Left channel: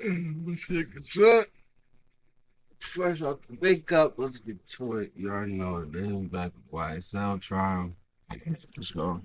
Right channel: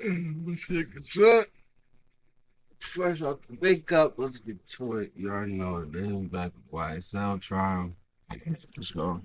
Let's take a shot. Fresh out the wake up. Let's get to it. You already know what it is. Back with YSL Trial. Let's go.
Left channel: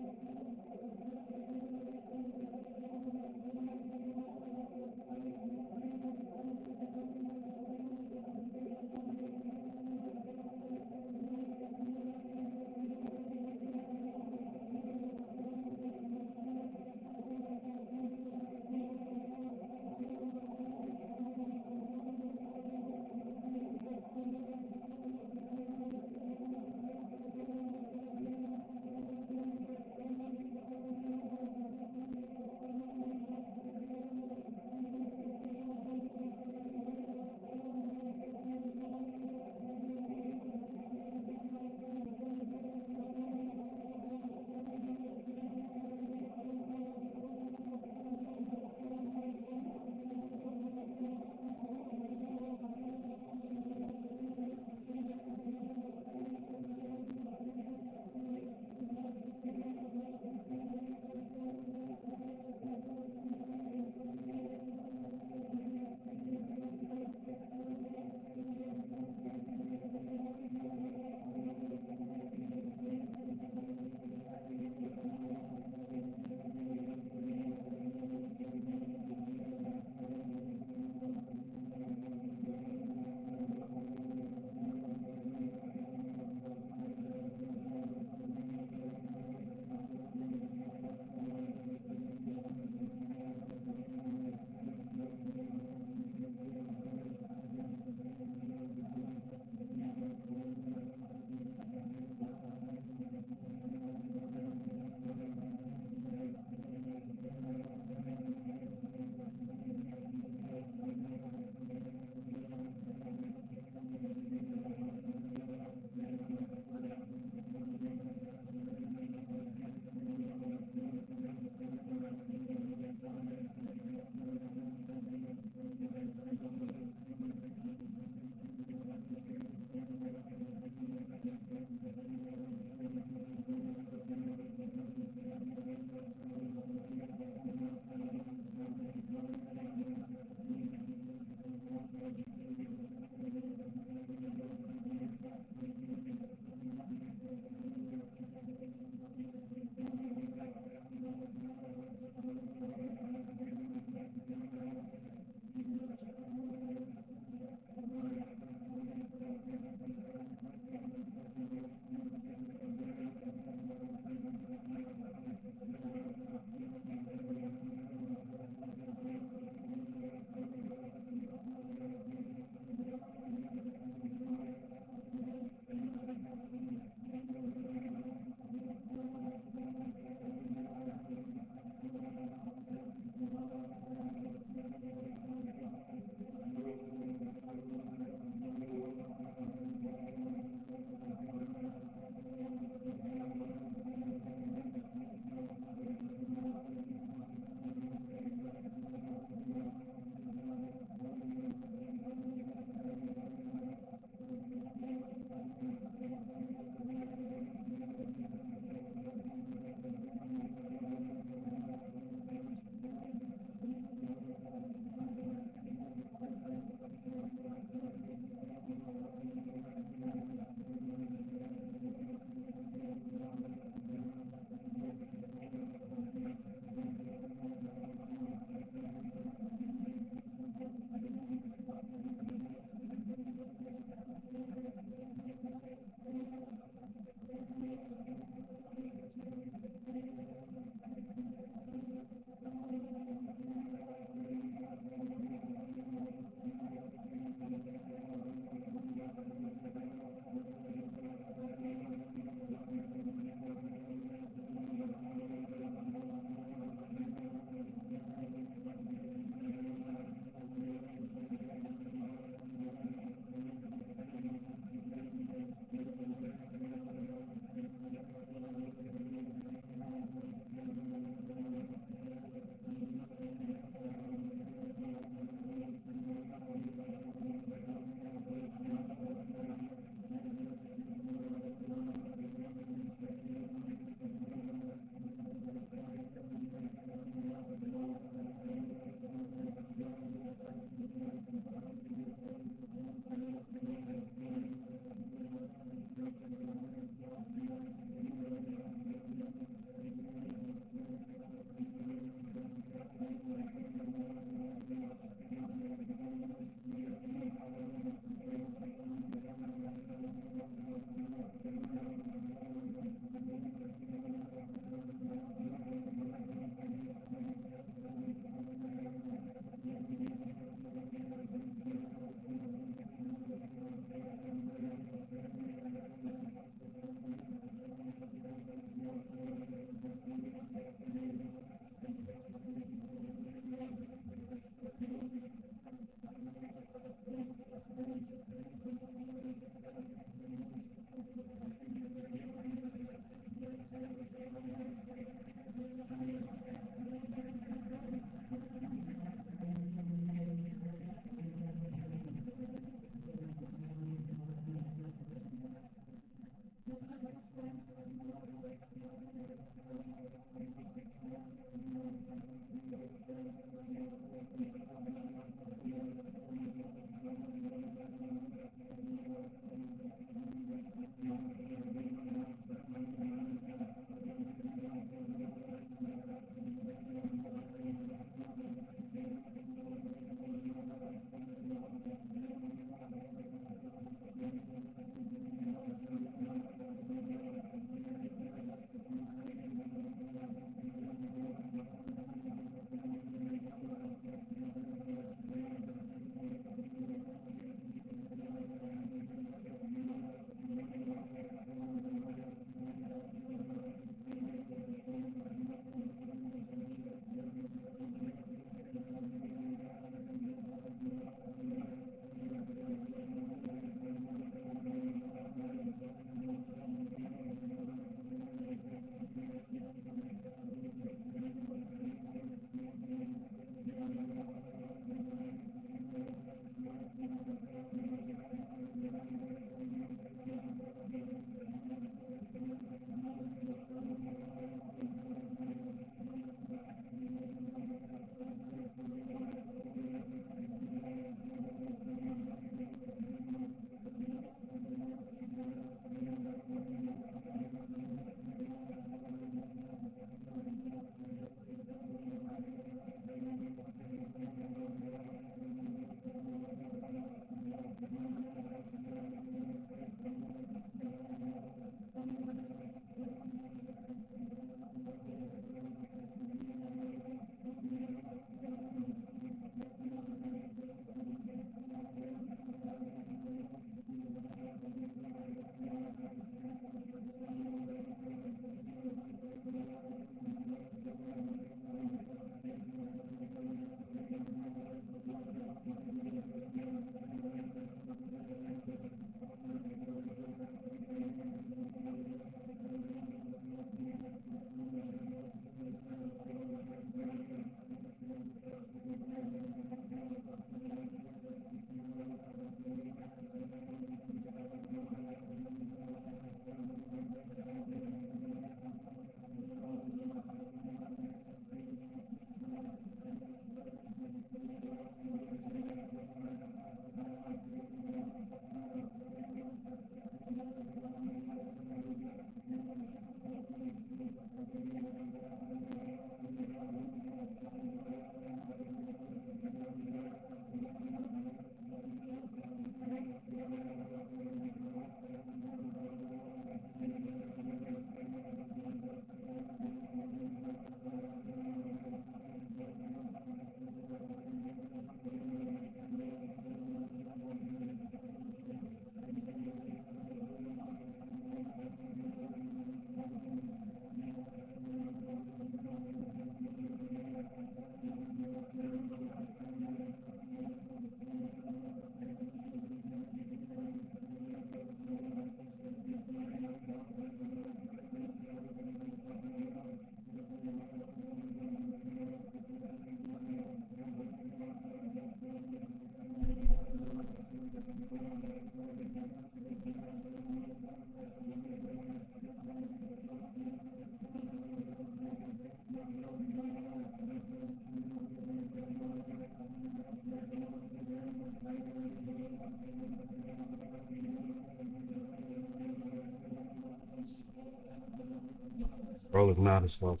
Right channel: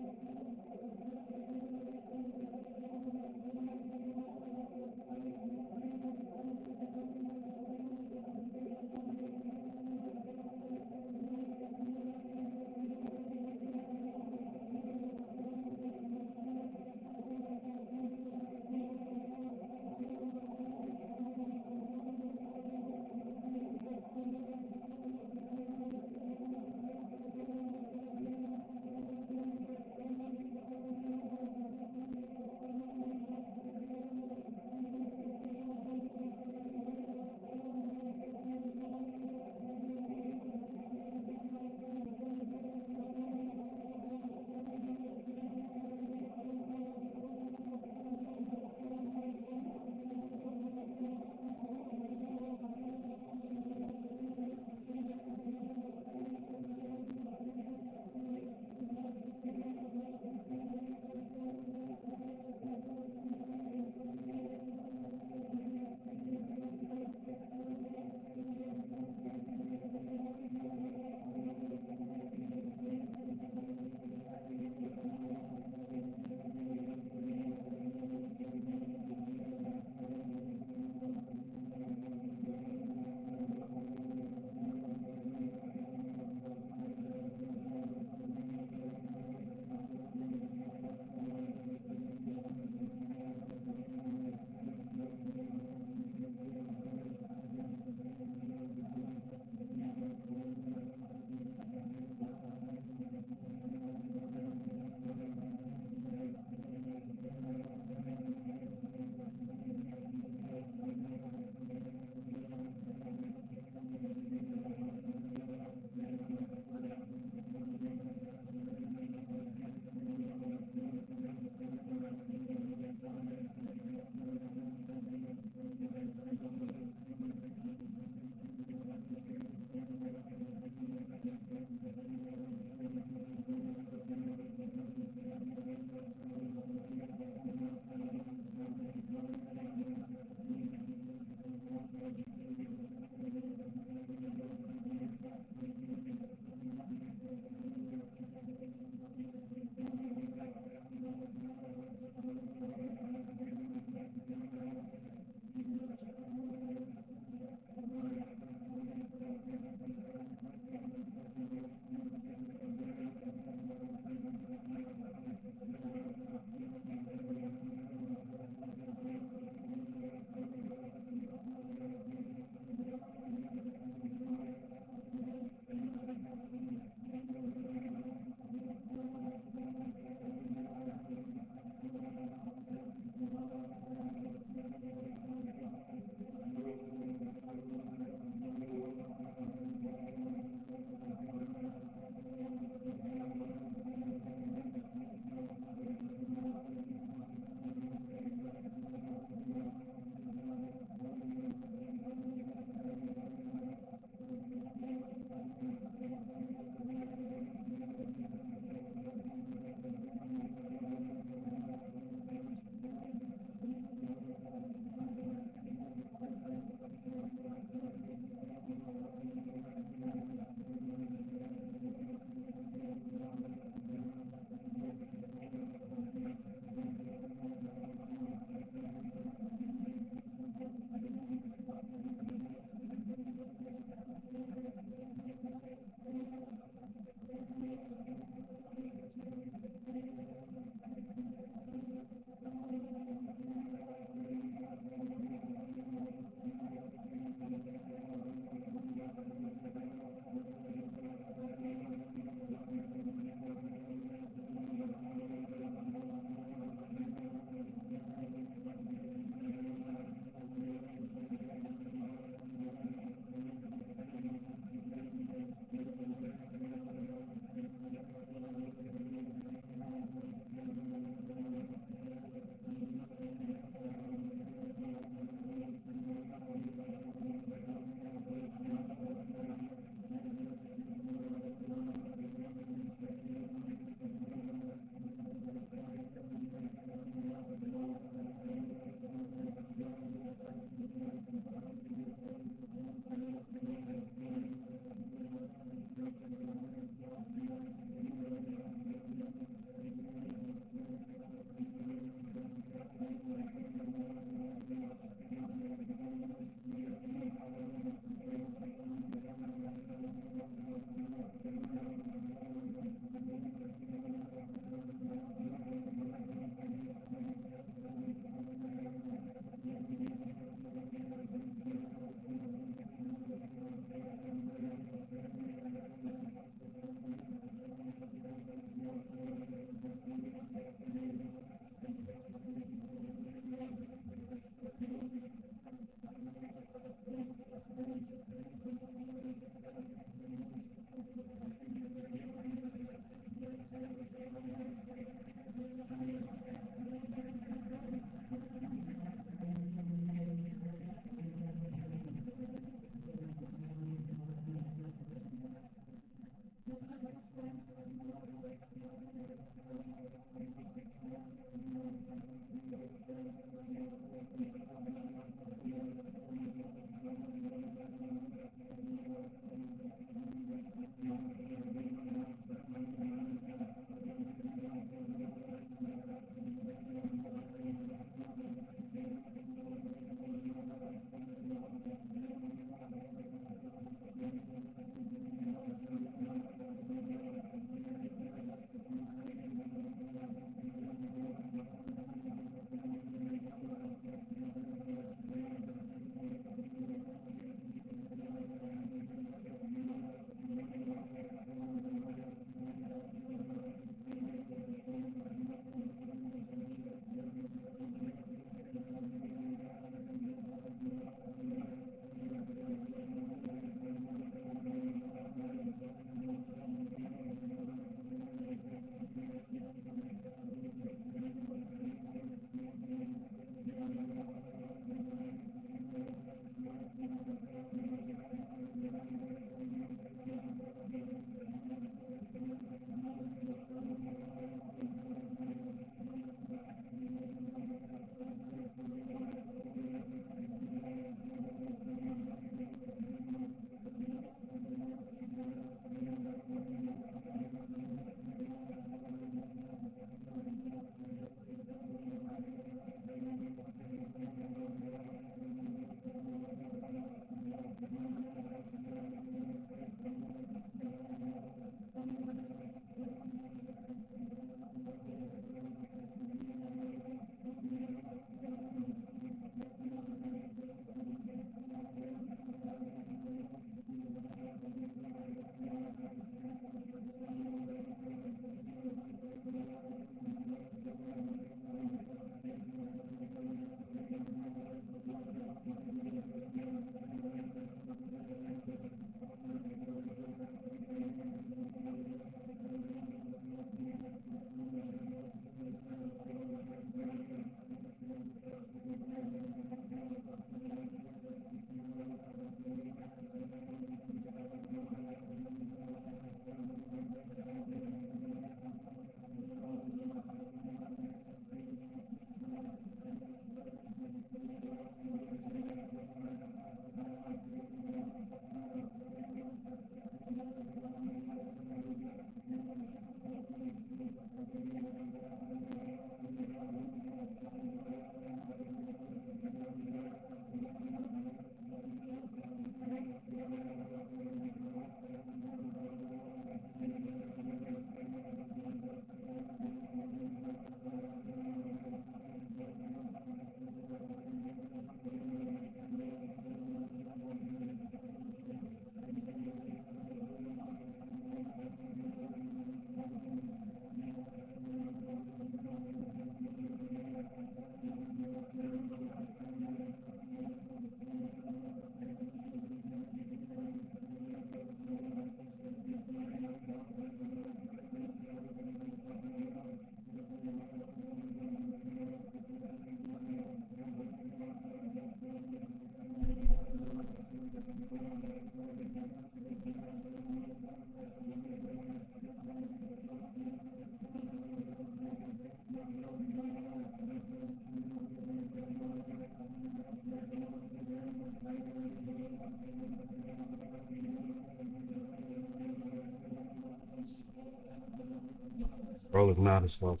Bro look mad as fuck.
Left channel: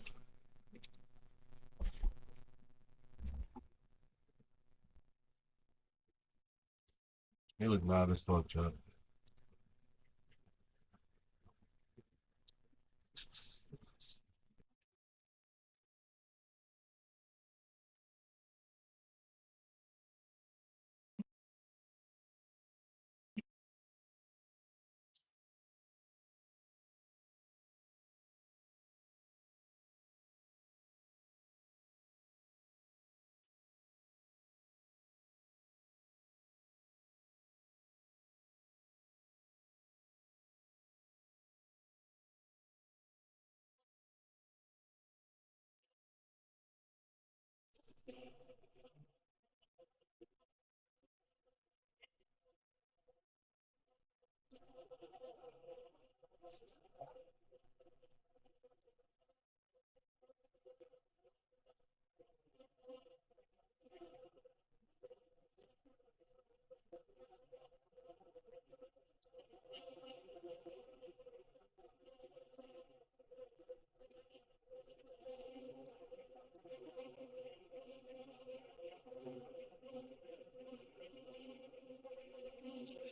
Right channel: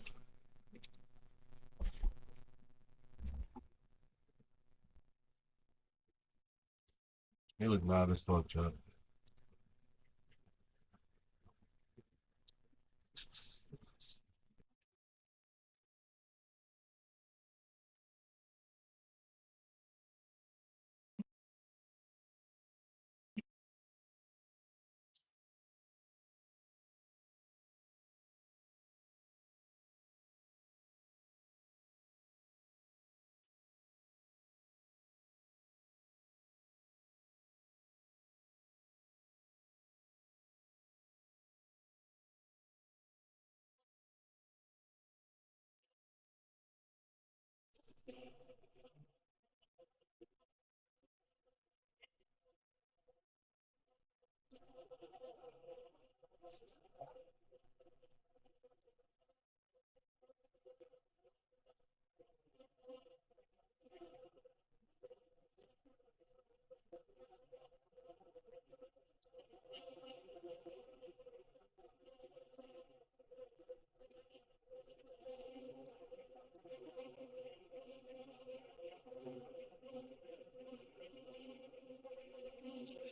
He look mad as fuck, Chuck.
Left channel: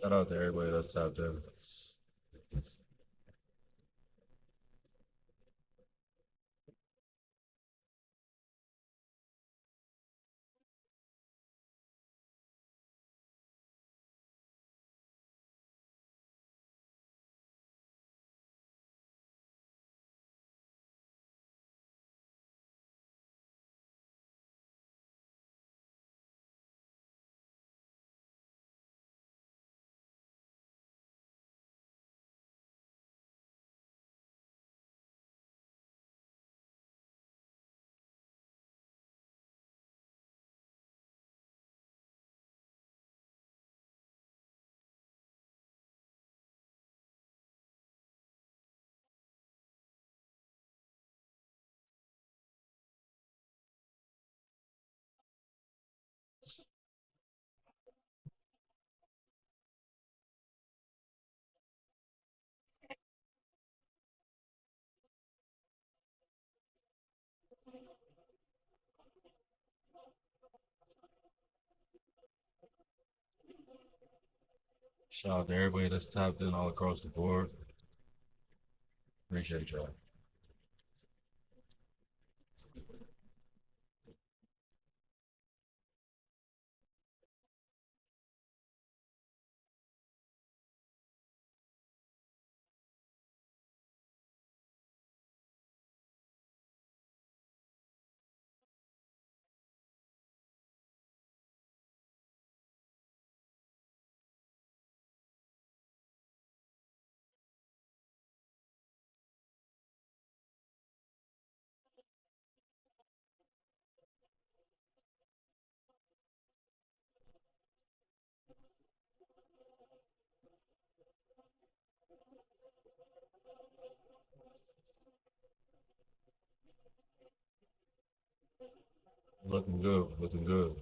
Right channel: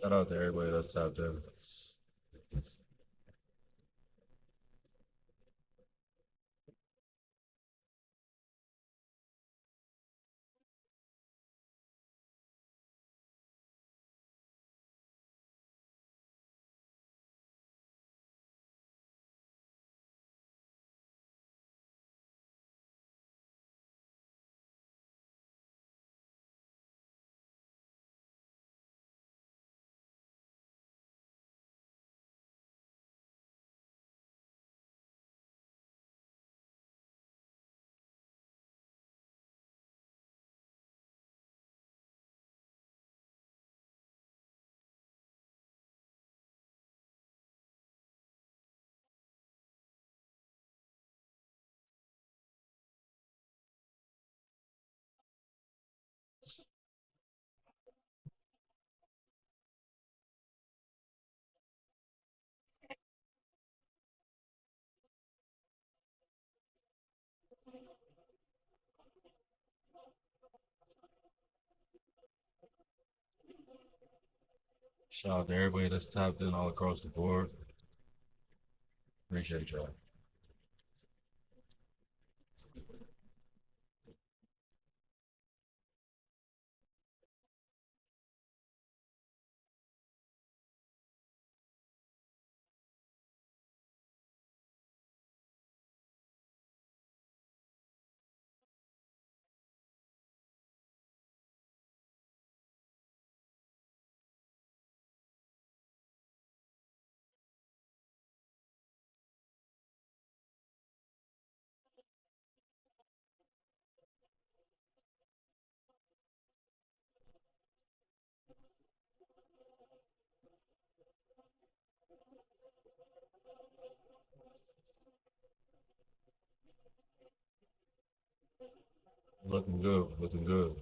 Shout out to everybody that's tapped in. Shout out to everybody that's tapped in all across the board. Appreciate y'all. Looking good, looking good.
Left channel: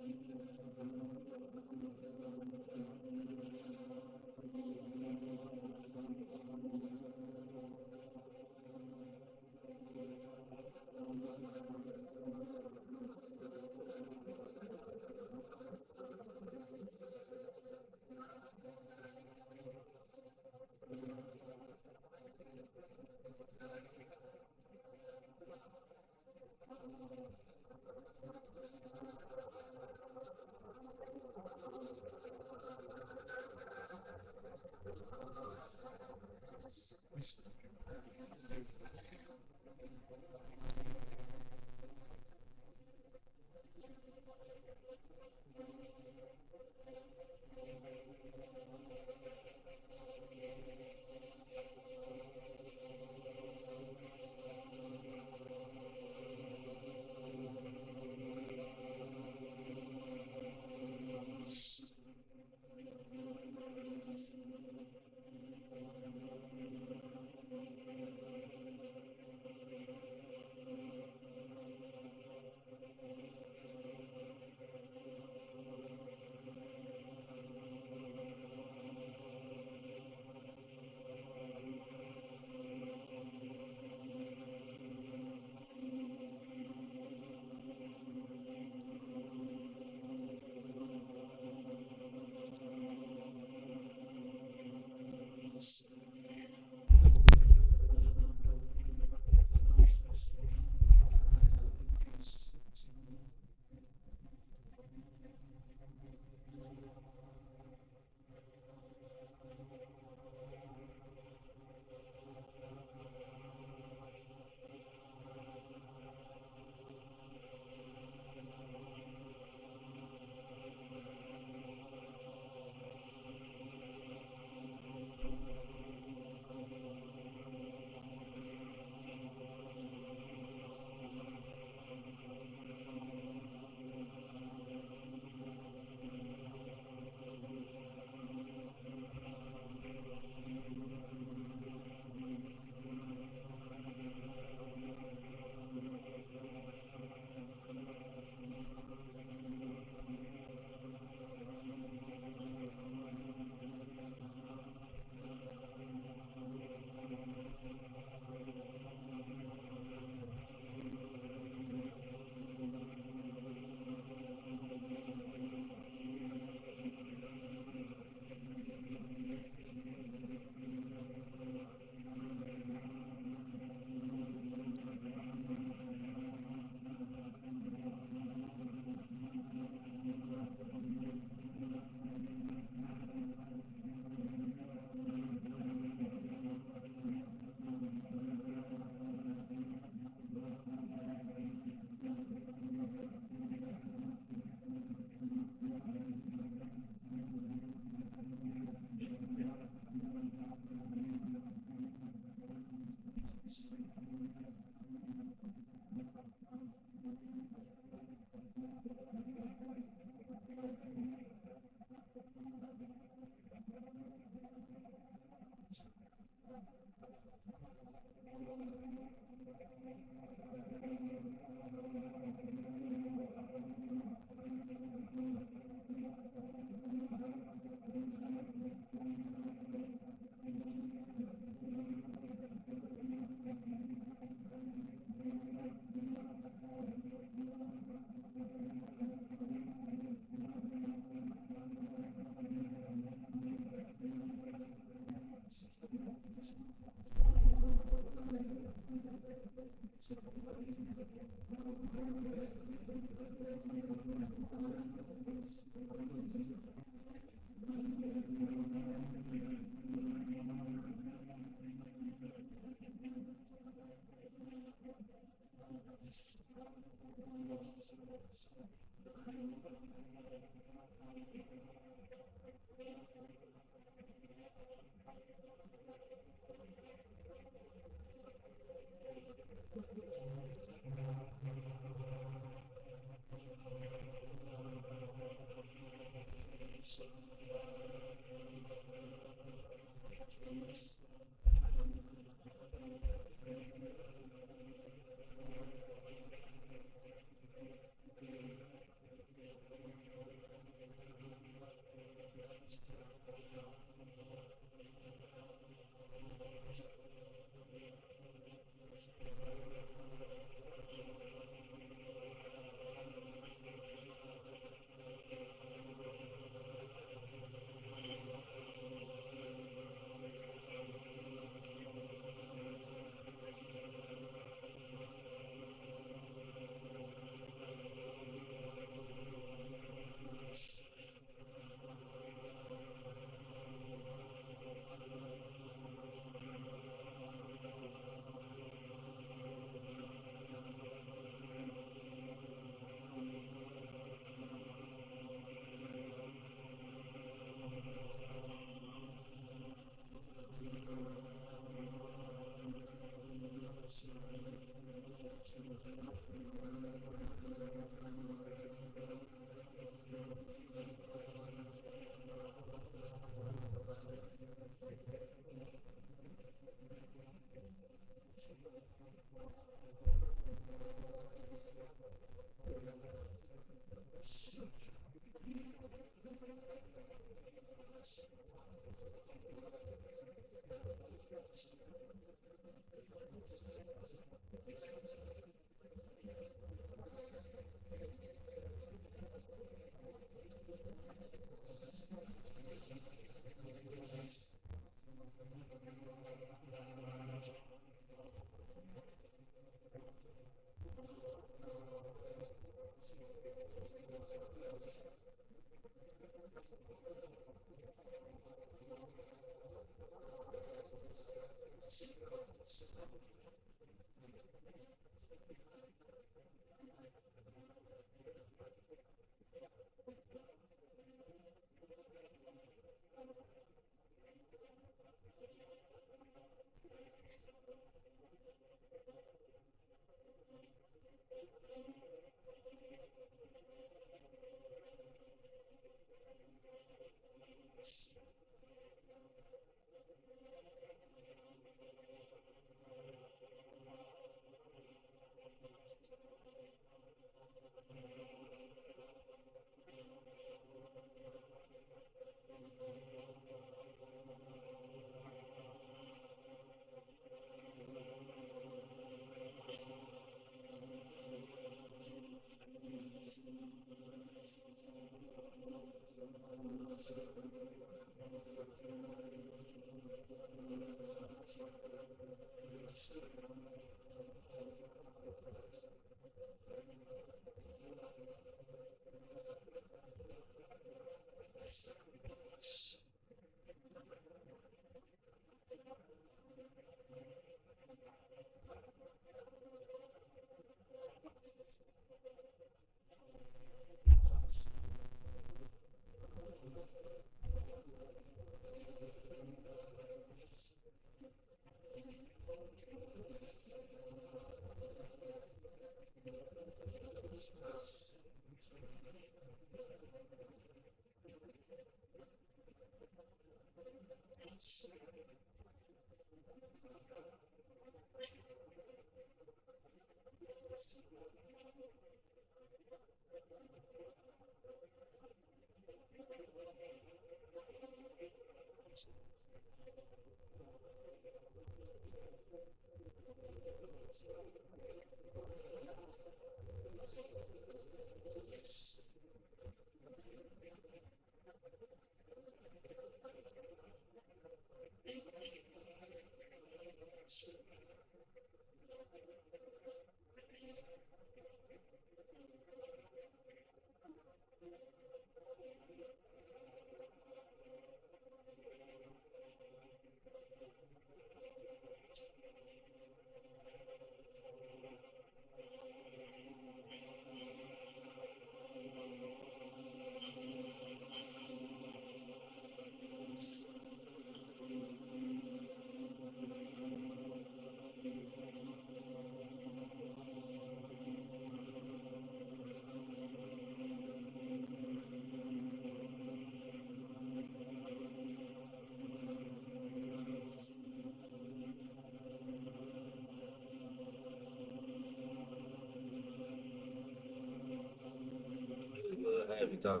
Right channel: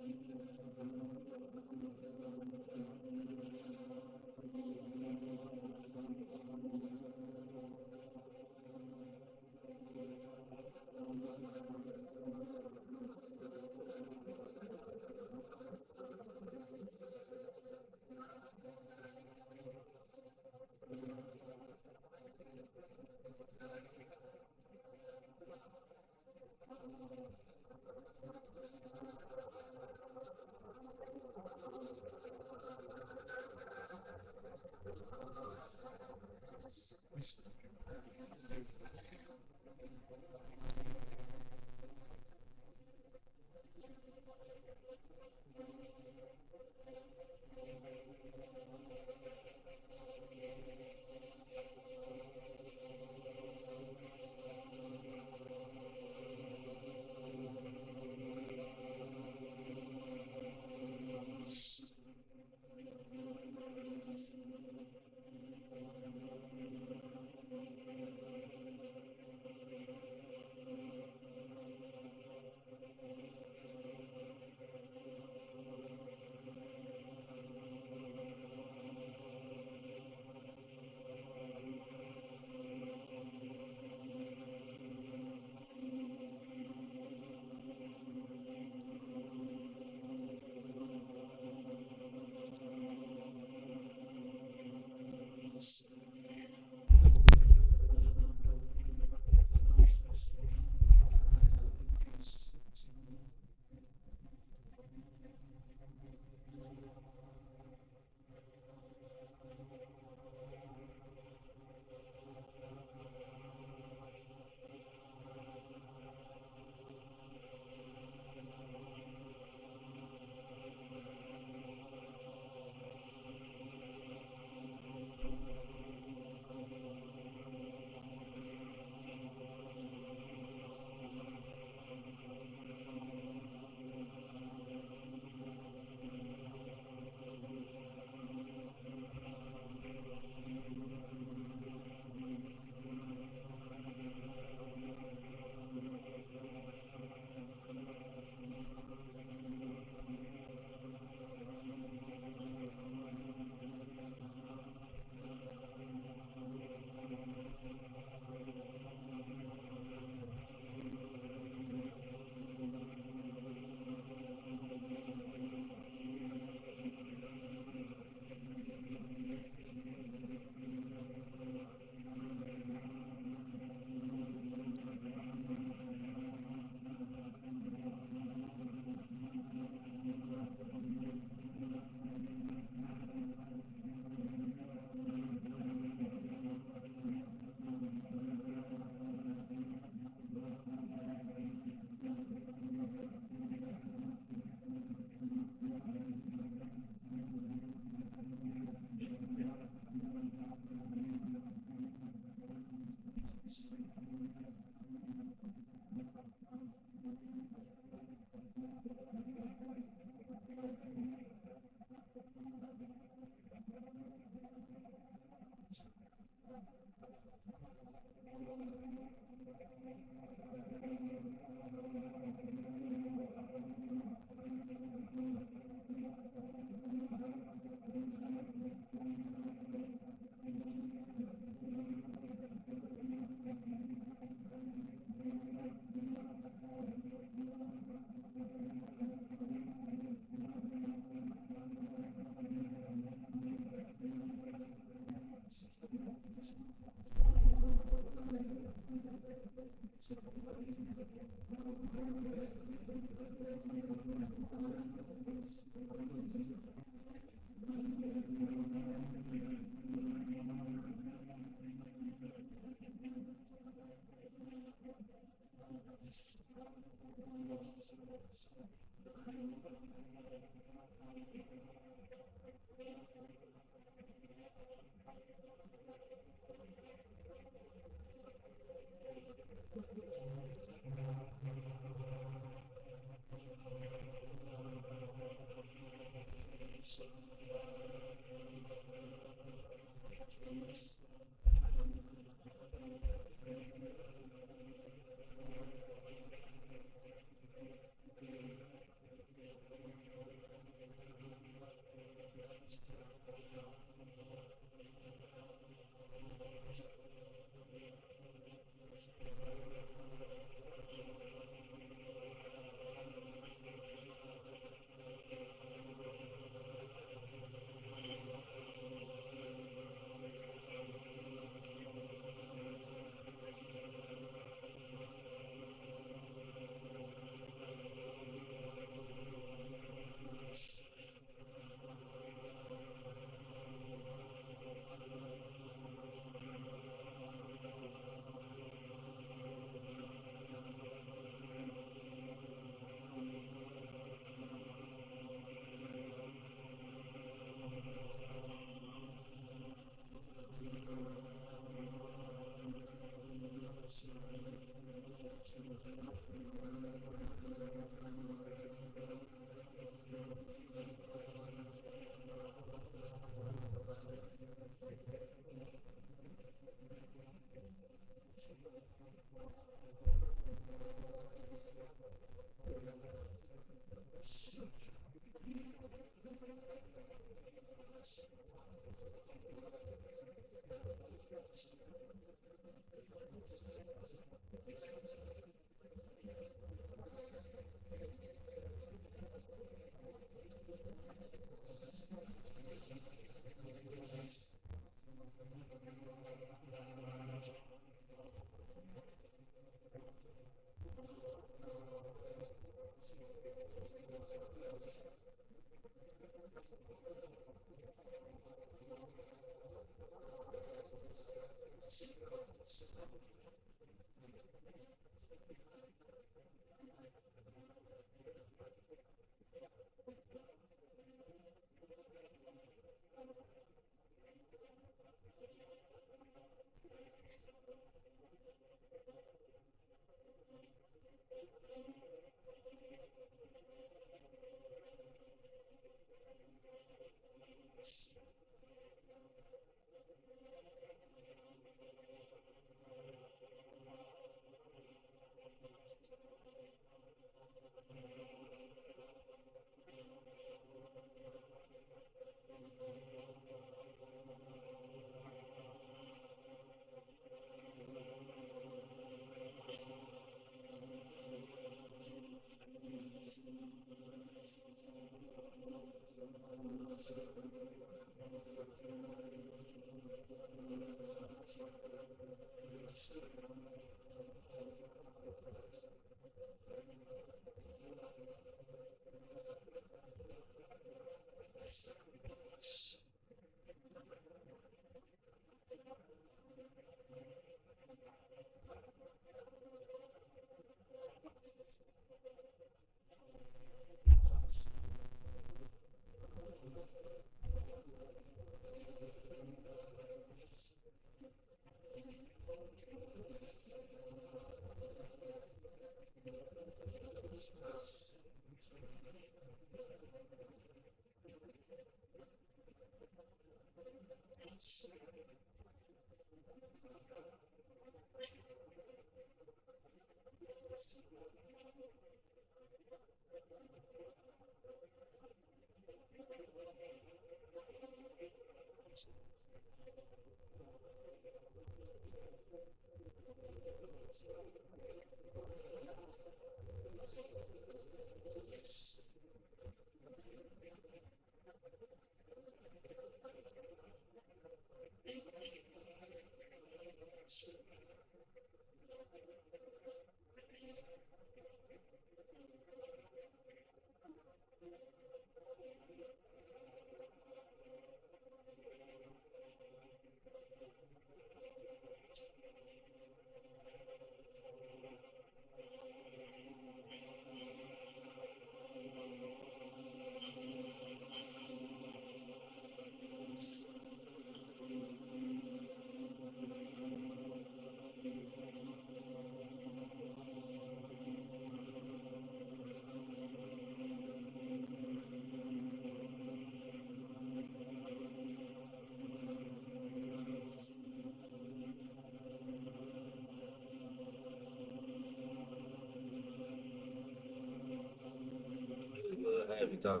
Every time.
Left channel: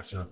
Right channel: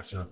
Gotcha.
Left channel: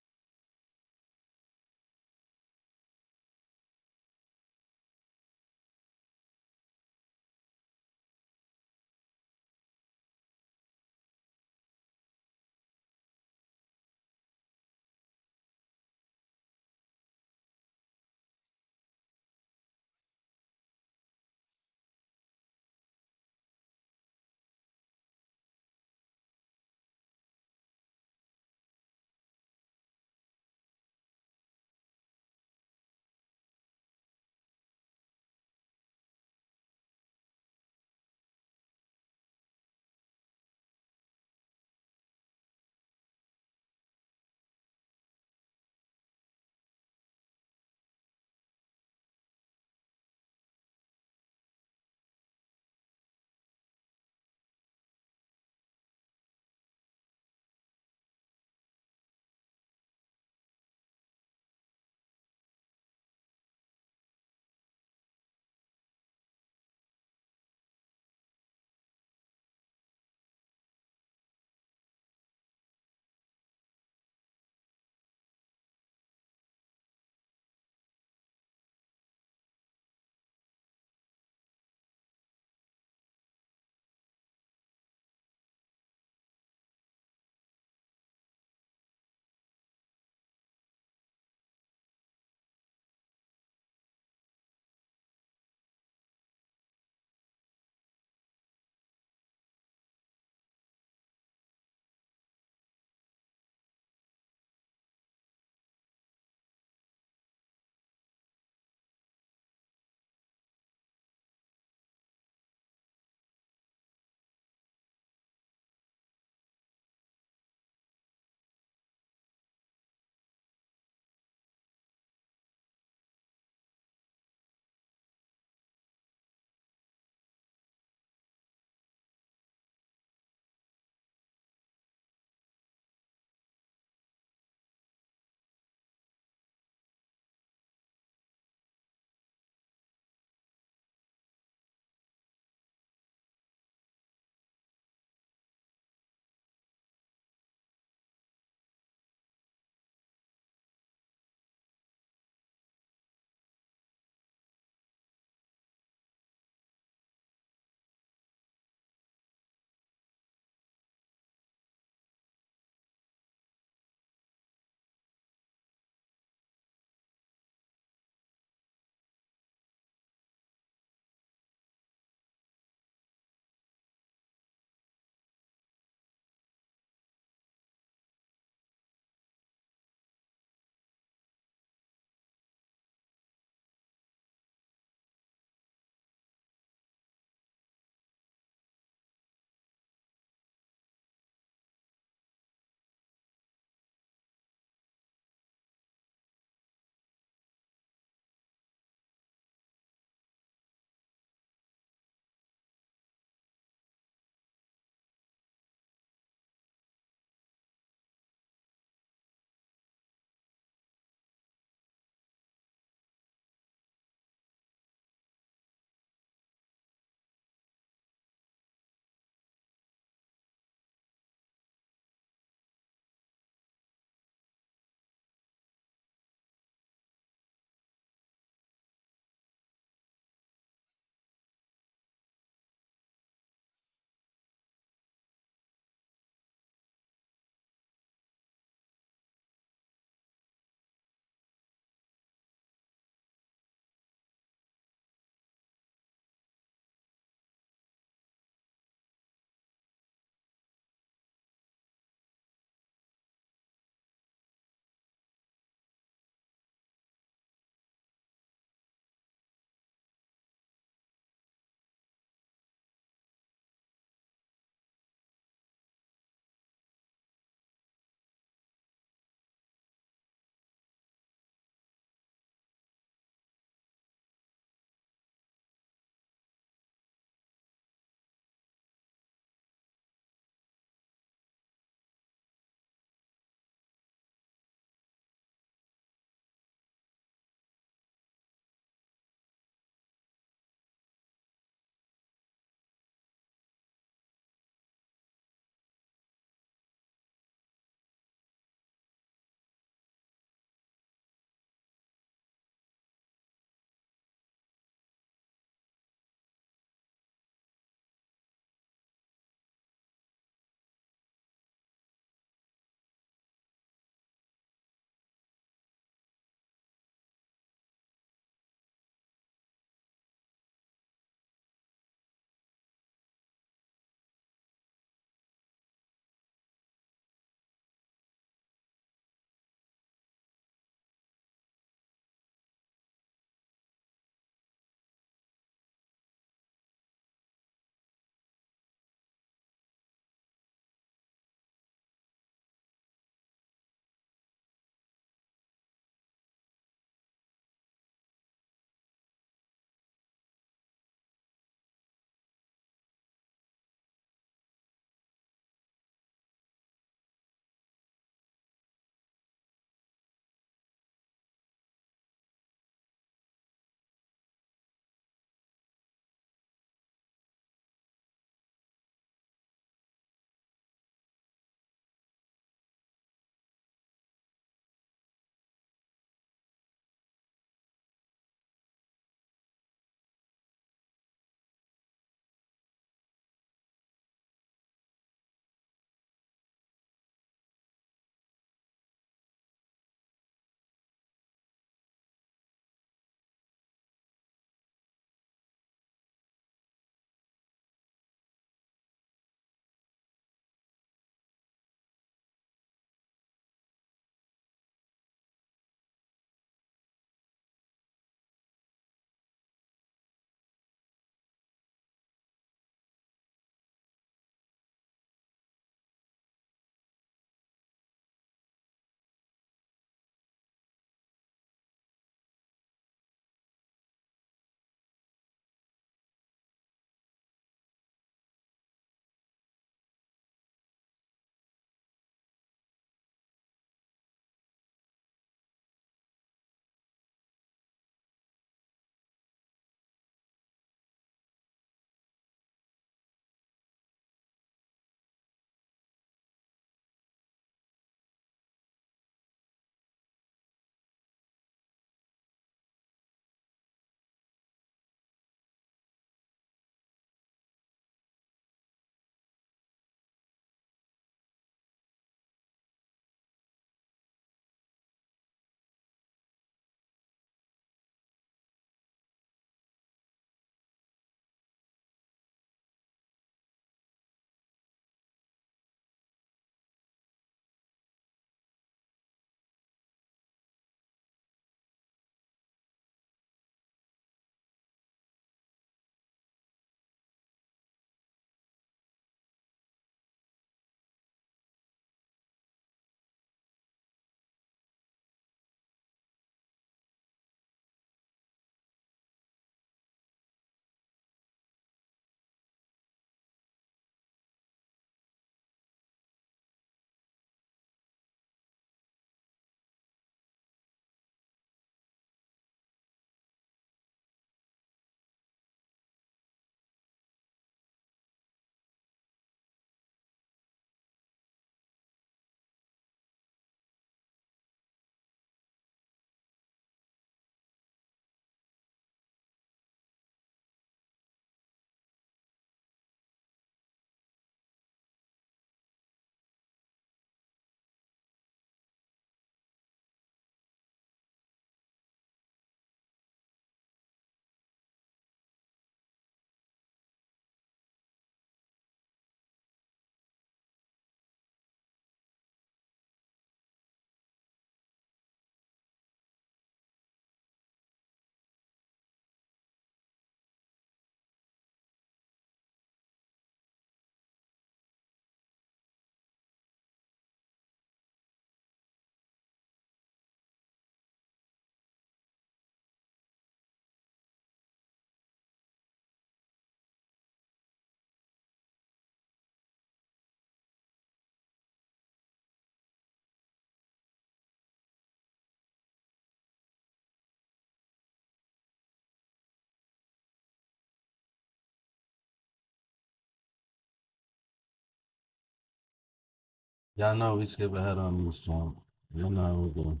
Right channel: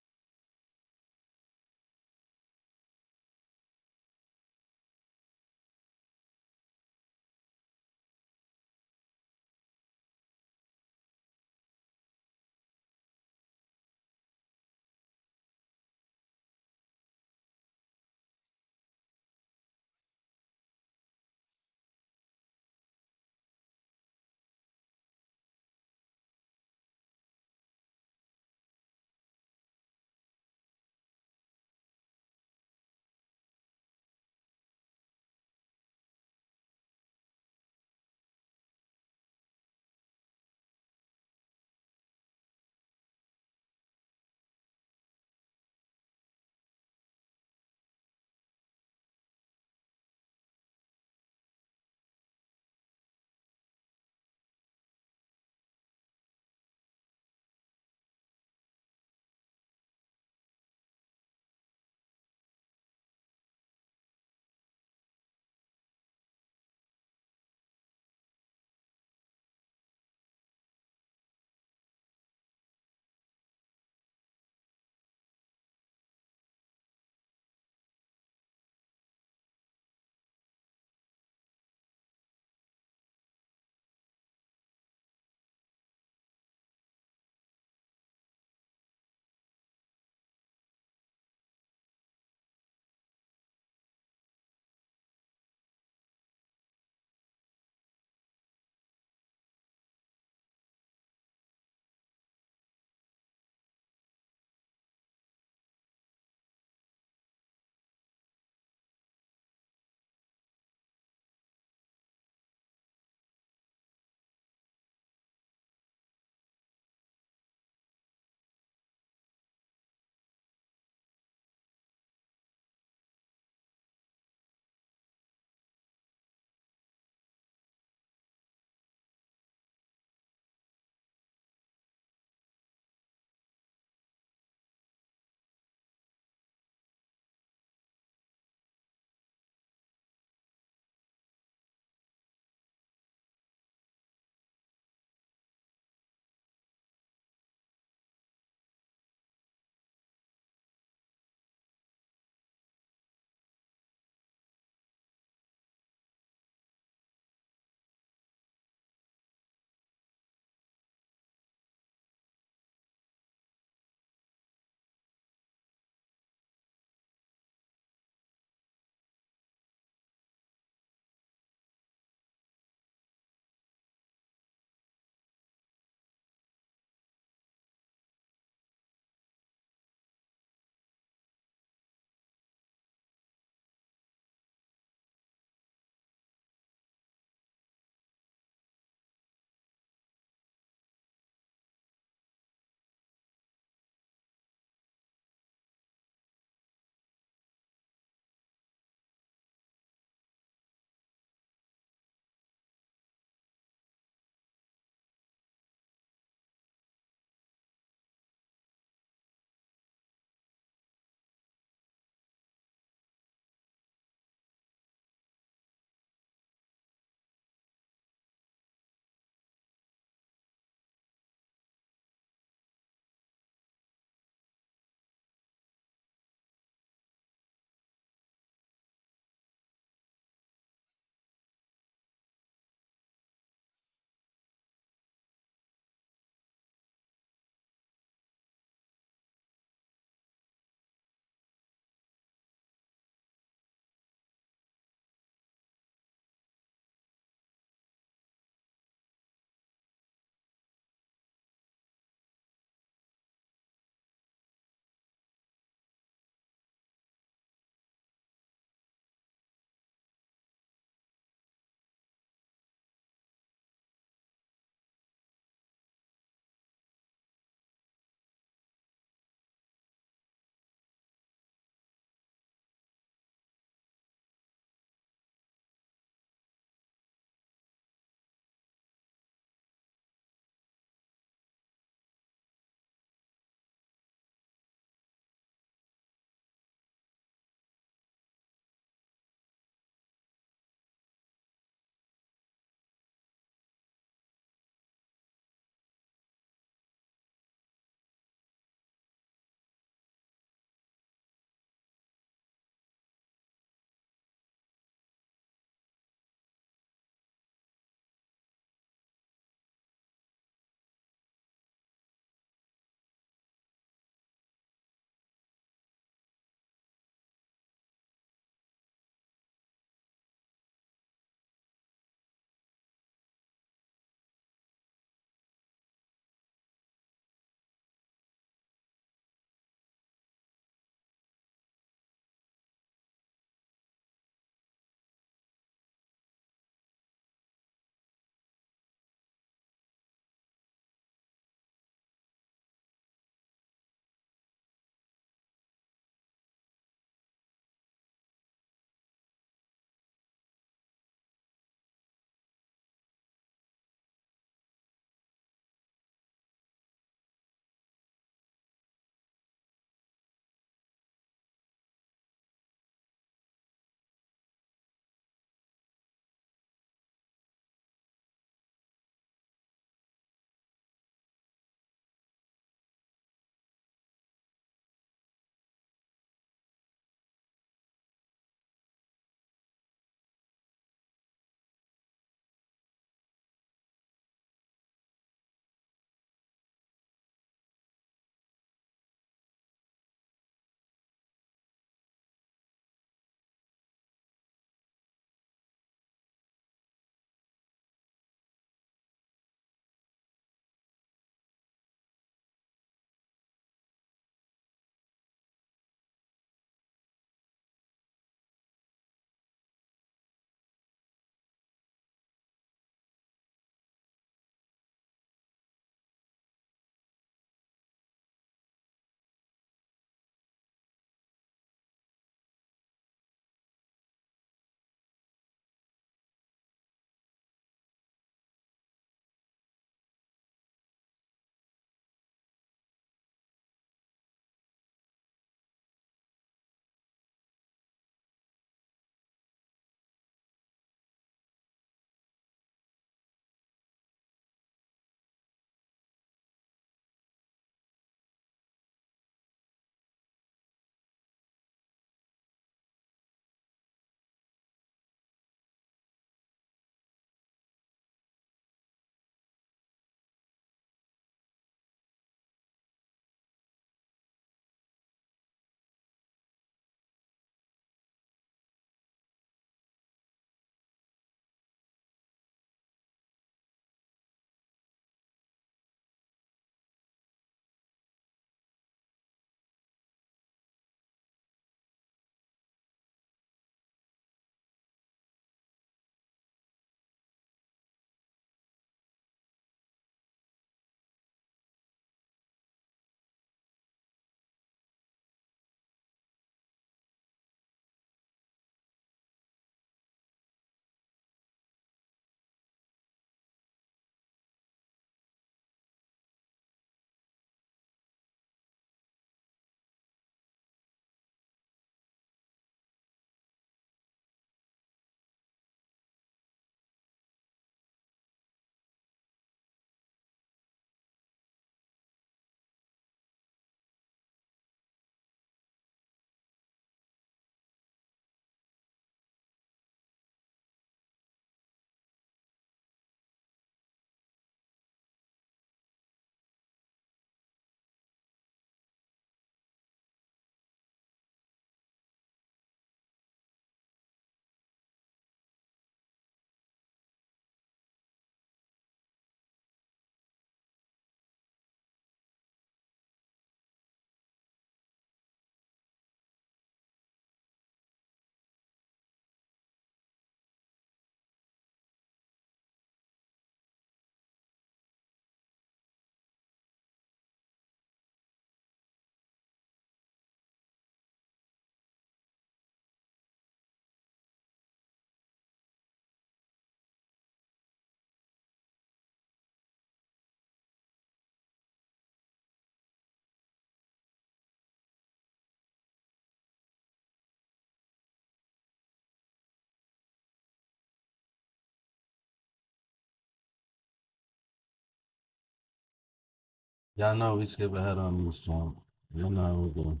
Y'all know we skip ahead on this channel. You know how we do.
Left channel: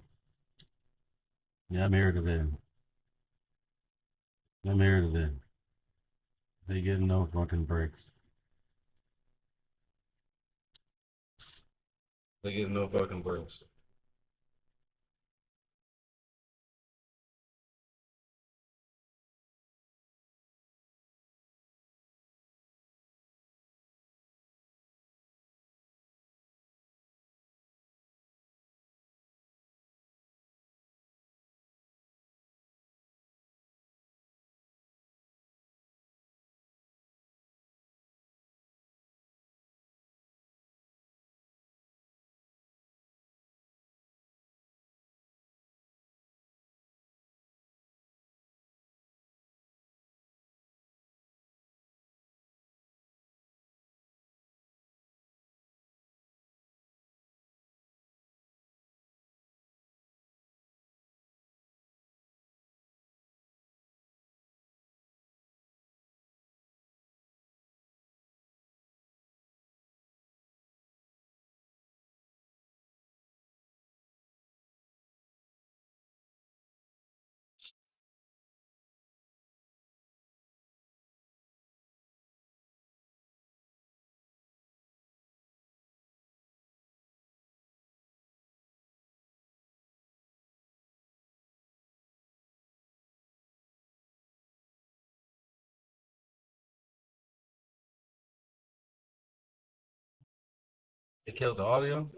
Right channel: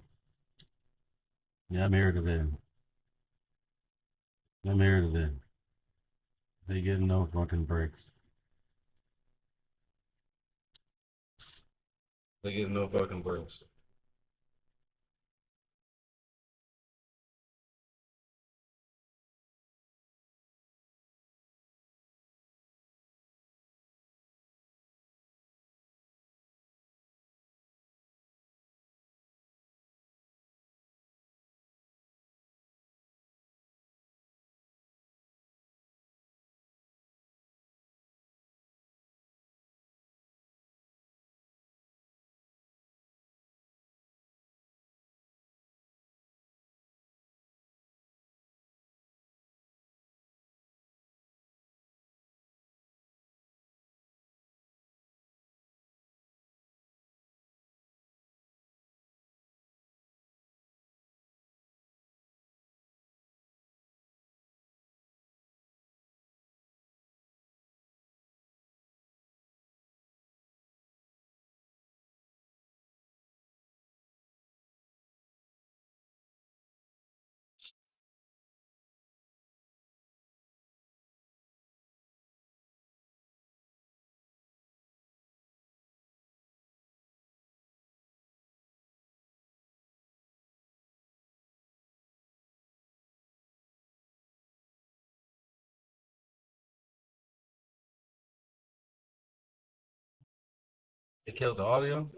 Yeah, I'm here today. I'm here today. They getting no fucking breaks. They getting no fucking breaks. They killed the audio?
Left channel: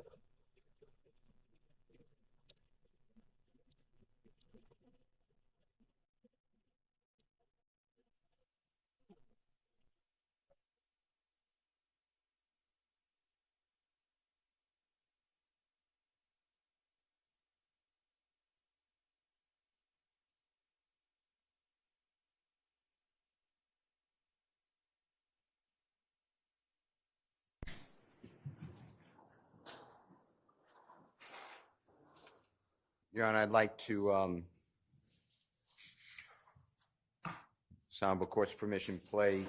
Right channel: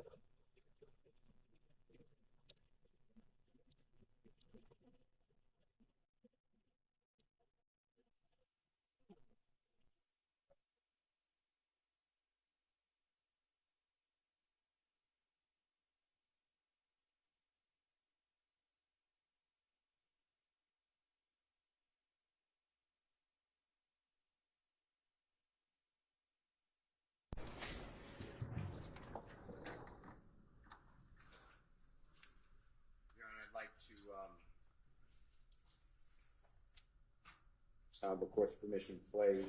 Your Honor, I'd like to, sound with court's permission, play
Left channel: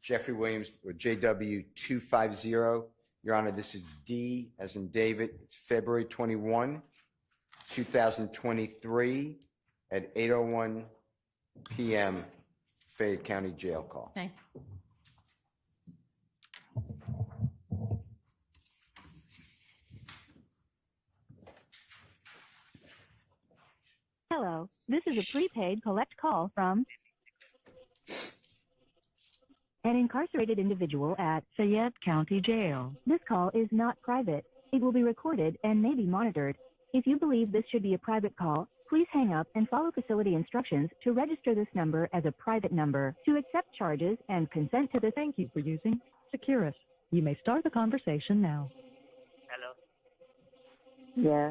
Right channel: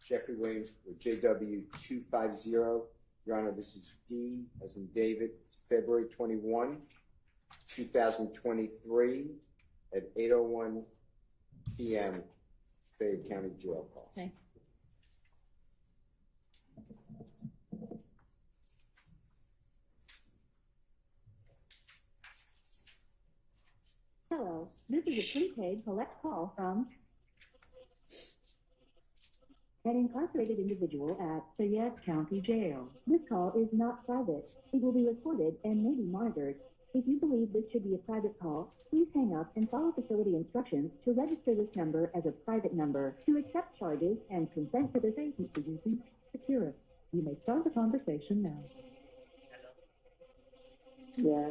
Jeffrey Williams with JW 250. Your Honor, this is D as in David. It's February 21, 2023 at 8:01 p.m. Fayette County Jail call. Thanks. Hello, this is a prepaid collect call from an incarcerated individual at Fayette County Jail. This call is not private. It will be recorded and may be monitored. If you believe this should be a private call, please hang up and follow facility instructions to register this number as a private number. To accept charges and consent to this, thank you for using Securus. You may start the conversation now. Hello. Yeah.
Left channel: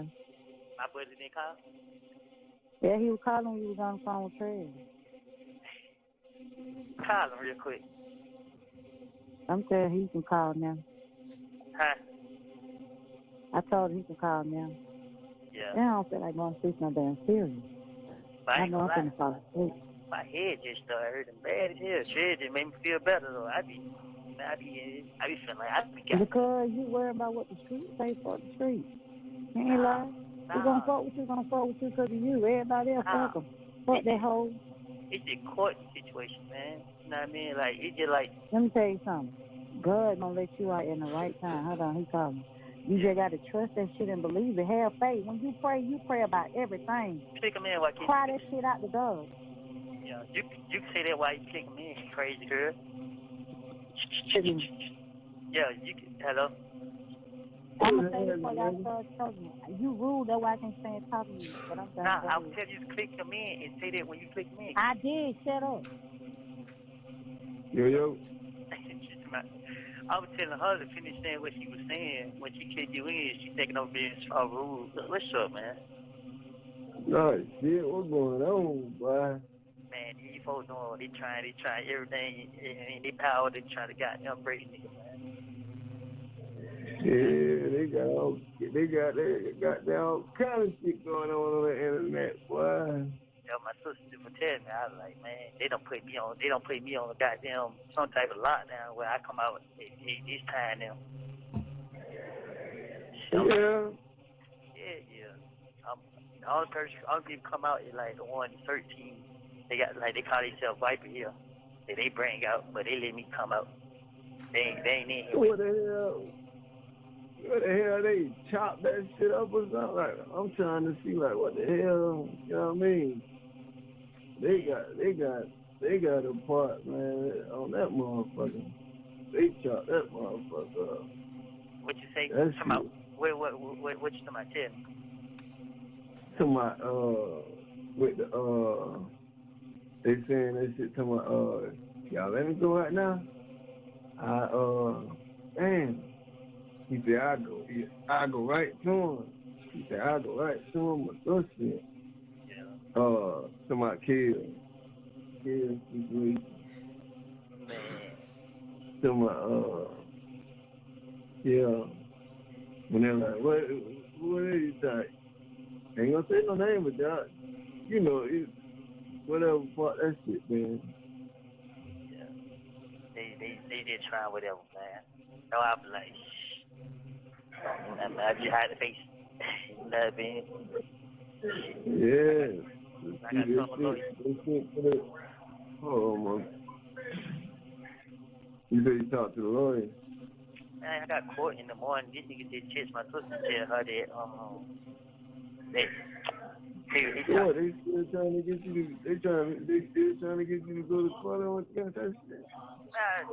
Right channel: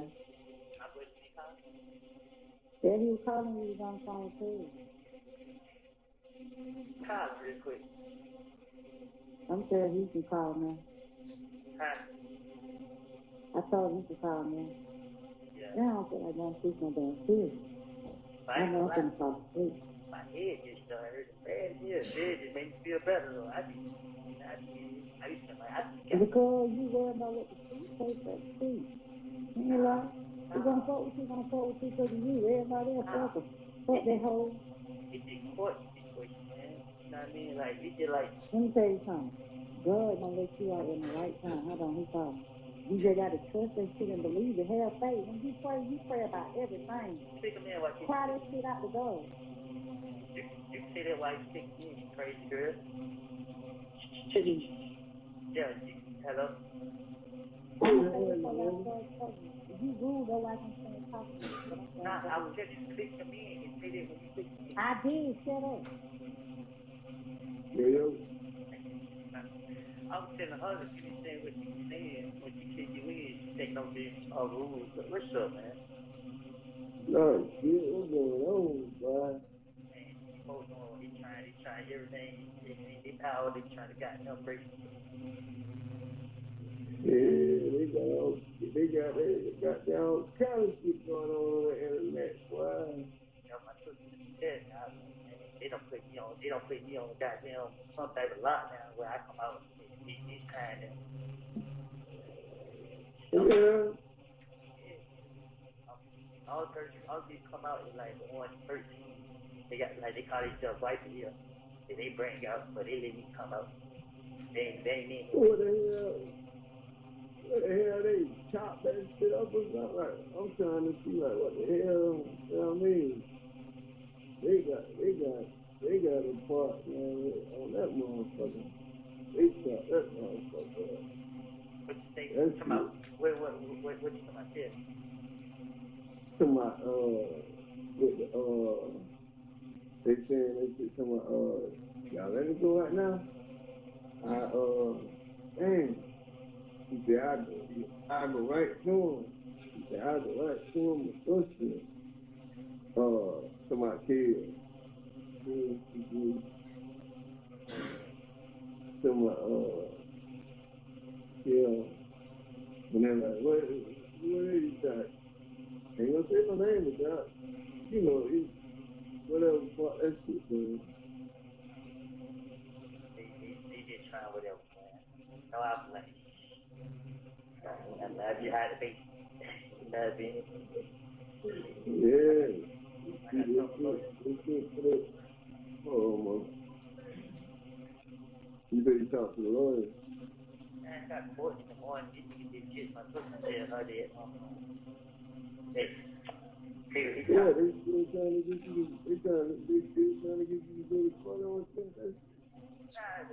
My boy didn't call? Yeah, he was calling when he was on the phone with Craig. Call him real quick. I'm sure he can call now. Huh? I told him he can call now. Yeah. Now I don't feel like going to sleep no damn serious. But I ain't I'm gonna going to lie. fall asleep. My head just started hurting bad as hell. Shit just made me feel better though. I be feeling like I be got. Because you worry about what the street say for the street. You ain't like, we're going to fuck with you because of you. Everybody else, fuck them. Fuck that hoe. It's a court situation, man. You know what I mean? Like, it just like... Let me tell you something. God gonna let you out in the right time. Hold on, he calling. You just got to trust that shit and believe it. Have faith. When you pray about everything. Click him in, why can't Cry that shit out the door. Yeah, you can say that while you click him in, you crazy girl. Yeah, you can... Hello? I'm saying before y'all start talking. You rude, that's why I can't stand talking to you. But I'm saying Nah, I will tell you to click him in and say that when you click him in. I did, shut up. Yo. I was telling her to finish saying what she was saying when she kicked you in. She taking over being small rules. What's up, man? No shit, what's going on, boy? Man, these folks know they trying everything in their power. They trying to goddamn break niggas, man. Yeah, they got goddamn kind of shit going on the internet, boy. You know, my sister would tell me, I was like, man, they don't put me on the goddamn some type of lockdown where I come out this time now. all people come out at like 1:13. They got like they call themselves Viper here. They bring out, but they let me come out. They ain't in here. What the hell? What the hell? They chop that shit up or something? Like, I'm trying to see like what the hell. You know what I mean? They got a part, man, on that motherfucker. They chop that motherfucker up. What you say? That's Come out. What you talking about? Tell me. To my with the they saying that shit to my y'all let me go right now. Man, he said I go right to him. He said I go right to him with this shit. To my kids, to my yeah. When they're like, what is you like? Ain't gonna say no name, but y'all, you know, whatever fuck that shit, man. They just try whatever, man. No, I'm like, I just had to face. You know what I mean? Yeah. I got some lawyer. Oh, man. You said you talked to the lawyer? Man, I got court in the morning. This nigga did text my sister and tell her that, they Yeah, they still trying to get you to, they still trying to get you to go to court on that shit. I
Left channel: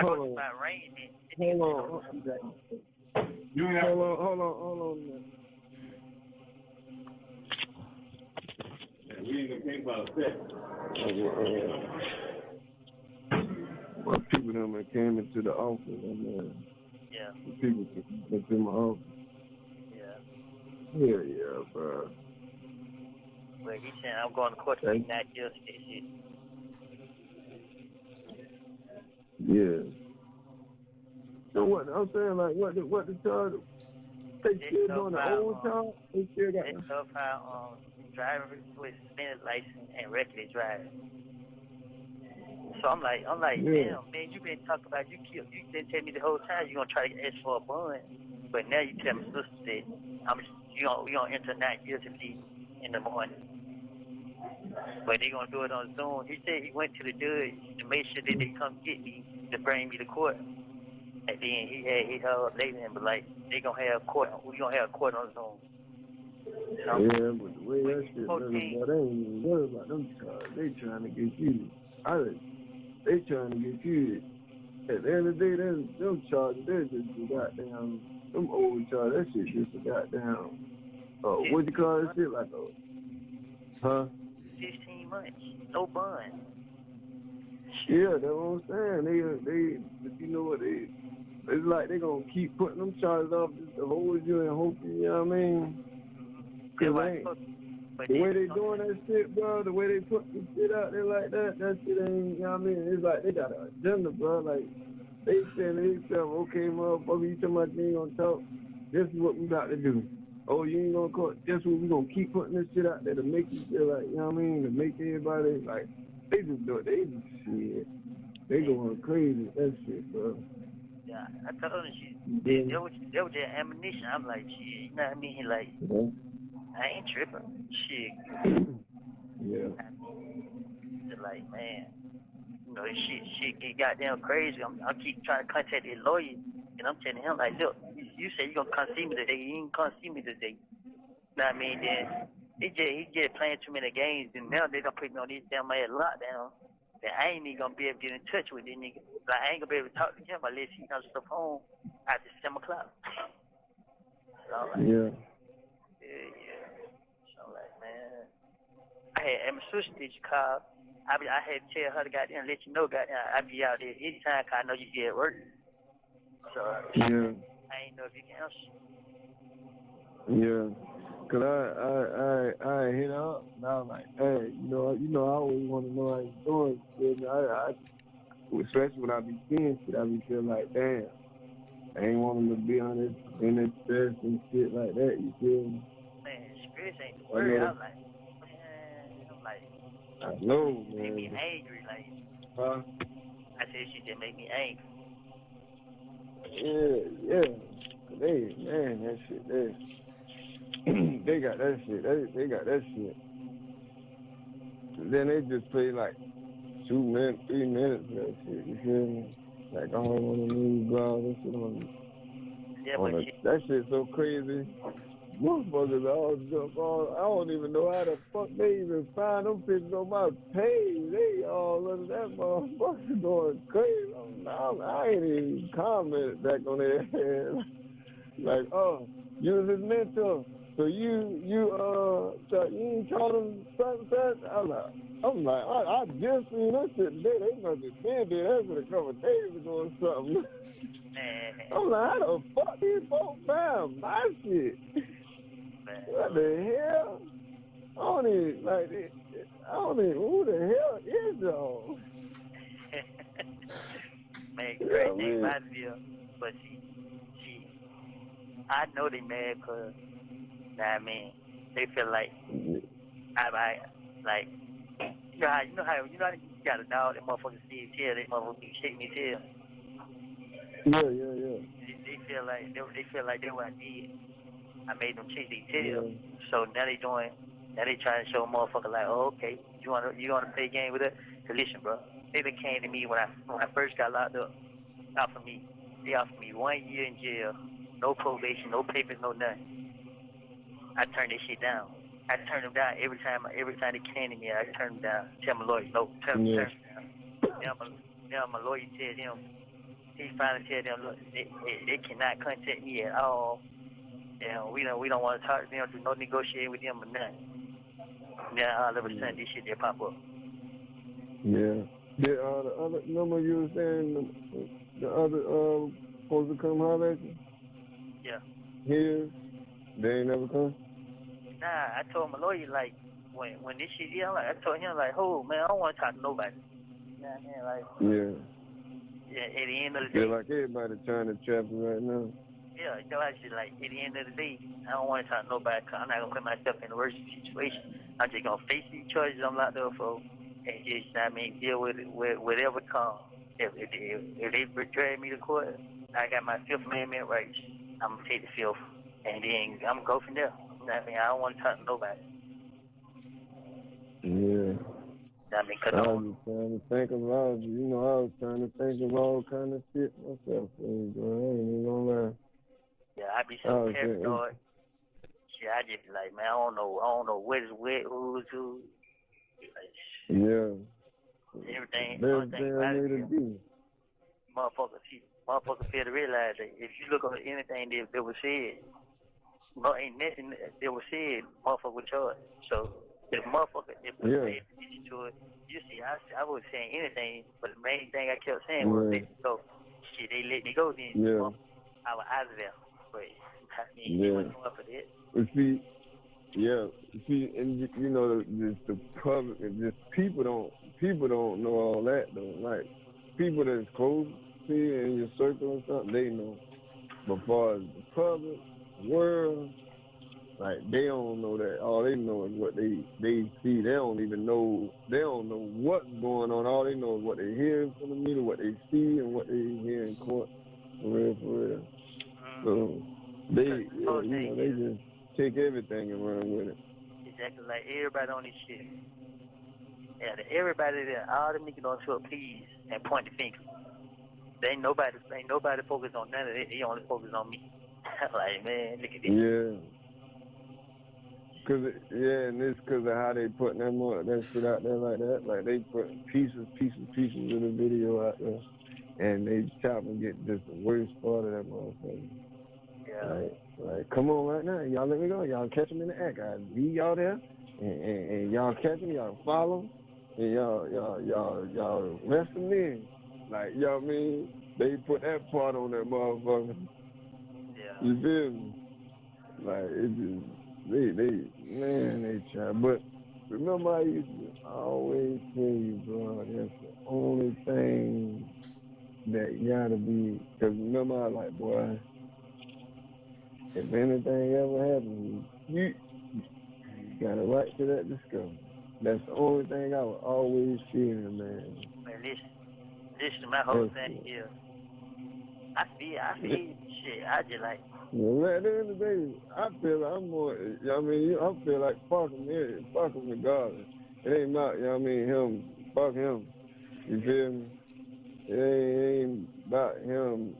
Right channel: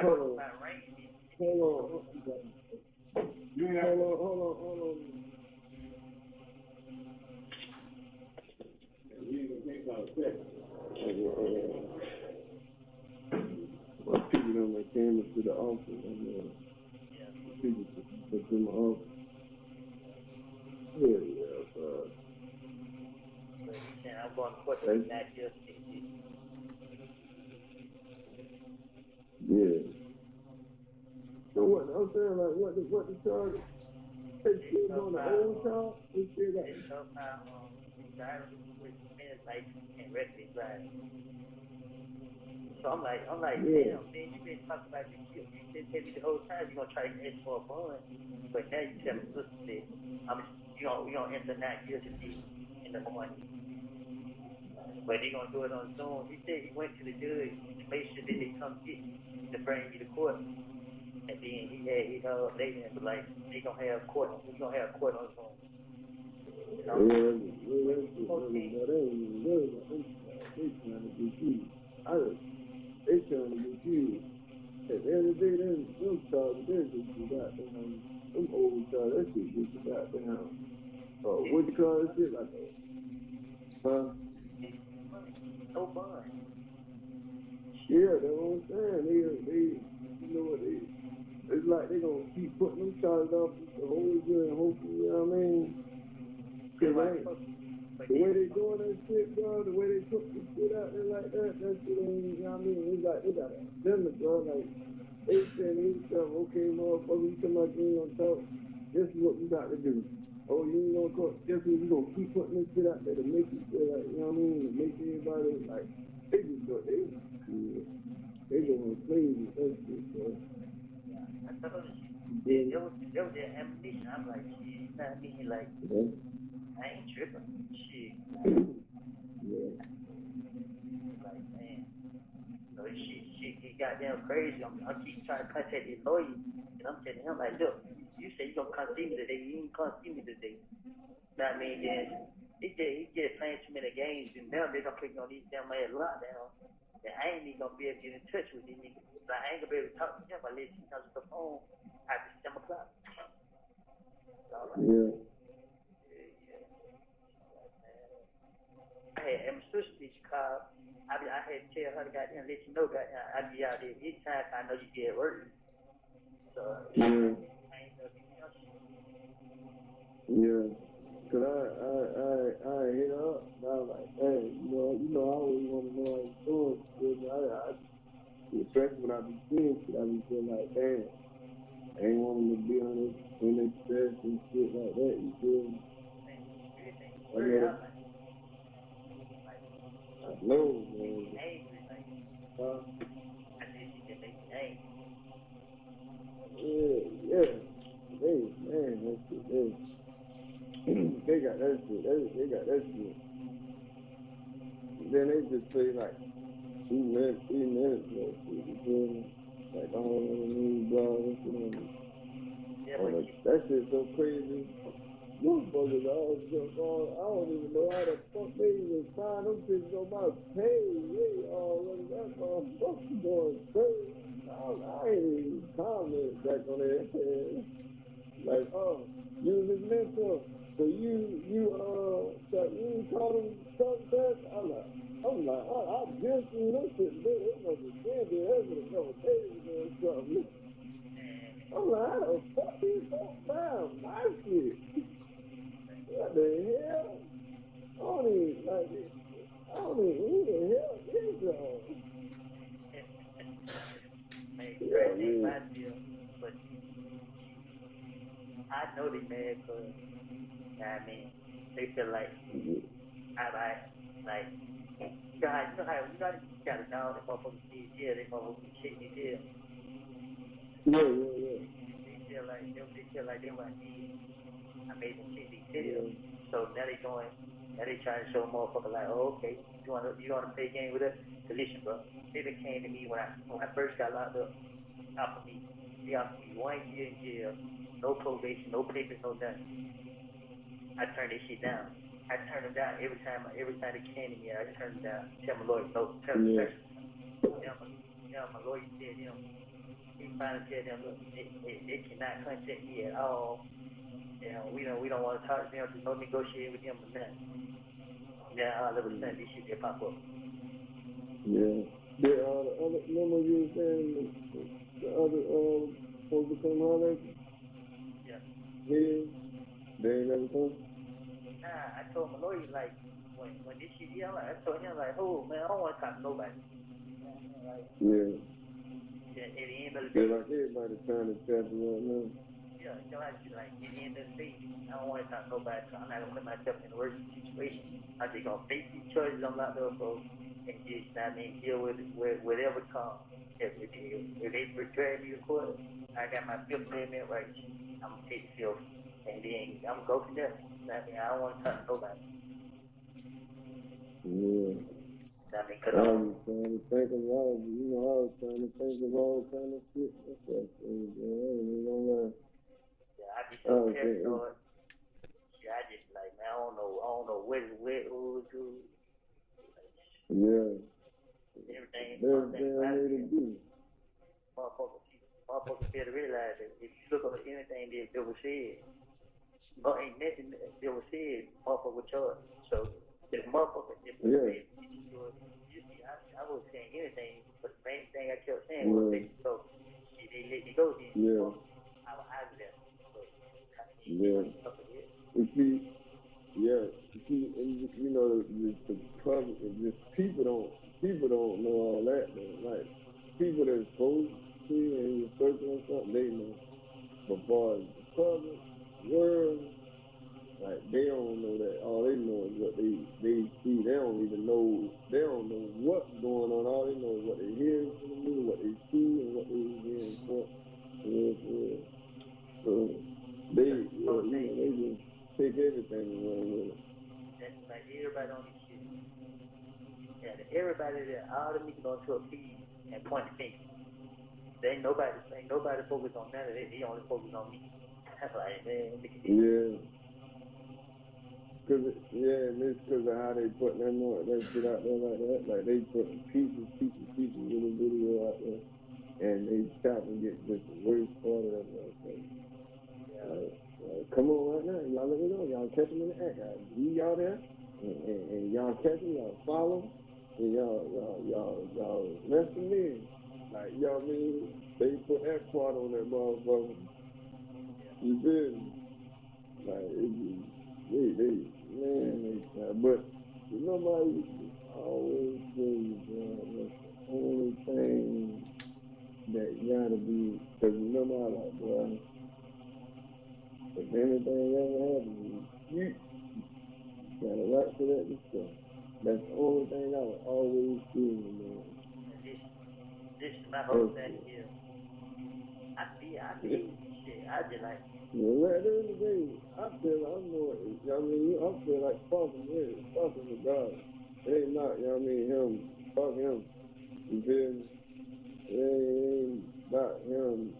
go to my range. Hold on. My people that came into the office, Yeah. People into my office. Yeah. Yeah, bro. But he said I'm going to court to make that deal to this shit. Yeah. So what I'm saying, like, what the charge? They still doing the old charge? They still got. They still found driver with suspended license and reckless driving. So I'm like, Yeah. damn, man, you been talking about you didn't tell me the whole time you're gonna try to ask for a bond, but now you tell my sister that we gonna enter 9 years in the morning. But they gonna do it on Zoom. He said he went to the judge to make sure that they come get me to bring me to court. And then he held later and was like, we gonna have court on Zoom. Yeah, but the way that shit running, boy, they ain't even worried about them charges. They trying to get you. They trying to get you. At the end of the day, them charges, they're just a goddamn, them old charges, that shit just a goddamn, what you call that shit, like a, 15 months, no bond. Yeah, that's what I'm saying. They, you know what, it's like they gonna keep putting them charges up just to hold you and hope you know what I mean? Cause the way they doing that shit, bro, the way they put this shit out there like that shit ain't, you know what I mean? It's like they got an agenda, bro. Like, they saying to themselves, okay, motherfucker, you talking about you ain't gonna talk, this is what we got to do. Oh, you ain't gonna call, guess what, we gonna keep putting this shit out there to make you feel like, you know what I mean? To make everybody, like, they just do it, they going crazy, that shit, bro. Yeah, I told her there was that ammunition. I'm like, shit, you know what I mean? Like, I ain't tripping. Shit. Yeah. Like, man, you know, shit get goddamn crazy. I keep trying to contact his lawyer, and I'm telling him, like, look, you say you gonna come see me today. You ain't come see me today. You know what I mean? Then he just playing too many games, and now they gonna put me on this damn ass lockdown. And I ain't even gonna be able to get in touch with this nigga. Like, I ain't gonna be able to talk to him unless he answers the phone after 7 o'clock. So I'm like, yeah. So I'm like, man, I had my sister did you call. I had to tell her to goddamn let you know, goddamn, I be out there anytime 'cause I know you be at work. So yeah. I ain't know if you can answer. Yeah. Cause I hit up and I was like, hey, you know, I always want to know how you doing. I especially when I be seeing shit, I be feeling like, damn, I ain't want them to be on this, in this stress and shit like that, you feel me? Man, stress ain't the word. I'm like, I know, man. Make me angry, like. Huh? I said she just make me angry. Yeah. Hey, man, that shit there. that shit. They got that shit. And then they just play like 2 minutes, 3 minutes of that shit. You feel me? Like all on the news, blah, that shit on. Yeah, Oh, but that shit's so crazy. Motherfuckers all jump on. I don't even know how the fuck they even find them bitches on my page. They all under that motherfucker going crazy. I ain't even commented back on their head. Like, oh, you was his mentor. So you ain't told him such. I'm like, I just seen this shit today. They must have said that a couple of days ago or something. I'm like, how the fuck these folks found my shit? What the hell? I don't even, who the hell is y'all? man, crazy thing about it, but she, I know they mad because, I mean, they feel like, like, you know how you got a dog, that motherfucker see his tail, that motherfucker be shaking his tail. Yeah. They feel like they what I did. I made them change their tail. So now they trying to show a motherfucker like, oh, okay, you wanna play a game with us? Cause listen, bro, they came to me when I first got locked up. They offered me 1 year in jail, no probation, no papers, no nothing. I turned that shit down. I turned them down every time they came to me. I turned them down. Tell my lawyer, no, turn them down. Now my lawyer tell them, he finally tell them, look, they cannot contact me at all. And we don't want to talk to them, do no negotiating with them or nothing. Then all of a sudden this shit they pop up. Yeah. The other number you were saying, the other supposed to come holler at you? Yeah. Here, they ain't never come? Nah, I told my lawyer like when this shit I told him like, oh man, I don't want to talk to nobody. You know what I mean? Like, yeah, at the end of the day. Feel like everybody trying to trap you right now. Yeah, you know, actually, like, at the end of the day, I don't want to talk to nobody because I'm not going to put myself in the worst situation. I'm just going to face these choices I'm locked up for and just, I mean, deal with whatever comes. If they drag me to court, I got my Fifth Amendment rights. I'm going to take the Fifth, and then I'm going to go from there. You know what I mean? I don't want to talk to nobody. Yeah. I mean, I was trying to think of all, I was trying to think of all kind of shit myself. I ain't even gonna lie. Yeah, I be so paranoid. Shit, I just like, man, I don't know what is wet, who's who. Like, yeah. Everything. Best thing I need to do. Motherfuckers fail to realize that if you look at anything that was said, ain't nothing that was said, motherfucker was charged. So the motherfucker that was paid attention to it, you see, I was saying anything, but the main thing I kept saying was let me go. Shit, they let me go then. Yeah. I was out of there. But I mean, they wasn't up for that. And the public and just people don't know all that though. Like people that's close to you in your circle or something, they know. But far as the public world, like they don't know that. All they know is what they see. They don't know what's going on. All they know is what they hear from the media, what they see, and what they hear in court. For real. So they just take everything and run with it. Exactly, like everybody on this shit. Yeah, everybody there, all the niggas on tour, please, and point the finger. Ain't nobody focused on none of that. They only focus on me. I'm like, man, look at this. Yeah. And it's because of how they putting that shit out there like that. Like they put pieces of the video out there, and they chop and get just the worst part of that motherfucker. Yeah. Like, come on right now, y'all let me go. Y'all catch them in the act. I leave y'all there, and y'all catch them, y'all follow, and y'all rest them in. Like, you know what I mean? They put that part on that motherfucker. Yeah. You feel me? Like, it's just, they try. But remember I used to always tell you, bro, that's the only thing that you gotta be, because remember I like, boy, if anything ever happens, you got a right to that discovery. That's the only thing I was always fearing, man. Man, listen, my whole thing is, I feel shit. I just like, Well, at the end of the day, I feel like I'm more, you know what I mean? I feel like fucking him, fucking regardless. It ain't not, you know what I mean, him, fuck him. You feel me? It ain't about him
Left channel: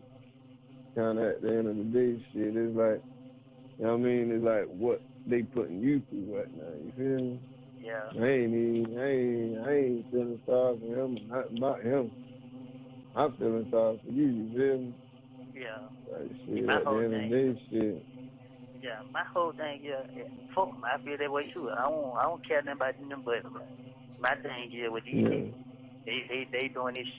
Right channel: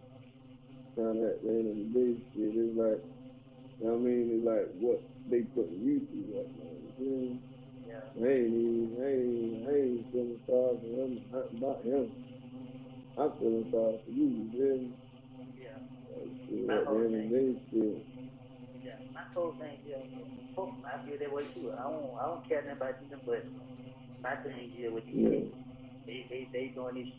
kind of at the end of the day shit. It's like, you know what I mean? It's like what they putting you through right now. You feel me? Yeah. I ain't feeling sorry for him, not about him. I'm feeling sorry for you, you feel me? Yeah. Like, shit, My at the whole end of the thing. day, shit. Yeah, my whole thing is, fuck 'em. I feel that way too. I don't care nothing about them, but my thing is with these Yeah. niggas, they doing this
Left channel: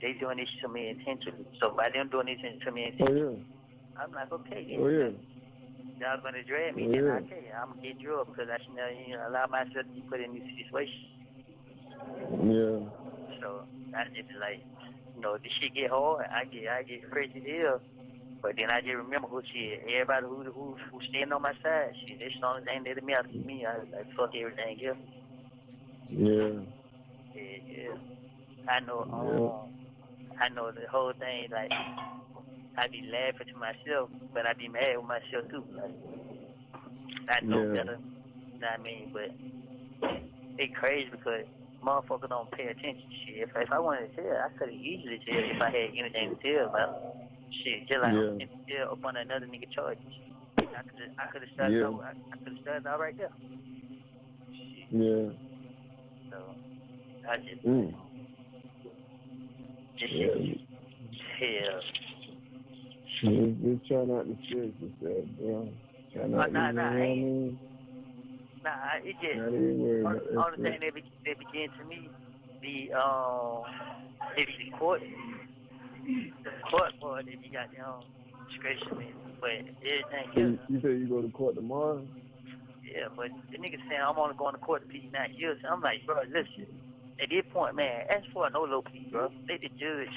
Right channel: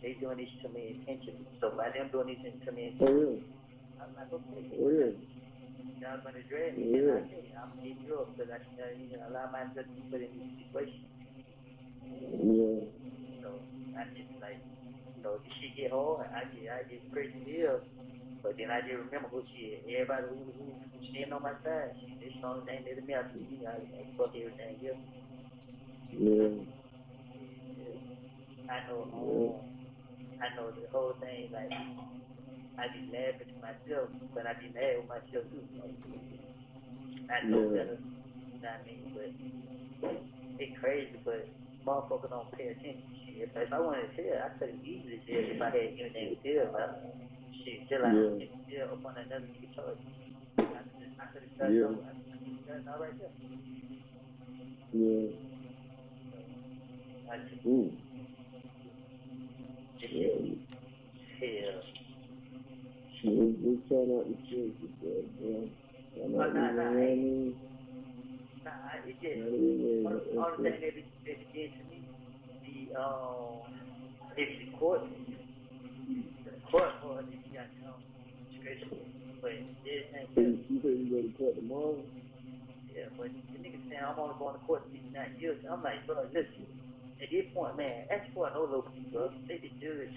to me intentionally. So by them doing this to me Oh, intentionally, yeah. I'm like, okay, Oh, yeah. y'all gonna drag me, Oh, then yeah. okay, I'm gonna get you up because I should allow myself to be put in this situation. Yeah. So I just be like, this shit get hard. I get crazy here. But then I just remember everybody who standing on my side, shit, that's the only thing that matters to me. I was like, fuck everything else. Yeah. Yeah. I Yeah. know the whole thing, like, I be laughing to myself, but I be mad with myself too. Like, I know Yeah. better, you know what I mean? But it crazy because motherfuckers don't pay attention. Shit, if I wanted to tell, I could have easily tell if I had anything to tell about. Shit, just like Yeah. I'm just tell up on another nigga charges. I could have started Yeah. out. I could have started out right there. Yeah. So I just Mm. shit. Yeah. Hell. Just try not to stress yourself, bro. Try not to, you know what I mean? It just Not even worry about that only stuff. thing that began to me be maybe the court part that be got discretion me. But everything So else, you say you go to court tomorrow? yeah, but the nigga saying I'm only going to court to plead 9 years. I'm like, bro, listen, at this point, man, ask for a no low plea, bro. Let the judge,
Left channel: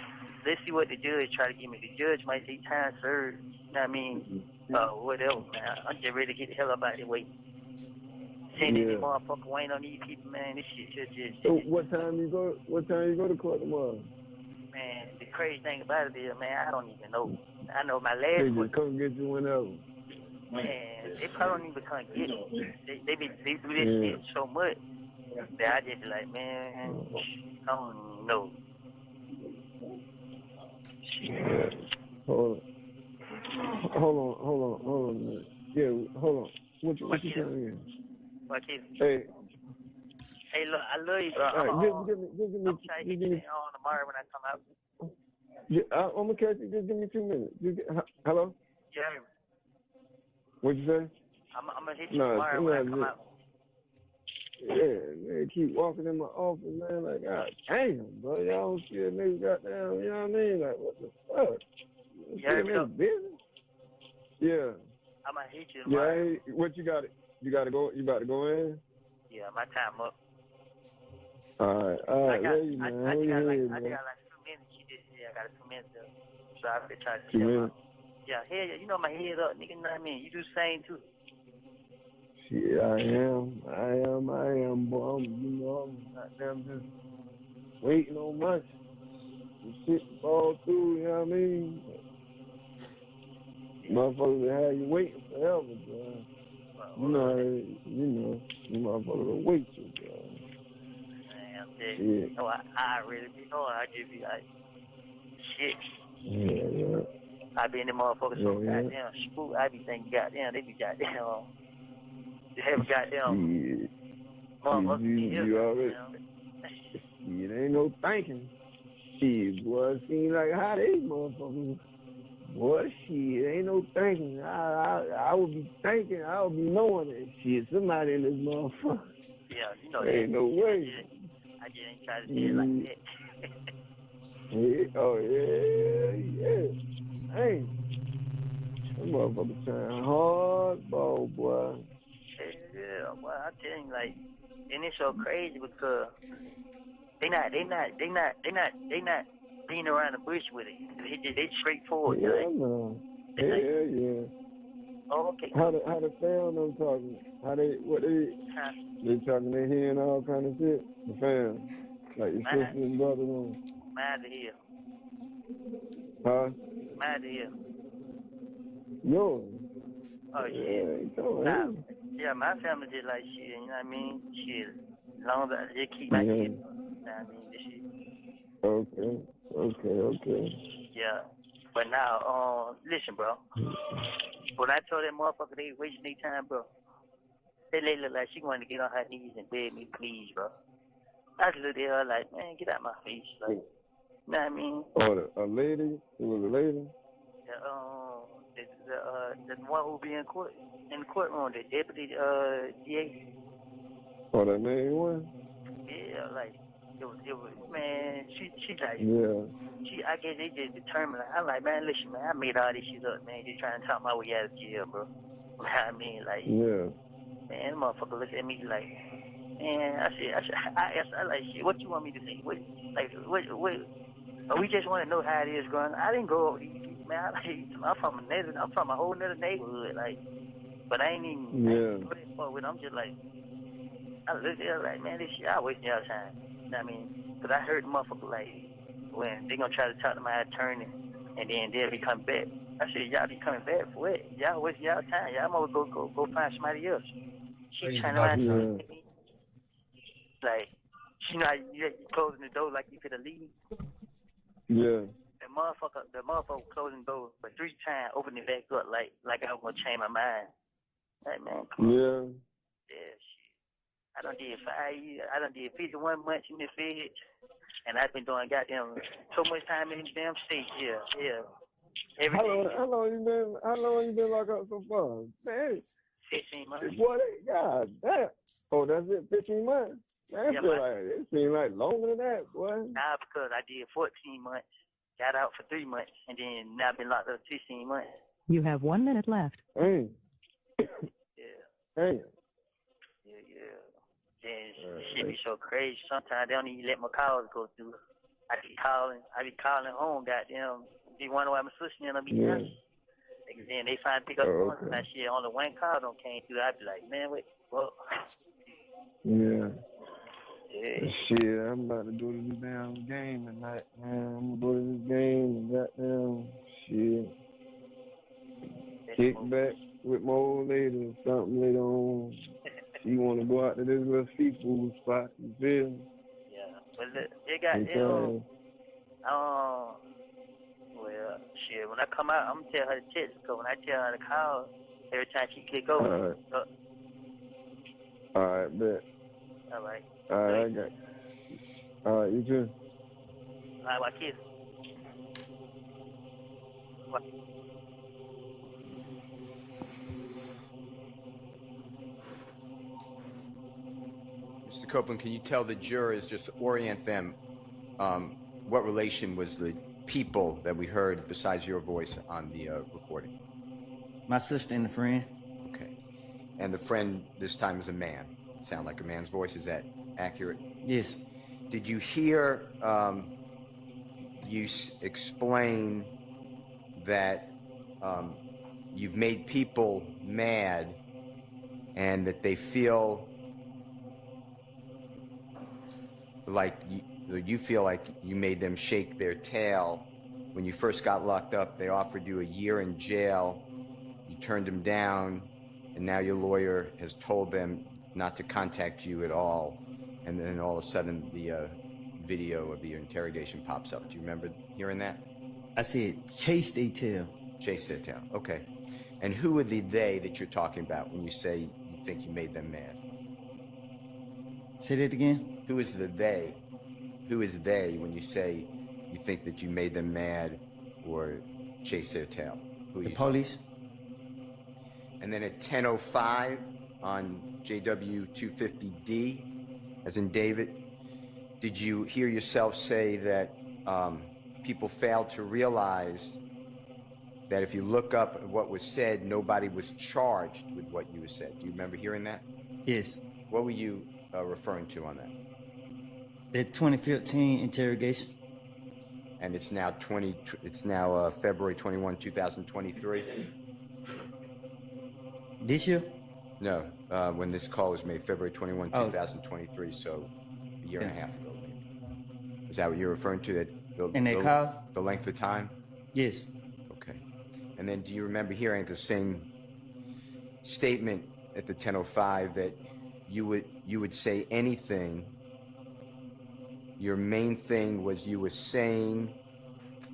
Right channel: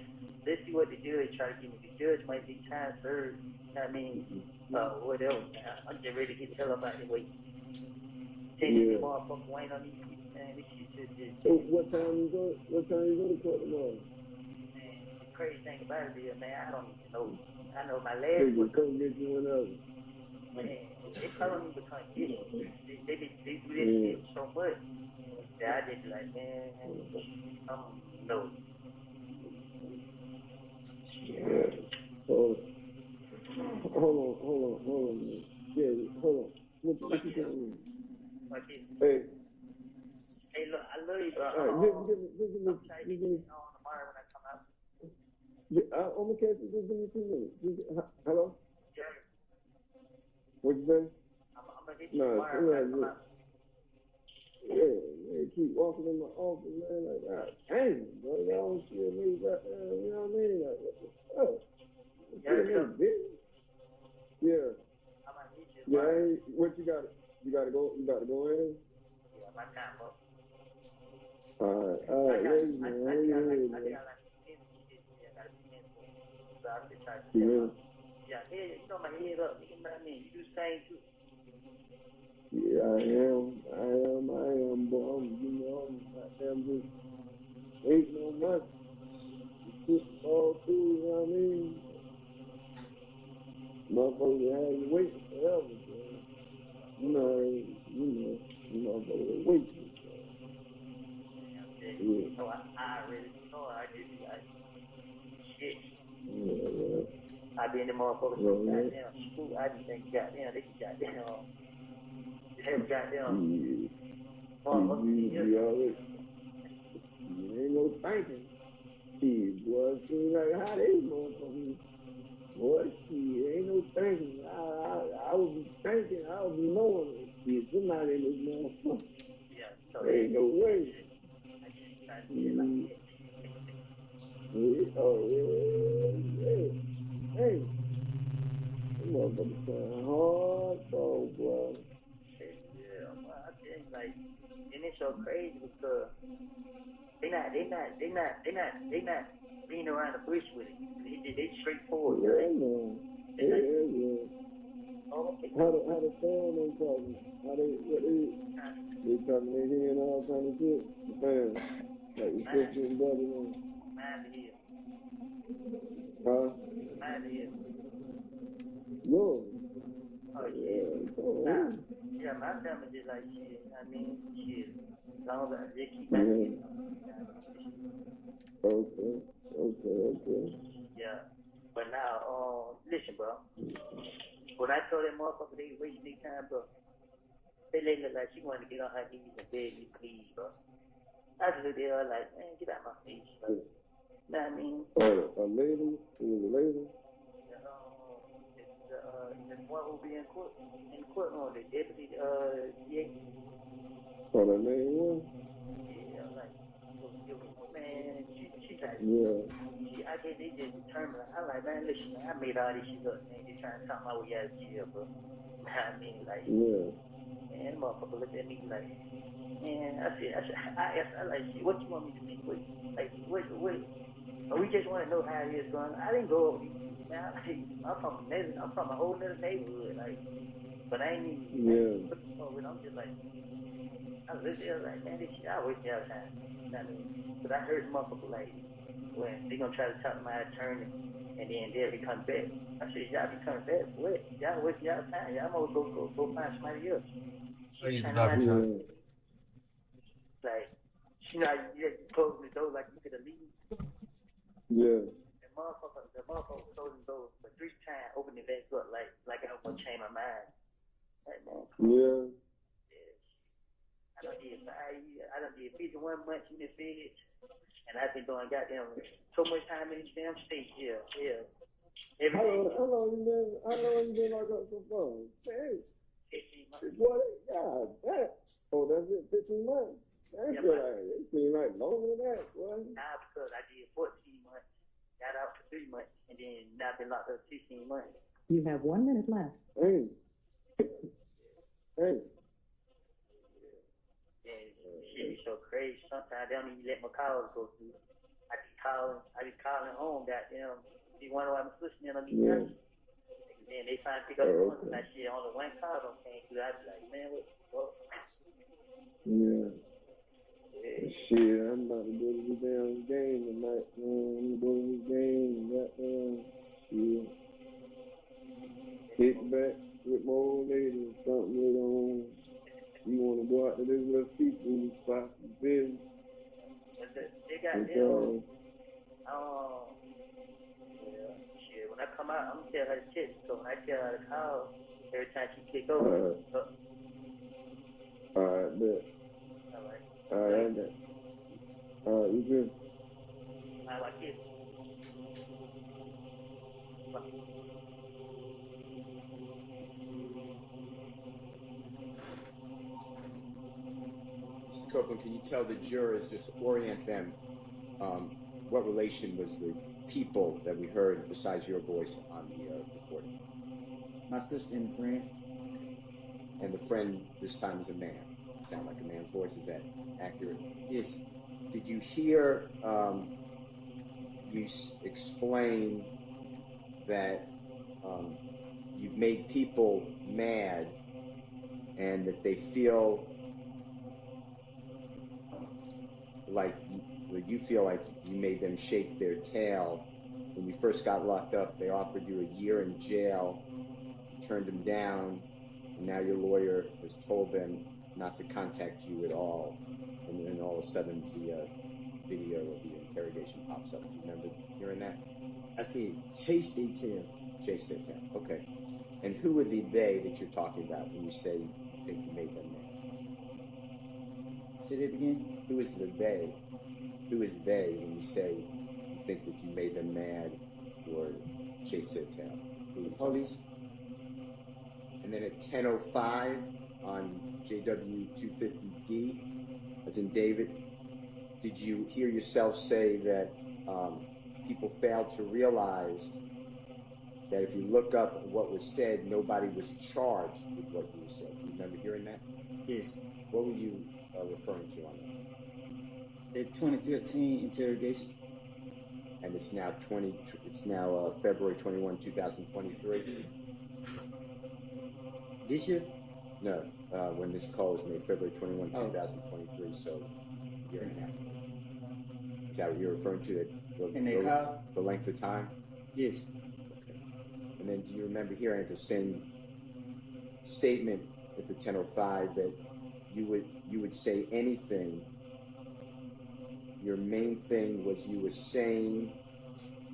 let's see what the judge try to give me. The judge might say time served, you know what I mean? Whatever, man. I'm just ready to get the hell up out of the way. Sending these Yeah. motherfuckers waiting on these people, man. This shit So what time you go to court tomorrow? man, the crazy thing about it is, man, I don't even know. I know my They last just court, come get you whenever. man, they probably don't even come get me. They do this Yeah. shit so much that I just be like, man, I don't know. Yeah. Hold on a minute. Yeah, hold on. What you saying again? What is? Hey, Hey, look, I love you, bro. all right, I'm trying to hit you on tomorrow when I come out. I'm gonna catch you. Just give me 2 minutes. Hello? Yeah, What you say? I'm gonna hit you tomorrow when I come out. Yeah, man, keep walking in my office, man. Like, God damn, bro, y'all don't see a nigga goddamn, you know what I mean? Like, what the fuck? You heard me, though? Business? Yeah. I'm gonna hit you tomorrow. Yeah, hey, what you got? You got to go. You about to go in? Yeah, my time up. All right, I ready, man. got like 2 minutes. I got 2 minutes. So I could try to tell my. Yeah, hey, you know my head up, nigga. You know what I mean? You do the same too. Yeah, I am, boy. I'm just waiting on much. Shit fall through, you know what I mean? Motherfuckers have you waiting forever, bro. You motherfuckers will wait you, bro. Man, so I really be knowing. I just be like, shit. Yeah. I be in the motherfuckers so goddamn spook. I be thinking, goddamn, they be goddamn. They have goddamn. Motherfuckers be here. It ain't no thinking. Shit, boy, it seems like how they motherfuckers. Boy, shit, ain't no thinking. I would be thinking, I would be knowing that shit. Somebody in this motherfucker. Yeah, you know ain't no way. I just ain't trying to say it like that. Yeah. Hey, that motherfucker trying hardball, boy. Yeah, well, I tell you, like, and it's so crazy because they not being around the bush with it. They straightforward. Yeah. Oh, okay. How the fam them talking? They talking their head and all kind of shit? The fam. Like your sister and brother and Mine to hear. Huh? Mine to hear. Yours? Oh, Yeah, shit. come on. Nah. Yeah, my family just like shit, you know what I mean? Shit. As long as I just keep my Yeah. shit. You know what I mean? This shit. Okay. Yeah. But now, listen, bro. When I told that motherfucker they wasting their time, bro, that lady look like she wanted to get on her knees and beg me, please, bro. I just looked at her like, man, get out my face. Like, you know what I mean? Oh, a lady? It was a lady? The one who be in the courtroom, the deputy, DA. Oh, that main one? Yeah, like, it was, man, she like, Yeah. I guess they just determined, I'm like, man, listen, man, I made all this shit up, man, just trying to talk my way out of jail, bro. You know what I mean? Like, Yeah. man, the motherfucker looked at me like, man, I asked, I like, shit, what you want me to say? What, we just want to know how it is growing. I didn't go over these people, man. I'm from a whole nother neighborhood, like, but I ain't even with. I'm just like, I looked at her like, man, this shit, I wasting y'all time. You know what I mean? Because I heard the motherfucker like, when they gonna try to talk to my attorney, and then they'll be coming back. I said, y'all be coming back for what? Y'all wasting y'all time. Y'all might go find somebody else. She trying to like, she not you closing the door like you could have leave. Yeah. The motherfucker closing the door for 3 times, opening it back up like I was gonna change my mind. Like, man, come on. Yeah, shit. I done did 5 years. I done did 51 months in the feds, and I've been doing goddamn so much time in the damn state. Yeah. Every day. How long you been locked up so far? Man, 15 months. Boy, God damn. Oh, that's it, 15 months? Man, it seems like longer than that, boy. Nah, because I did 14 months, got out for 3 months, and then now I've been locked up 15 months. You have 1 minute left. Hey. Yeah. Hey. Yeah. Shit be so crazy. Sometimes they don't even let my calls go through. I be calling home, goddamn. Be wondering why my sister and I be cursing. And then they finally pick up the phone and that shit, only one call don't came through. I be like, man, wait, what? Yeah. Shit, I'm about to go to this damn game tonight, man. I'm gonna go to this game and goddamn shit. Kick back with my old lady or something later on. She wanna go out to this little seafood spot, you feel me? Yeah. But they got them. Well, shit, when I come out, I'm gonna tell her to text, because when I tell her to call, every time she click over. Alright, bet. Alright. Alright, I got you. Alright, you too. Alright, my kids. What? Mr. Copeland, can you tell the jurors, just orient them, what relation was the people that we heard besides your voice on the recording? My sister and a friend. Okay. And the friend this time is a man. Sound like a man's voice. Is that accurate? Yes. Did you hear you explain that you've made people mad and that they feel like you feel like you made them shake their tail? When you first got locked up, they offered you a year in jail. You turned them down, and now your lawyer has told them not to contact you at all. And then all of a sudden, the video of your interrogation pops up. Do you remember hearing that? I said, chase their tail. Chase their tail. Okay. And who are the they that you're talking about when you say you think you made them mad? Say that again? Who is the they? Who is they when you say you think that you made them mad or chase their tail? Who the police. And then at 10:05 on JW 250D, as in David, did you hear yourself say that people failed to realize that if you look up what was said, nobody was charged with what you said? Do you remember hearing that? Yes. What were you referring to on that? The 2015 interrogation. And it's now February 21, 2023. This year? No, when this call was made, February 21, 2023, so a year and a half ago. Is that what you're referring to? The length of time? Yes. Okay. And then do you remember hearing at the same statement at the 10:05 that you would say anything. Your main thing was you were saying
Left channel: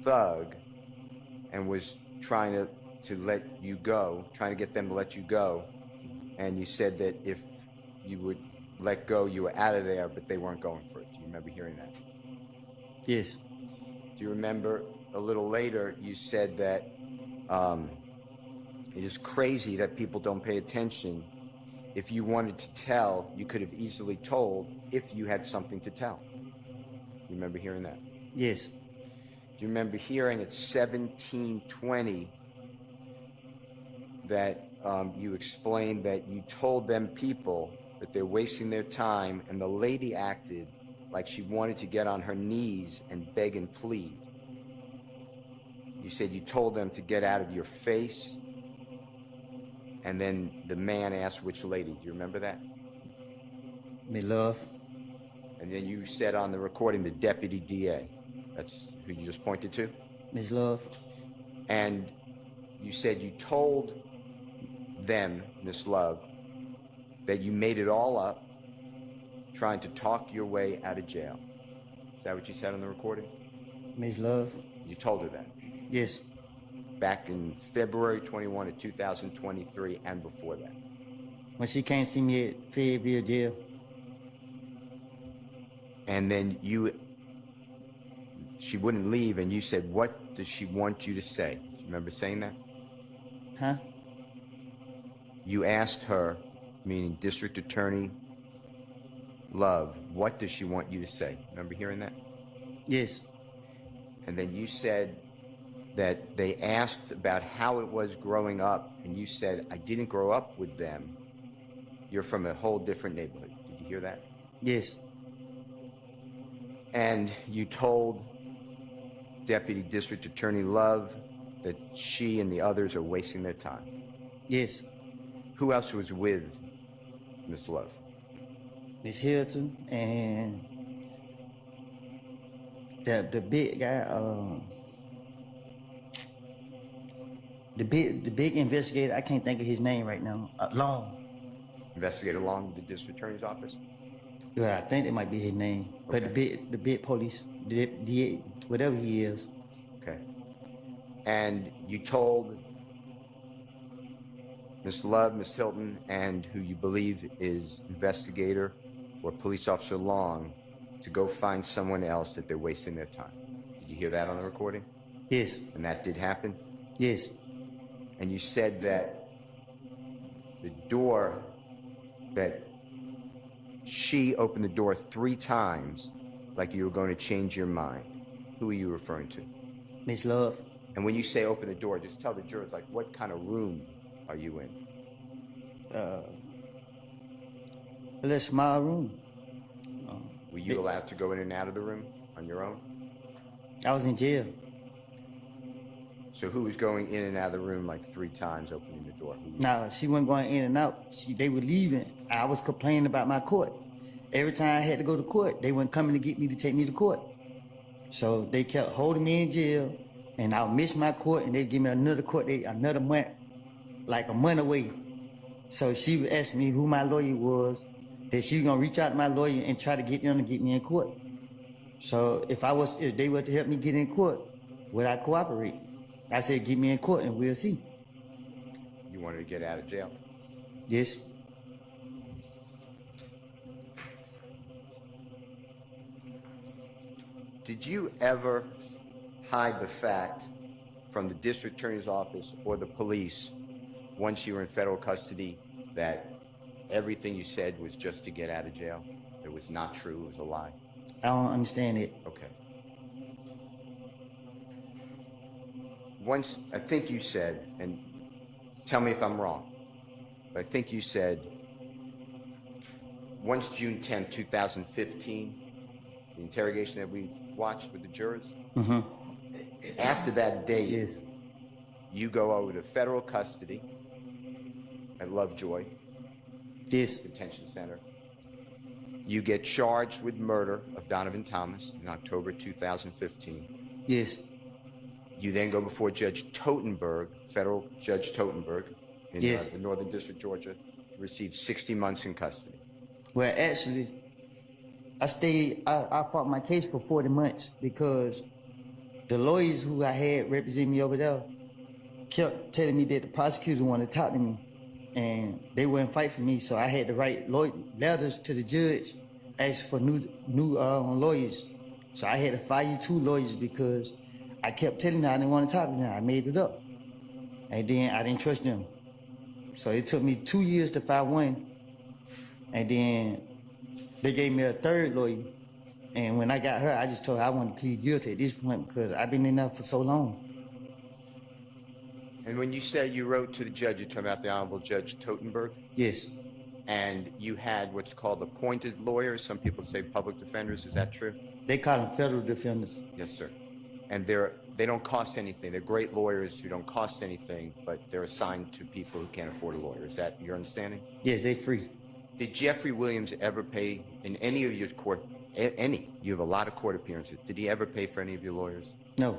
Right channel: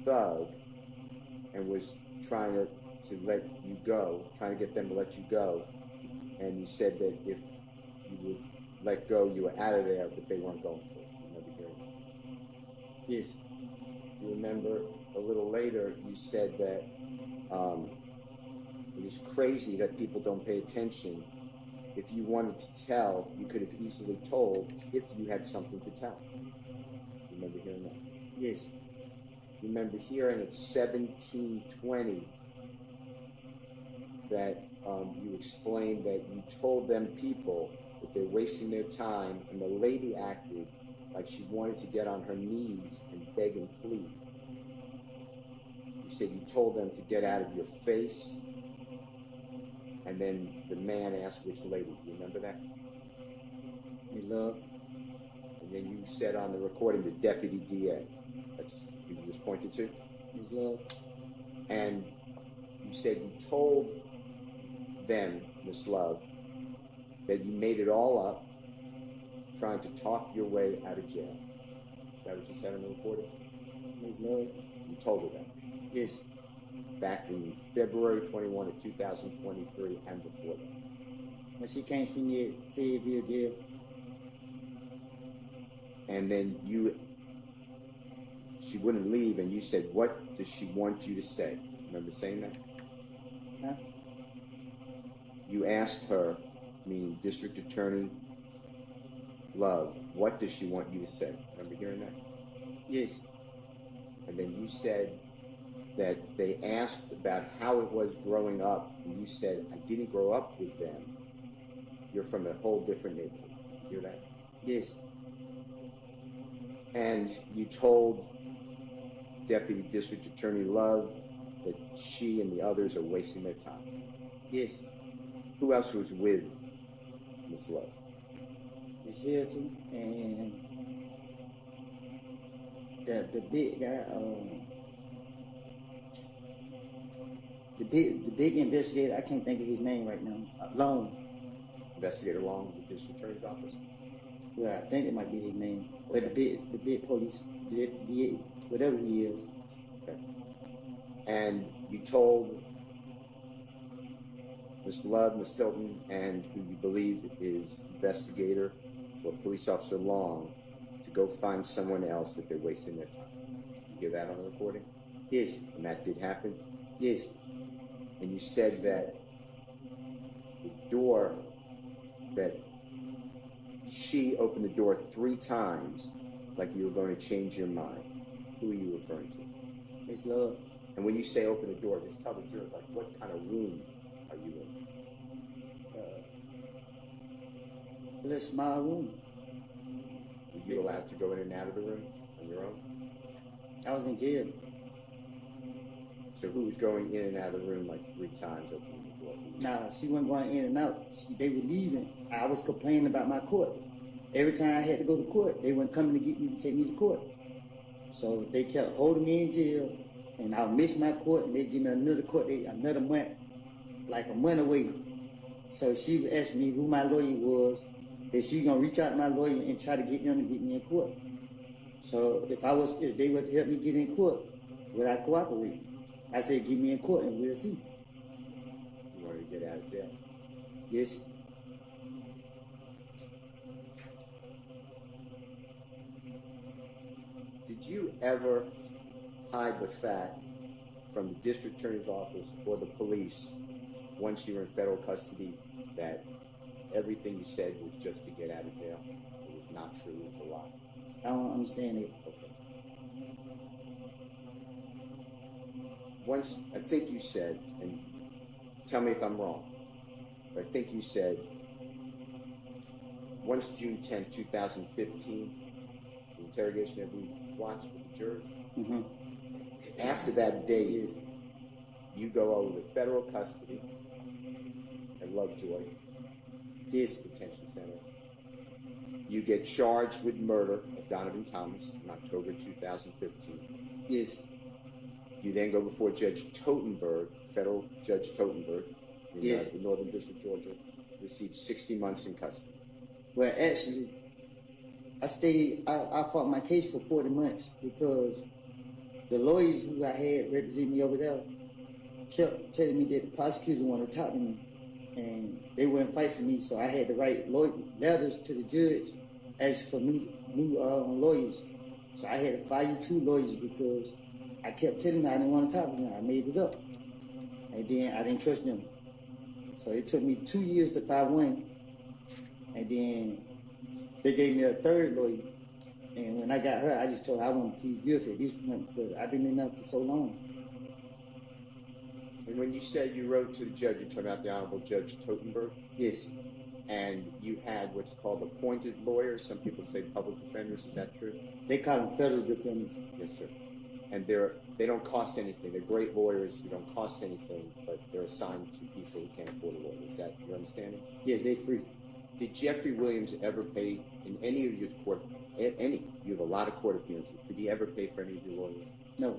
Thug and was trying to let you go, trying to get them to let you go. And you said that if you would let go, you were out of there, but they weren't going for it. Do you remember hearing that? Yes. Do you remember a little later you said that it is crazy that people don't pay attention. If you wanted to tell, you could have easily told if you had something to tell. You remember hearing that? Yes. Do you remember hearing at 17:20 that you explained that you told them people that they're wasting their time, and the lady acted like she wanted to get on her knees and beg and plead. You said you told them to get out of your face, and then the man asked which lady. Do you remember that? Me love. And then you said on the recording the deputy DA. That's who you just pointed to? Miss Love. And you said you told them, Miss Love, that you made it all up trying to talk your way out of jail. Is that what you said on the recording? Miss Love. You told her that? Yes. Back in February 21 of 2023 and before that. When she came to see me at Fayetteville jail. And then she wouldn't leave, and you said, what does she want you to say? Do you remember saying that? Huh? You asked her, meaning District Attorney Love, what does she want you to say? Remember hearing that? Yes. And then you said that they asked about how it was growing up, and you said, I didn't grow up with them. You're from a whole different neighborhood. Did you hear that? Yes. And you told Deputy District Attorney Love that she and the others are wasting their time. Yes. Who else was with Miss Love? Miss Hilton and the big guy, the big investigator. I can't think of his name right now. Long. Investigator Long with the District Attorney's Office? Yeah, I think that might be his name. Okay. But the big police, the whatever he is. Okay. And you told Miss Love, Miss Hilton, and who you believe is investigator or police officer Long to go find someone else that they're wasting their time. Did you hear that on the recording? Yes. And that did happen? Yes. And you said that the door, that she opened the door 3 times like you were going to change your mind. Who are you referring to? Miss Love. And when you say open the door, just tell the jurors, like, what kind of room are you in? A little small room. Were you allowed to go in and out of the room on your own? I was in jail. So who was going in and out of the room like 3 times, opening the door? No, she wasn't going in and out. They were leaving. I was complaining about my court. Every time I had to go to court, they weren't coming to get me to take me to court. So they kept holding me in jail, and I would miss my court, and they'd give me another court date, another month, like a month away. So she would ask me who my lawyer was, that she was gonna reach out to my lawyer and try to get them to get me in court. So if they were to help me get in court, would I cooperate? I said, get me in court and we'll see. You wanted to get out of jail? Yes. Did you ever hide the fact from the district attorney's office or the police, once you were in federal custody, that everything you said was just to get out of jail? It was not true, it was a lie? I don't understand it. Okay. Once, I think you said, and tell me if I'm wrong, but I think you said, once June 10, 2015, the interrogation that we watched with the jurors, Mm-hmm. after that date, Yes. you go over to federal custody at Lovejoy Yes. Detention Center. You get charged with murder of Donovan Thomas in October 2015. Yes. You then go before Judge Totenberg, federal Judge Totenberg, in Yes. the Northern District, Georgia, received 60 months in custody. Well, actually, I fought my case for 40 months because the lawyers who I had represent me over there kept telling me that the prosecutor wanted to talk to me, and they wouldn't fight for me, so I had to write letters to the judge, ask for new lawyers. So I had to fire you 2 lawyers because I kept telling them I didn't want to talk to them. I made it up, and then I didn't trust them. So it took me 2 years to file one, and then they gave me a 3rd lawyer. And when I got her, I just told her I want to plead guilty at this point because I've been in there for so long. And when you said you wrote to the judge, you're talking about the Honorable Judge Totenberg? Yes. And you had what's called appointed lawyers. Some people say public defenders. Is that true? They call them federal defenders. Yes, sir. And they don't cost anything. They're great lawyers who don't cost anything, but they're assigned to people who can't afford a lawyer. Is that your understanding? Yes, they free. Did Jeffrey Williams ever pay in any of your court, you have a lot of court appearances. Did he ever pay for any of your lawyers? No.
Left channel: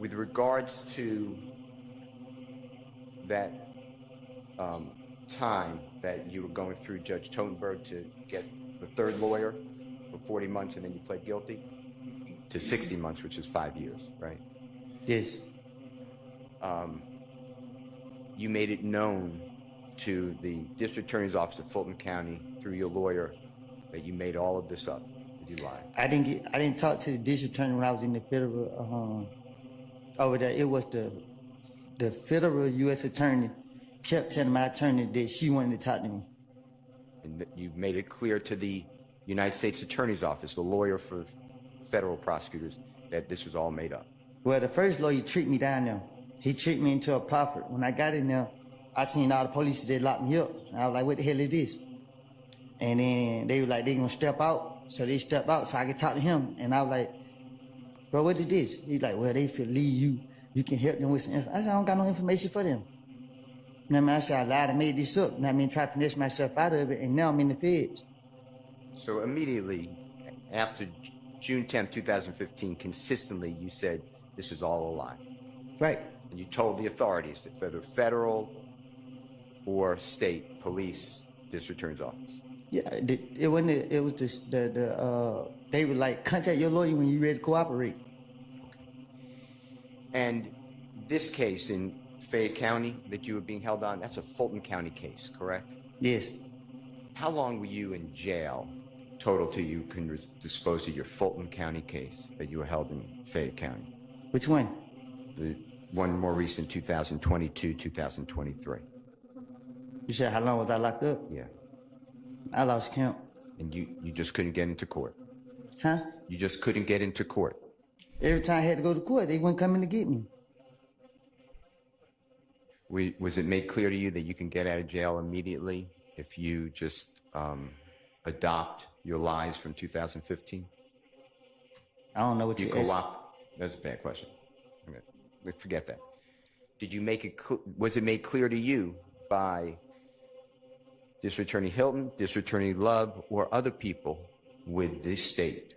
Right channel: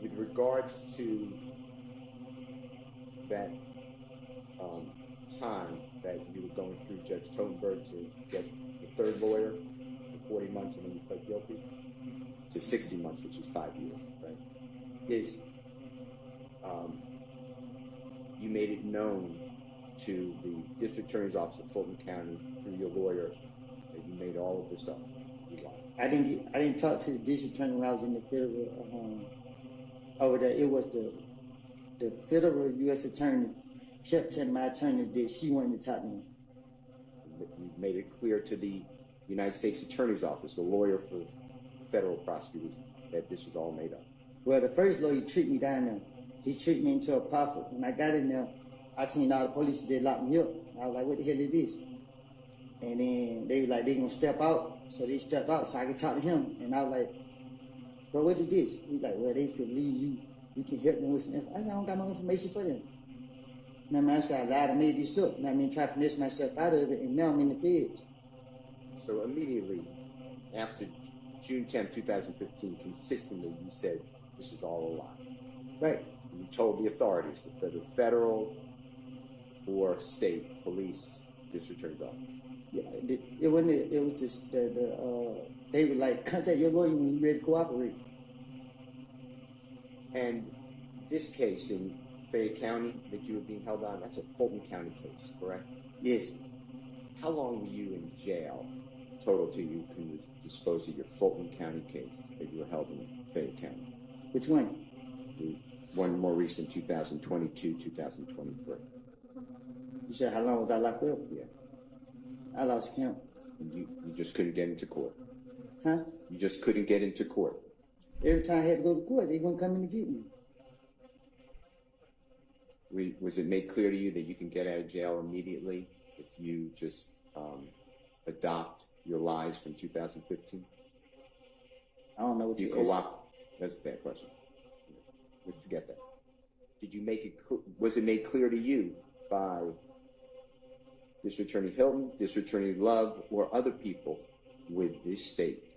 With regards to that time that you were going through Judge Totenberg to get the 3rd lawyer for 40 months and then you pled guilty to 60 months, which is 5 years, right? Yes. You made it known to the District Attorney's Office of Fulton County through your lawyer that you made all of this up. Did you lie? I didn't talk to the district attorney when I was in the federal over there. It was the federal U.S. attorney kept telling my attorney that she wanted to talk to me. And that you made it clear to the United States Attorney's Office, the lawyer for federal prosecutors, that this was all made up. Well, the first lawyer tricked me down there. He tricked me into a profit. When I got in there, I seen all the police, they locked me up. I was like, what the hell is this? And then they were like, they gonna step out. So they stepped out so I could talk to him. And I was like, bro, what is this? He's like, well, they feel leave you can help them with some information. I said, I don't got no information for them. You know what I mean? I said, I lied, I made this up. You know what I mean? Try to finesse myself out of it, and now I'm in the feds. So immediately after June 10th, 2015, consistently you said this is all a lie. Right. And you told the authorities, whether federal or state, police, district attorney's office. Yeah, it wasn't. It was just they were like, contact your lawyer when you're ready to cooperate. And this case in Fayette County that you were being held on, that's a Fulton County case, correct? Yes. How long were you in jail total till you can dispose of your Fulton County case that you were held in Fayette County? Which one? The one more recent, 2022, 2023. You said how long was I locked up? Yeah. I lost count. And you just couldn't get into court? Huh? You just couldn't get into court? Every time I had to go to court, they wouldn't come in to get me. Was it made clear to you that you can get out of jail immediately if you just adopt your lies from 2015? I don't know what you you're asking. That's a bad question. Okay. Forget that. Did you make it? Was it made clear to you by District Attorney Hilton, District Attorney Love, or other people with this state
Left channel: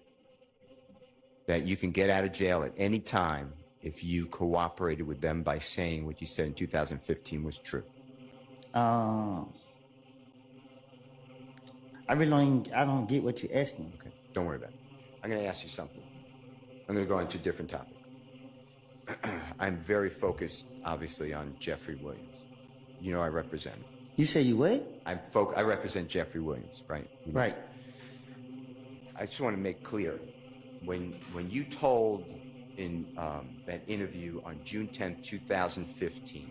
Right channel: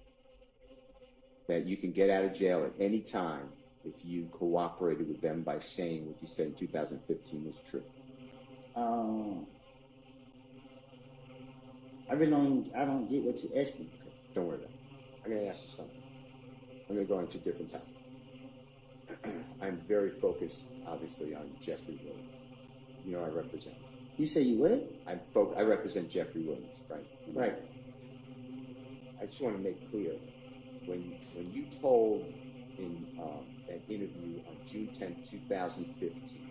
that you can get out of jail at any time if you cooperated with them by saying what you said in 2015 was true? I don't get what you're asking. Okay, don't worry about it. I'm going to ask you something. I'm going to go into a different topic. I'm very focused, obviously, on Jeffrey Williams. You know I represent him. You say you what? I represent Jeffrey Williams, right? You know? Right. I just want to make clear, when you told in that interview on June 10th, 2015,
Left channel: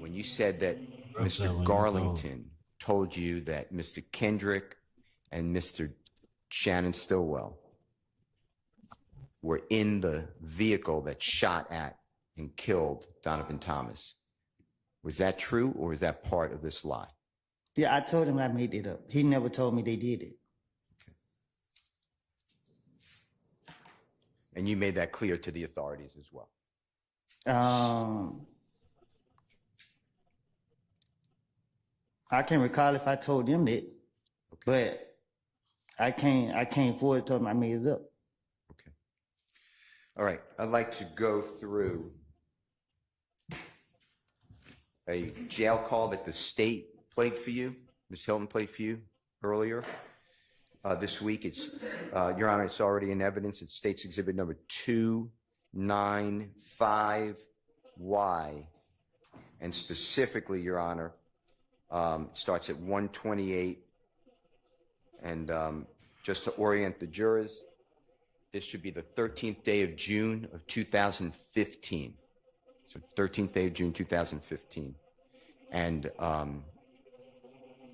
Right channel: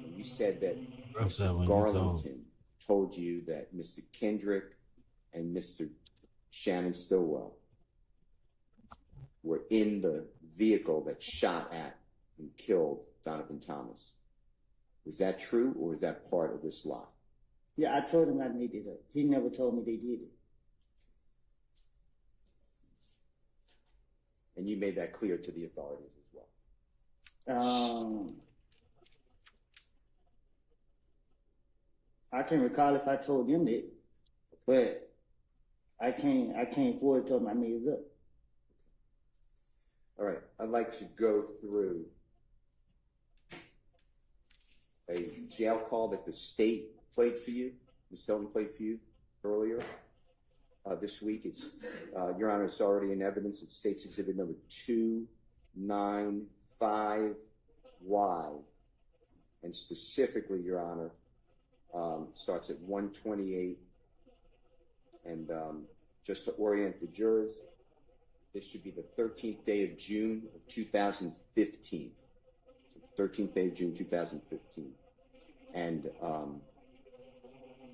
when you said that Mr. Garlington told you that Mr. Kendrick and Mr. Shannon Stillwell were in the vehicle that shot at and killed Donovan Thomas, was that true or was that part of this lie? Yeah, I told him I made it up. He never told me they did it. And you made that clear to the authorities as well? I can't recall if I told them that, but I can't afford to tell them I made it up. All right, I'd like to go through a jail call that the state played for you, Ms. Hilton played for you earlier this week. It's, Your Honor, it's already in evidence. It's State's Exhibit number 295Y. And specifically, Your Honor, it starts at 128. And just to orient the jurors, this should be the 13th day of June of 2015. So 13th day of June 2015. And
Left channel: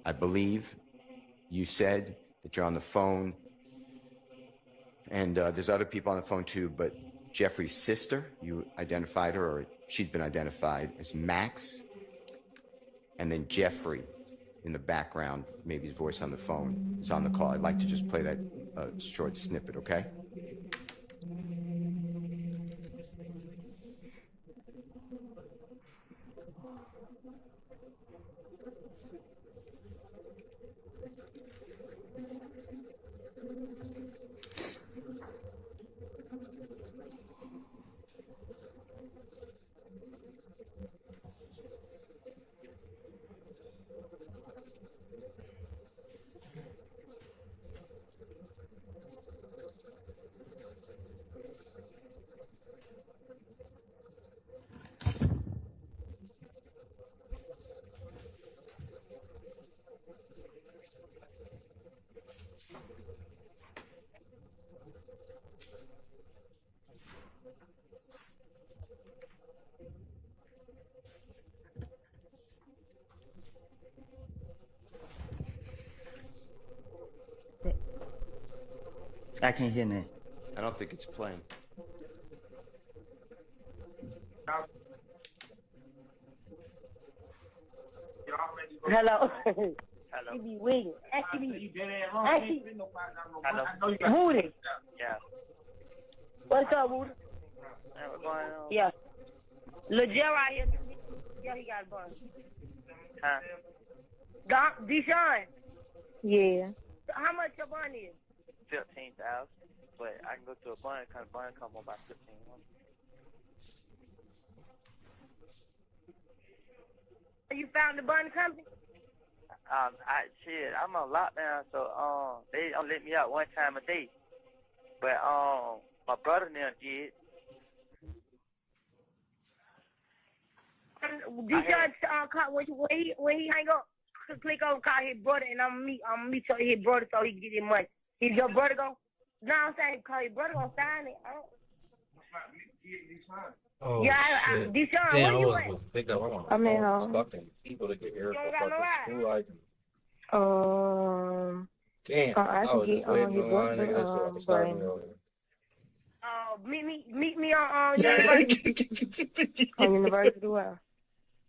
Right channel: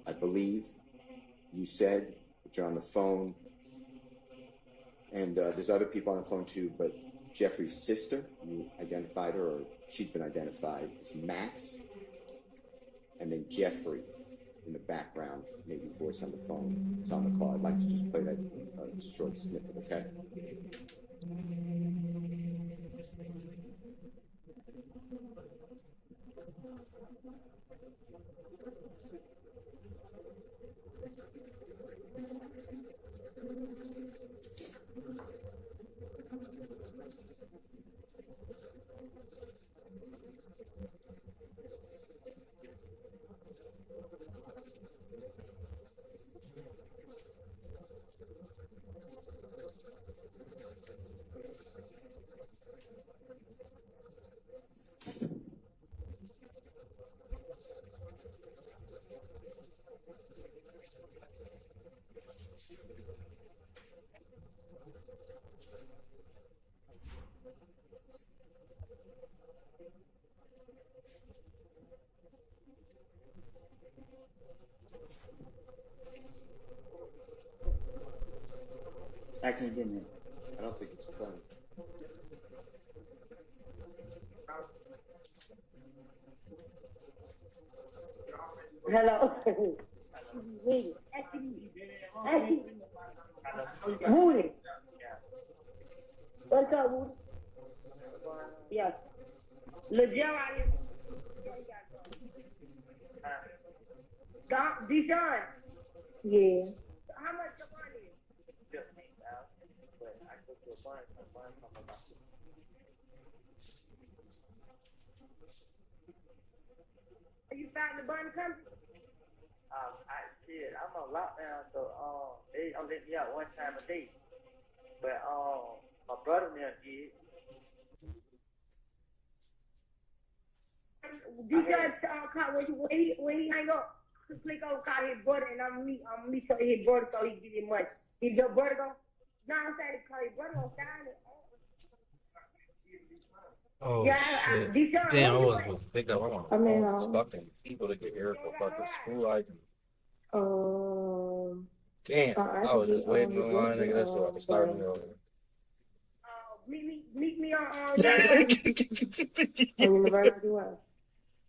I believe you said that you're on the phone, and there's other people on the phone too, but Jeffrey's sister, you identified her, or she'd been identified as Max, and then Jeffrey in the background, maybe his voice on the phone, is on the call. I'd like to just play that short snippet, okay? I can't hear that. I don't think it's playing. Hello. Hello. She be waiting. Actually, Hello. Woody. Yeah. What's up, Woody? Hey, what's going on? Yeah. Lil Jerry is. Yeah, he got a bun. Huh? Doc, Deshaun. Yeah. How much your bun is? 15,000. But I can go to a bun because bun come about 15,000. You found the bun company? I'm on lockdown, so they don't let me out one time a day. But my brother now did. Deshaun, when he hang up, click on call his brother, and I'm meet his brother so he can get his money. Is your brother gonna? No, I'm saying call his brother gonna sign it. Oh Yeah, shit! Deshaun, Damn, I what you wasn't supposed to pick up. I'm on the phone with fucking people to get here for fucking school items. Damn, I was just waiting in line, nigga. That's so I can start me over. Meet me on University Well.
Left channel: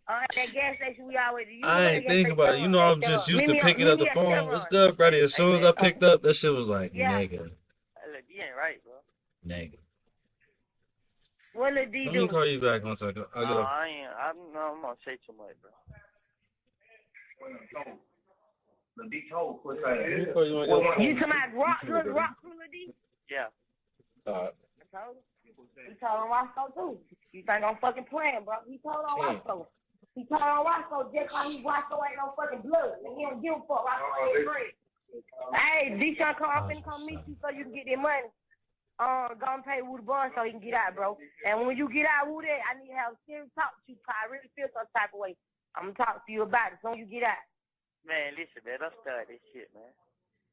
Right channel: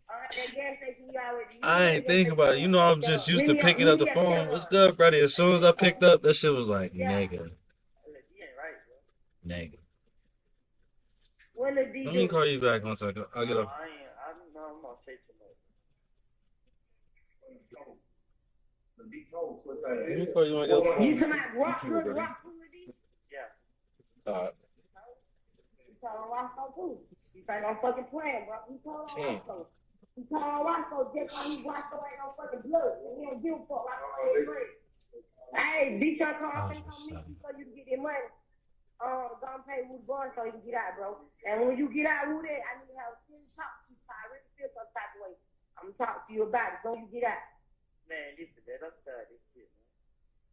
That gas station we always use. I ain't thinking about it. You know, I'm just used to picking up the phone. What's good, buddy? As soon as I picked up, that shit was like, nigga, Hey, look, you ain't right, bro. nigga. What did D Let do? me call you back once I go. I'll get No, up. I'm gonna say too much, bro. Let me call you when I get up. You come out rock to Lil D? Yeah. He told on Roscoe too. You think I'm fucking playing, bro? He told on Damn. Roscoe. He told on Roscoe just like Roscoe ain't no fucking blood. And he don't give a fuck. Roscoe ain't free. Hey, Deshaun, come meet you so you can get their money. Go and pay Woody Bun so he can get out, bro. And when you get out, Woody, I need to have a serious talk to you because I really feel some type of way. I'm gonna talk to you about it so you get out. Man, listen, man, don't start this shit, man.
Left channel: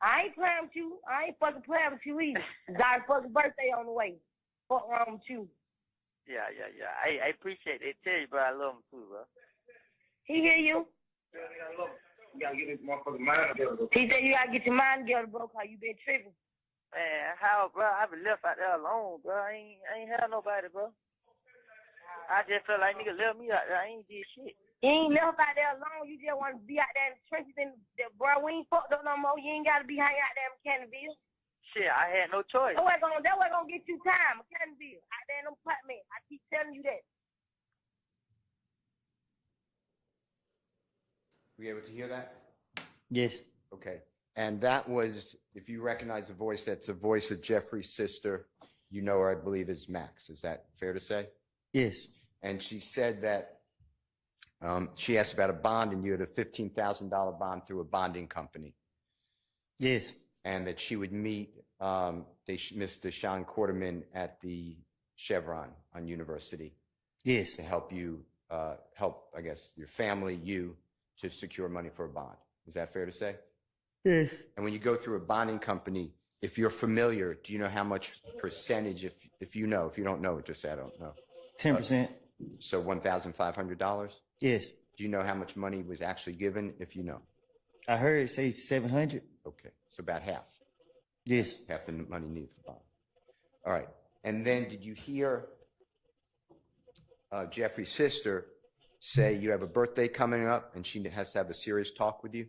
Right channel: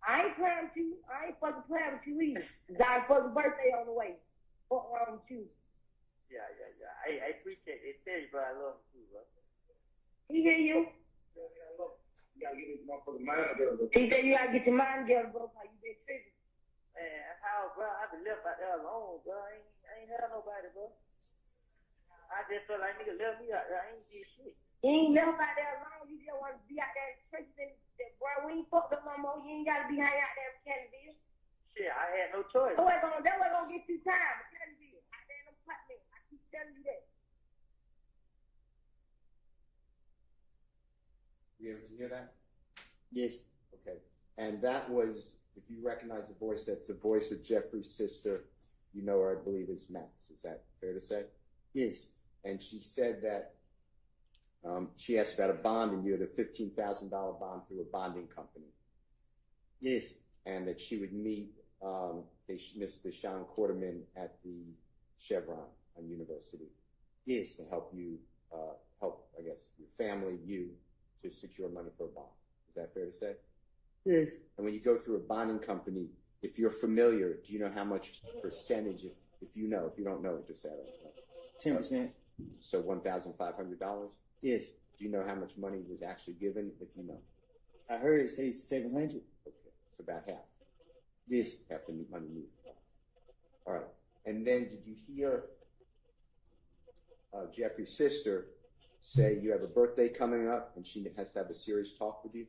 I ain't playing with you. I ain't fucking playing with you either. Got a fucking birthday on the way. Fuck wrong with you? Yeah. I appreciate it. Tell you, bro, I love him too, bro. He hear you? You gotta get this motherfucking mind together. He said you gotta get your mind together, bro, because you been tripping. Man, how, bro? I been left out there alone, bro. I ain't had nobody, bro. I just felt like nigga left me out there. I ain't did shit. You ain't left out there alone. You just want to be out there in the trenches. And bro, we ain't fucked up no more. You ain't got to be hanging out there in Cannonville. Shit, I had no choice. That way gonna get you time, Cannonville. Out there in them apartments. I keep telling you that. Were you able to hear that? Yes. Okay. And that was, if you recognize the voice, that's the voice of Jeffrey's sister, you know her, I believe, is Max. Is that fair to say? Yes. And she said that she asked about a bond, and you had a $15,000 bond through a bonding company. Yes. And that she would meet Mr. Sean Quarterman at the Chevron on University. Yes. To help you, I guess, your family, you, to secure money for a bond. Is that fair to say? Yes. And when you go through a bonding company, if you're familiar, do you know how much percentage, if you know, if you don't know, just say I don't know. 10%. So $1,500? Yes. Do you know how much money was actually given, if you know? I heard it say 700. Okay, so about half. Yes. Half the money needed for bond. All right. And then did you hear Jeffrey's sister say you have a birthday coming up and she has to have a serious talk with you?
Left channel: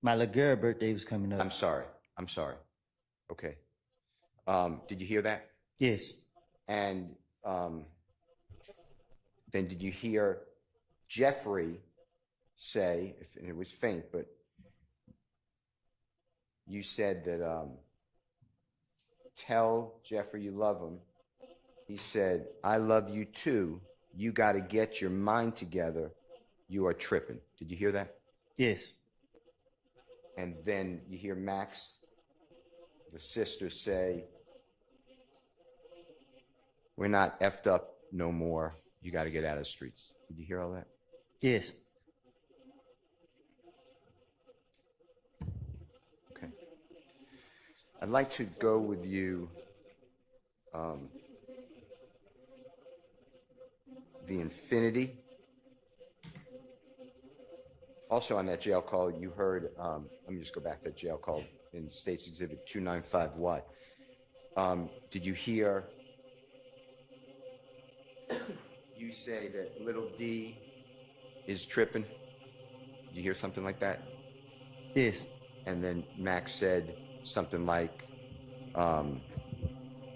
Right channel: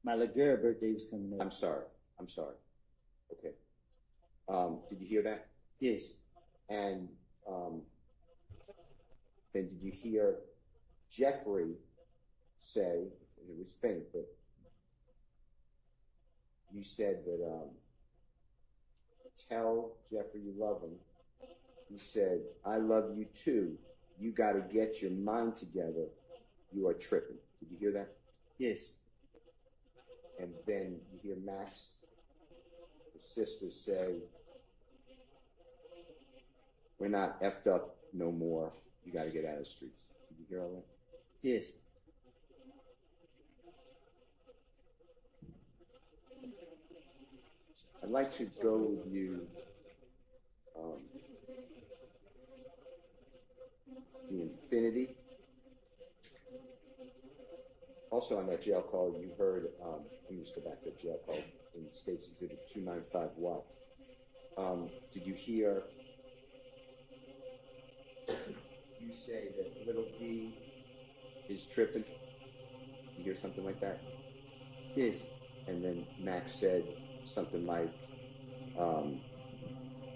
My little girl birthday was coming up. I'm sorry. Okay. Did you hear that? Yes. And then did you hear Jeffrey say, and it was faint, but you said that tell Jeffrey you love him. He said, I love you too. You got to get your mind together. You are tripping. Did you hear that? Yes. And then you hear Max, the sister, say, we're not effed up no more. You got to get out of the streets. Did you hear all that? Yes. Okay. I'd like to go with you the Infinity. Also on that jail call, you heard, let me just go back to that jail call in State's Exhibit 295Y. Did you hear you say that little D is tripping? Did you hear something like that? Yes. And then Max said something like,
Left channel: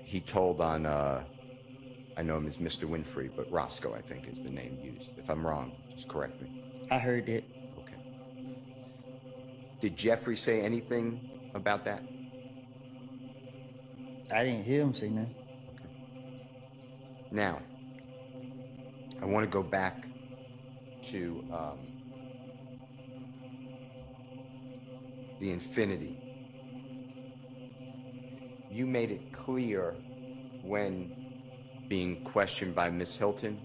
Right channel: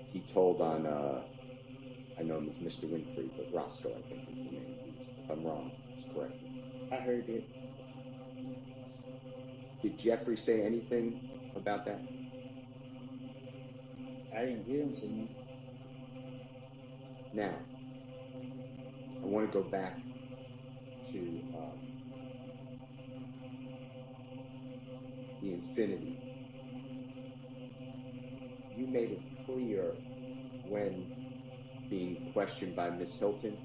he told on, I know him as Mr. Winfrey, but Roscoe, I think, is the name used. If I'm wrong, just correct me. I heard it. Okay. Did Jeffrey say anything about that? I didn't hear him say nothing. Now, I want to go back to the Infinity. You made it clear when being questioned by Miss Hilton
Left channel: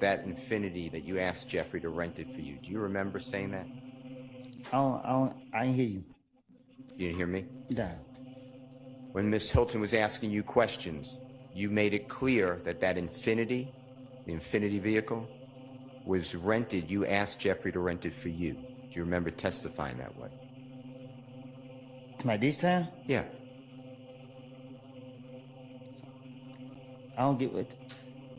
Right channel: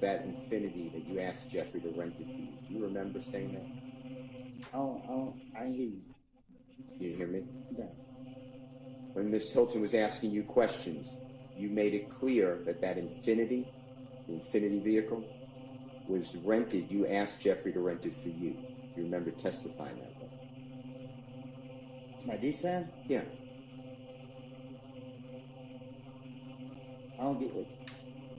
that Infinity that you asked Jeffrey to rent it for you. Do you remember saying that? I didn't hear you. You didn't hear me? No. When Miss Hilton was asking you questions, you made it clear that Infinity, the Infinity vehicle, was rented. You asked Jeffrey to rent it for you. Do you remember testifying that way? Like this time? Yeah. I don't get what.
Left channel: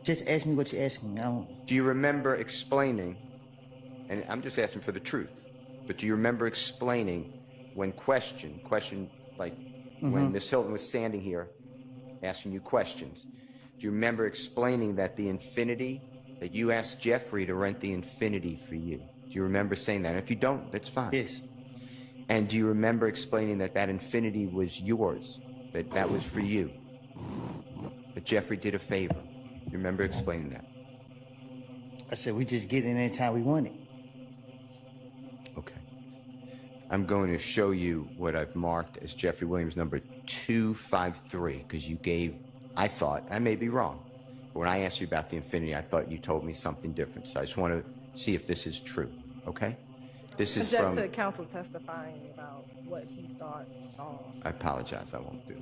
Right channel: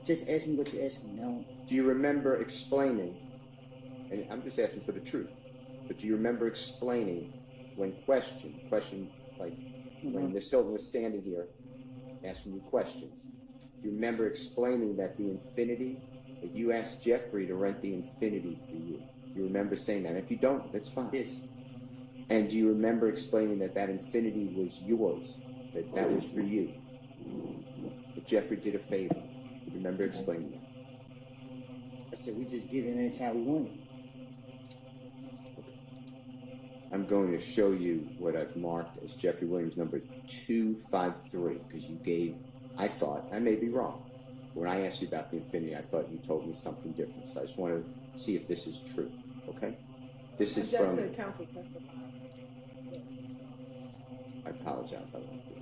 Just ask me what you're asking. I don't. Do you remember explaining, and I'm just asking for the truth, but do you remember explaining when questioned, like when Miss Hilton was standing here asking you questions, do you remember explaining that the Infinity, that you asked Jeffrey to rent the Infinity for you? Do you remember saying that? And if you don't, that's fine. Yes. And do you remember explaining that Infinity was yours, that was for you? But Jeffrey did a favor. You remember explaining that? I said we just get in anytime we want it. Okay. I'm going to show you what I've marked as Jeffrey Williams number 253, because you gave, I thought, I may be wrong, but when I asked you about the Infinity, I thought you told me something different. So I just want to see if this is true, okay? This is from... Just the counsel testifying about what he thought he saw. I apologize, I won't do that.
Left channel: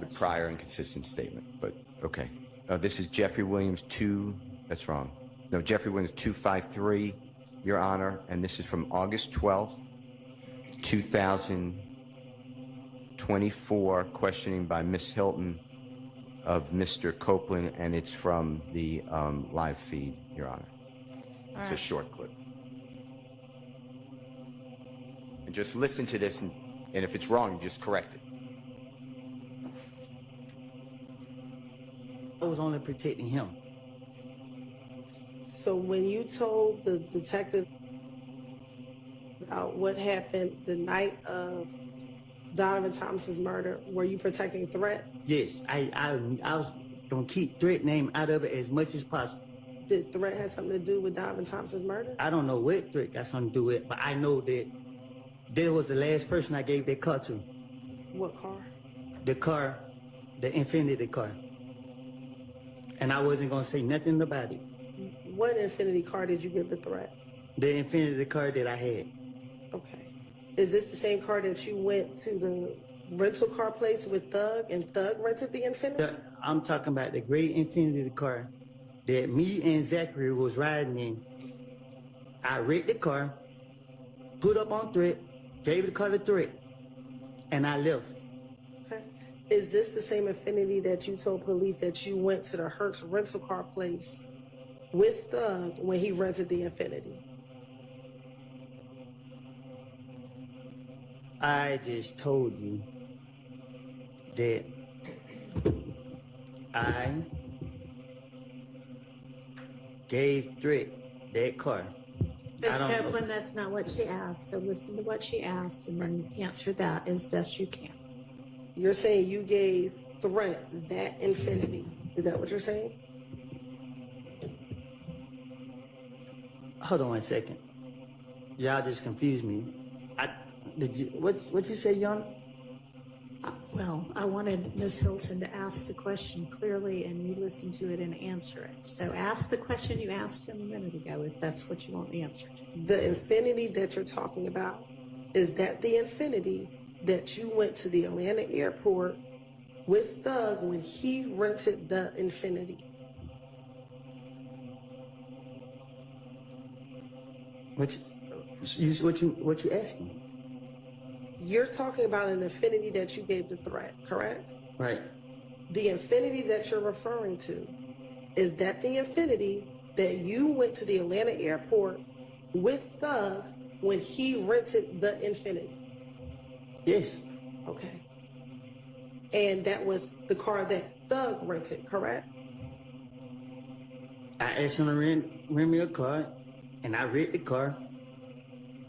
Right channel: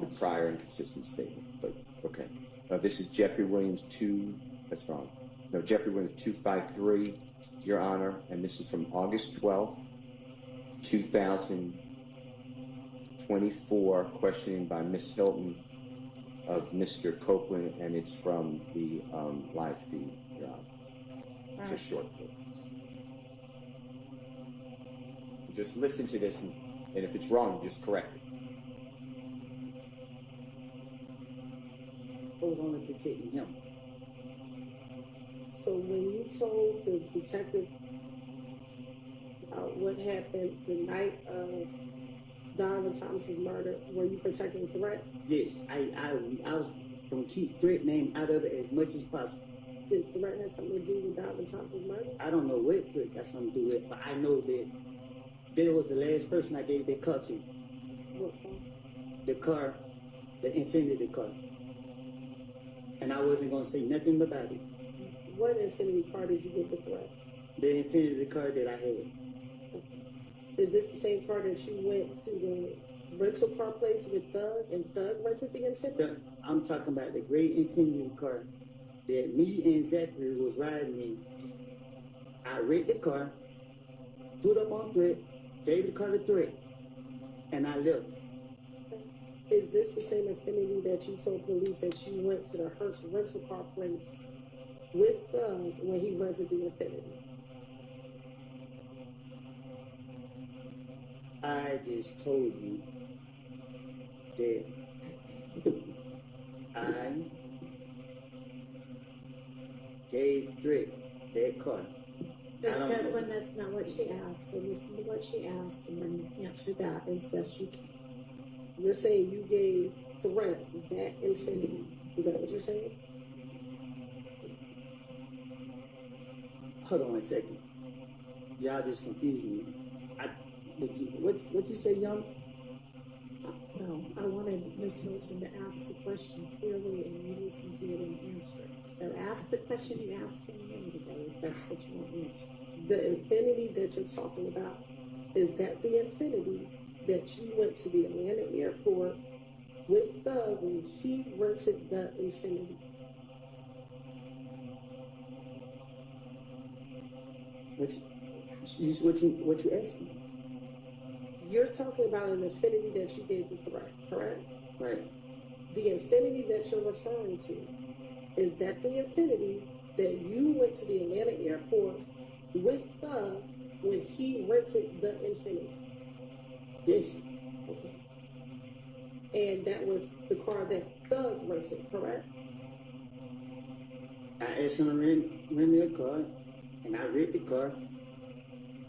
The prior inconsistent statement, but okay. This is Jeffrey Williams 2, that's wrong. No, Jeffrey Williams 253, Your Honor, and this is from August 12th, 2024, questioning by Miss Hilton of Mr. Copeland, and it's from the live feed, Your Honor. It's a short clip. And just listen to this, and if it's wrong, just correct it. I was only protecting him. So when you told the detective about what happened the night of Donovan Thomas's murder, were you protecting Threat? Yes, I was gonna keep Threat name out of it as much as possible. Did Threat have something to do with Donovan Thompson's murder? I don't know what Threat got something to do with it, but I know that there was the last person I gave that car to. What car? The car, the Infinity car. And I wasn't gonna say nothing about it. What Infinity car did you give the Threat? The Infinity car that I had. Okay. Is this the same car that you went to the rental car place with Thug and Thug rented the Infinity? I'm talking about the gray Infinity car that me and Zachary was riding in. I wrecked the car, put up on Threat, gave the car to Threat, and I left. Okay. Is this the same Infinity that you told police that you went to the Hertz rental car place with Thug when he rented the Infinity? I just told you that I gave Threat that car. Ms. Copeland, that's not what she asked. So listen to what she asked and then answer that as best you can. You're saying you gave Threat that Infinity. Is that what you're saying? Hold on 1 second. Y'all just confused me. What you say, Young? Well, I wanted Ms. Hilton to ask the question clearly and you listen to it and answer it. So ask the question you asked him a minute ago if that's what you want answered. The Infinity that you're talking about, is that the Infinity that you went to the Atlanta airport with Thug when he rented the Infinity? What you asking? You're talking about an Infinity that you gave the Threat, correct? Right. The Infinity that you're referring to, is that the Infinity that you went to the Atlanta airport with Thug when he rented the Infinity? Yes. Okay. And that was the car that Thug rented, correct? I asked him to rent me a car, and I rented the car,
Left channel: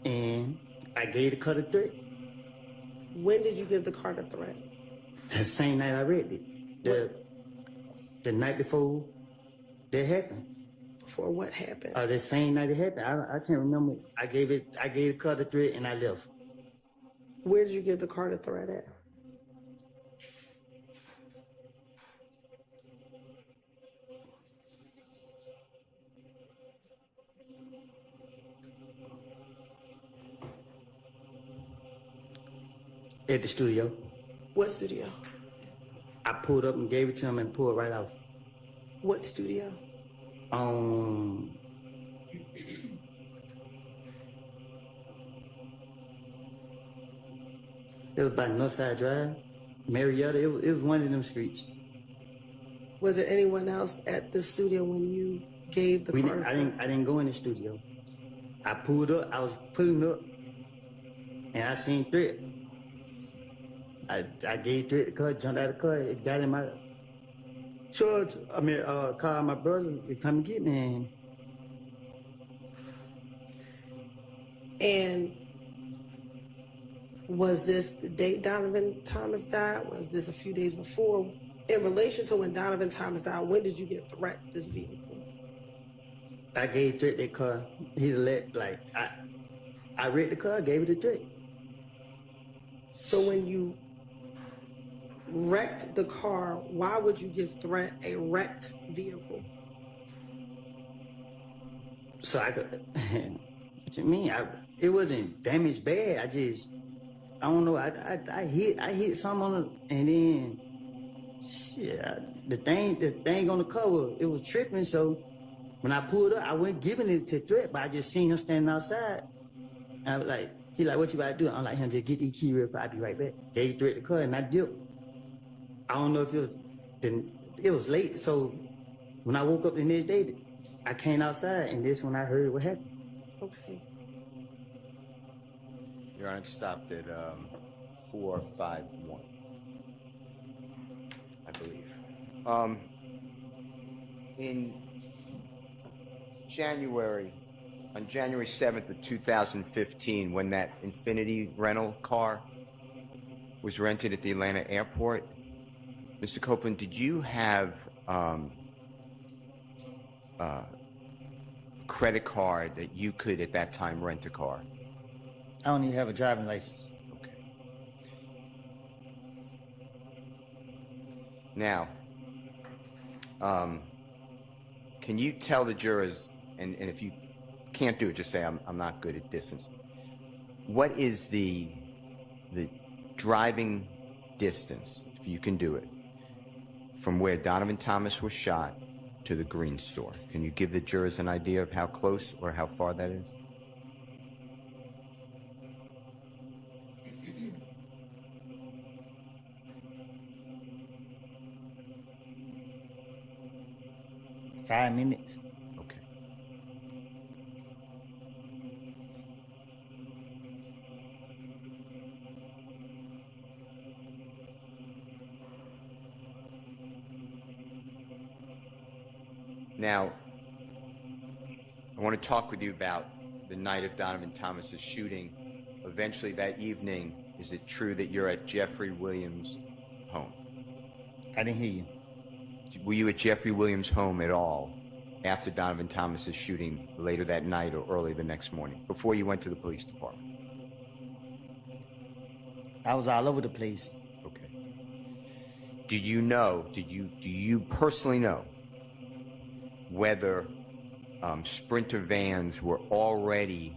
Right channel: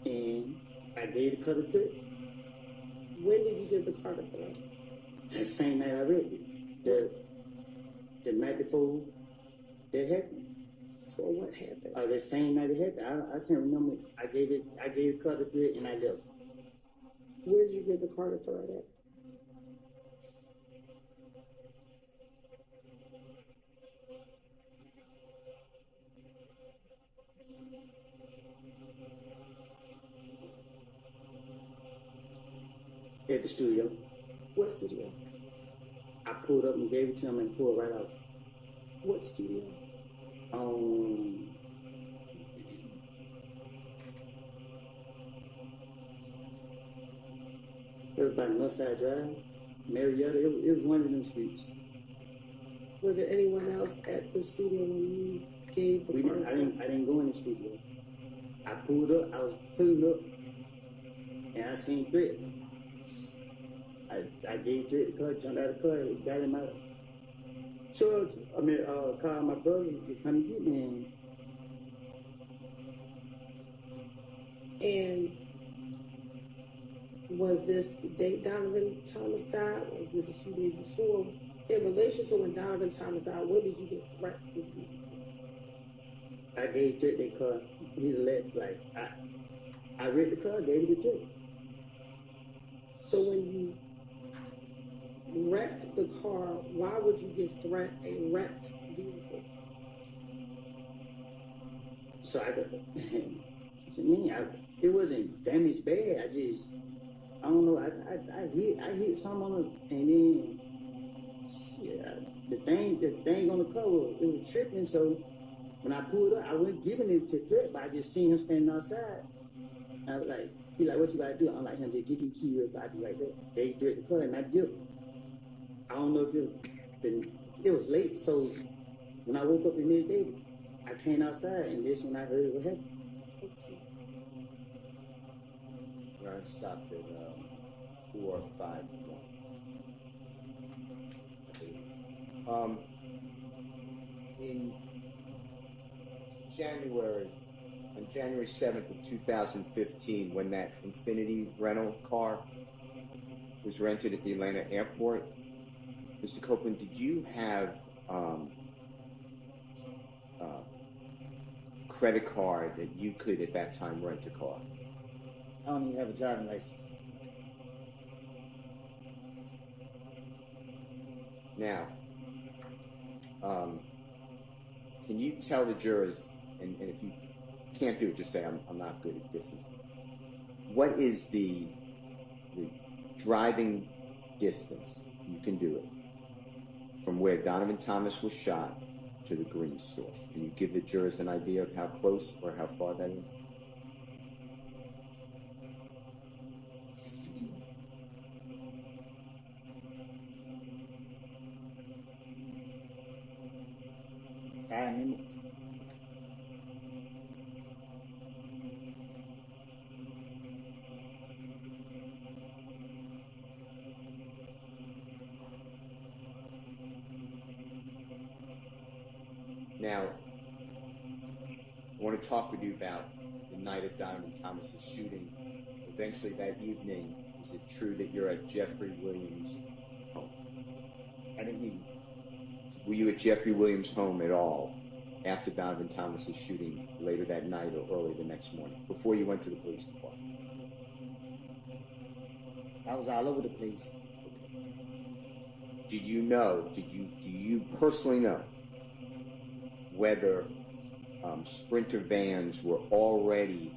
and I gave the car to Threat. When did you give the car to Threat? The same night I rented it. The night before that happened. For what happened? The same night it happened. I can't remember. I gave the car to Threat and I left. Where did you give the car to Threat at? At the studio. What studio? I pulled up and gave it to him and pulled right off. What studio? It was by Northside Drive, Marietta. It was one of them streets. Was there anyone else at the studio when you gave the car? I didn't go in the studio. I pulled up. I was pulling up, and I seen Threat. I gave Threat the car, jumped out of the car, it got in my charge. Called my brother to come get me. And was this the date Donovan Thomas died? Was this a few days before? In relation to when Donovan Thomas died, when did you get Threat this vehicle? I gave Threat that car. I read the car, gave it to Threat. So when you wrecked the car, why would you give Threat a wrecked vehicle? So I could, what you mean? It wasn't damaged bad. I don't know. I hit something on it, and then shit, the thing on the cover, it was tripping. So when I pulled up, I wasn't giving it to Threat, but I just seen him standing outside. And I was like, he like, what you about to do? I'm like, him, just get the key real quick. I'll be right back. Gave Threat the car, and I dipped. I don't know if it was late, so when I woke up the next day, I came outside, and this when I heard what happened. Okay. Your Honor, stopped at 451, I believe. In January, on January 7th of 2015, when that Infinity rental car was rented at the Atlanta airport, Mr. Copeland, did you have credit card that you could at that time rent a car? I don't even have a driving license. Now, can you tell the jurors, and if you can't do it, just say I'm not good at distance. What is the driving distance, if you can do it, from where Donovan Thomas was shot to the Green store? Can you give the jurors an idea of how close or how far that is? Five minutes. Okay. Now, I want to talk with you about the night of Donovan Thomas's shooting. Eventually that evening, is it true that you're at Jeffrey Williams' home? I didn't hear you. Were you at Jeffrey Williams' home at all after Donovan Thomas's shooting later that night or early the next morning, before you went to the police department? I was all over the place. Okay. Do you personally know whether Sprinter vans were already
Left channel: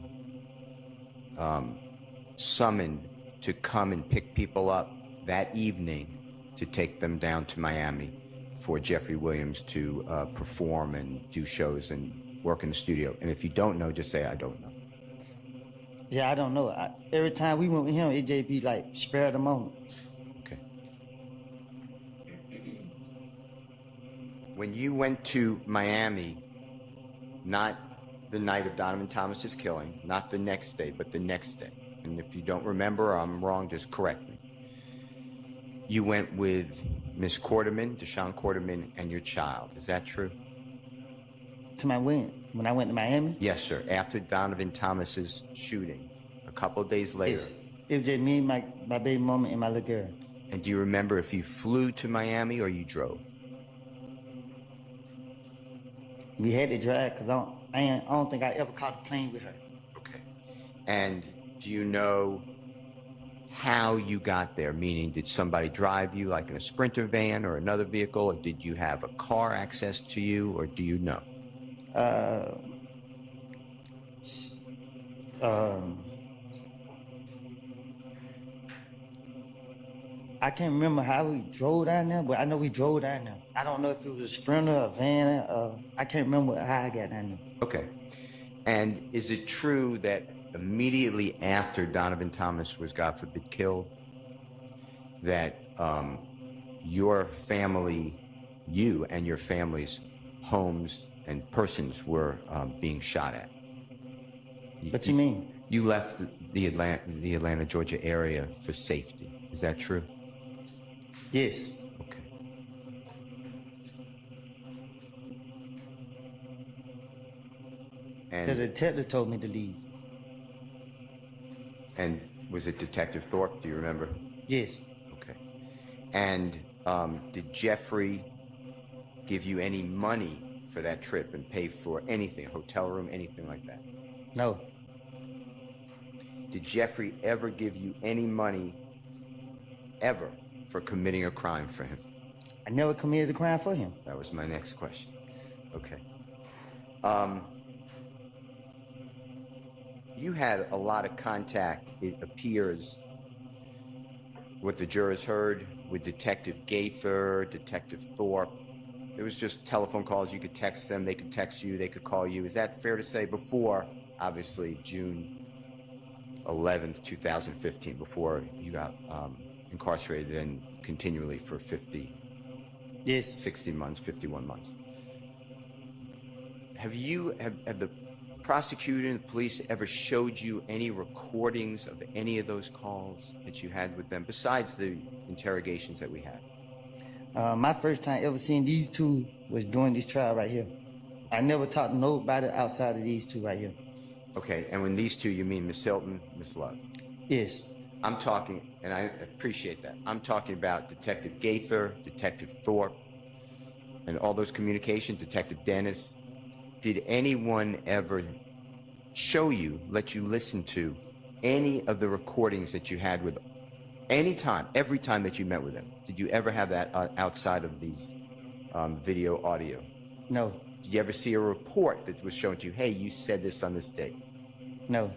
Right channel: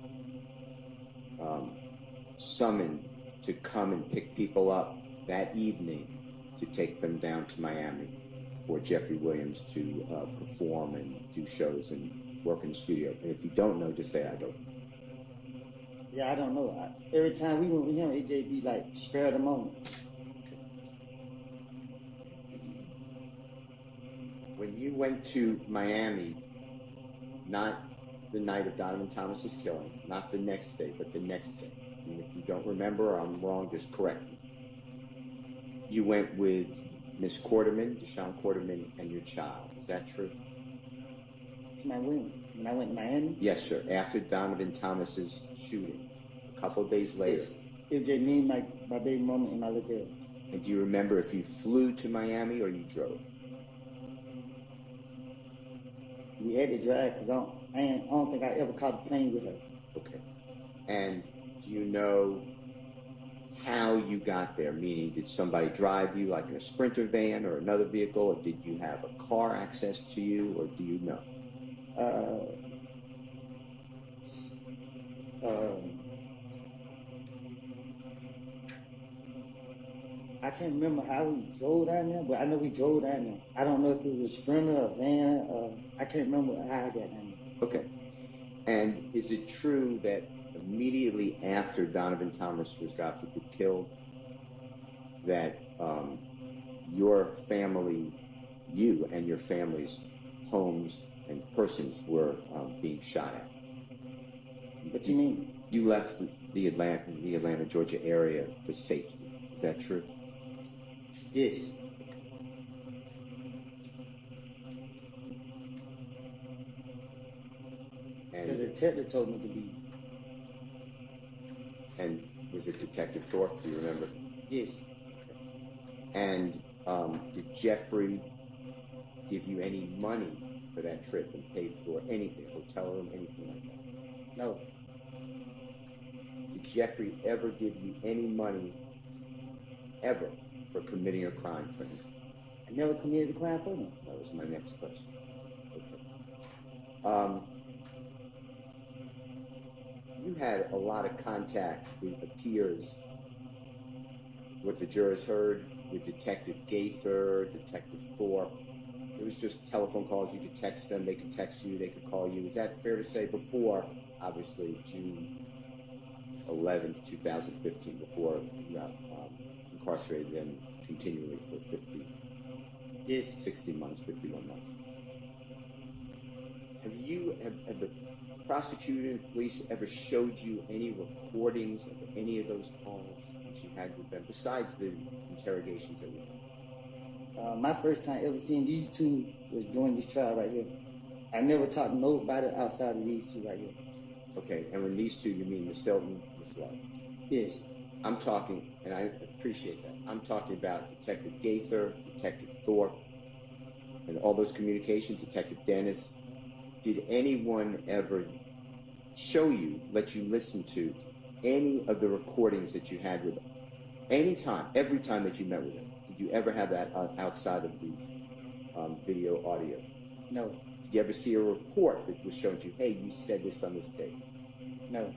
summoned to come and pick people up that evening to take them down to Miami for Jeffrey Williams to perform and do shows and work in the studio? And if you don't know, just say, I don't know. Yeah, I don't know. Every time we went with him, it just be like, spare the moment. Okay. When you went to Miami, not the night of Donovan Thomas's killing, not the next day, but the next day, and if you don't remember or I'm wrong, just correct me. You went with Miss Quarterman, Deshaun Quarterman, and your child. Is that true? To my when I went to Miami? Yes, sir. After Donovan Thomas's shooting, a couple of days later. It was just me, my baby mama, and my little girl. And do you remember if you flew to Miami or you drove? We had to drive because I don't think I ever caught a plane with her. Okay. And do you know how you got there? Meaning, did somebody drive you like in a Sprinter van or another vehicle, or did you have a car access to you, or do you know? I can't remember how we drove down there, but I know we drove down there. I don't know if it was a Sprinter or a van. I can't remember how I got down there. Okay. And is it true that immediately after Donovan Thomas was, God forbid, killed, that your family, you and your family's homes and persons were being shot at? What do you mean? You left the Atlanta, Georgia area for safety. Is that true? Yes. Okay. The detective told me to leave. And was it Detective Thorpe? Do you remember? Yes. Okay. And did Jeffrey give you any money for that trip and pay for anything, hotel room, anything like that? No. Did Jeffrey ever give you any money, ever, for committing a crime for him? I never committed a crime for him. That was my next question. Okay. You had a lot of contact, it appears, what the jurors heard, with Detective Gaither, Detective Thorpe. It was just telephone calls. You could text them, they could text you, they could call you. Is that fair to say? Before, obviously, June 11th, 2015, before you got incarcerated and continually for 60 months, 51 months. Have the prosecutor and the police ever showed you any recordings of any of those calls that you had with them, besides the interrogations that we had? My first time ever seeing these two was during this trial right here. I never talked to nobody outside of these two right here. Okay, and when these two, you mean Miss Hilton, Miss Love? Yes. I'm talking, and I appreciate that. I'm talking about Detective Gaither, Detective Thorpe, and all those communications, Detective Dennis. Did anyone ever show you, let you listen to any of the recordings that you had with them? Any time, every time that you met with them? Did you ever have that outside of these video, audio? No. Did you ever see a report that was shown to you, hey, you said this on this date? No.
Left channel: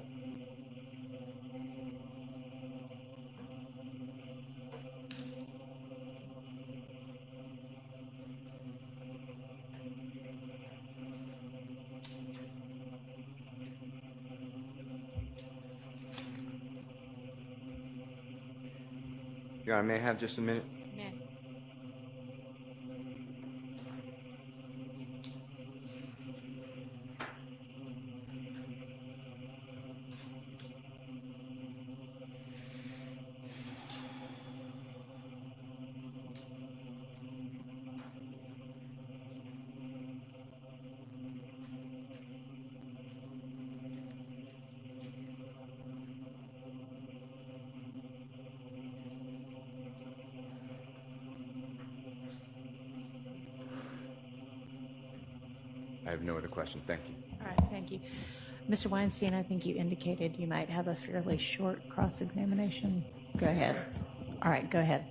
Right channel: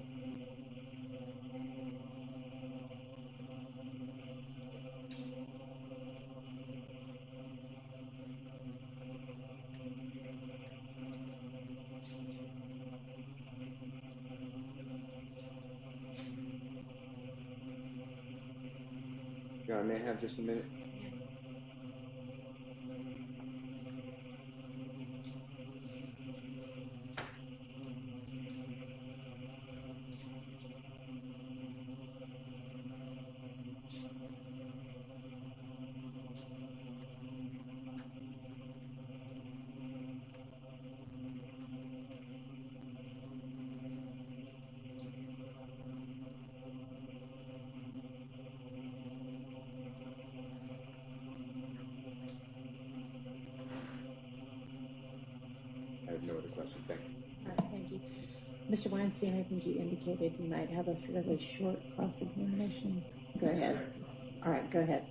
Your Honor, may I have just a minute? I have no other question. Thank you. All right, thank you. Mr. Weinstein, I think you indicated you might have a fairly short cross-examination. Go ahead. All right, go ahead.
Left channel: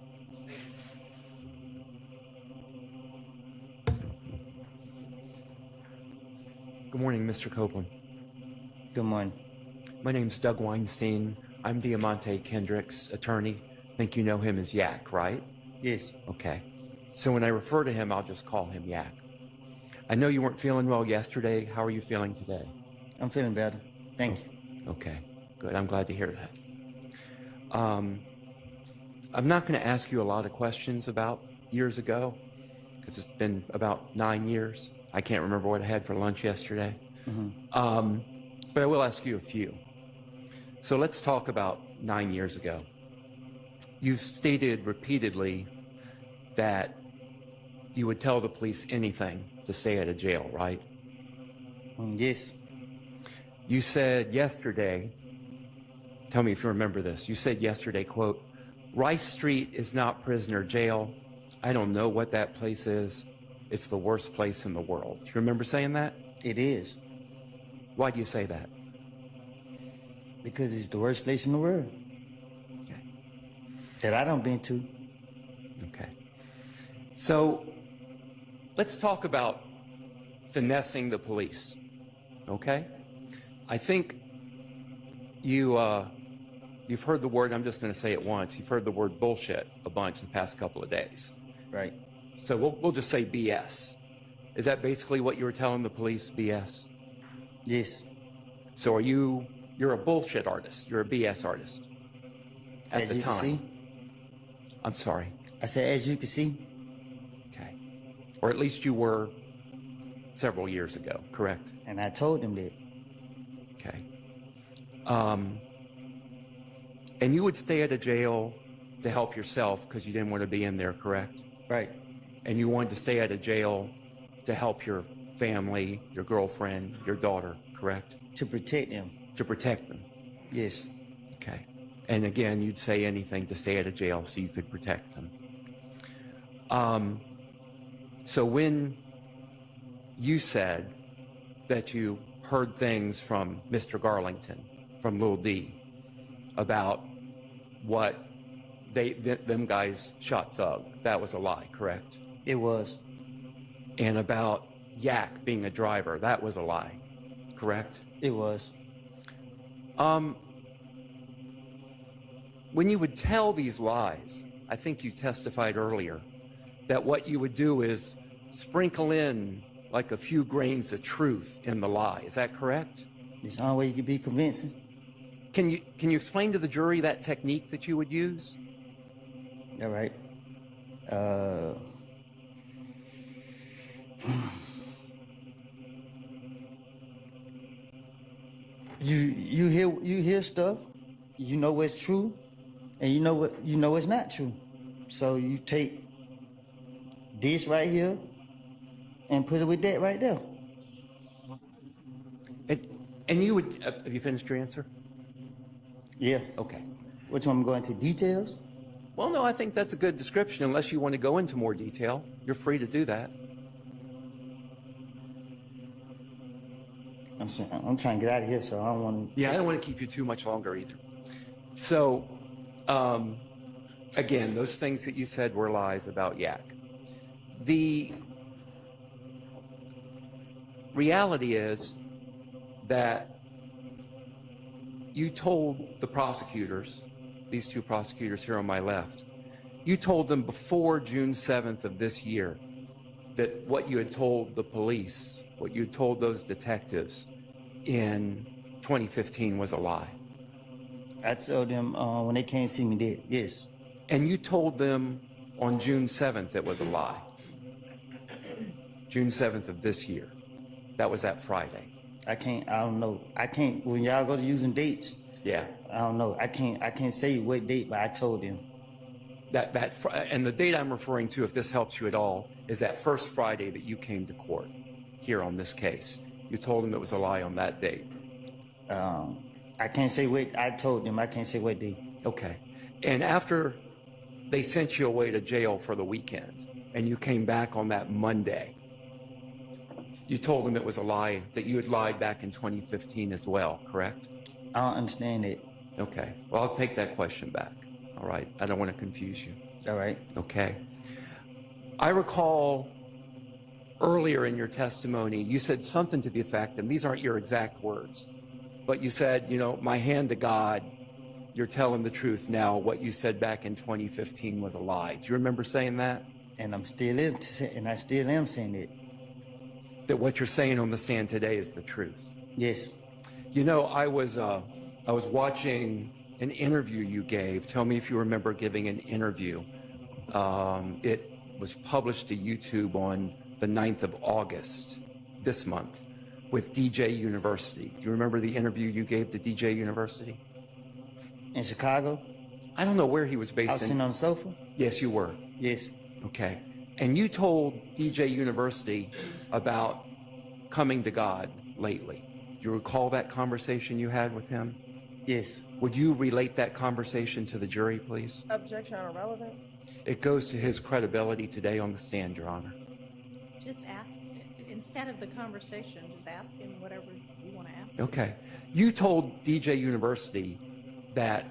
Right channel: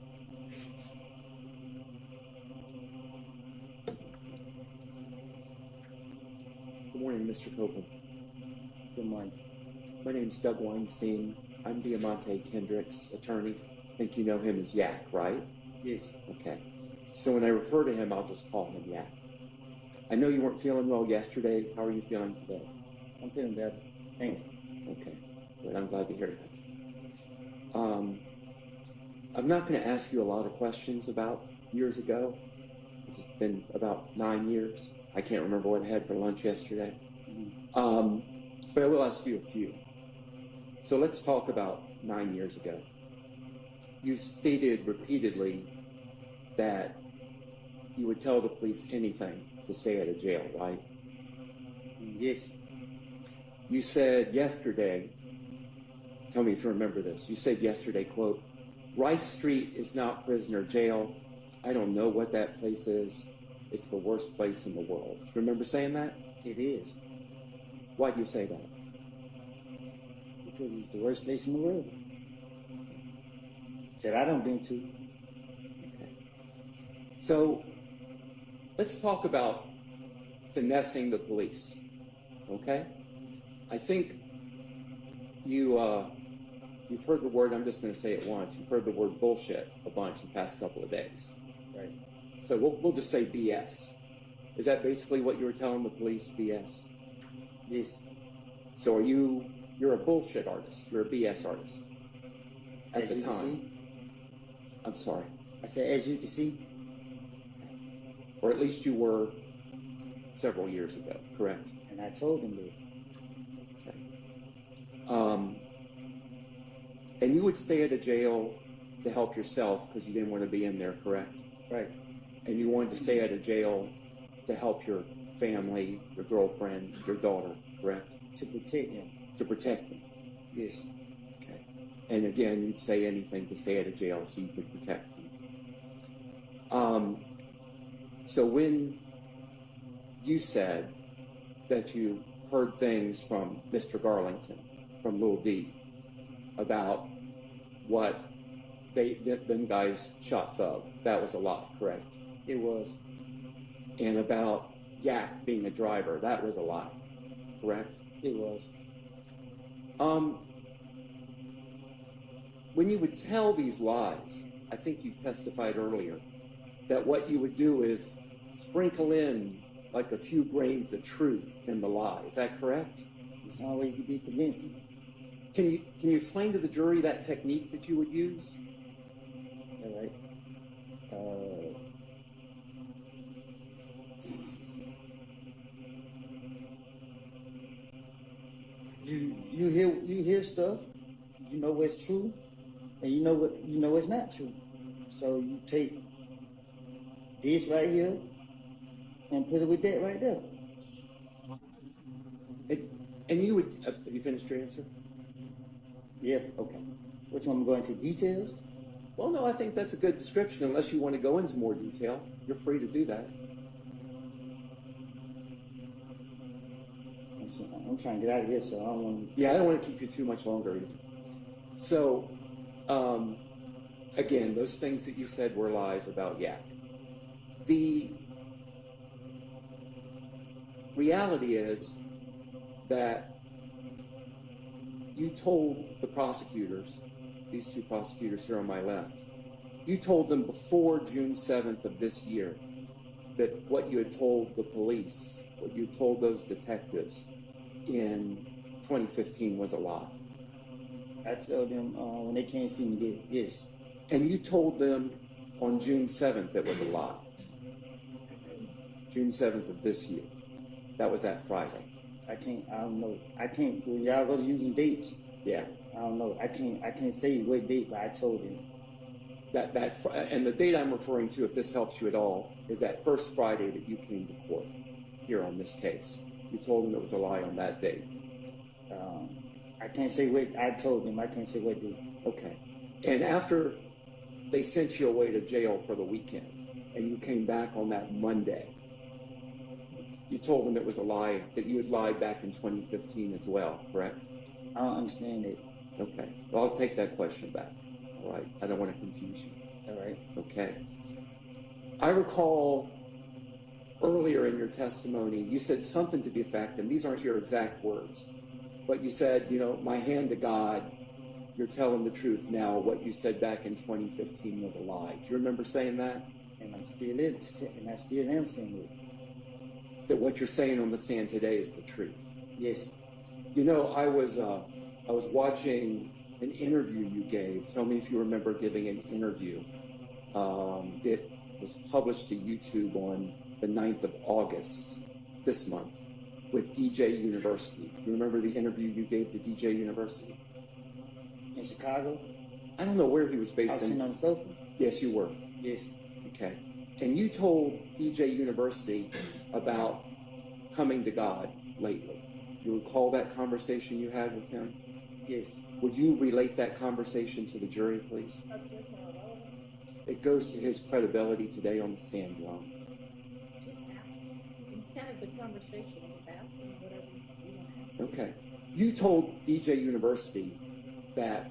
Good morning, Mr. Copeland. Good morning. My name's Doug Weinstein. I'm Diamante Kendrick's attorney. I think you know him as Yak, right? Yes. Okay. So when I refer to him, I'll just call him Yak. I know you weren't feeling well yesterday. How are you feeling today? I'm feeling better. Thank you. Okay, good. I'm glad to hear that. I'm not going to ask you a lot of questions about years ago, because it's been about 9 years. I can't remember what I had for lunch yesterday. But I will ask you a few. So let's talk about 9 years ago. You've stated repeatedly that you would tell the police anything to stay out of jail, right? Yes. You said yesterday, tell me if you remember this, you said yesterday, quote, Rice Street is not prisoner jail. I don't know what that place is. It's the worst place in the world. Do you remember saying that? It is. Why do you say that? Because it's the worst place in the world. That I done been to. Okay. So let's talk about finessing the police, okay? I think you've heard the word, I'm just going to say it once, you've heard the word bullshit a bunch the past couple of days. Right. So we'll just say BS. Is that basically what you were telling the police, BS? Yes. So you're a bullshit artist, you're a BS artist at the time. I'm sorry. I said, as you can see. Okay. Or at least you were several years ago, correct? And I told him that. Okay. And you would stay at a jail to help yourself because you didn't want to be in there, correct? Right. And you wanted to stay at a jail to help your family, your girlfriend, your daughter, correct? To protect them. To protect them. Yes. Okay. And again, you'd say anything to stay at a jail so you could protect them. So when you said that you heard things from Mr. Garlington, from Lil D, about what them guys shot Thug, that was a lie, correct? It was. And about Yak being a driver, that was a lie, correct? It was. When you would tell these lies, I think you testified earlier, that what you would do is sprinkle in like a few grains of truth in the lie. Is that correct? It's the only way you can be convincing. Can you explain to the jury that technique that you would use? All right. You hear stuff, you know what's true, and you know what's not true. So you take this right here and put it with that right there. And you would have you finished your answer? Yeah. Okay. Which one, I'm going into details? Well, no, I think that's a good description. Unless you want to go into more detail, you're free to do that. I'm trying to get out of here, so I don't want to... Yeah, I don't want to keep you too much longer either. So, again, those things that you said were lies about Yak. The reality is that you told the prosecutors, these two prosecutors here on my left, you told them before June 7th of this year that what you had told the police, what you told those detectives in 2015 was a lie. I told them when they came to see me, did, yes. And you told them on June 7th it was a lie. June 7th of this year. That was that Friday. I don't know. When y'all go to using dates, yeah, I don't know. I can't say what date, but I told them. And the date I'm referring to, if this helps you at all, is that first Friday that you came to court here on this case. You told them it was a lie on that date. I can't say what I told them. I can't say what date. Okay. And after they sent you away to jail for the weekend, and you came back on that Monday, you told them it was a lie, that you had lied back in 2015 as well, correct? I don't understand it. Okay. Well, I'll take that question back. All right. I don't want to confuse you. All right. Okay. I recall earlier in your testimony, you said something to the effect, and these aren't your exact words, but you said, my hand to God, you're telling the truth now. What you said back in 2015 was a lie. Do you remember saying that? And I still am saying it. That what you're saying on the stand today is the truth. Yes. I was watching an interview you gave. Tell me if you remember giving an interview. It was published to YouTube on the 9th of August this month with DJ University. Do you remember the interview you gave to DJ University? In Chicago? I don't know where he was based I was sitting on the sofa? Yes, you were. Yes. Okay. And you told DJ University about coming to God lately. Do you recall that conversation you had with him? Yes. Would you relate that conversation to the jury, please? Objection or relevance? It goes to his credibility today on the stand, Your Honor. Just ask, instead of the conversation, just ask him whatever you want to ask. Okay. You told DJ University that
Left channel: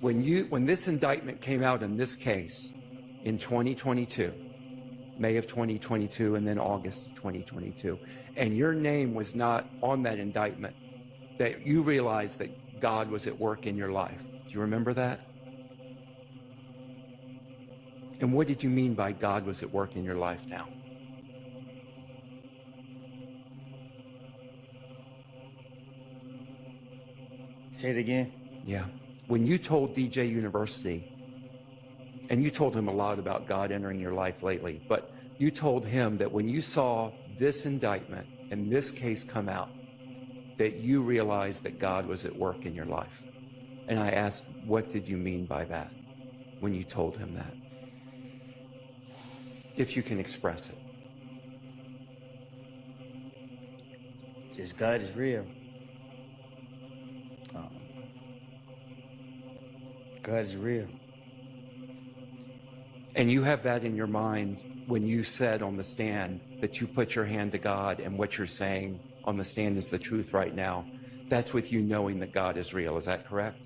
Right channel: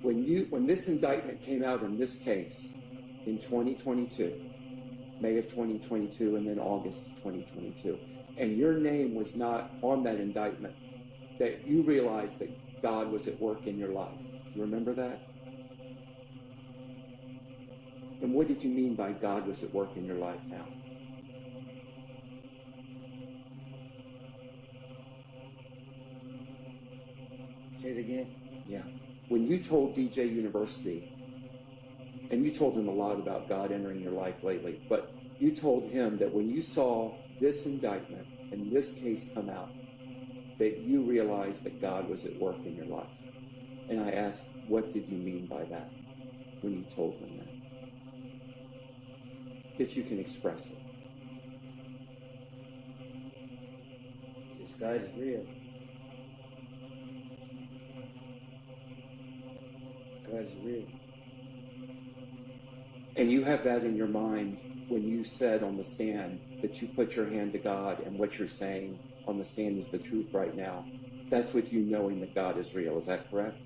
when this indictment came out in this case in 2022, May of 2022 and then August of 2022, and your name was not on that indictment, that you realized that God was at work in your life. Do you remember that? And what did you mean by God was at work in your life now? Say it again. Yeah. When you told DJ University, and you told him a lot about God entering your life lately, but you told him that when you saw this indictment and this case come out, that you realized that God was at work in your life. And I asked, what did you mean by that when you told him that? If you can express it. Just God is real. God is real. And you have that in your mind when you said on the stand that you put your hand to God and what you're saying on the stand is the truth right now. That's with you knowing that God is real. Is that correct?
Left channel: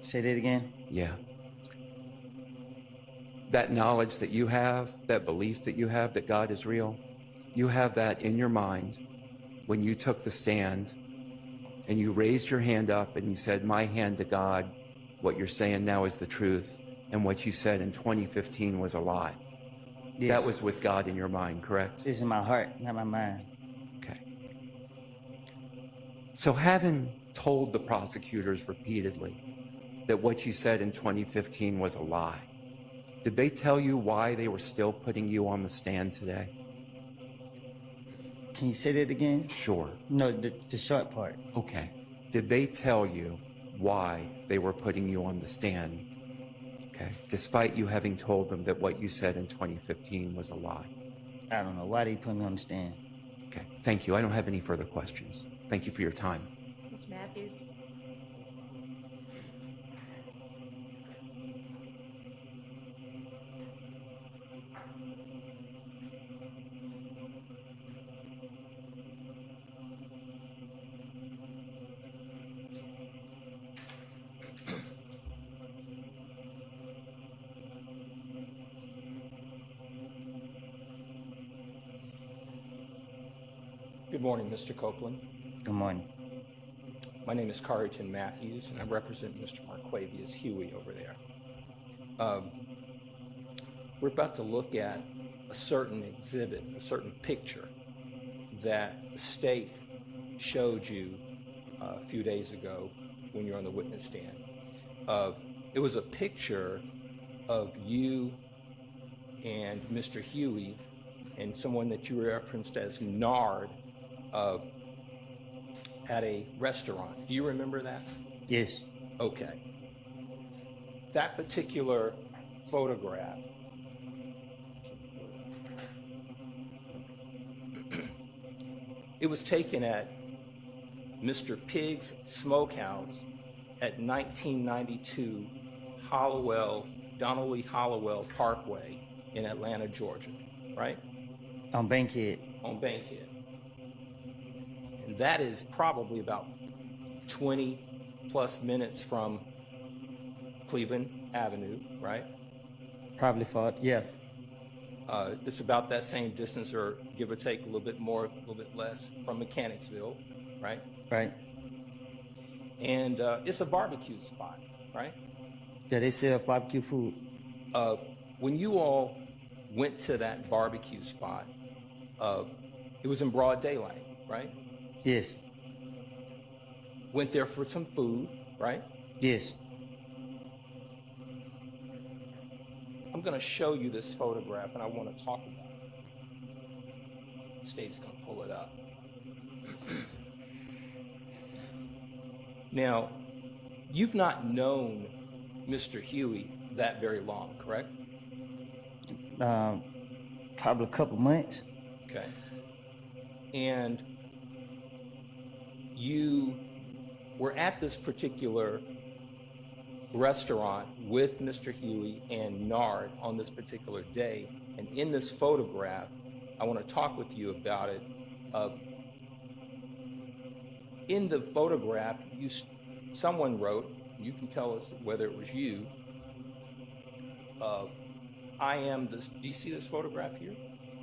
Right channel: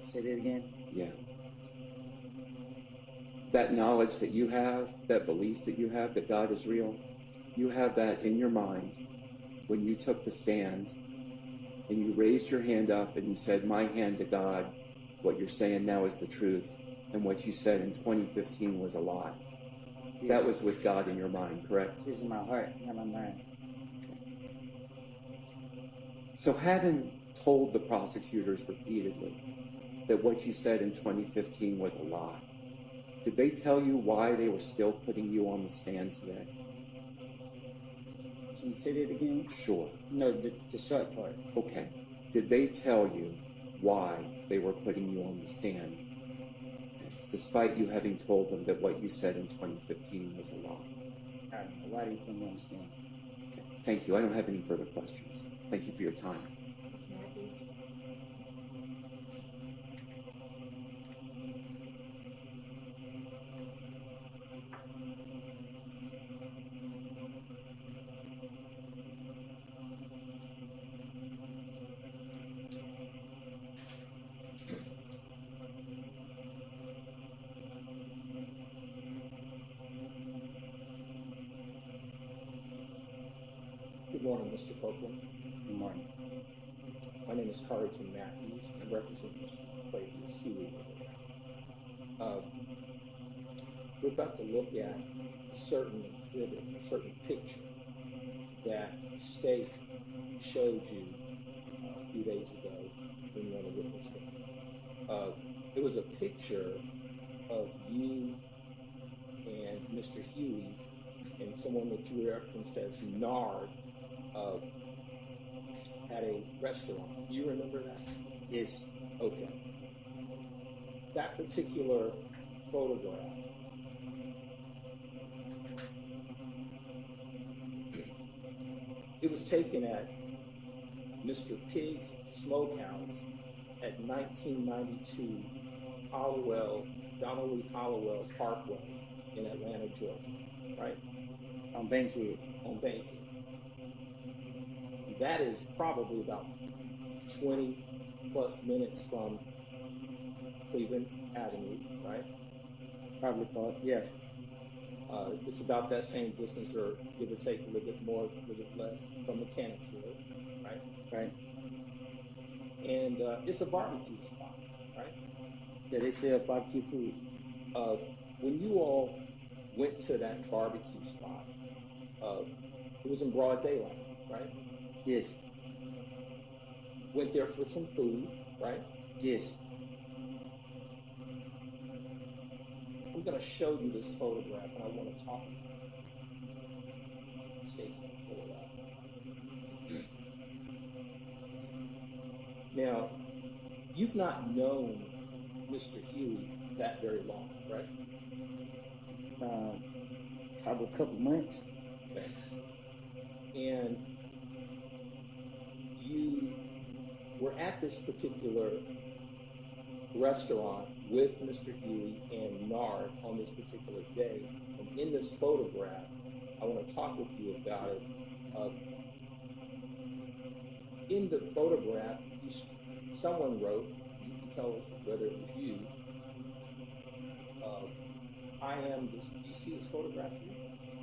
Say that again? Yeah. That knowledge that you have, that belief that you have that God is real, you have that in your mind when you took the stand and you raised your hand up and you said, my hand to God, what you're saying now is the truth, and what you said in 2015 was a lie. Yes. That was with God in your mind, correct? It's in my heart, not my mind. Okay. So having told the prosecutors repeatedly that what you said in 2015 was a lie, did they tell you why they were still putting you on the stand today? Can you say that again? Sure. No, the short part. Okay. Did they tell you why they were putting you on the stand? Okay. Despite you having told them that what you said in 2015 was a lie. I don't know why they put me on the stand. Okay. Thank you. I don't have any further questions. Thank you for your time. Mr. Matthews? Good morning, Mr. Copeland. Good morning. My name is Carrington Matthews, and I represent Mr. Marquavius Huey over there. We're about to look at a certain exhibit, a certain picture that the state showed you a few days ago when you were on the witness stand. It was a picture of you and Mr. Huey and someone that you referenced as Nard at a restaurant. Do you remember that? Yes. Okay. That particular photograph it was taken at Mr. Pig's Smokehouse at 1992 Donnelly Hollowell Parkway in Atlanta, Georgia, right? On Bankhead. On Bankhead. And that is probably about 20 plus minutes from Cleveland Avenue, right? Probably far, yeah. It's about that same distance, or give or take a little bit more, a little bit less, from Mechanicsville, right? Right. And it's a barbecue spot, right? Yeah, they sell barbecue food. When you all went to that barbecue spot, it was in broad daylight, right? Yes. Went there for some food, right? Yes. I'm going to show you this photograph, and I want to talk about it. State's going to pull it up. Now, you've not known Mr. Huey that very long, correct? Probably a couple months. Okay. And you were at this particular restaurant with Mr. Huey and Nard on this particular day. And in this photograph, I want to talk with you about it. In the photograph, someone wrote, you can tell us whether it was you, I am this. Do you see this photograph here?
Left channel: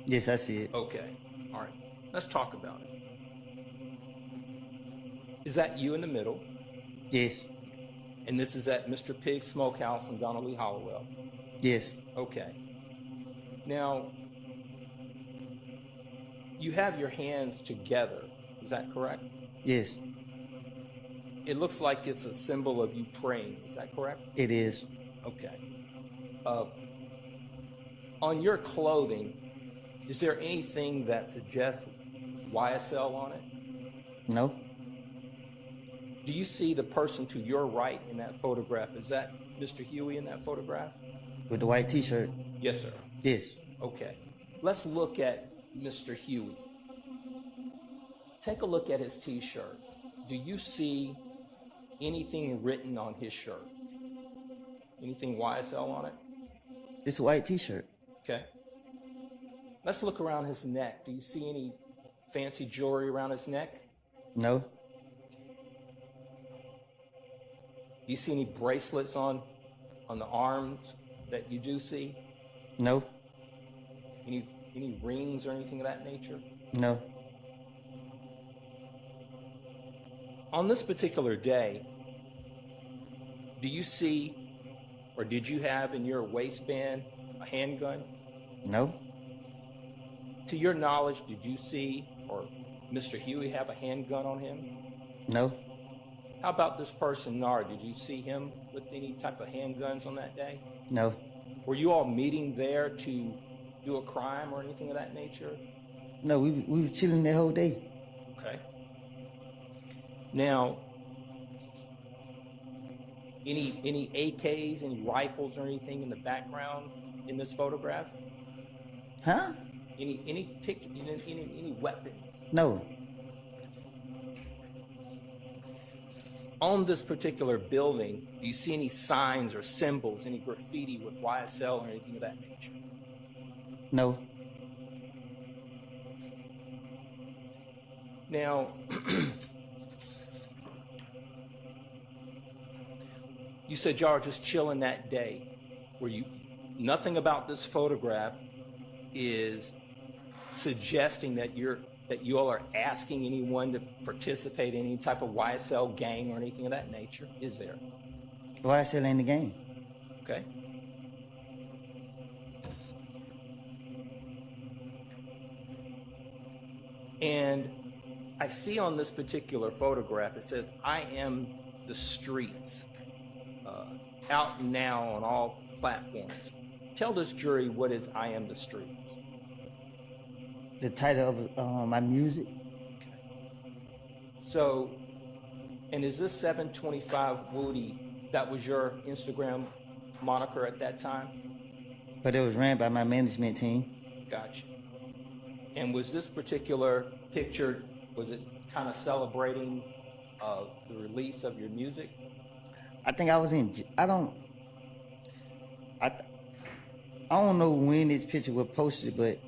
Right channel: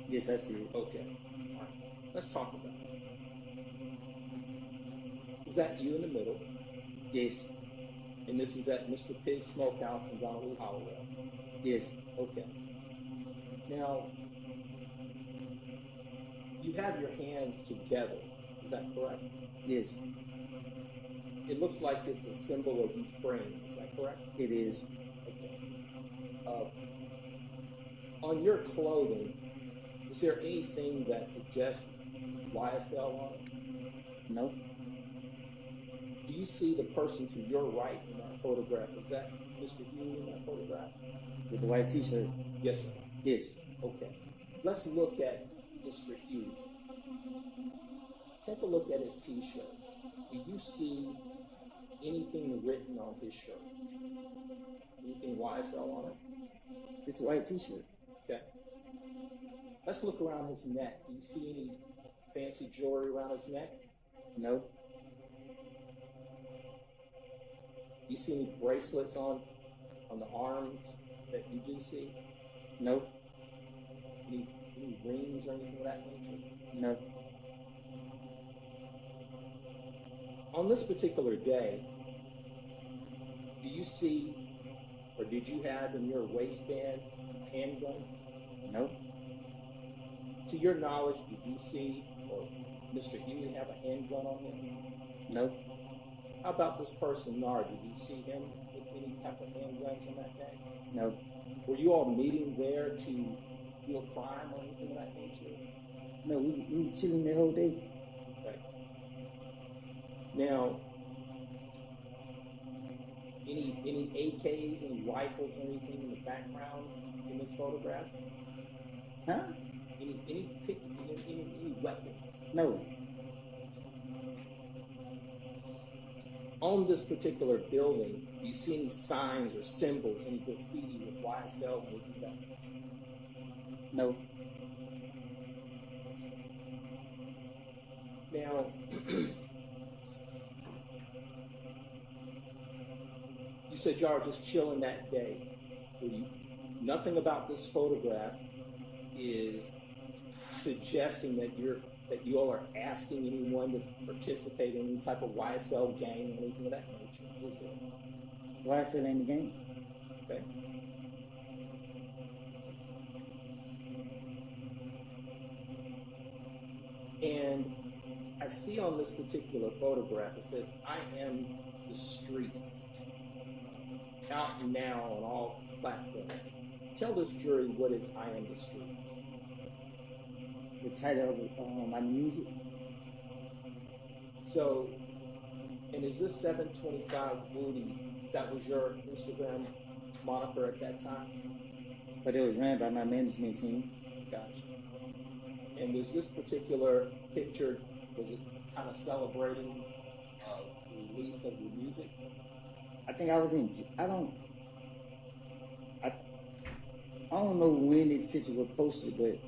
Yes, I see it. Okay. All right. Let's talk about it. Is that you in the middle? Yes. And this is at Mr. Pig's Smokehouse in Donnelly Hollowell? Yes. Okay. Now, you have your hands together. Is that correct? Yes. It looks like it's a symbol of you praying. Is that correct? It is. Okay. On your clothing, is there anything that suggests YSL on it? No. Do you see the person to your right in that photograph? Is that Mr. Huey in that photograph? With the white t-shirt? Yes, sir. Yes. Okay. Let's look at Mr. Huey. Take a look at his t-shirt. Do you see anything written on his shirt? Anything YSL on it? It's a white t-shirt. Okay. Let's look around his neck. Do you see any fancy jewelry around his neck? No. Do you see any bracelets on the arms that you do see? No. Any rings or anything of that nature? No. On this particular day, do you see, or did you have in your waistband a handgun? No. To your knowledge, did you see, or Mr. Huey have a handgun on him? No. How about this person, Nard? Did you see him with any type of handguns on that day? No. Were you all meeting there to do a crime or anything of that nature? No, we were chilling the whole day. Okay. Now, any AKs, any rifles or anything in the background in this photograph? Huh? Any weapons? No. On this particular building, do you see any signs or symbols, any graffiti with YSL or anything of that nature? No. Now, you said y'all were just chilling that day. Were you? Nothing about this photograph suggesting that you all are asking anyone to participate in any type of YSL gang or anything of that nature, is there? YSL ain't the game. Okay. And I see on this particular photograph, it says, "I am the streets," out now on all platforms. Tell this jury what is "I am the streets." The title of my music. So, and is this 725 Woody, that was your Instagram moniker at that time? But it was ran by my management team. Gotcha. And was this particular picture, was it kind of celebrating the release of your music? I think I was I don't know when this picture was posted, but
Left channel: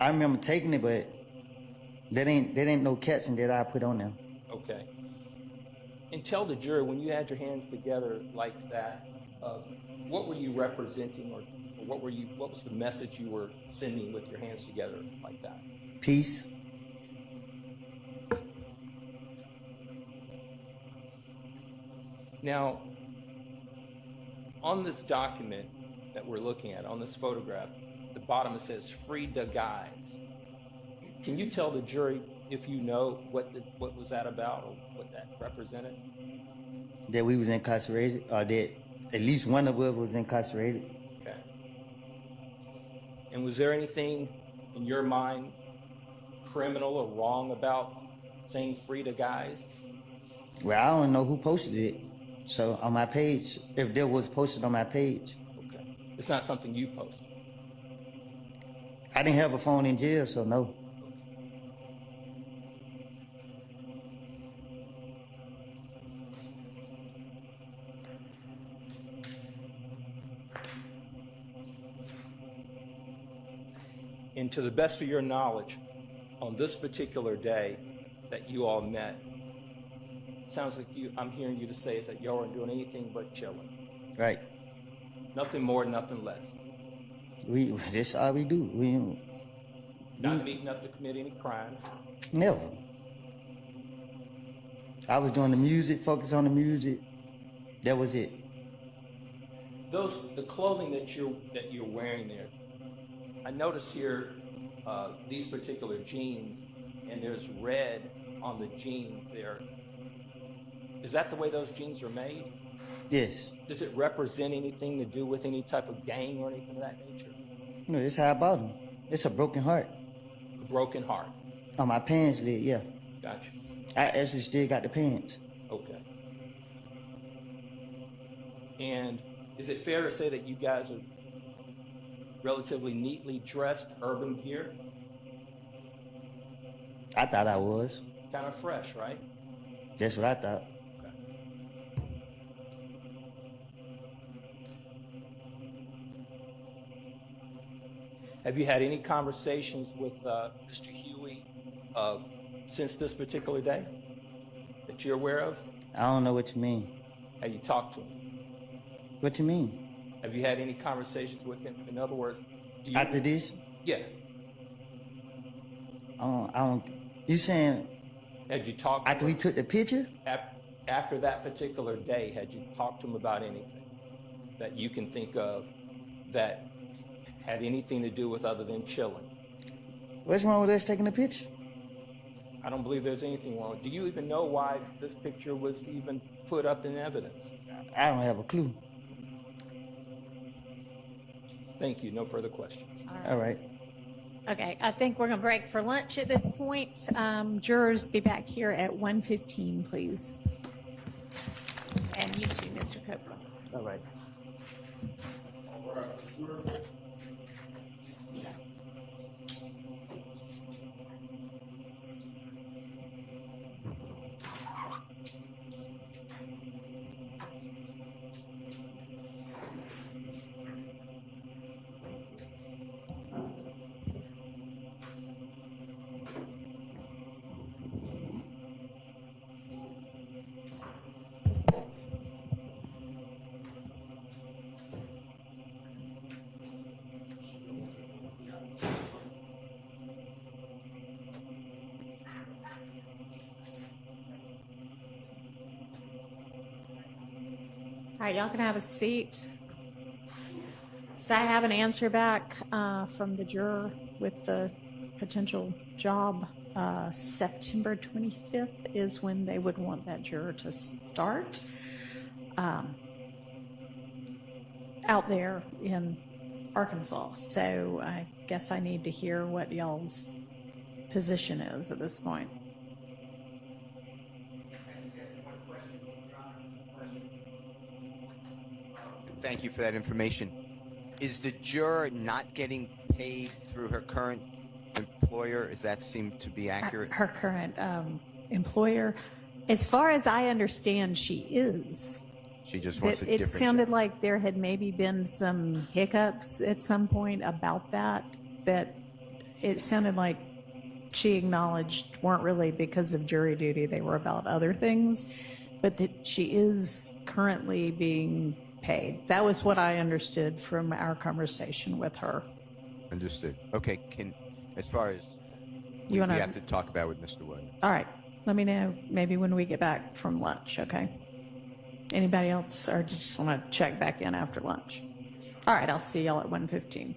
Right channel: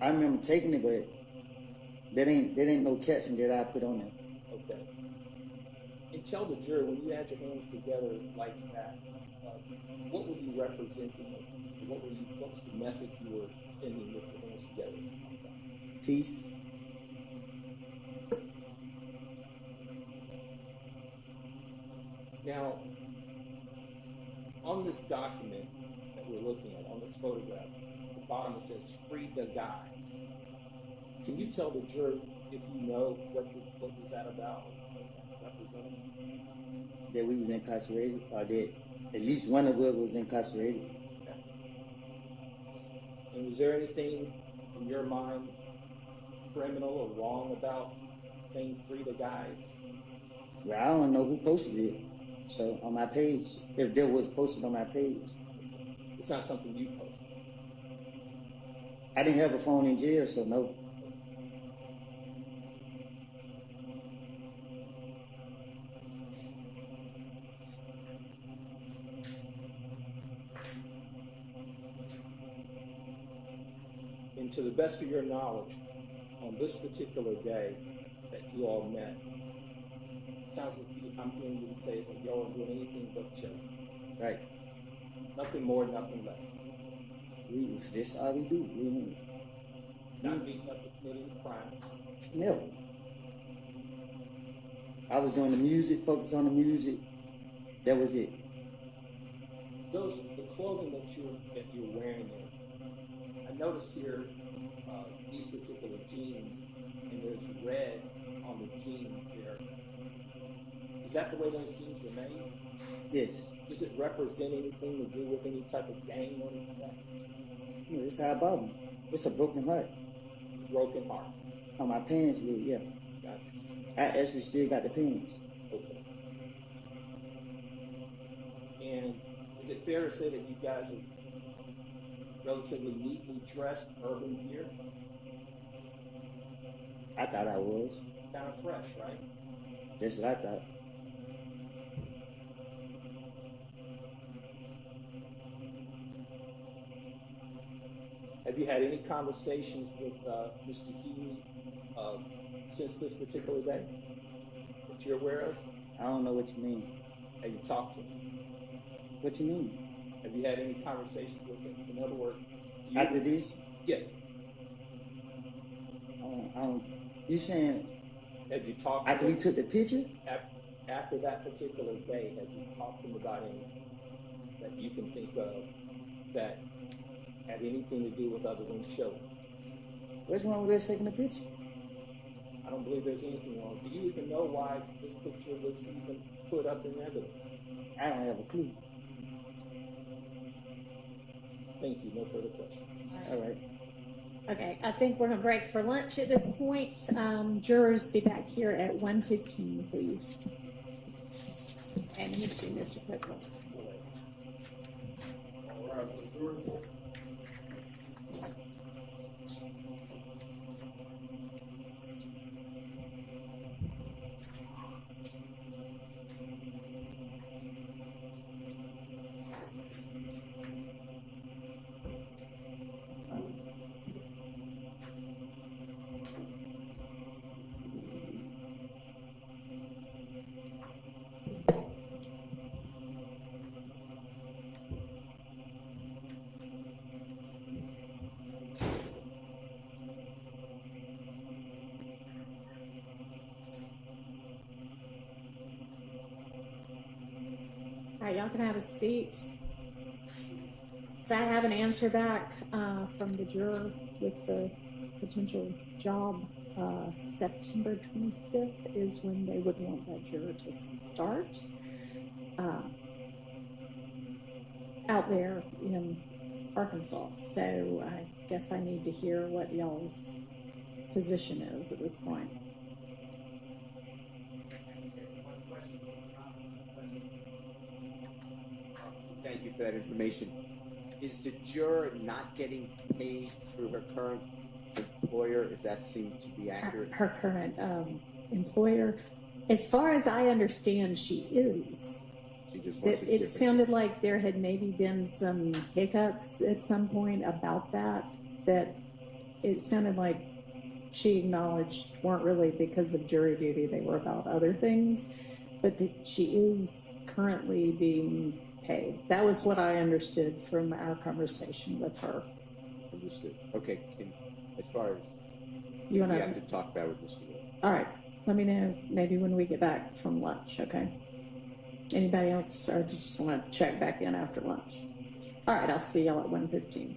I remember taking it, but that ain't no caption that I put on there. Okay. And tell the jury, when you had your hands together like that, what were you representing, or what was the message you were sending with your hands together like that? Peace. Now, on this document that we're looking at, on this photograph, at the bottom it says "Free the Guys." Can you tell the jury if you know what was that about, or what that represented? That we was incarcerated, or that at least one of us was incarcerated. Okay. And was there anything in your mind criminal or wrong about saying "Free the Guys"? Well, I don't know who posted it. So on my page, if there was posted on my page. Okay. It's not something you posted. I didn't have a phone in jail, so no. And to the best of your knowledge, on this particular day that you all met, sounds like I'm hearing you to say is that y'all aren't doing anything but chilling. Right. Nothing more, nothing less. That's all we do. Not meeting up to commit any crimes. Never. I was doing the music, focus on the music. That was it. The clothing that you're wearing there, I notice here these particular jeans, and there's red on the jeans there. Is that the way those jeans are made? Yes. Does it represent anything to do with any type of gang or anything of that nature? No, that's how I bought them. It's a broken heart. A broken heart. On my pants lid, yeah. Gotcha. I actually still got the pants. Okay. And is it fair to say that you guys are relatively neatly dressed urban gear? I thought I was. Kind of fresh, right? That's what I thought. Have you had any conversations with Mr. Huey since this particular day that you're aware of? I don't know what you mean. Have you talked to him? What you mean? Have you had any conversations with him? In other words, do you... After this? Yeah. I don't. You saying? Had you talked after we took the picture? After that particular day, had you talked to him about anything that you can think of that had anything to do with other than chilling? What's wrong with us taking a picture? I don't believe there's anything wrong. Do you even know why this picture was even put up in evidence? I don't have a clue. Thank you. No further questions. All right. Okay, I think we're going to break for lunch at this point. Jurors, be back here at 1:15, please. And you too, Mr. Copeland. All right. All right, y'all can have a seat. So I have an answer back from the juror with the potential job. September 25th is when they would want that juror to start out there in Arkansas. So I guess I need to hear what y'all's position is at this point. Thank you for that information. Is the juror not getting paid through her current employer? Does that seem to be accurate? Her current employer, as far as I understand, she is. She just wants a It different sounded job. like there had maybe been some hiccups at some point about that it sounded like she acknowledged weren't really because of jury duty, they were about other things, but that she is currently being paid. That was what I understood from our conversation with her. Understood. Okay, as far as we have to talk about with Mr. Wood. All right, let me know maybe when we get back from lunch, okay? Anybody else, or just want to check back in after lunch? All right, I'll see y'all at 1:15.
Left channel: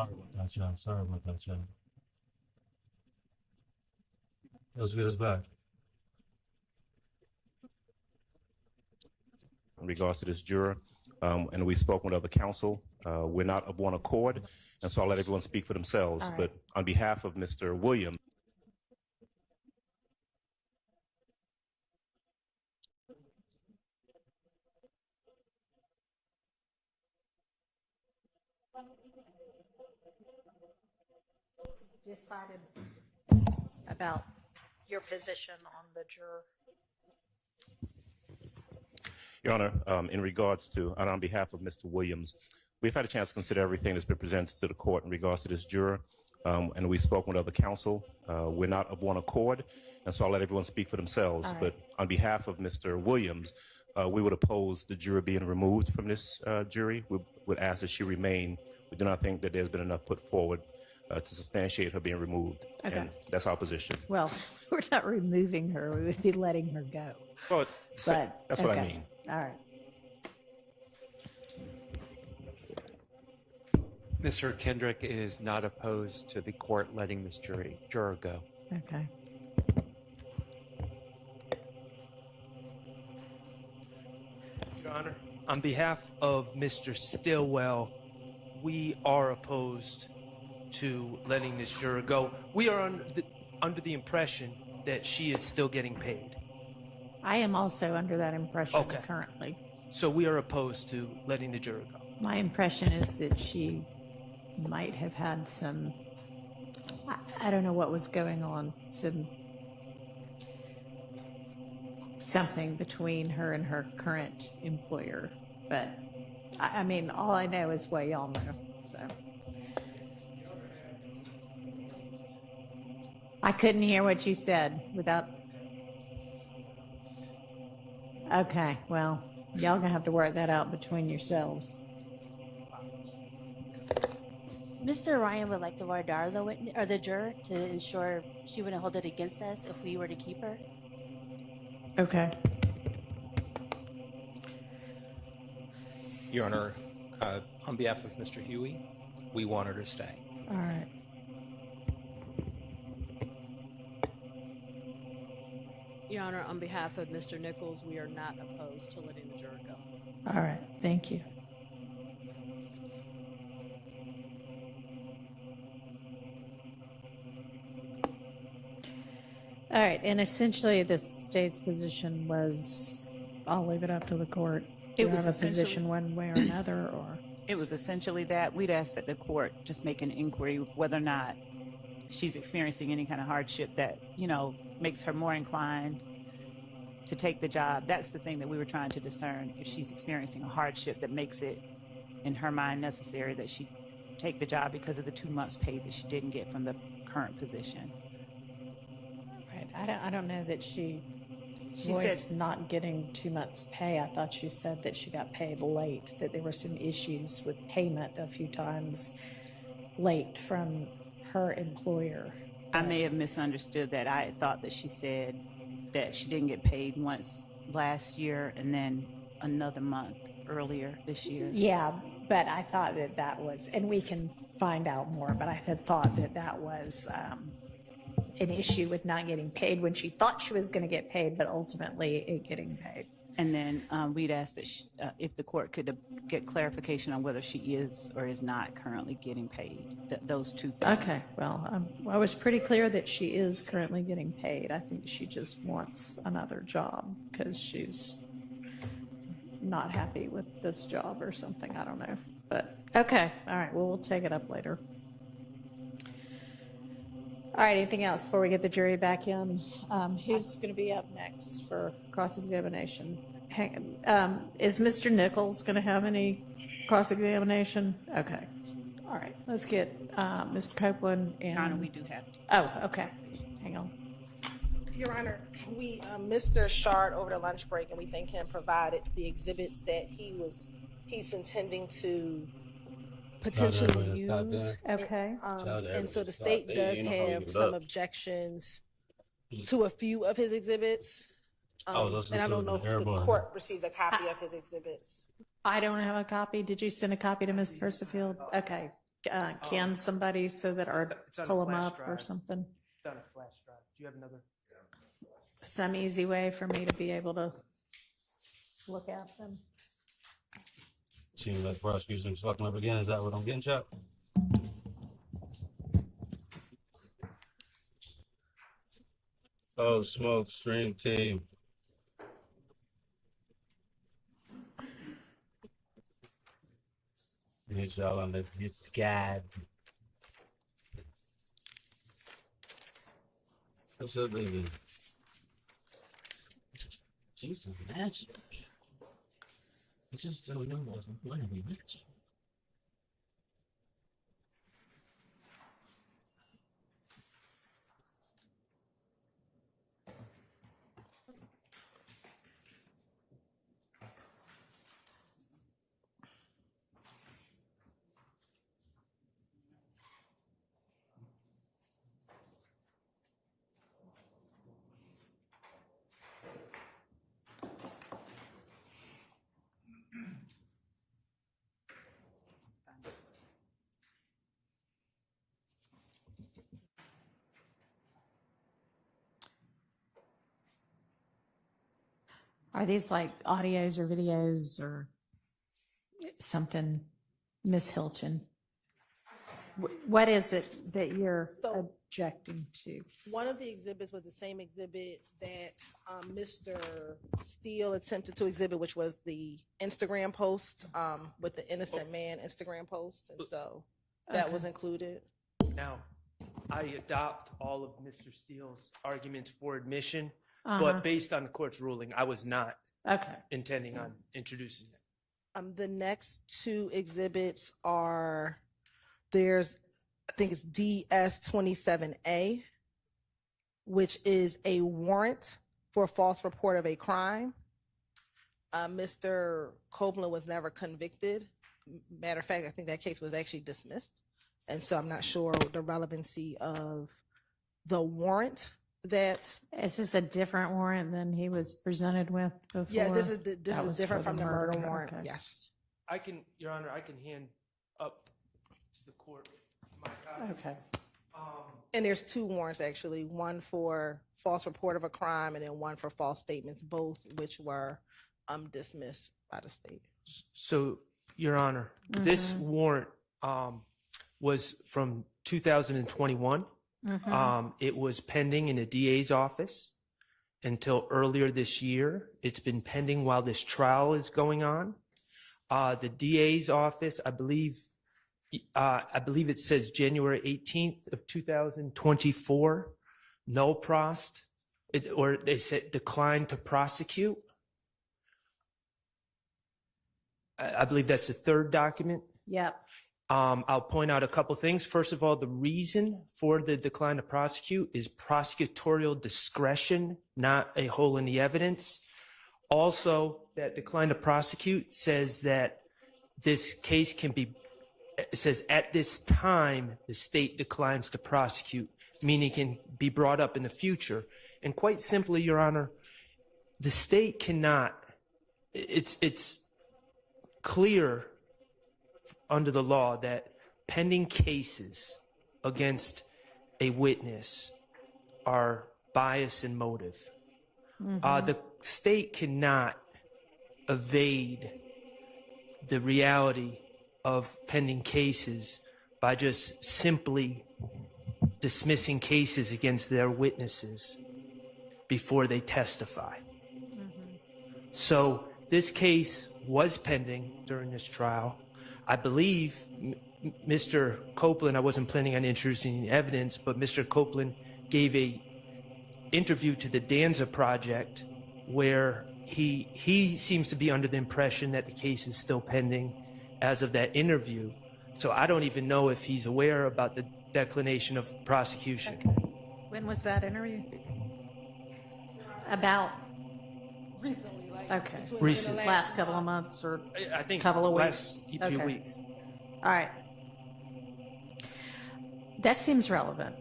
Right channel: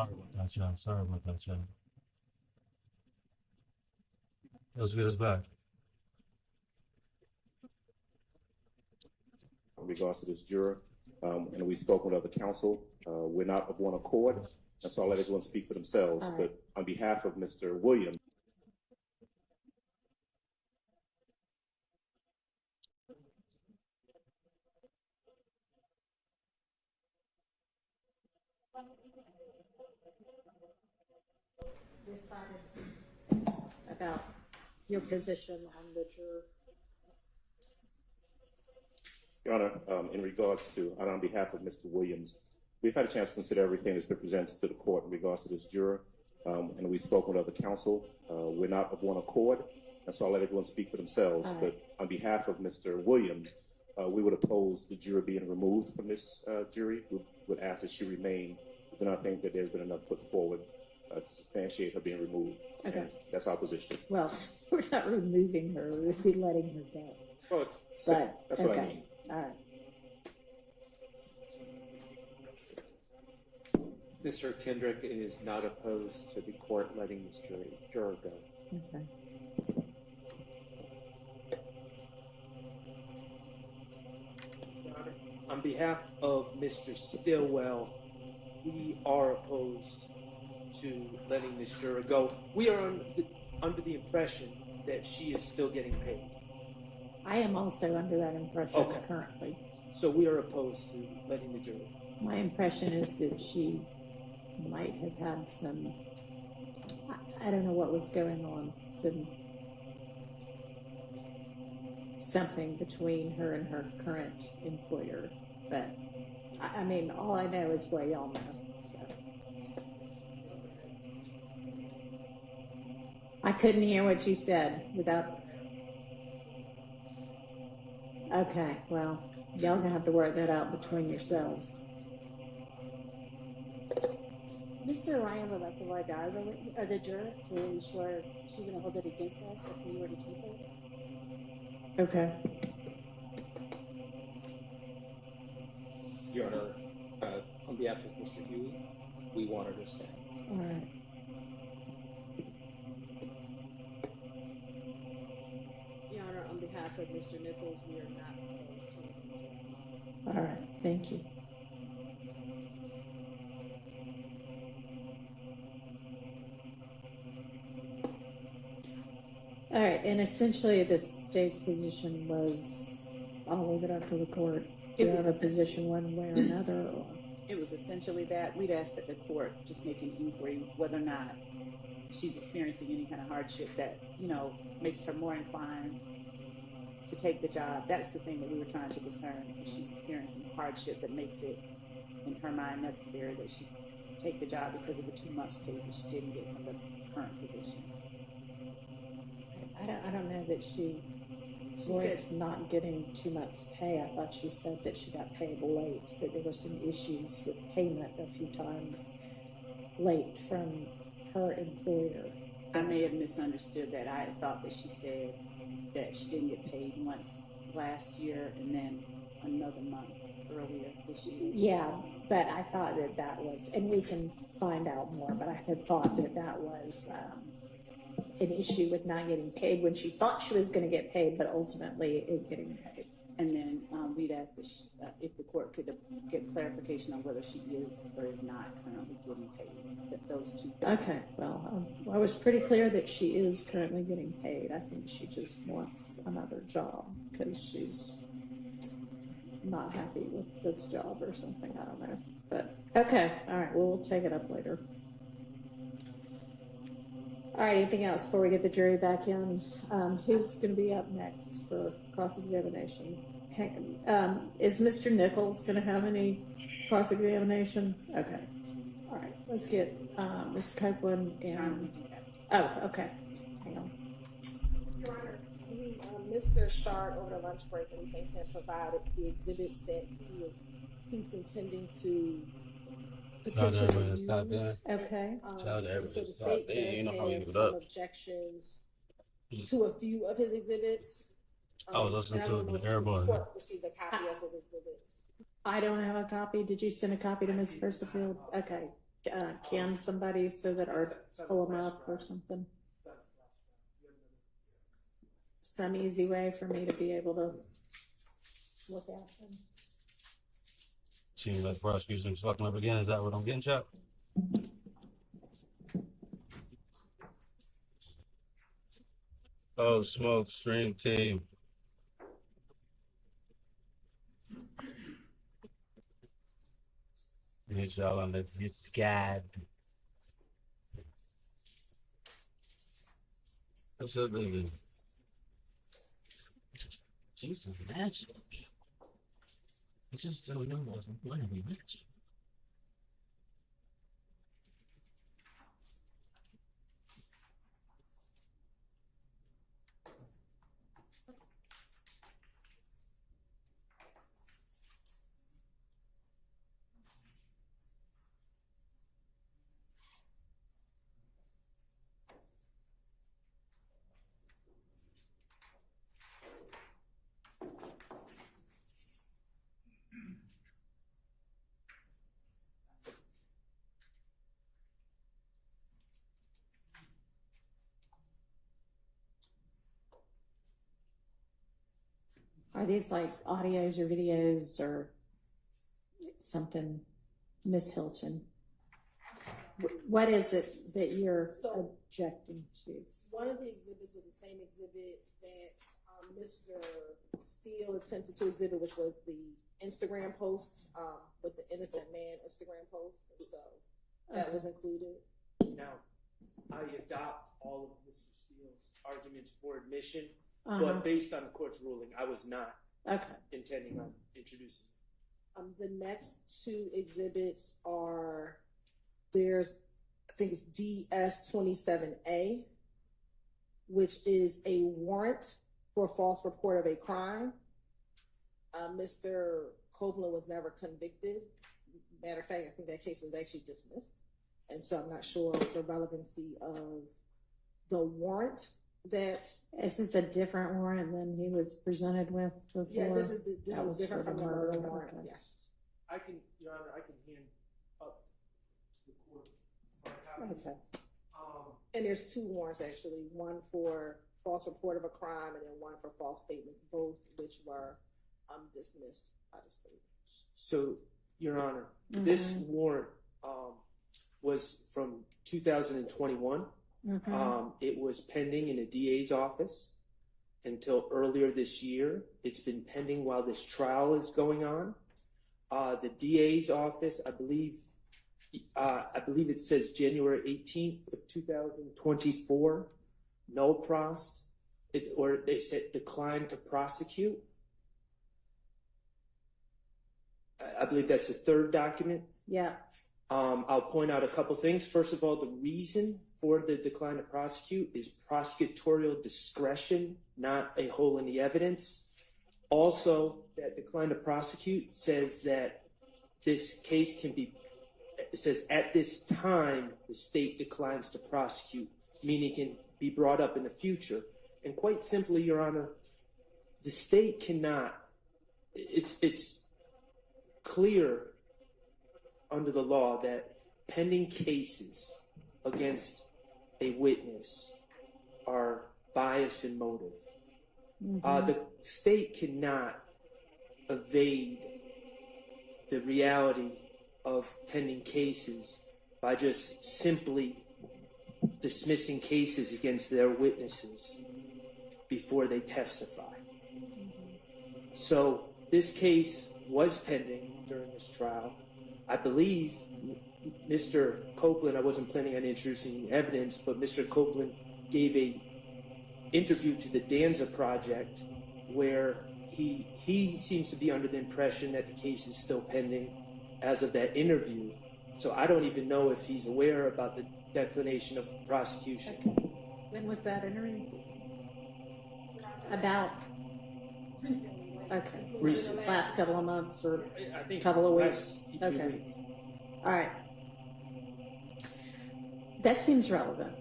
Sorry about that, y'all. Sorry about that, y'all. Let's get us back. In regards to this juror, and we've spoken with other counsel. We're not of one accord, and so I'll let everyone speak for themselves. All right. But on behalf of Mr. Williams, Decided about your position on the juror. Your Honor, in regards to, and on behalf of Mr. Williams, we've had a chance to consider everything that's been presented to the court in regards to this juror, and we've spoken with other counsel. We're not of one accord, and so I'll let everyone speak for themselves. All right. But on behalf of Mr. Williams, we would oppose the juror being removed from this jury. We would ask that she remain. We do not think that there's been enough put forward to substantiate her being removed, Okay. and that's our position. Well, we're not removing her. We would be letting her go. Well, it's, But, that's what I okay. mean. All right. Mr. Kendrick is not opposed to the court letting this juror go. Okay. Your Honor, on behalf of Mr. Stillwell, we are opposed to letting this juror go. We are under the impression that she is still getting paid. I am also under that impression Okay. currently. So we are opposed to letting the juror go. My impression is that she might have had some, I don't know what was going on, something between her and her current employer. But, I mean, all I know is what y'all know, so. I couldn't hear what you said without. Okay, well, y'all gonna have to work that out between yourselves. Mr. Ryan would like to voir dire the juror to ensure she wouldn't hold it against us if we were to keep her. Okay. Your Honor, on behalf of Mr. Huey, we want her to stay. All right. Your Honor, on behalf of Mr. Nichols, we are not opposed to letting the juror go. All right. Thank you. All right. And essentially, the state's position was, I'll leave it up to the court. Do you have a position one way or another, or? It was essentially that. We'd ask that the court just make an inquiry whether or not she's experiencing any kind of hardship that, makes her more inclined to take the job. That's the thing that we were trying to discern. If she's experiencing a hardship that makes it, in her mind, necessary that she take the job because of the 2 months pay that she didn't get from the current position. Right. I don't know that she She voiced said- not getting 2 months pay. I thought she said that she got paid late, that there were some issues with payment a few times late from her employer. I may have misunderstood that. I thought that she said that she didn't get paid once last year and then another month earlier this year. Yeah, but I thought that was, and we can find out more, but I had thought that was an issue with not getting paid when she thought she was going to get paid, but ultimately it getting paid. And then we'd ask that if the court could get clarification on whether she is or is not currently getting paid. Those two things. Okay, well, I was pretty clear that she is currently getting paid. I think she just wants another job because she's not happy with this job or something. I don't know. But okay, all right, well, we'll take it up later. All right, anything else before we get the jury back in? Who's going to be up next for cross-examination? Is Mr. Nichols going to have any cross-examination? Okay. All right, let's get Mr. Copeland and... Your Honor, we do have to. Oh, okay. Hang on. Your Honor, we Mr. Shard over the lunch break, and we thank him provided the exhibits that he's intending to potentially use. Okay. And so the state does have some objections to a few of his exhibits. And I don't know if the court received a copy of his exhibits. I don't have a copy. Did you send a copy to Ms. Persifield? Okay. can somebody so that or it's on a pull them flash up or drive. something? It's on a flash drive. Do you have another? Some easy way for me to be able to look at them. Seems like the prosecution's fucking up again. Is that what I'm getting, Chuck? Oh, smoke stream team. Need y'all on the discard. What's up, baby? Jesus, magic. I just don't know what's going to be magic. Are these like audios or videos or something, Miss Hilton? What is it that you're objecting to? One of the exhibits was the same exhibit that Mr. Steele attempted to exhibit, which was the Instagram post with the innocent man Instagram post, and so that was included. Now, I adopt all of Mr. Steele's arguments for admission, Uh-huh. but based on the court's ruling, I was not intending on introducing it. The next two exhibits are I think it's DS-27A, which is a warrant for false report of a crime. Mr. Copeland was never convicted. Matter of fact, I think that case was actually dismissed. And so I'm not sure the relevancy of the warrant that. Is this a different warrant than he was presented with before? Yeah, this is different from the murder Okay. warrant. Yes. Your Honor, I can hand up to the court my copy. Okay. And there's two warrants actually, one for false report of a crime and then one for false statements, both which were dismissed by the state. So, Your Honor, this warrant was from 2021. It was pending in the DA's office until earlier this year. It's been pending while this trial is going on. The DA's office, I believe it says January 18th of 2024, no prost, or they said decline to prosecute. I believe that's the third document. Yeah. I'll point out a couple things. First of all, the reason for the decline to prosecute is prosecutorial discretion, not a hole in the evidence. Also, that decline to prosecute says that this case it says at this time, the state declines to prosecute, meaning it can be brought up in the future. And quite simply, Your Honor, the state cannot, it's clear under the law that pending cases against a witness are bias and motive. The state cannot evade the reality of pending cases by just simply dismissing cases against their witnesses before they testify. So this case was pending during this trial. I believe Mr. Copeland, I wasn't planning on introducing evidence, but Mr. Copeland gave a interview to the Danza Project where he seems to be under the impression that the case is still pending as of that interview. So I don't even know if he's aware about the declination of prosecution. When was that interview? About? Recently. Okay. Recently. Last couple of months or I think couple of last weeks? few Okay. weeks. All right. That seems relevant.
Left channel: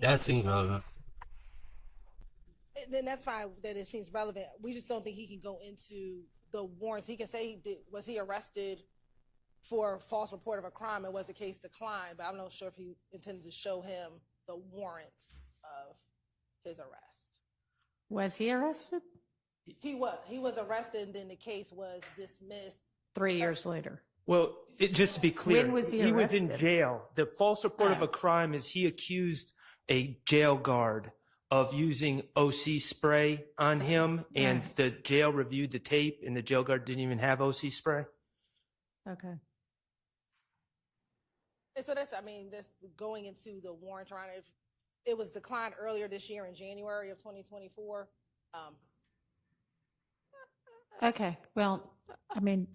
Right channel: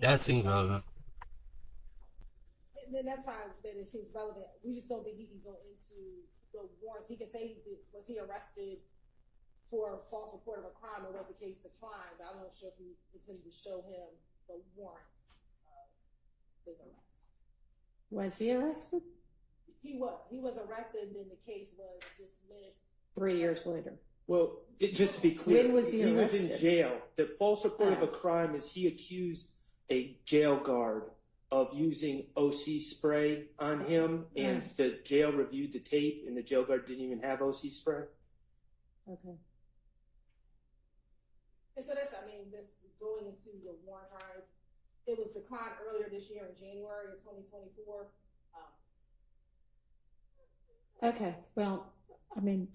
That seems relevant. Then that's fine that it seems relevant. We just don't think he can go into the warrants. He can say, was he arrested for false report of a crime, it was a case declined, but I'm not sure if he intends to show him the warrants of his arrest. Was he arrested? He was arrested, and then the case was dismissed 3 years later. Well, just to be clear, When was he was in arrested? jail. The false report of a crime is he accused a jail guard of using OC spray on him, and the jail reviewed the tape, and the jail guard didn't even have OC spray. Okay. And so that's, this going into the warrant trial, it was declined earlier this year in January of 2024. Okay. Well,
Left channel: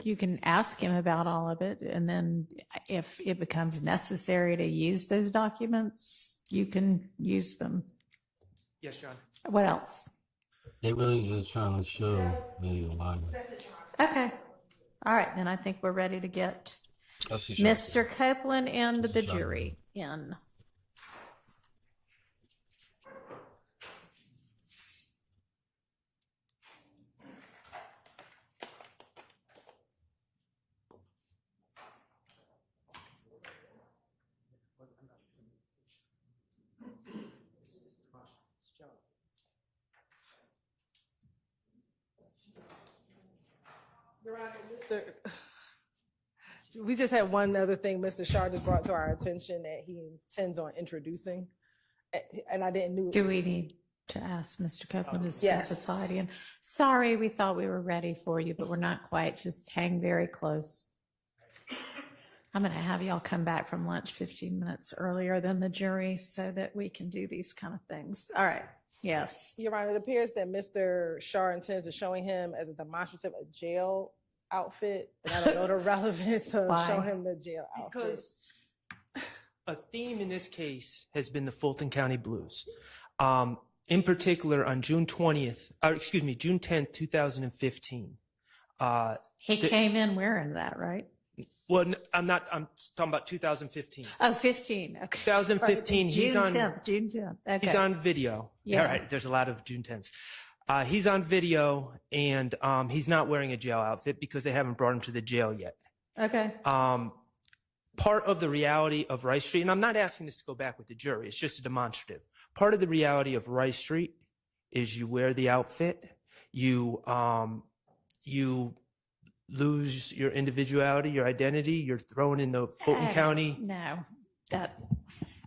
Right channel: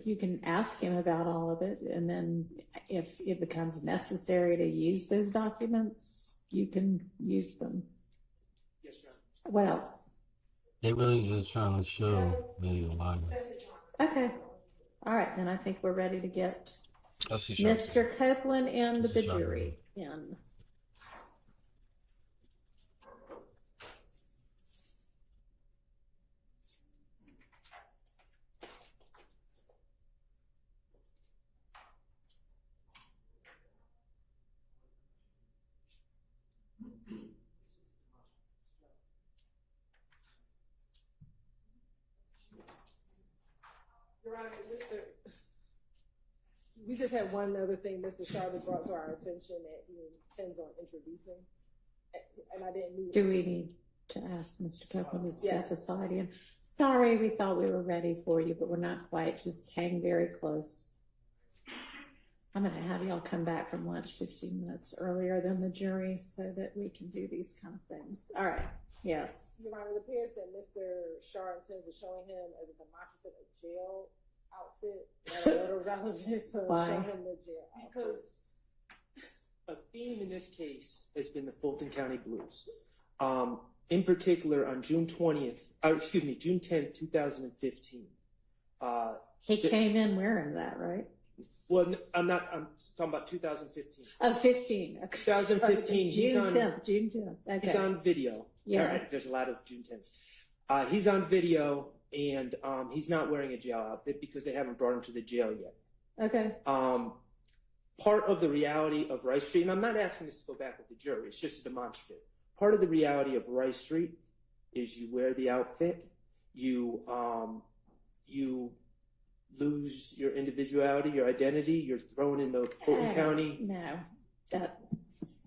you can ask him about all of it, and then if it becomes necessary to use those documents, you can use them. Yes, John. What else? They really just trying to show they lying. Okay. All right, then I think we're ready to get I see Mr. Copeland and the jury in. Your Honor, we just had one other thing Mr. Shar just brought to our attention that he intends on introducing, and I didn't know. Do we need to ask Mr. Copeland to step aside? And sorry, we thought we were ready for you, but we're not quite. Just hang very close. I'm going to have y'all come back from lunch 15 minutes earlier than the jury so that we can do these kind of things. All right. Yes. Your Honor, it appears that Mr. Shar intends on showing him as a demonstrative a jail outfit, and I don't know the relevance of showing him the jail outfit. Because a theme in this case has been the Fulton County Blues. In particular, on June 10th, 2015. He came in wearing that, right? Well, I'm talking about 2015. Oh, 15. Okay. 2015, he's on June 10th. Okay. He's on video. Yeah. All right, there's a lot of June 10th. He's on video, and he's not wearing a jail outfit because they haven't brought him to the jail yet. Okay. Part of the reality of Rice Street, and I'm not asking this to go back with the jury, it's just a demonstrative. Part of the reality of Rice Street is you wear the outfit, you lose your individuality, your identity, you're thrown in the Fulton County. No,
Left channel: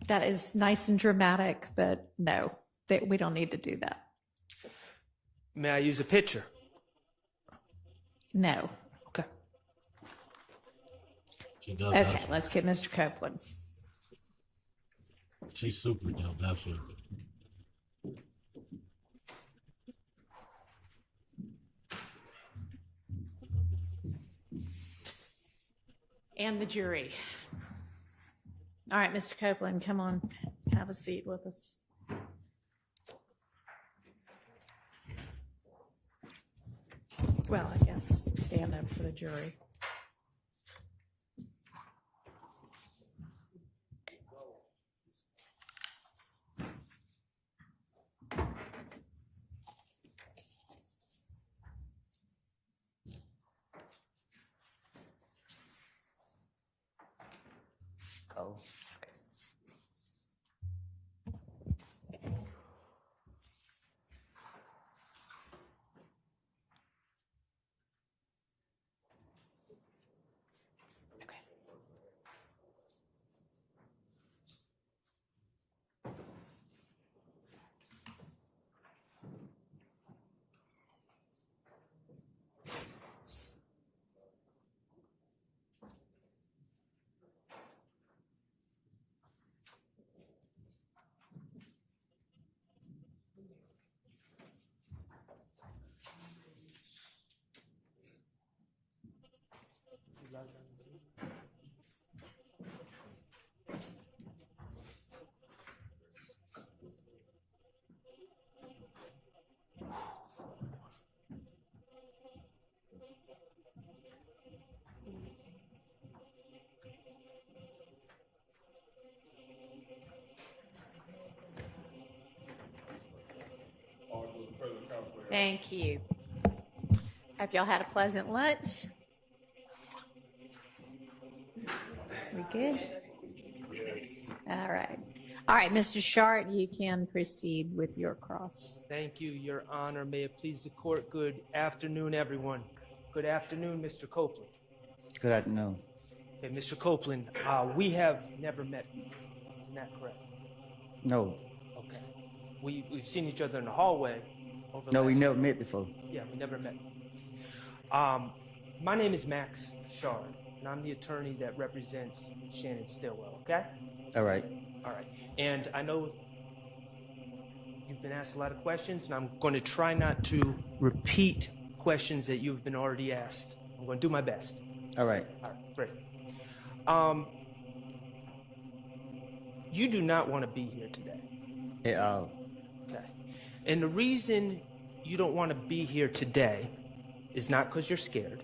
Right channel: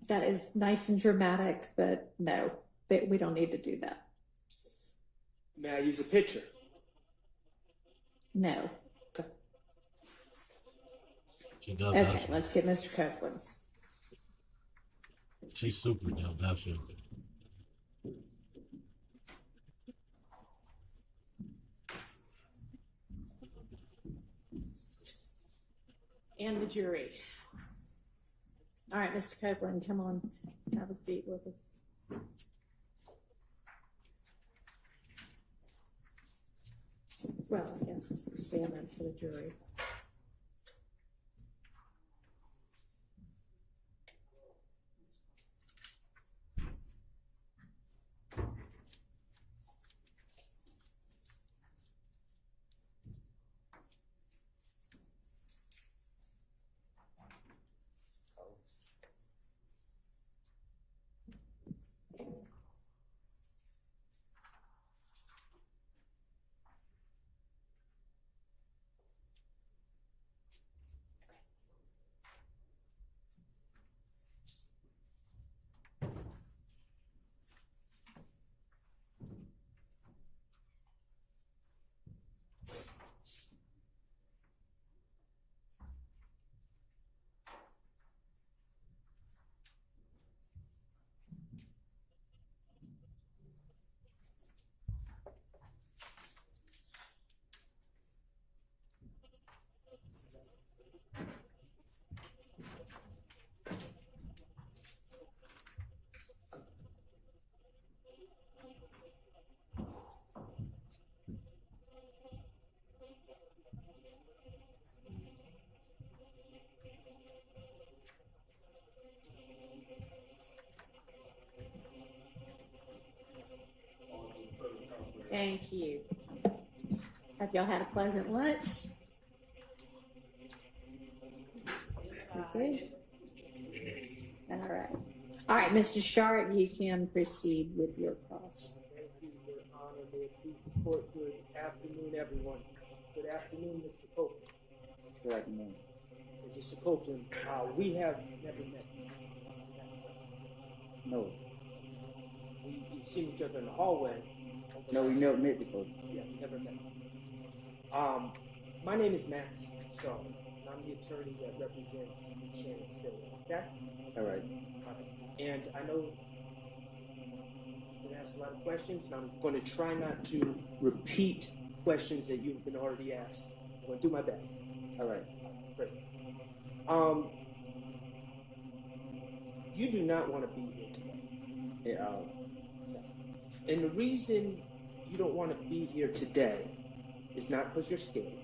that is nice and dramatic, but no, we don't need to do that. May I use a picture? No. Okay. Okay, let's get Mr. Copeland. She's super dope, that's it. And the jury. All right, Mr. Copeland, come on, have a seat with us. Well, I guess stand up for the jury. Go. Thank you. Hope y'all had a pleasant lunch. Okay. All right. All right, Mr. Shart, you can proceed with your cross. Thank you, Your Honor. May it please the court. Good afternoon, everyone. Good afternoon, Mr. Copeland. Good afternoon. Hey, Mr. Copeland, we have never met before. Isn't that correct? No. Okay. We've seen each other in the hallway. No, we never met before. Yeah, we never met before. My name is Max Shard, and I'm the attorney that represents Shannon Stillwell, okay? All right. All right. And I know you've been asked a lot of questions, and I'm going to try not to repeat questions that you've been already asked. I'm going to do my best. All right. All right, great. You do not want to be here today. At all. Okay. And the reason you don't want to be here today is not because you're scared,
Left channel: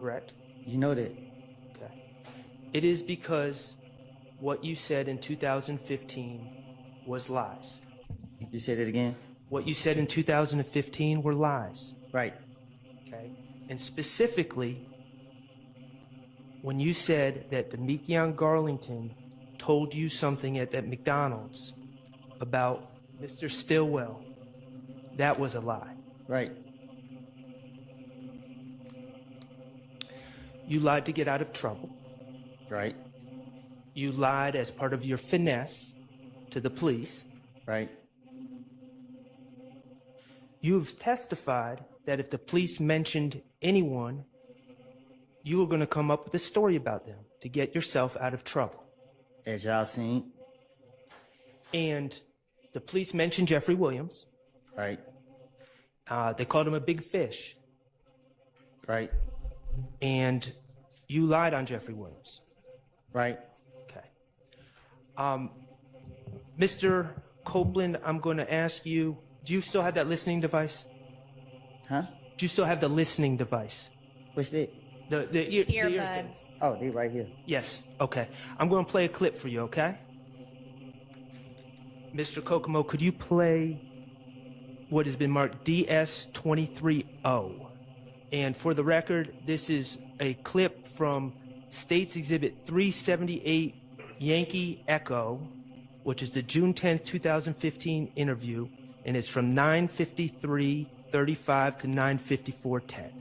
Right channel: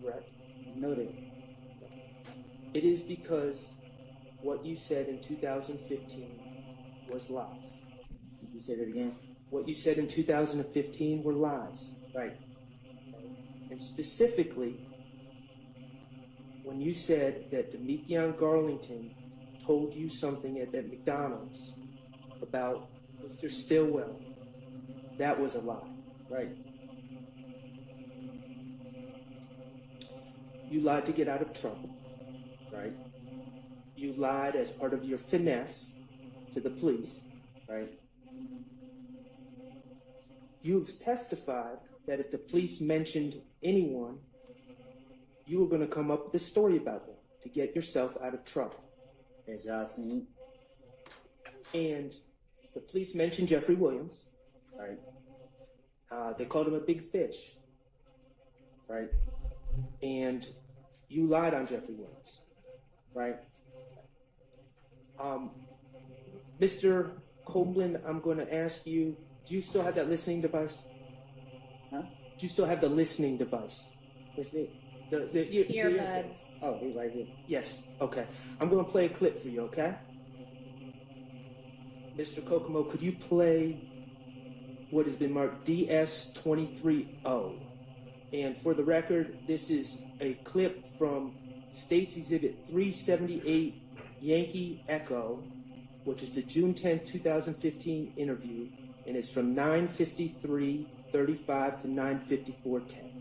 correct? You know that. Okay. It is because what you said in 2015 was lies. You said it again? What you said in 2015 were lies. Right. Okay. And specifically, when you said that Demekion Garlington told you something at that McDonald's about Mr. Stillwell, that was a lie. Right. You lied to get out of trouble. Right. You lied as part of your finesse to the police. Right. You've testified that if the police mentioned anyone, you were going to come up with a story about them to get yourself out of trouble. As y'all seen. And the police mentioned Jeffrey Williams. Right. They called him a big fish. Right. And you lied on Jeffrey Williams. Right. Okay. Mr. Copeland, I'm going to ask you, do you still have that listening device? Huh? Do you still have the listening device? What's that? The earbuds. Oh, they right here. Yes. Okay. I'm going to play a clip for you, okay? Mr. Kokomo, could you play what has been marked DS230? And for the record, this is a clip from State's Exhibit 378 Yankee Echo, which is the June 10th, 2015 interview, and it's from 9:53:35 to 9:54:10.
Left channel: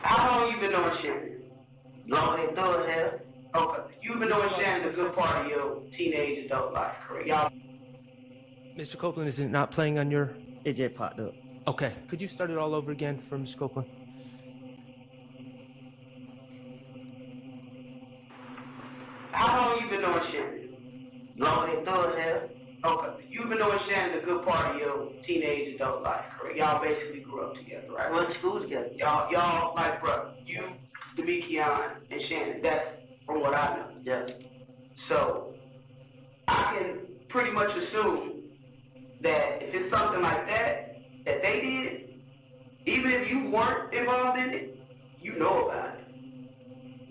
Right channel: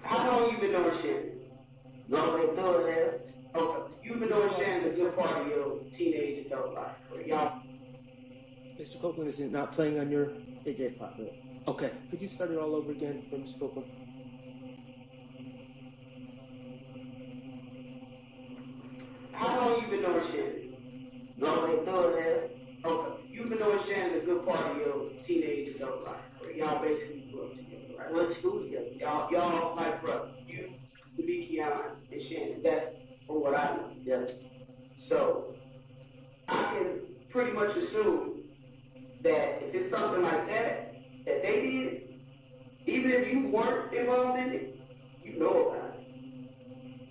How long you been doing Shannon? Long as thug hell? Okay. You've been doing Shannon a good part of your teenage adult life, correct? Y'all. Mr. Copeland, is it not playing on your... It just popped up. Okay. Could you start it all over again for Mr. Copeland? How long you been doing Shannon? Long as thug hell? Okay. You've been doing Shannon a good part of your teenage adult life, correct? Y'all basically grew up together, right? Went to school together. Y'all like brothers. You, Demekion, and Shannon. That's from what I know. Yeah. So I can pretty much assume that if it's something like that that they did, even if you weren't involved in it, you know about it.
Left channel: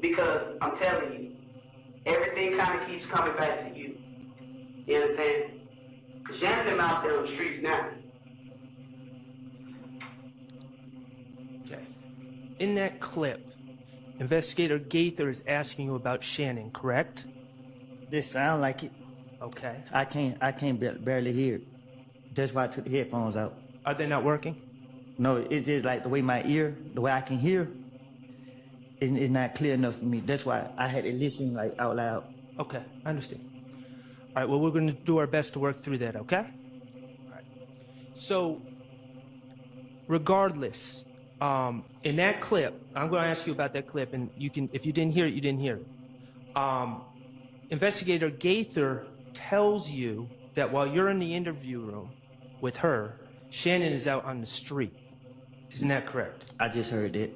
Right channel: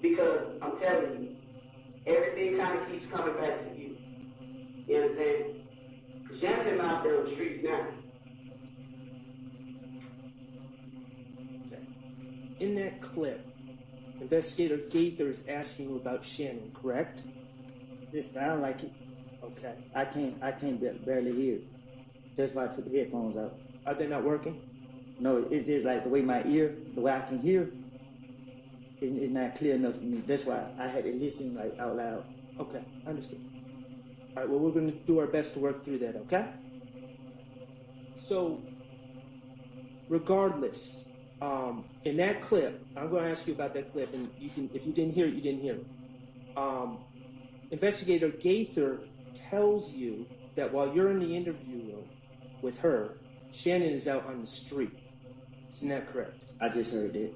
Because I'm telling you, everything kind of keeps coming back to you. You understand? Because Shannon's out there on the streets now. Okay. In that clip, Investigator Gaither is asking you about Shannon, correct? This sound like it. Okay. I can't barely hear it. That's why I took the headphones out. Are they not working? No, it's just like the way my ear, the way I can hear, it's not clear enough for me. That's why I had to listen like out loud. Okay, I understand. All right, well, we're going to do our best to work through that, okay? All right. So, regardless, in that clip, I'm going to ask you about that clip, and you can, if you didn't hear it, you didn't hear it. Investigator Gaither tells you that while you're in the interview room with her, Shannon is out on the street. Isn't that correct? I just heard that.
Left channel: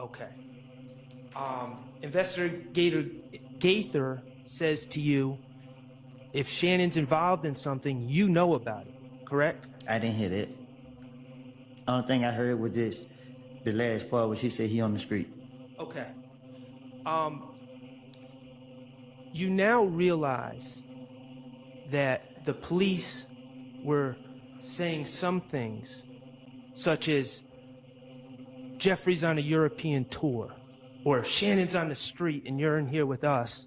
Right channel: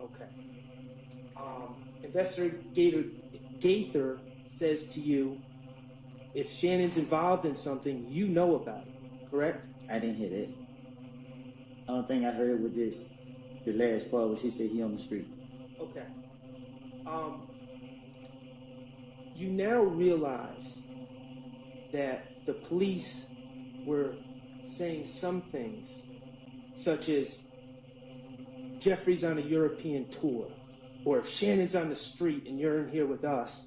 Okay. Investigator Gaither says to you, if Shannon's involved in something, you know about it, correct? I didn't hear that. Only thing I heard was just the last part where she said he on the street. Okay. You now realize that the police were saying some things, such as Jeffrey's on a European tour, or Shannon's on the street and you're in here with us,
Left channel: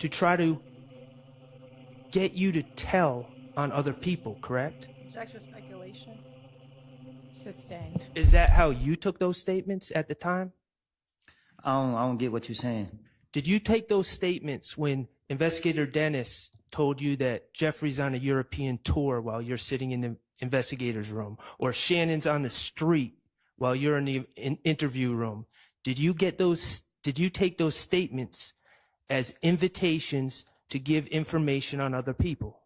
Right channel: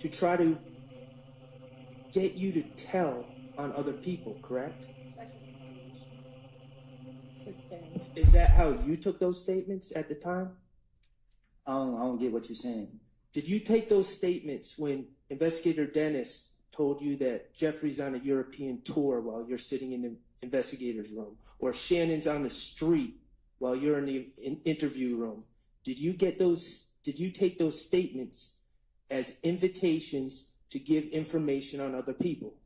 to try to get you to tell on other people, correct? Objection, speculation. Sustained. Is that how you took those statements at the time? I don't get what you're saying. Did you take those statements when Investigator Dennis told you that Jeffrey's on a European tour while you're sitting in the investigator's room, or Shannon's on the street while you're in the interview room? Did you take those statements as invitations to give information on other people?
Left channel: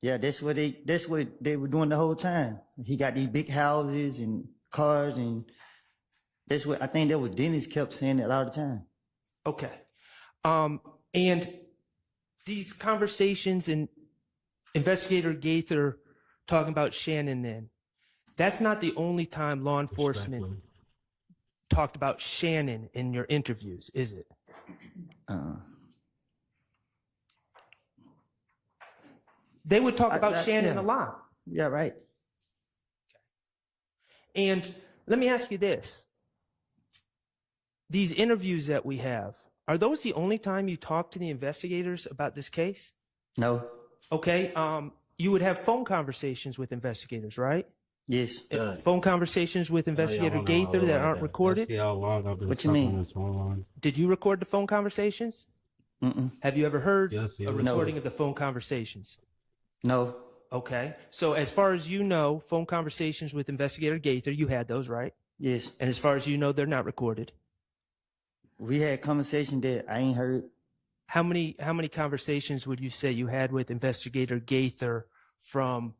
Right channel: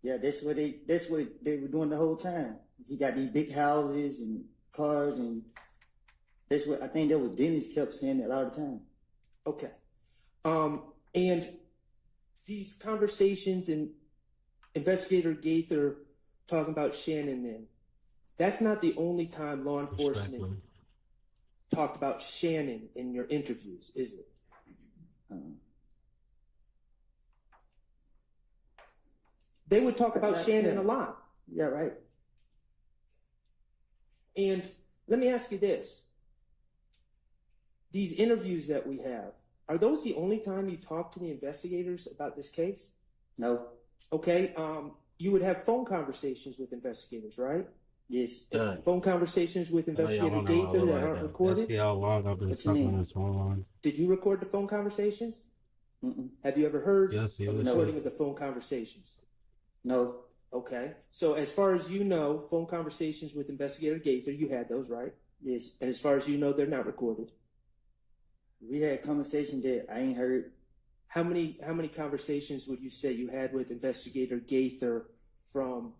Yeah, that's what they were doing the whole time. He got these big houses and cars, and that's what I think that was Dennis kept saying it all the time. Okay. And these conversations and Investigator Gaither talking about Shannon then, that's not the only time law enforcement talked about Shannon in your interviews, is it? They would talk about Shannon a lot. Yeah, right. And let me ask you this. These interviews that we have, are those the only time you talk to the investigators about this case? No. Okay. You would have phone conversations with investigators, right? Yes. Phone conversations with Investigator Gaither that aren't recorded? See how long I've been stuck on this phone line. Did you record the phone conversations? Have you ever heard Yes, a recording of the phone conversations? No. Okay. So as far as you know, phone conversations with Investigator Gaither, you had those, right? Yes. And as far as you know, they're not recorded. We had conversations that I ain't heard. How many conversations would you say you had with Investigator Gaither from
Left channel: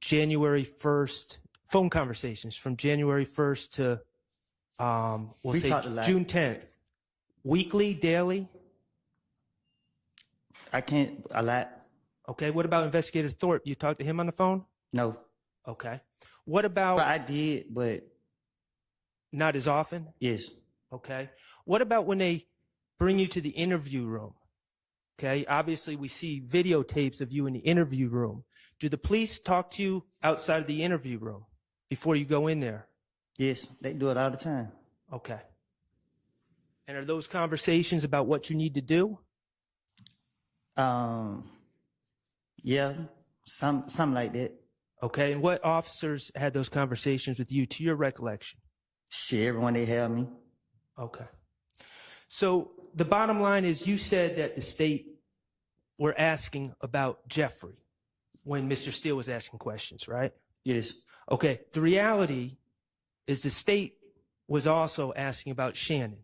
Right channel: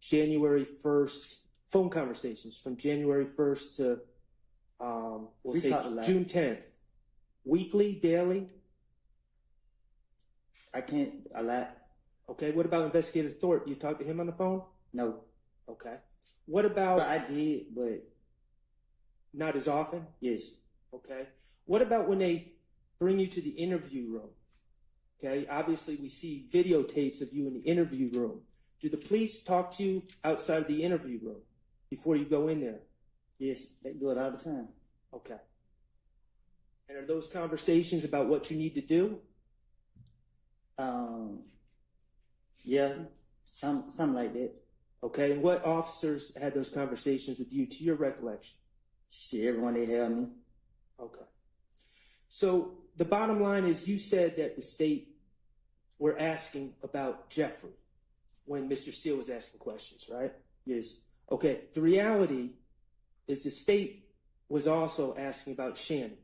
January 1st, phone conversations from January 1st to, we'll say June 10th? Weekly, daily? A lot. Okay, what about Investigator Thorpe? You talked to him on the phone? No. Okay. What about... But I did, but... Not as often? Yes. Okay. What about when they bring you to the interview room? Okay, obviously we see videotapes of you in the interview room. Do the police talk to you outside of the interview room before you go in there? Yes, they do it all the time. Okay. And are those conversations about what you need to do? Yeah, something like that. Okay, and what officers had those conversations with you, to your recollection? Shit, everyone they have me. Okay. So the bottom line is you said that the state were asking about Jeffrey when Mr. Steele was asking questions, right? Yes. Okay, the reality is the state was also asking about Shannon.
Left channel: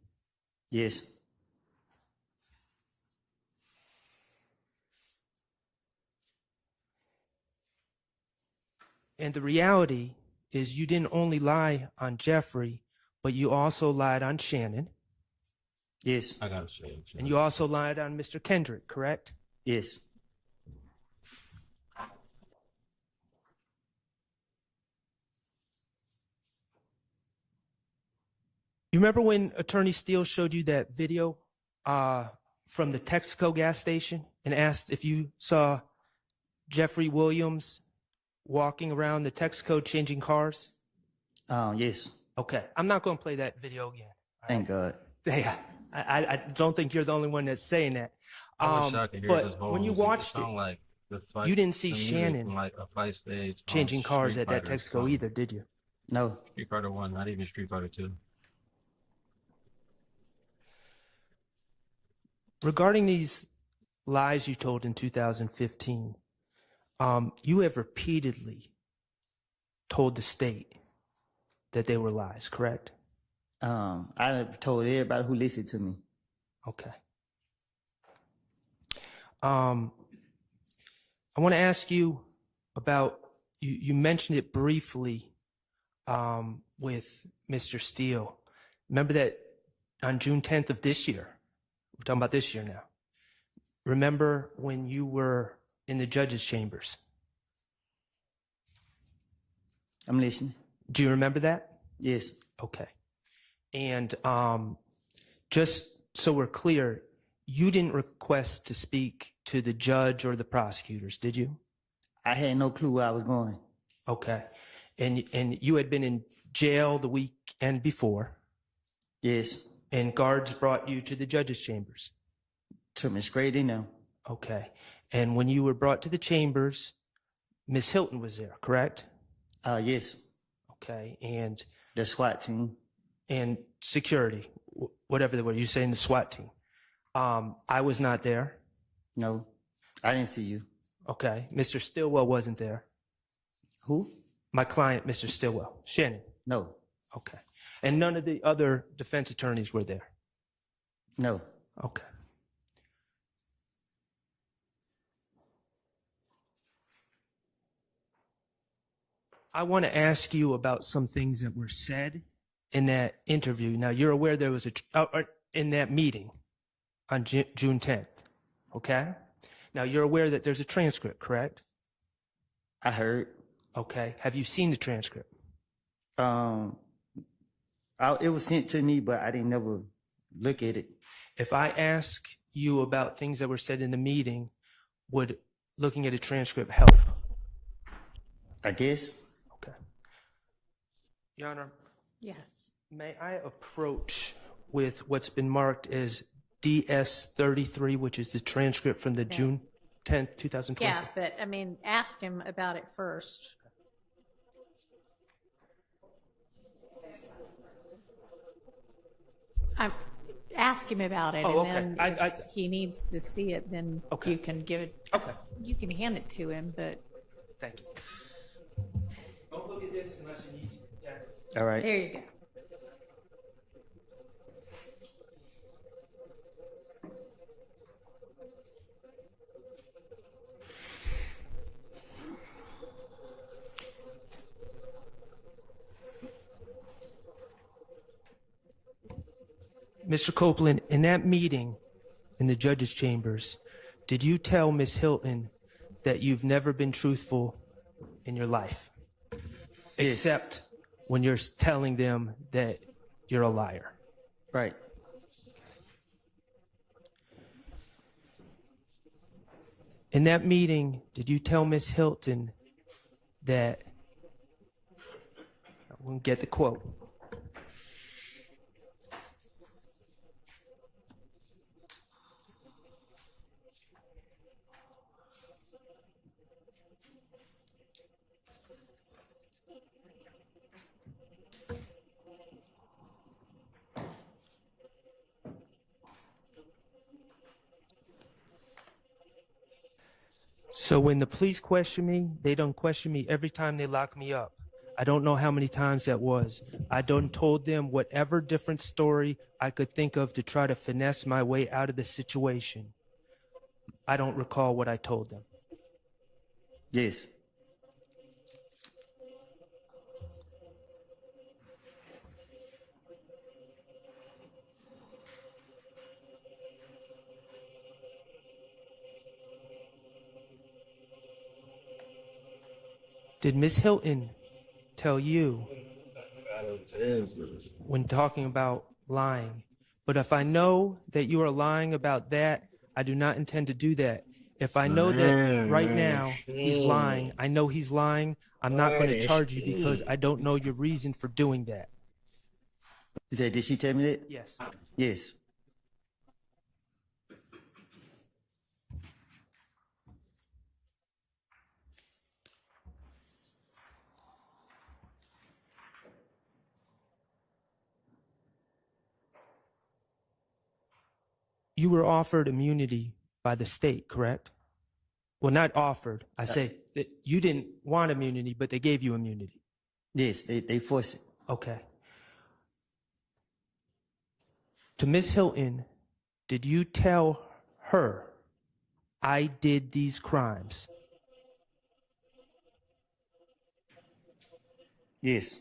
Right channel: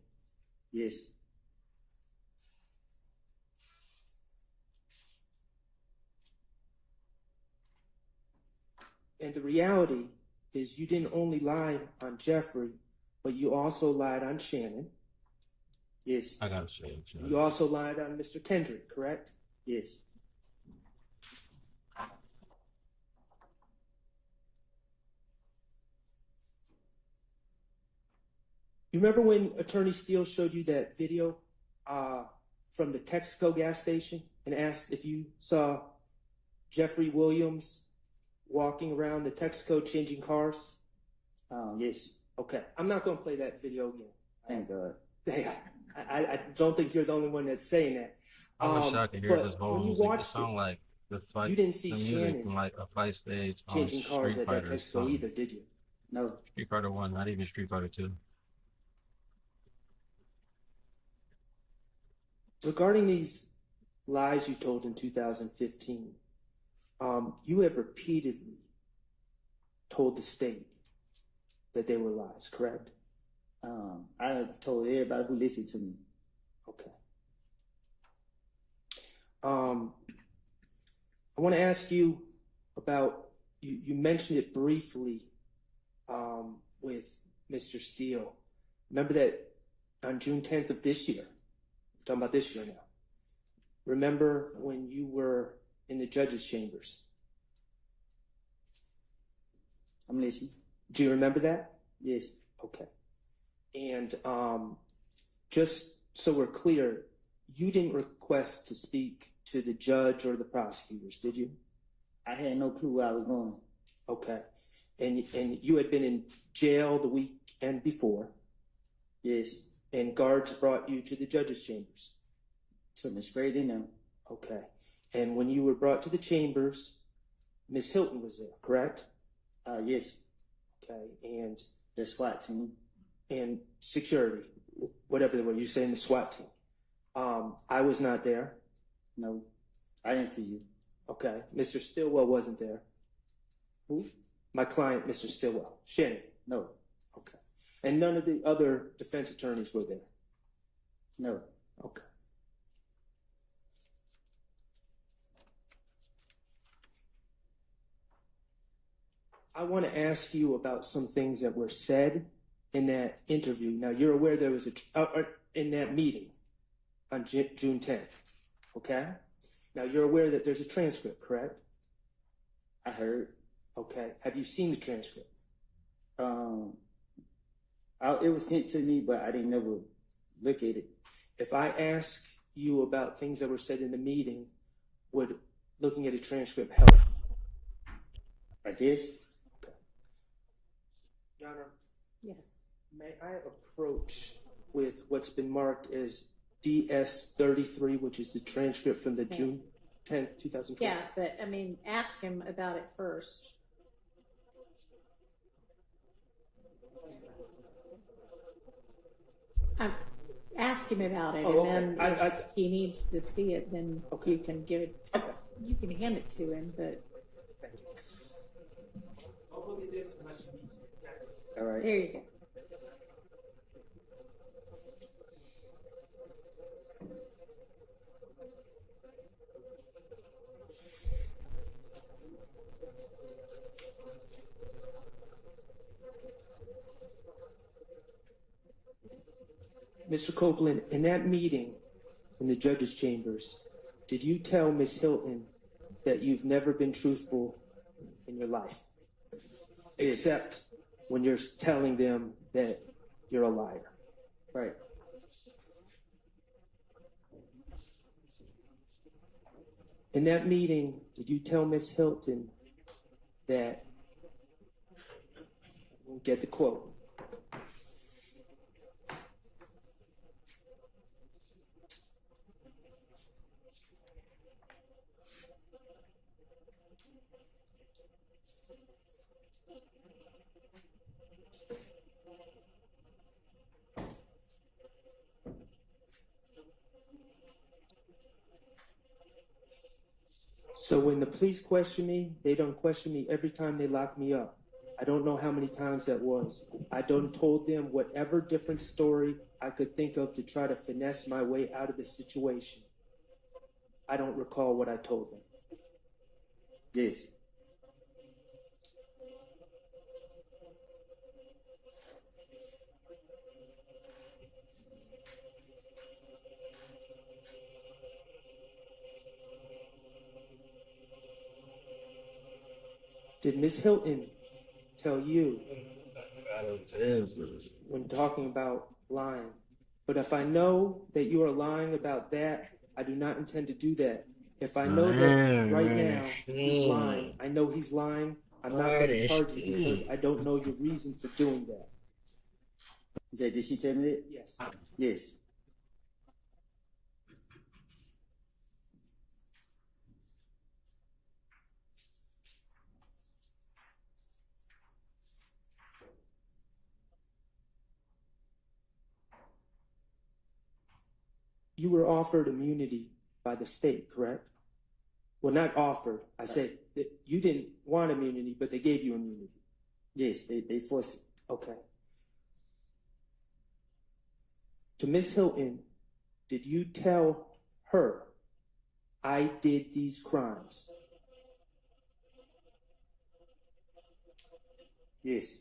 Yes. And the reality is you didn't only lie on Jeffrey, but you also lied on Shannon. Yes. I gotta say it. And you also lied on Mr. Kendrick, correct? Yes. You remember when Attorney Steele showed you that video from the Texaco gas station and asked if you saw Jeffrey Williams walking around the Texaco changing cars? Yes. Okay, I'm not going to play that video again. Thank God. Yeah, I don't think you're the only one that's saying that. I was shocked to hear this whole when you music. It watched sounded like the fight. you didn't see the music Shannon from like a fight stage. changing cars Street at that Fighter or Texaco something. either, did you? No. Street Fighter 1, not even Street Fighter 2. Regarding these lies you told in 2015, you have repeatedly told the state that they were lies, correct? I told everybody who listened to me. Okay. I want to ask you about, you mentioned it briefly with Mr. Steele. Remember that on June 10th of this year, we're talking about this year now, remember when you were in the judge's chambers? I'm listening. Do you remember that? Yes. Okay. And just so we're clear, you didn't request to speak to the judge or the prosecutors, did you? I had no clue where I was going. Okay. And you had been in jail the weekend before. Yes. And guards brought you to the judge's chambers. Took me straight in there. Okay. And when you were brought to the chambers, Miss Hilton was there, correct? Yes. Okay. And the SWAT team. And security, whatever they were. You saying the SWAT team. I was not there. No, I didn't see you. Okay. Mr. Stillwell wasn't there. Who? My client, Mr. Stillwell. Shannon. No. Okay. And none of the other defense attorneys were there? No. Okay. I want to ask you about some things that were said in that interview. Now, you're aware there was in that meeting on June 10th, okay? Now, you're aware that there's a transcript, correct? I heard. Okay. Have you seen the transcript? It was sent to me, but I didn't never look at it. If I ask you about things that were said in the meeting, would looking at a transcript help? I guess. Okay. Your Honor. Yes. May I approach with what's been marked as DS-33, which is the transcript from the June 10th, 2020? Yeah, but I mean, ask him about it first. Ask him about it, Oh, and okay. then if he needs to see it, then you can give it. Okay. You can hand it to him, but. Thank you. Don't look at this unless you need to. Okay? All right. There you go. Mr. Copeland, in that meeting in the judge's chambers, did you tell Miss Hilton that you've never been truthful in your life? Yes. Except when you're telling them that you're a liar. Right. In that meeting, did you tell Miss Hilton that, I won't get the quote, so when the police question me, they don't question me every time they lock me up. I don't know how many times that was. I done told them whatever different story I could think of to try to finesse my way out of the situation. I don't recall what I told them. Yes. Did Miss Hilton tell you when talking about lying? But if I know that you are lying about that, I do not intend to do that. If I know that right now he's lying, I know he's lying, I'm not going to charge you because I don't know your reason for doing that. Did she tell me that? Yes. Yes. You were offered immunity by the state, correct? Well, not offered. I say that you didn't want immunity, but they gave you immunity. Yes, they forced it. Okay. To Miss Hilton, did you tell her I did these crimes? Yes.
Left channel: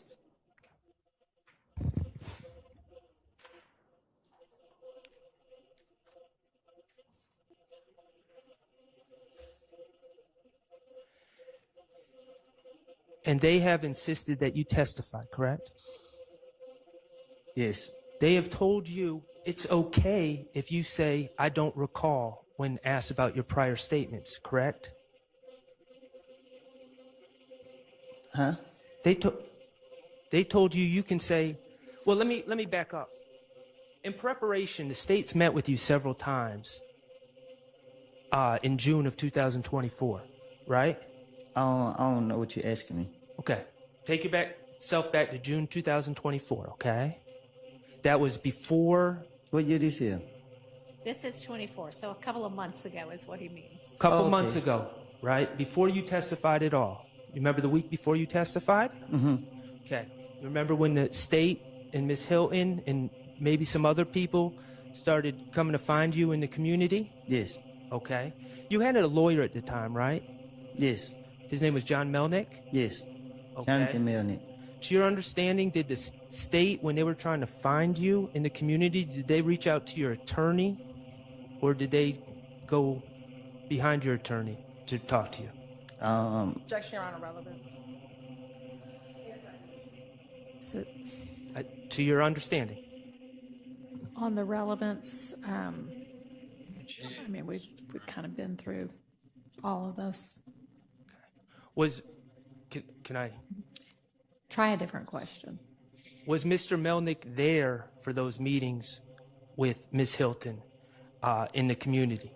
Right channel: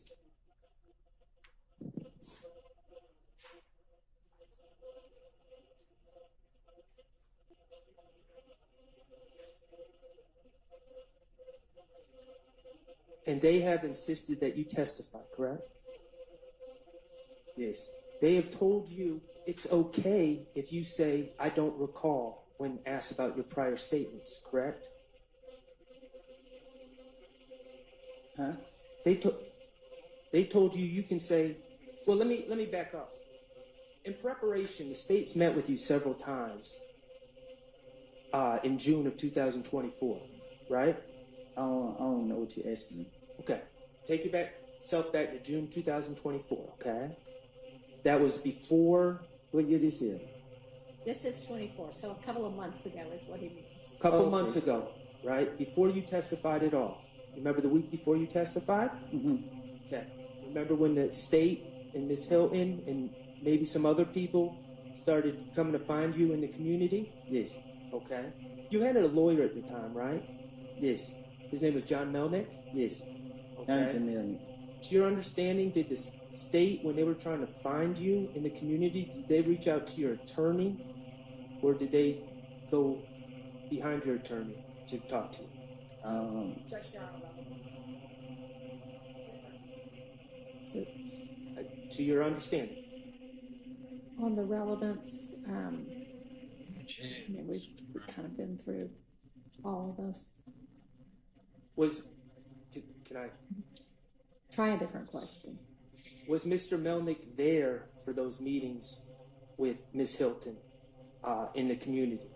And they have insisted that you testify, correct? Yes. They have told you it's okay if you say, I don't recall, when asked about your prior statements, correct? Huh? They told you you can say, well, let me back up. In preparation, the state's met with you several times in June of 2024, right? I don't know what you're asking me. Okay. Take yourself back to June 2024, okay? That was before... What year this is? This is 24, so a couple of months ago is what he means. A couple months ago, right? Before you testified at all. You remember the week before you testified? Mm-hmm. Okay. Remember when the state and Miss Hilton and maybe some other people started coming to find you in the community? Yes. Okay. You had a lawyer at the time, right? Yes. His name was John Melnick? Yes. Okay. Jonathan Melnick. To your understanding, did the state, when they were trying to find you in the community, did they reach out to your attorney? Or did they go behind your attorney to talk to you? Objection, Your Honor, relevance. So, to your understanding. on the relevance, I mean, we've kind of been through all of this. Can I? Try a different question. Was Mr. Melnick there for those meetings with Miss Hilton in the community?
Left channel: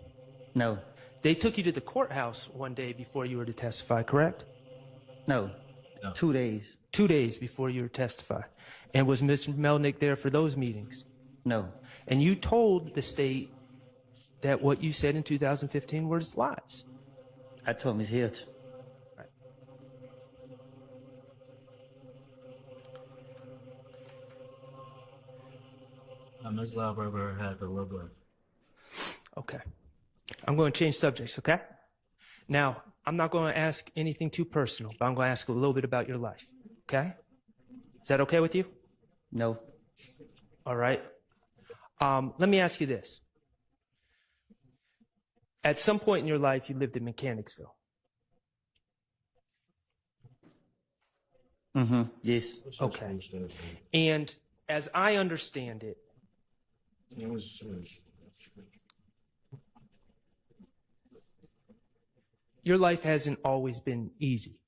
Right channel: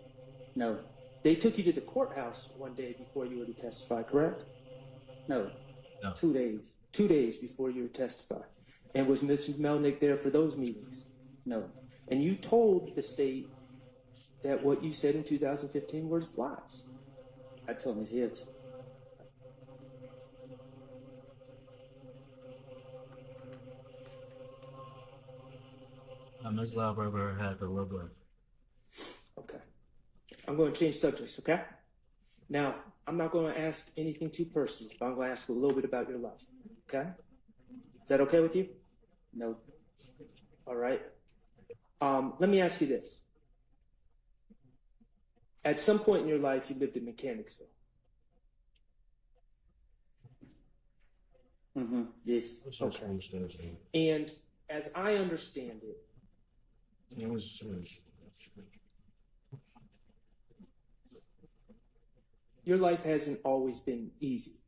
No. They took you to the courthouse one day before you were to testify, correct? No. 2 days. 2 days before you were to testify. And was Mr. Melnick there for those meetings? No. And you told the state that what you said in 2015 was lies. I told Miss Hilton. Ms. Lauberger had the logo. Okay. I'm going to change subjects, okay? Now, I'm not going to ask anything too personal, but I'm going to ask a little bit about your life, okay? Is that okay with you? No. All right. Let me ask you this. At some point in your life, you lived in Mechanicsville. Mm-hmm. Yes. Okay. And as I understand it, your life hasn't always been easy.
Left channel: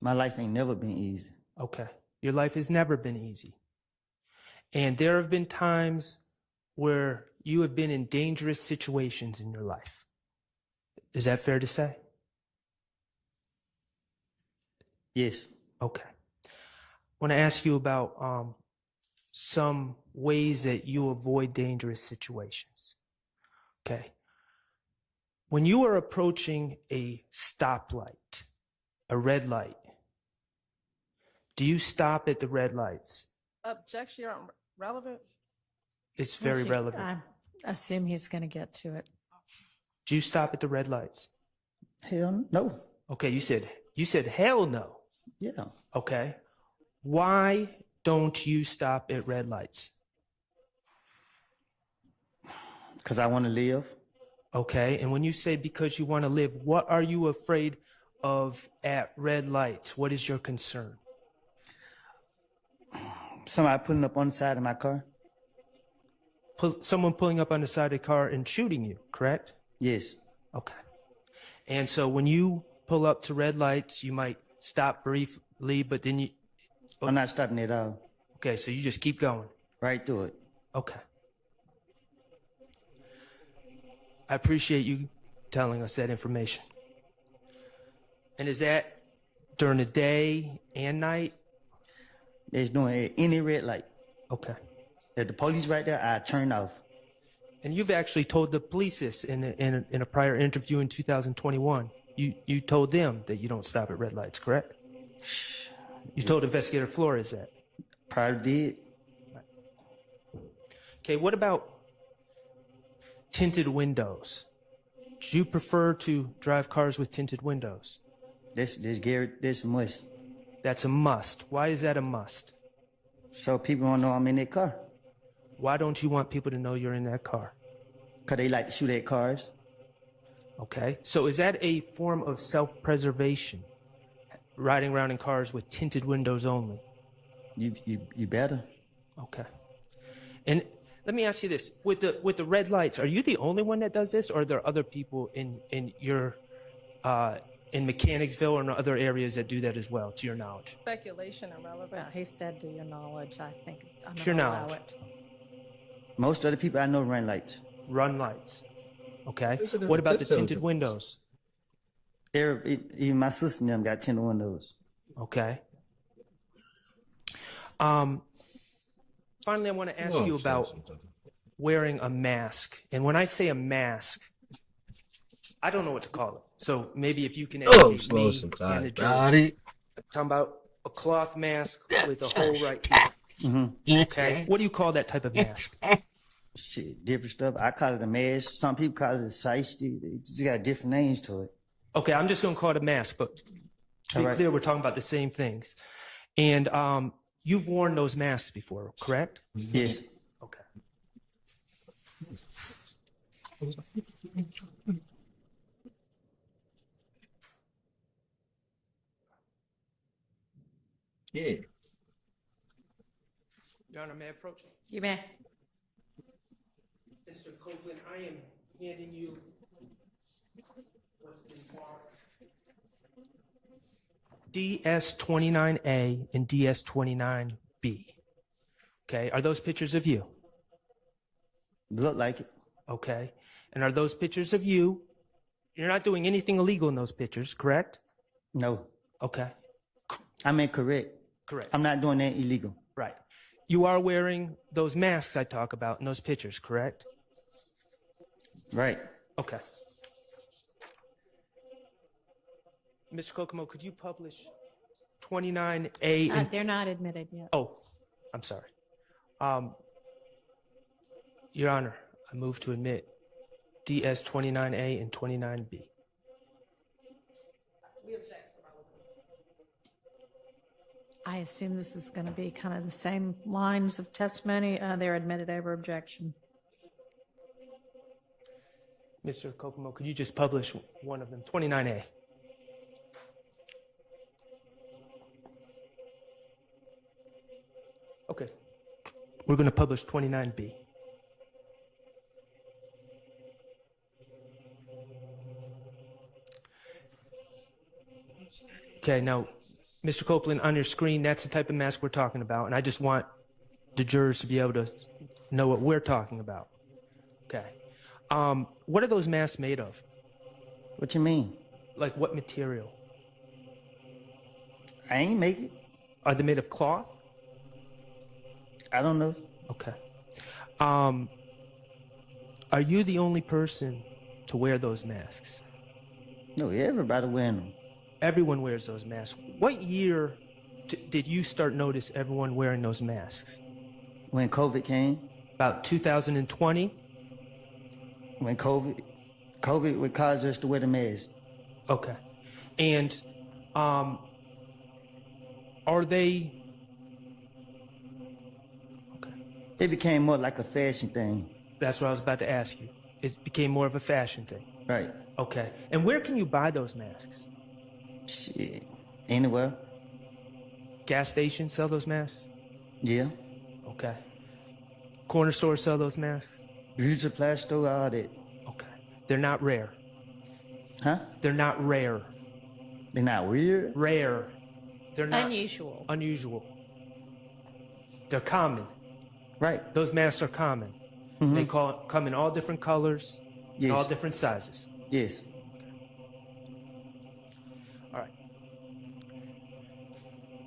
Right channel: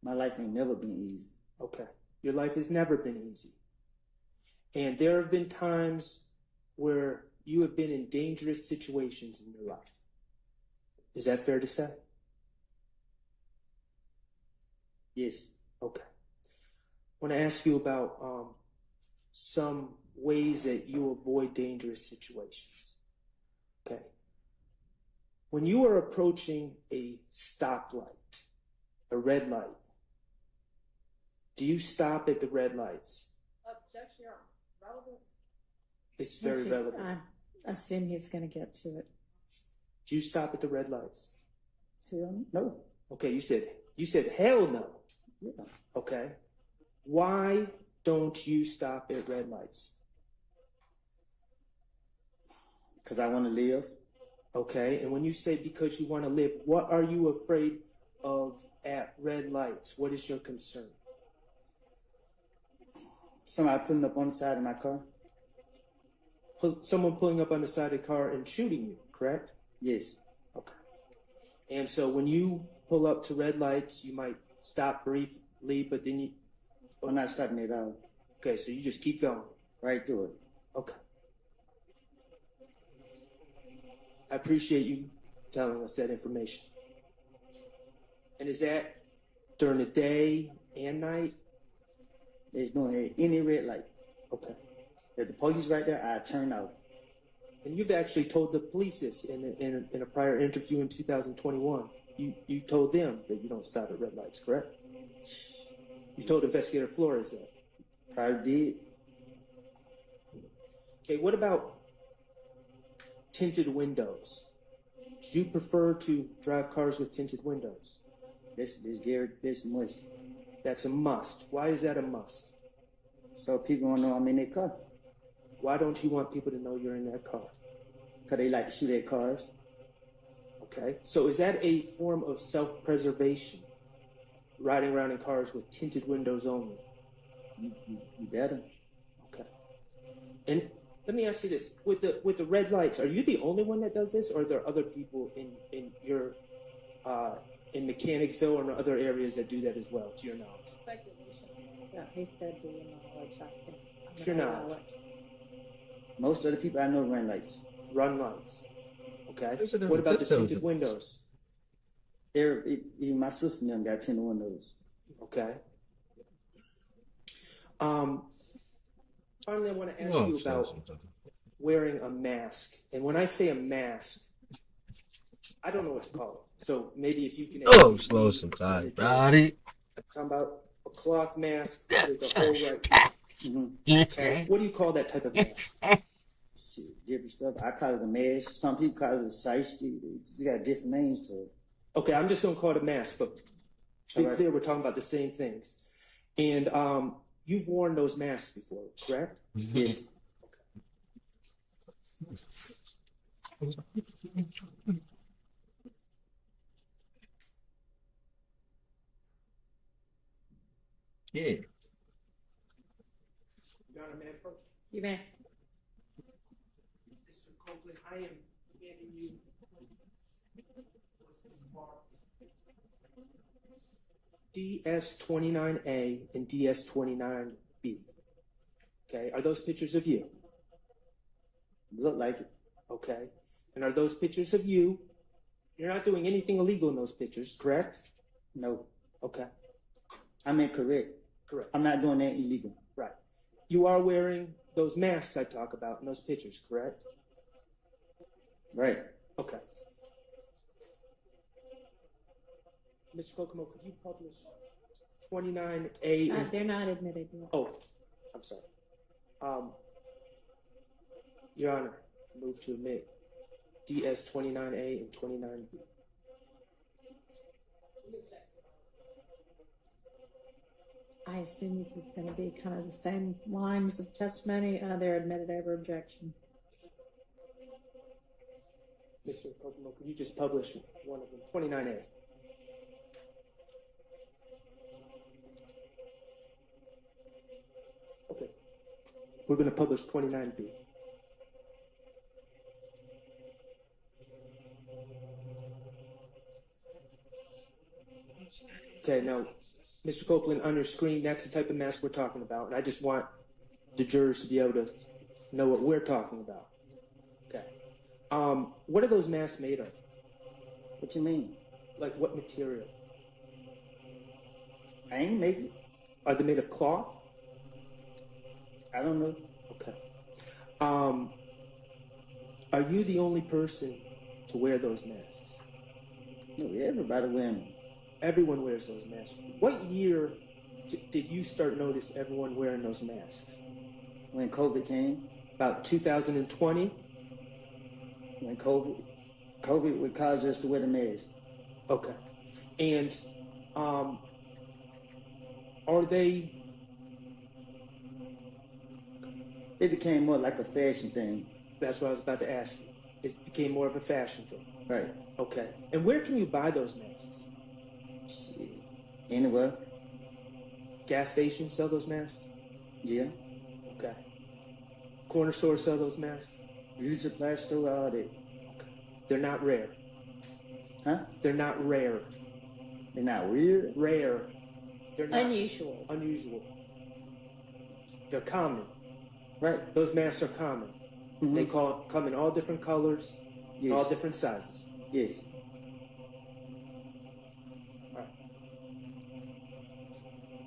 My life ain't never been easy. Okay. Your life has never been easy. And there have been times where you have been in dangerous situations in your life. Is that fair to say? Yes. Okay. I want to ask you about some ways that you avoid dangerous situations. Okay. When you are approaching a stoplight, a red light, do you stop at the red lights? Objection, Your Honor, relevance. It's very relevant. I assume he's going to get to it. Do you stop at the red lights? Hell no. Okay, you said hell no. Yeah. Okay. Why don't you stop at red lights? Because I want to live. Okay, and when you say because you want to live, what are you afraid of at red lights? What is your concern? Somebody pulling up on the side of my car. Someone pulling up on the side of the car and shooting you, correct? Yes. Okay. And so when you pull up to red lights, you might stop briefly, but then you... I'm not stopping at all. Okay, so you just keep going. Right through it. Okay. I appreciate you telling us that information. And is that during the day and night? There's no any red light. Okay. If the police right there, I turn off. And you've actually told the police this in a prior interview in 2021. You told them that you don't stop at red lights, correct? You told Investigator Flores that. Probably did. Okay, what about tinted windows? Do you prefer to drive cars with tinted windows? This Garrett, this must. That's a must. Why is that a must? So people don't know I'm in that car. Why don't you want people to know you're in that car? Because they like to shoot at cars. Okay, so is that a form of self-preservation? riding around in cars with tinted windows only? You better. Okay. And let me ask you this: with the red lights, are you the only one that does this, or are there other people in your in Mechanicsville or in other areas that do that as well, to your knowledge? Speculation irrelevant. Well, he said to your knowledge. I think I'm To your gonna allow knowledge. it. Most of the people I know run lights. Run lights. Okay. Is it a What about the tip tinted cylinder? windows? Even my sister and them got tinted windows. Okay. Finally, I want to ask Whoa, you about wearing a mask. And when I say a mask, I don't know what to call it. So maybe if you can Oh, educate slow me sometimes, and the judge. buddy. Talking about a cloth mask with a hole right here. Mm-hmm. Okay. What do you call that type of mask? Shit, different stuff. I call it a mask. Some people call it a shiesty. They just got different names to it. Okay, I'm just going to call it a mask, but to be All right. clear, we're talking about the same things. And you've worn those masks before, correct? Yes. Yeah. Your Honor, may I approach? You may. Mr. Copeland, I am handing you what's been marked DS29A and DS29B. Okay, are those pictures of you? Look like it. Okay, and are those pictures of you? You're not doing anything illegal in those pictures, correct? No. Okay, I mean, correct. correct. I'm not doing that illegal. Right. You are wearing those masks I talk about in those pictures, correct? Right. Okay. Mr. Kokomo, could you publish 29A and... They're not admitted yet. Oh, I'm sorry. Your Honor, I move to admit DS 29A and 29B. I assume this is going to be kind of the same lines of testimony. They're admitted over objection. Mr. Kokomo, could you just publish one of them? 29A. Okay. We're going to publish 29B. Okay, now, Mr. Copeland, on your screen, that's the type of mask we're talking about, and I just want the jurors to be able to know what we're talking about. Okay. What are those masks made of? What you mean? Like what material? I ain't make it. Are they made of cloth? I don't know. Okay. Are you the only person to wear those masks? No, everybody wearing them. Everyone wears those masks. What year did you start notice everyone wearing those masks? When COVID came. About 2020? When COVID would cause us to wear the mask. Okay. And are they... It became more like a fashion thing. That's what I was about to ask you. It became more of a fashion thing. Right. Okay. And where can you buy those masks? Shit. Anywhere. Gas stations sell those masks? Yeah. Okay. Corner stores sell those masks? Beauty supply store, all that. Okay. They're not rare. Huh? They're not rare. They're not weird? Rare. They're not Unusual. Unusual. They're common. Right. Those masks are common. Mm-hmm. They come in all different colors, Yes. all different sizes. Yes. All right.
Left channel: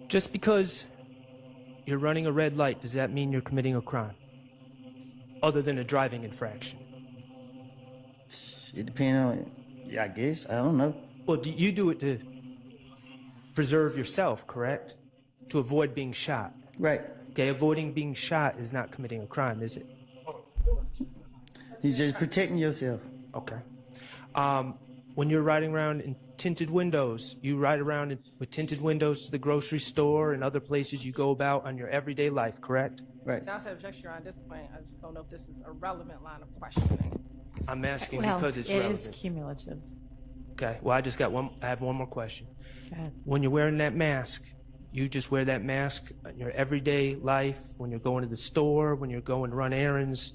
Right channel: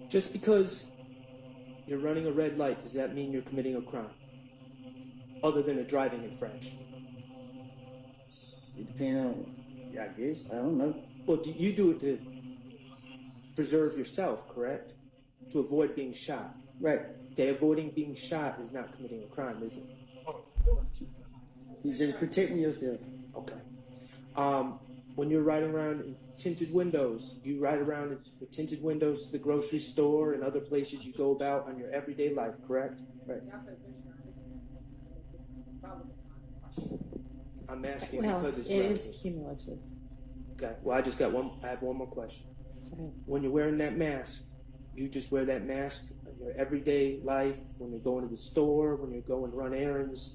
Just because you're running a red light, does that mean you're committing a crime? Other than a driving infraction? It depends on, I guess. I don't know. Well, you do it to preserve yourself, correct? To avoid being shot. Right. Okay, avoiding being shot is not committing a crime, is it? You're just protecting yourself. Okay. When you're riding around in tinted windows, you ride around with tinted windows to the grocery store and other places you go about on your everyday life, correct? Right. Now, I objection on this point. I just don't know if this is a relevant line of questioning. I'm asking Well, because it's it relevant. is cumulative. Okay. Well, I have one more question. When you're wearing that mask, you just wear that mask in your everyday life, when you're going to the store, when you're going to run errands,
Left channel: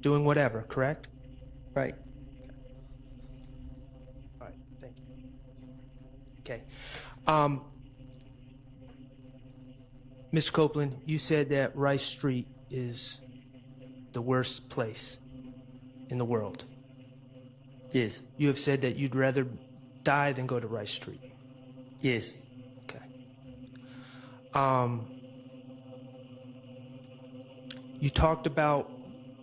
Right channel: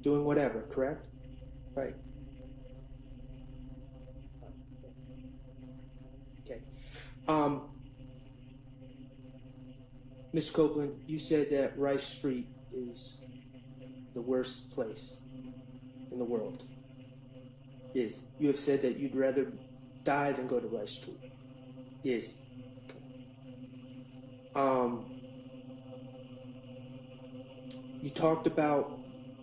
doing whatever, correct? Right. All right, thank you. Okay. Mr. Copeland, you said that Rice Street is the worst place in the world. Yes. You have said that you'd rather die than go to Rice Street. Yes. You talked about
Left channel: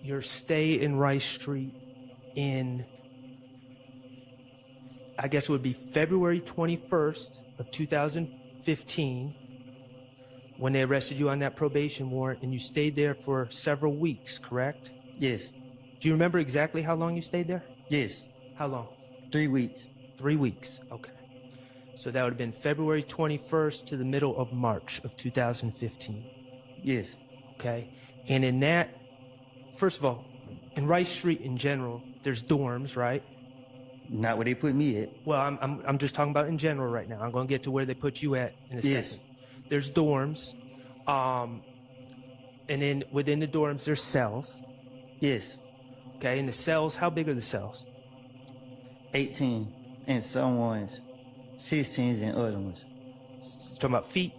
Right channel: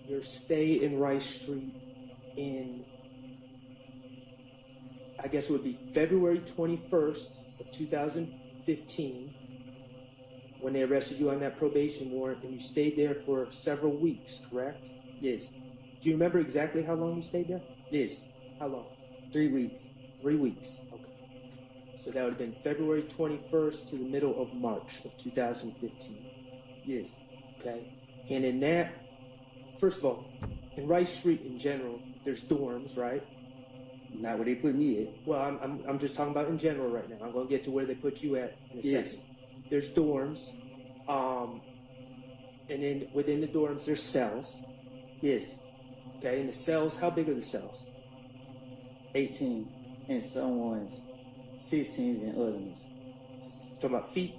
your stay in Rice Street in, I guess it would be February 21st of 2015, when they arrested you on that probation warrant, and you stayed there for several weeks, correct? Yes. Do you remember exactly how long you stayed there? Yes. How long? 3 weeks. 3 weeks, okay. So that would have been February 21st to the middle of March of 2015. Yes. Okay. And in that, first of all, in Rice Street in general, there's dorms, right? Not where they put me at. Well, I'm just talking about in general right now. I'm going to get to where they put you at in a second. There's dorms, and then within the dorms there's cells. Yes. Okay, and the cells, how big are the cells? 18, and some ones 16s and other ones. Talking about feet?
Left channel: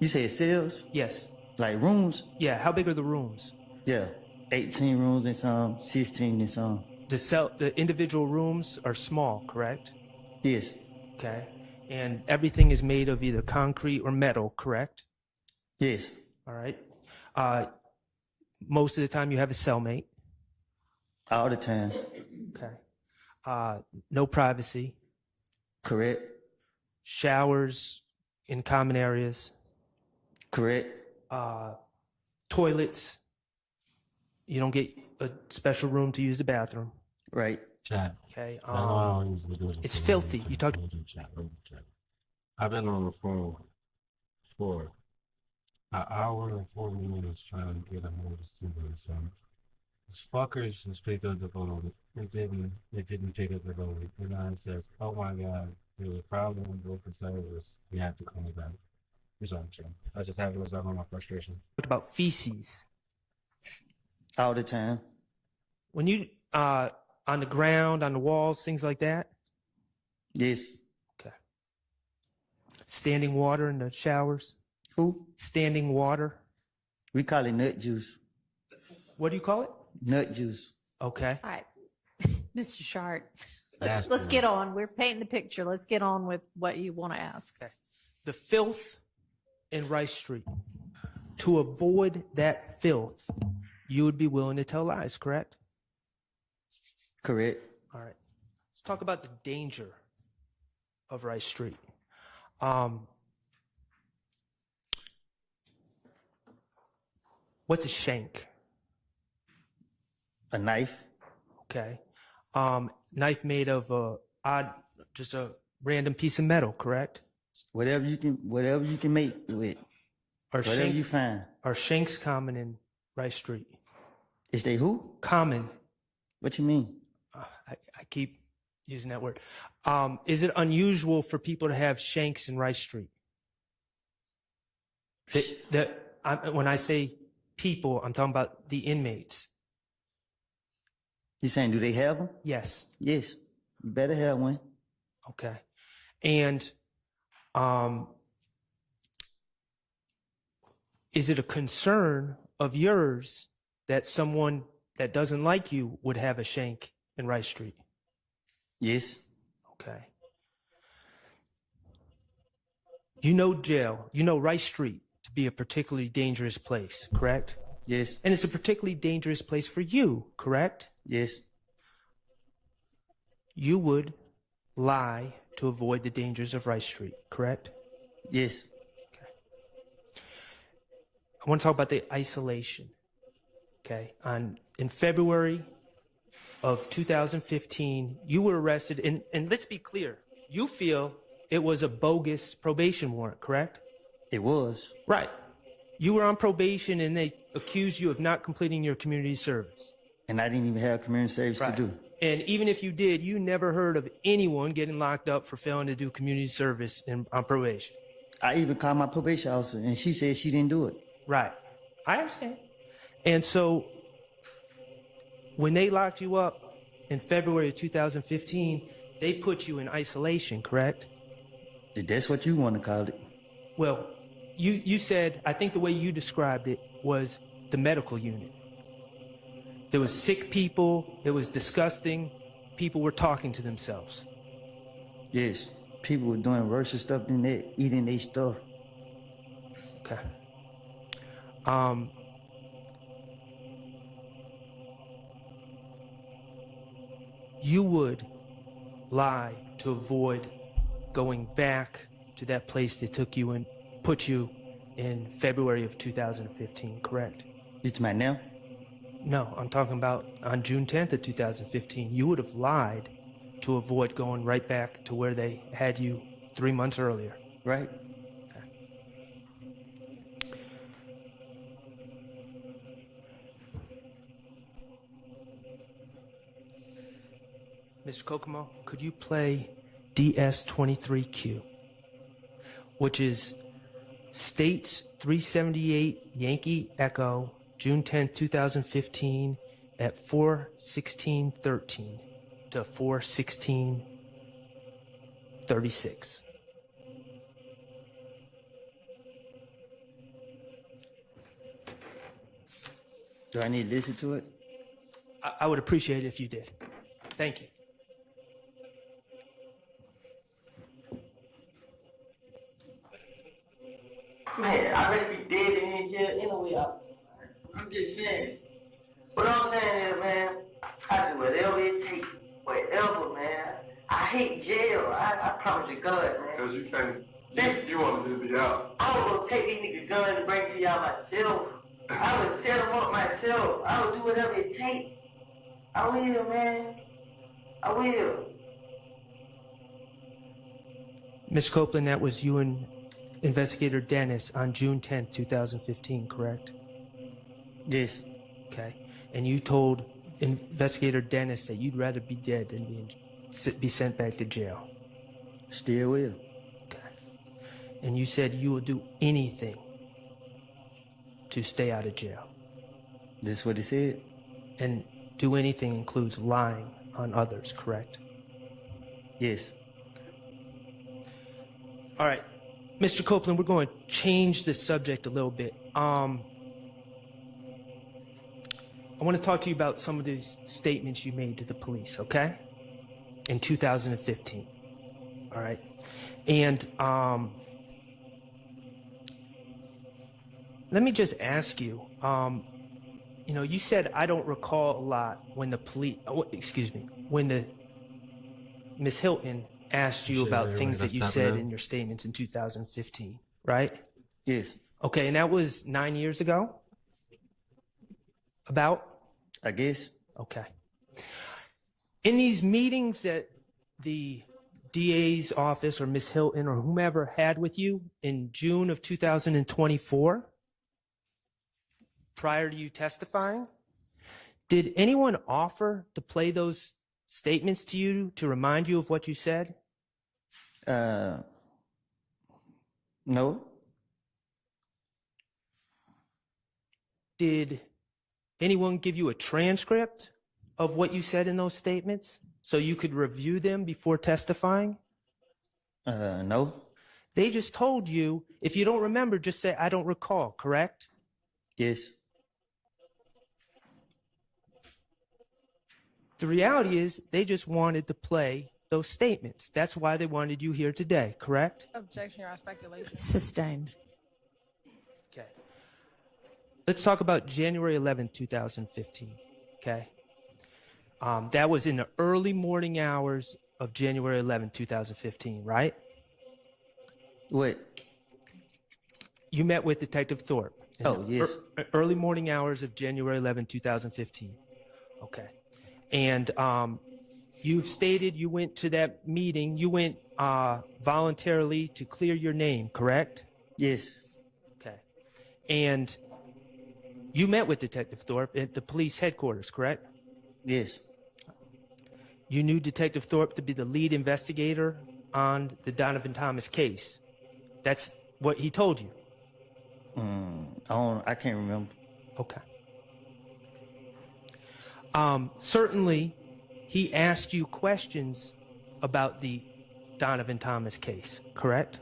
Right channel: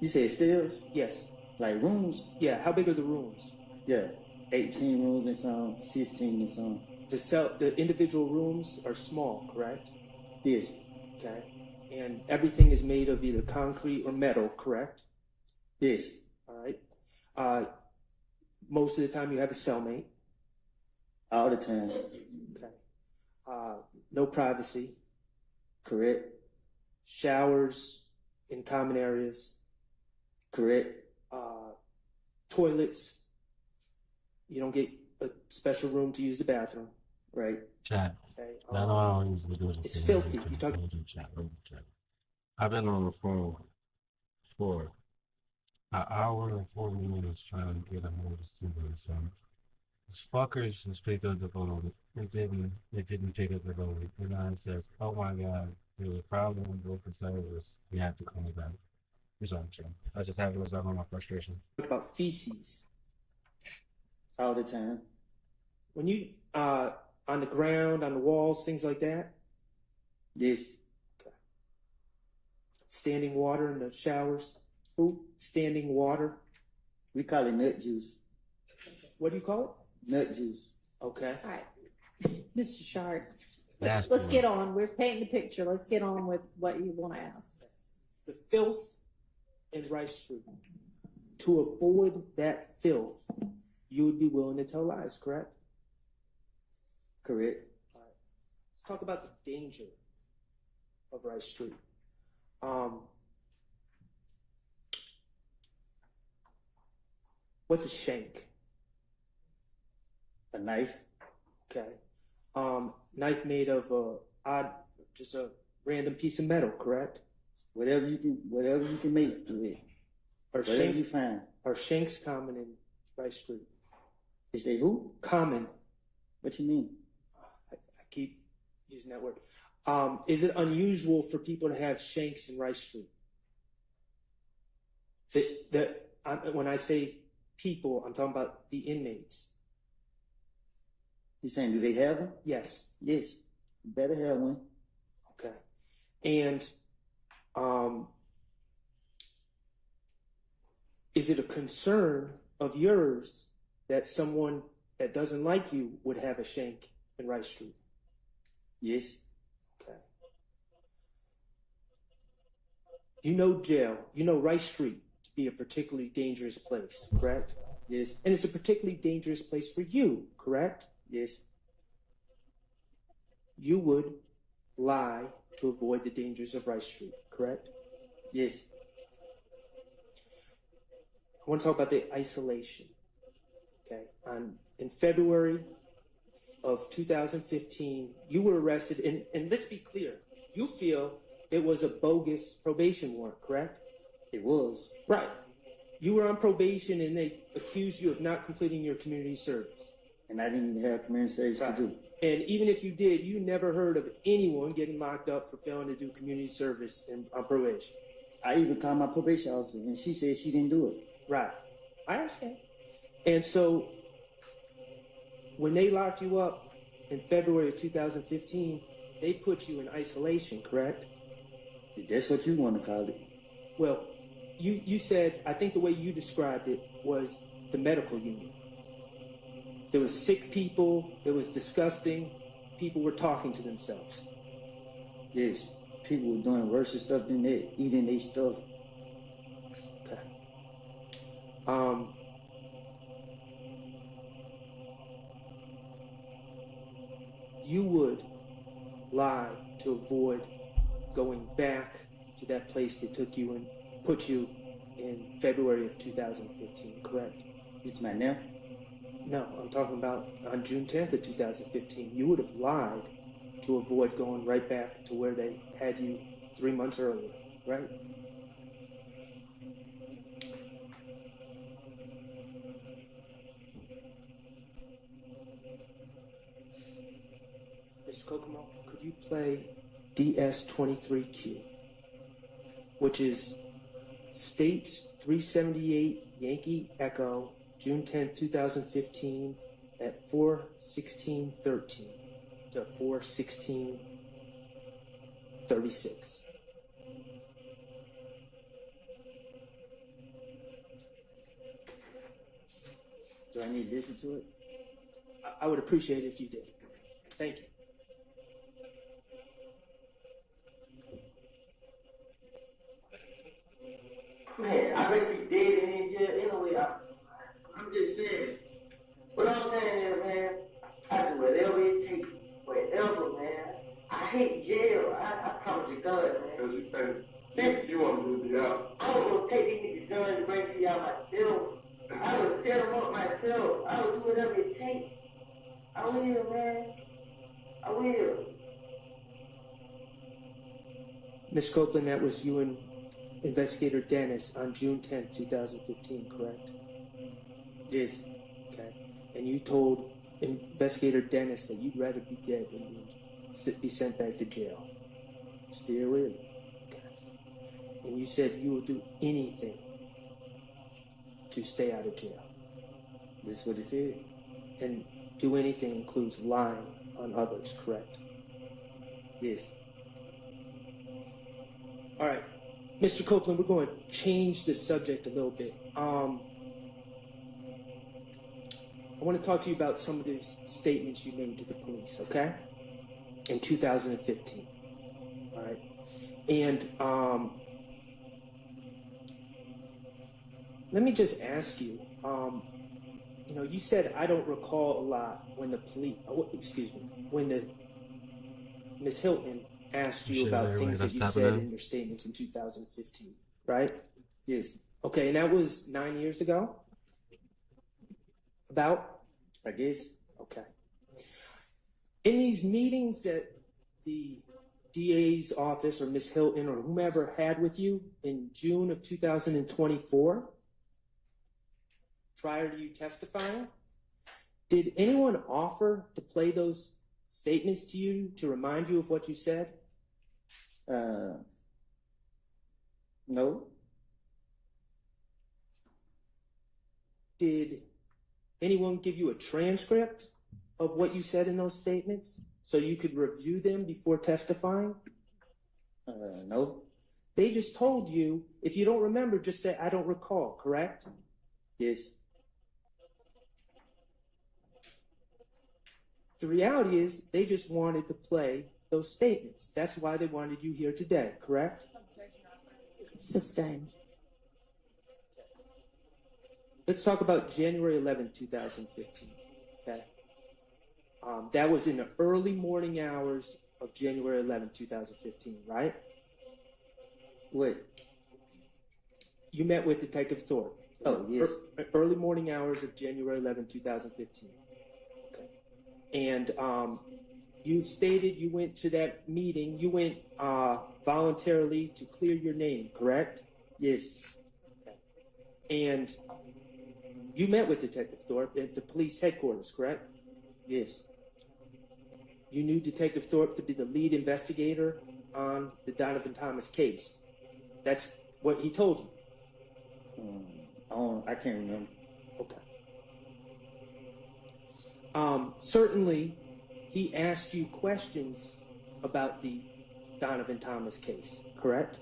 You said cells? Yes. Like rooms? Yeah, how big are the rooms? Yeah, 18 rooms and some, 16 and some. The individual rooms are small, correct? Yes. Okay. And everything is made of either concrete or metal, correct? Yes. All right. Most of the time you have a cellmate. All the time. Okay. No privacy. Correct. Showers in common areas. Correct. Toilets. You don't get a special room to use the bathroom. Right. Chat. Okay. I know I don't usually do this. It's filthy. You talk. Chat. I've been on the phone for an hour and 40 minutes trying to get a hold of Steven. So these fuckers just picked up the phone. It didn't pick up the phone. And now it says, "Oh my God, there's a problem with the service. You have to call me back." I'm sorry, Jim. I just have to resolve my frustration. What about feces? All the time. When you on the ground, on the walls, things like that? Yes. Okay. Standing water in the showers? Who? Standing water. We call it nut juice. What do you call it? Nut juice. Okay. All right. Mr. Shart, That's let's the get on. We're painting the picture. Let's get on with what you want to ask. Okay. The filth in Rice Street. To avoid that filth, you would be willing to tell lies, correct? Correct. All right. Let's talk about the danger of Rice Street. What's a shank? A knife. Okay. Knife made of just a random piece of metal, correct? Whatever you can make with. Whatever you find. Are shanks common in Rice Street? Is they who? Common. What you mean? I keep using that word. Is it unusual for people to have shanks in Rice Street? When I say people, I'm talking about the inmates. You saying, do they have them? Yes. Yes. You better have one. Okay. And is it a concern of yours that someone that doesn't like you would have a shank in Rice Street? Yes. Okay. You know jail, you know Rice Street to be a particularly dangerous place, correct? Yes. And it's a particularly dangerous place for you, correct? Yes. You would lie to avoid the dangers of Rice Street, correct? Yes. I want to talk about the isolation. Okay. In February of 2015, you were arrested, and let's be clear, you feel it was a bogus probation warrant, correct? It was. Right. You were on probation and they accused you of not completing your community service. And I didn't even have community service to do. And even if you did, you never heard of anyone getting locked up for failing to do community service on probation. I even called my probation officer, and she said she didn't do it. Right. I understand. And so when they locked you up in February of 2015, they put you in isolation, correct? That's what you want to call it. Well, you said, I think the way you described it was the medical unit. There was sick people, it was disgusting, people were talking to themselves. Yes, people were doing worse stuff than that, eating their stuff. Okay. You would lie to avoid going back to that place that took you and put you in February of 2015, correct? You talking about now? No, I'm talking about on June 10th of 2015. You would have lied to avoid going right back to where they had you 3 months earlier. Right. Mr. Kokomo, could you play DS23Q, which is States 378 Yankee Echo, June 10th, 2015 at 4:16:13 to 4:16:36. Do I need to listen to it? I would appreciate it if you did. Thank you. Man, I really be dead in jail anyway. I'm just saying. What I'm saying is, man, I do whatever it takes. Whatever, man. I hate jail. I promise you, God, man. Because you think you want to live it out. I'm going to take these niggas' guns and bring to y'all myself. I would set them up myself. I would do whatever it takes. I will, man. I will. Ms. Copeland, that was you and Investigator Dennis on June 10th, 2015, correct? Yes. Okay. And you told Investigator Dennis that you'd rather be dead than be sent back to jail. Still will. Okay. And you said you will do anything to stay out of jail. This is what he said. And do anything includes lying on others, correct? Yes. All right. Mr. Copeland, we're going to change the subject a little bit. I want to talk to you about some of these statements you made to the police, okay? In 2015. All right. And let me just ask you, you know, you said I don't recall a lot when the police, when the Miss Hilton asked you about things that you said in your statements in 2015, right? Yes. Okay, and that was 9 years ago? About? I guess. Okay. In these meetings that the DA's office or Miss Hilton or whomever had with you in June of 2024, prior to you testifying, did anyone offer to play those statements to you to remind you of what you said? No. Did anyone give you a transcript of what you said in those statements so you could review them before testifying? No. They just told you, if you don't remember, just say, I don't recall, correct? Yes. The reality is they just wanted to play those statements. That's why they wanted you here today, correct? Objection or speculation. Sustained. Okay. Let's talk about January 11th, 2015, okay? That was in the early morning hours of January 11th, 2015, right? What? You met with Detective Thorpe. Oh, yes. Early morning hours of January 11th, 2015. Okay. And you've stated you went to that meeting. You went voluntarily to clear your name, correct? Yes. Okay. And you met with Detective Thorpe at the police headquarters, correct? Yes. you knew Detective Thorpe to be the lead investigator on the Donovan Thomas case. That's what he told you. I can't remember. Okay. Certainly, he asked you questions about the Donovan Thomas case, correct?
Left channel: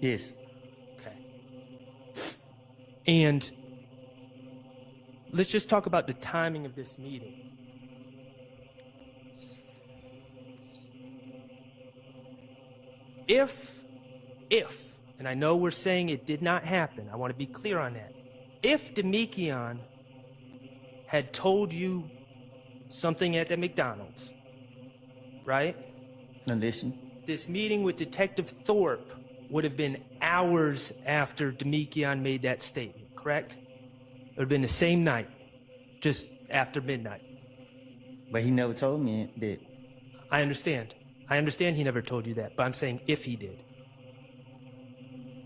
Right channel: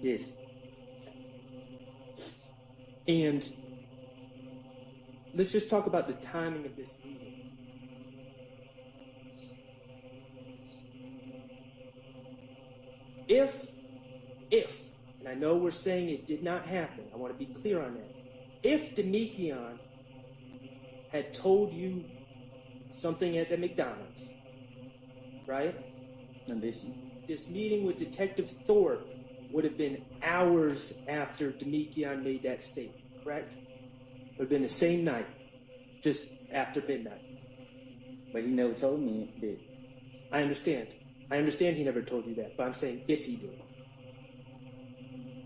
Yes. And let's just talk about the timing of this meeting. If, and I know we're saying it did not happen, I want to be clear on that. If Demekion had told you something at the McDonald's, right? Now listen. This meeting with Detective Thorpe would have been hours after Demekion made that statement, correct? It would have been the same night, just after midnight. But he never told me that. I understand. I understand he never told you that, but I'm saying if he did.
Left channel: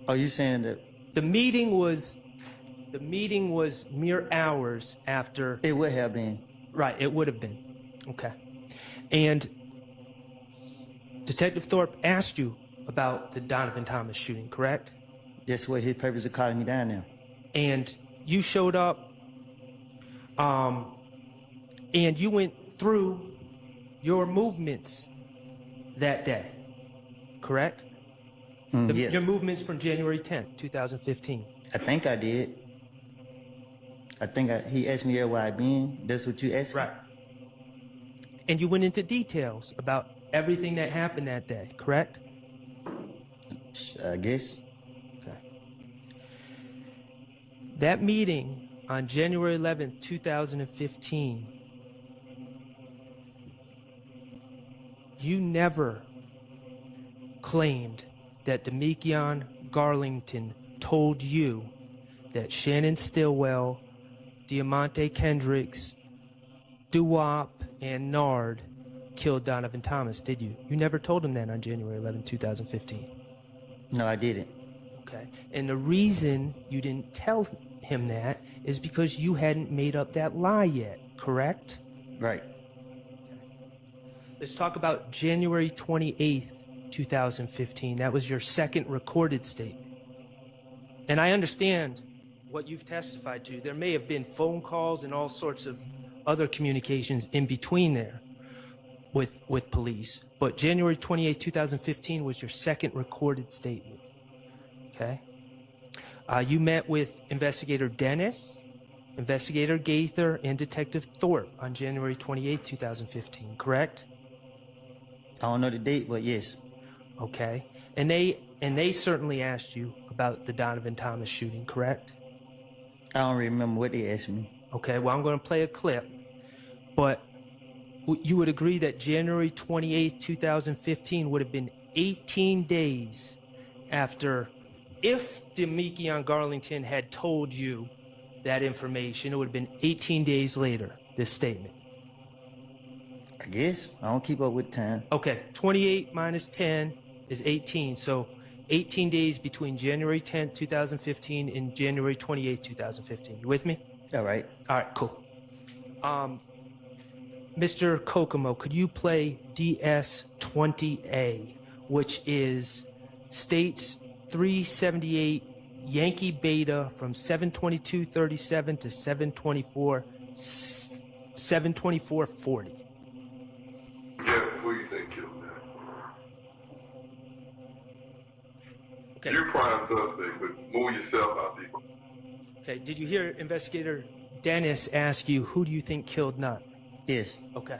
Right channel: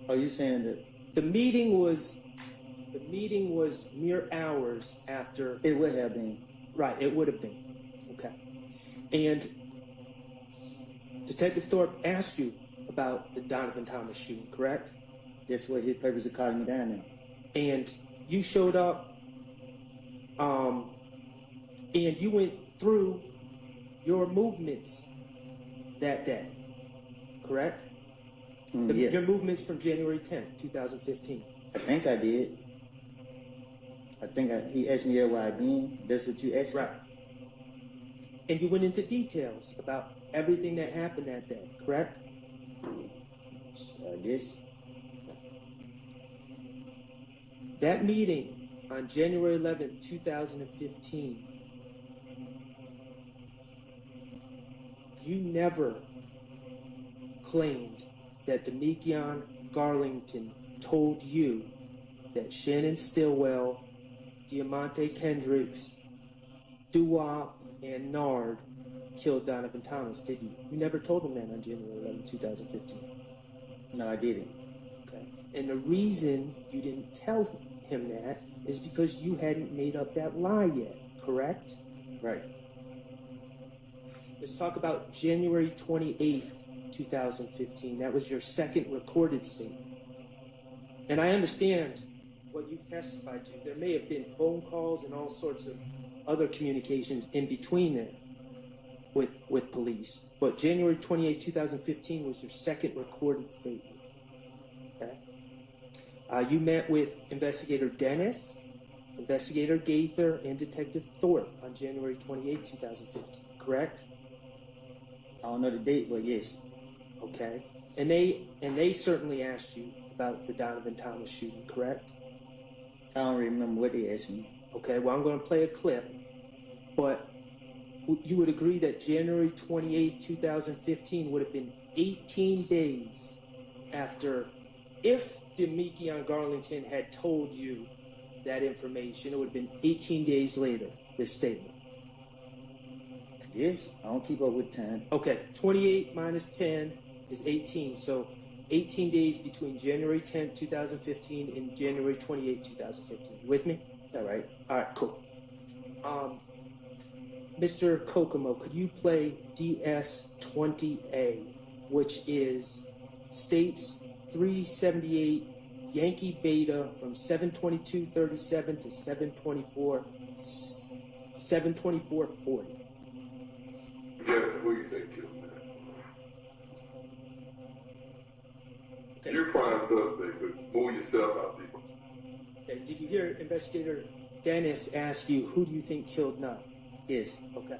Are you saying that? The meeting was mere hours after. It would have been. Right, it would have been. Okay. And Detective Thorpe asked you about the Donovan Thomas shooting, correct? That's what his purpose of calling me down now. And you showed up, and you went through your movements that day, correct? Yes. Your movements from January 10th, 2015. I think I did. He asked me where I been. That's what you asked me? Right. And you went into details about everything that happened that day, correct? I guess. That meeting on January 11th, 2015, you never claimed that Demekion Garlington told you that Shannon Stillwell, Diamante Kendricks, Duwop, and Nard killed Donovan Thomas, did you? You never told him that on January 11, 2015. No, I didn't. Okay. And the reason you didn't tell him that is because you hadn't made up that lie yet, correct? Right. Let's talk about January 28th, 2015. That was your second recorded statement. And I understand what you've testified to. There may have been phone calls and all sorts of other communications in between there with police. But January 28th, 2015 was your second recorded statement. Okay? You met with Investigator Dennis, Investigator Gaither, and Detective Thorpe on January 28th, 2015, correct? I don't know the date, but yes. Okay. And they certainly asked you about the Donovan Thomas shooting, correct? I don't remember what they asked me. Okay, well, I'm going to play a clip. But you would agree that January 28th, 2015 would have been 18 days after, if Demekion Garlington had told you that information, it would have been 18 days later, this statement. I guess. I don't keep up with time. Okay, 28 minus 10 is 18. So 18 days between January 10th, 2015 and January 28th, 2015. You with me? All right. All right, cool. Mr. Kokomo, could you play DS20A, which is States 378 Yankee Beta from 72237 to 72440. Who you think killed that? Okay. You're prime suspect, but move yourself out, people. Okay, did you hear Investigator Dennis ask you, who do you think killed Nut? Yes. Okay.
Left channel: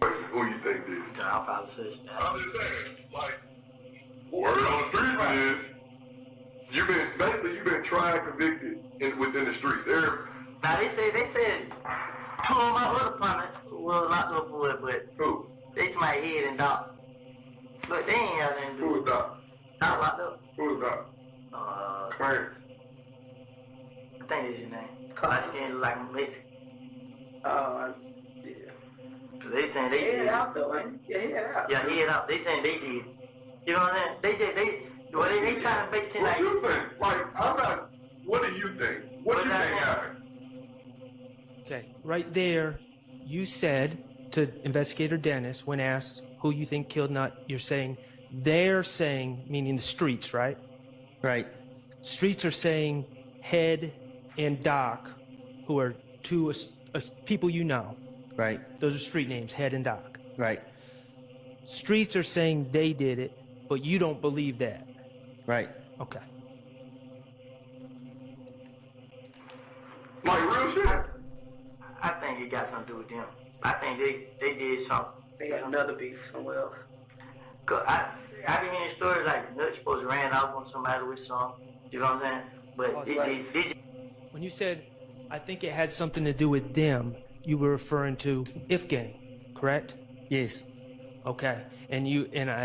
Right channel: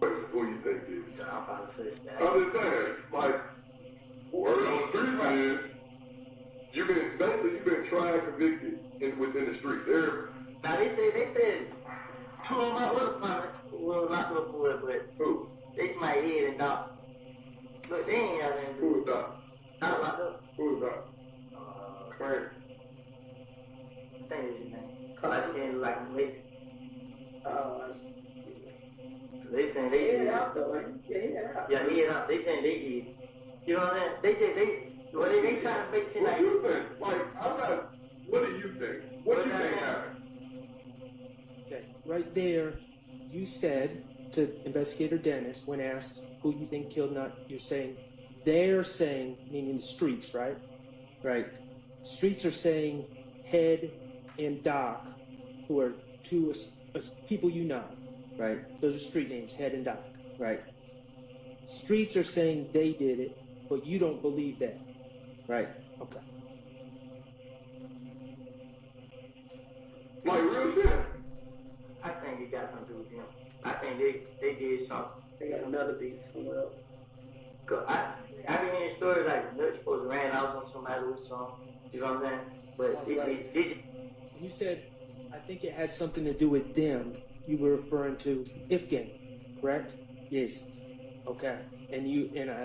Who you think did? I'll probably say that. I'm just saying, like, word on the street is, you've been tried, convicted within the street. Now they said two of my other partners will not go for it, but who? they my head and Doc. But they ain't have anything to do. Who was Doc? Doc locked up. Who was Doc? Clarence. I think that's his name. Cause I didn't like him later. Yeah. So they saying they did. Out though, right? Yeah, he had out. Yeah, he had out. They saying they did. You know what I'm saying? They trying to make it What like. you think? Like, I'm not. What do you think? What do you think happened? right there, you said to Investigator Dennis, when asked who you think killed Nut, you're saying, they're saying, meaning the streets, right? Right. Streets are saying Head and Doc, who are two people you know. Right. Those are street names, Head and Doc. Right. Streets are saying they did it, but you don't believe that. Right. Okay. Like real shit. I think it got something to do with them. I think they did something. They got another beef somewhere else. Cause I been hearing stories like Nut's supposed to ran off on somebody with something. You know what I'm saying? But When you said, I think it had something to do with them, you were referring to If Gang, correct? Yes. Okay. And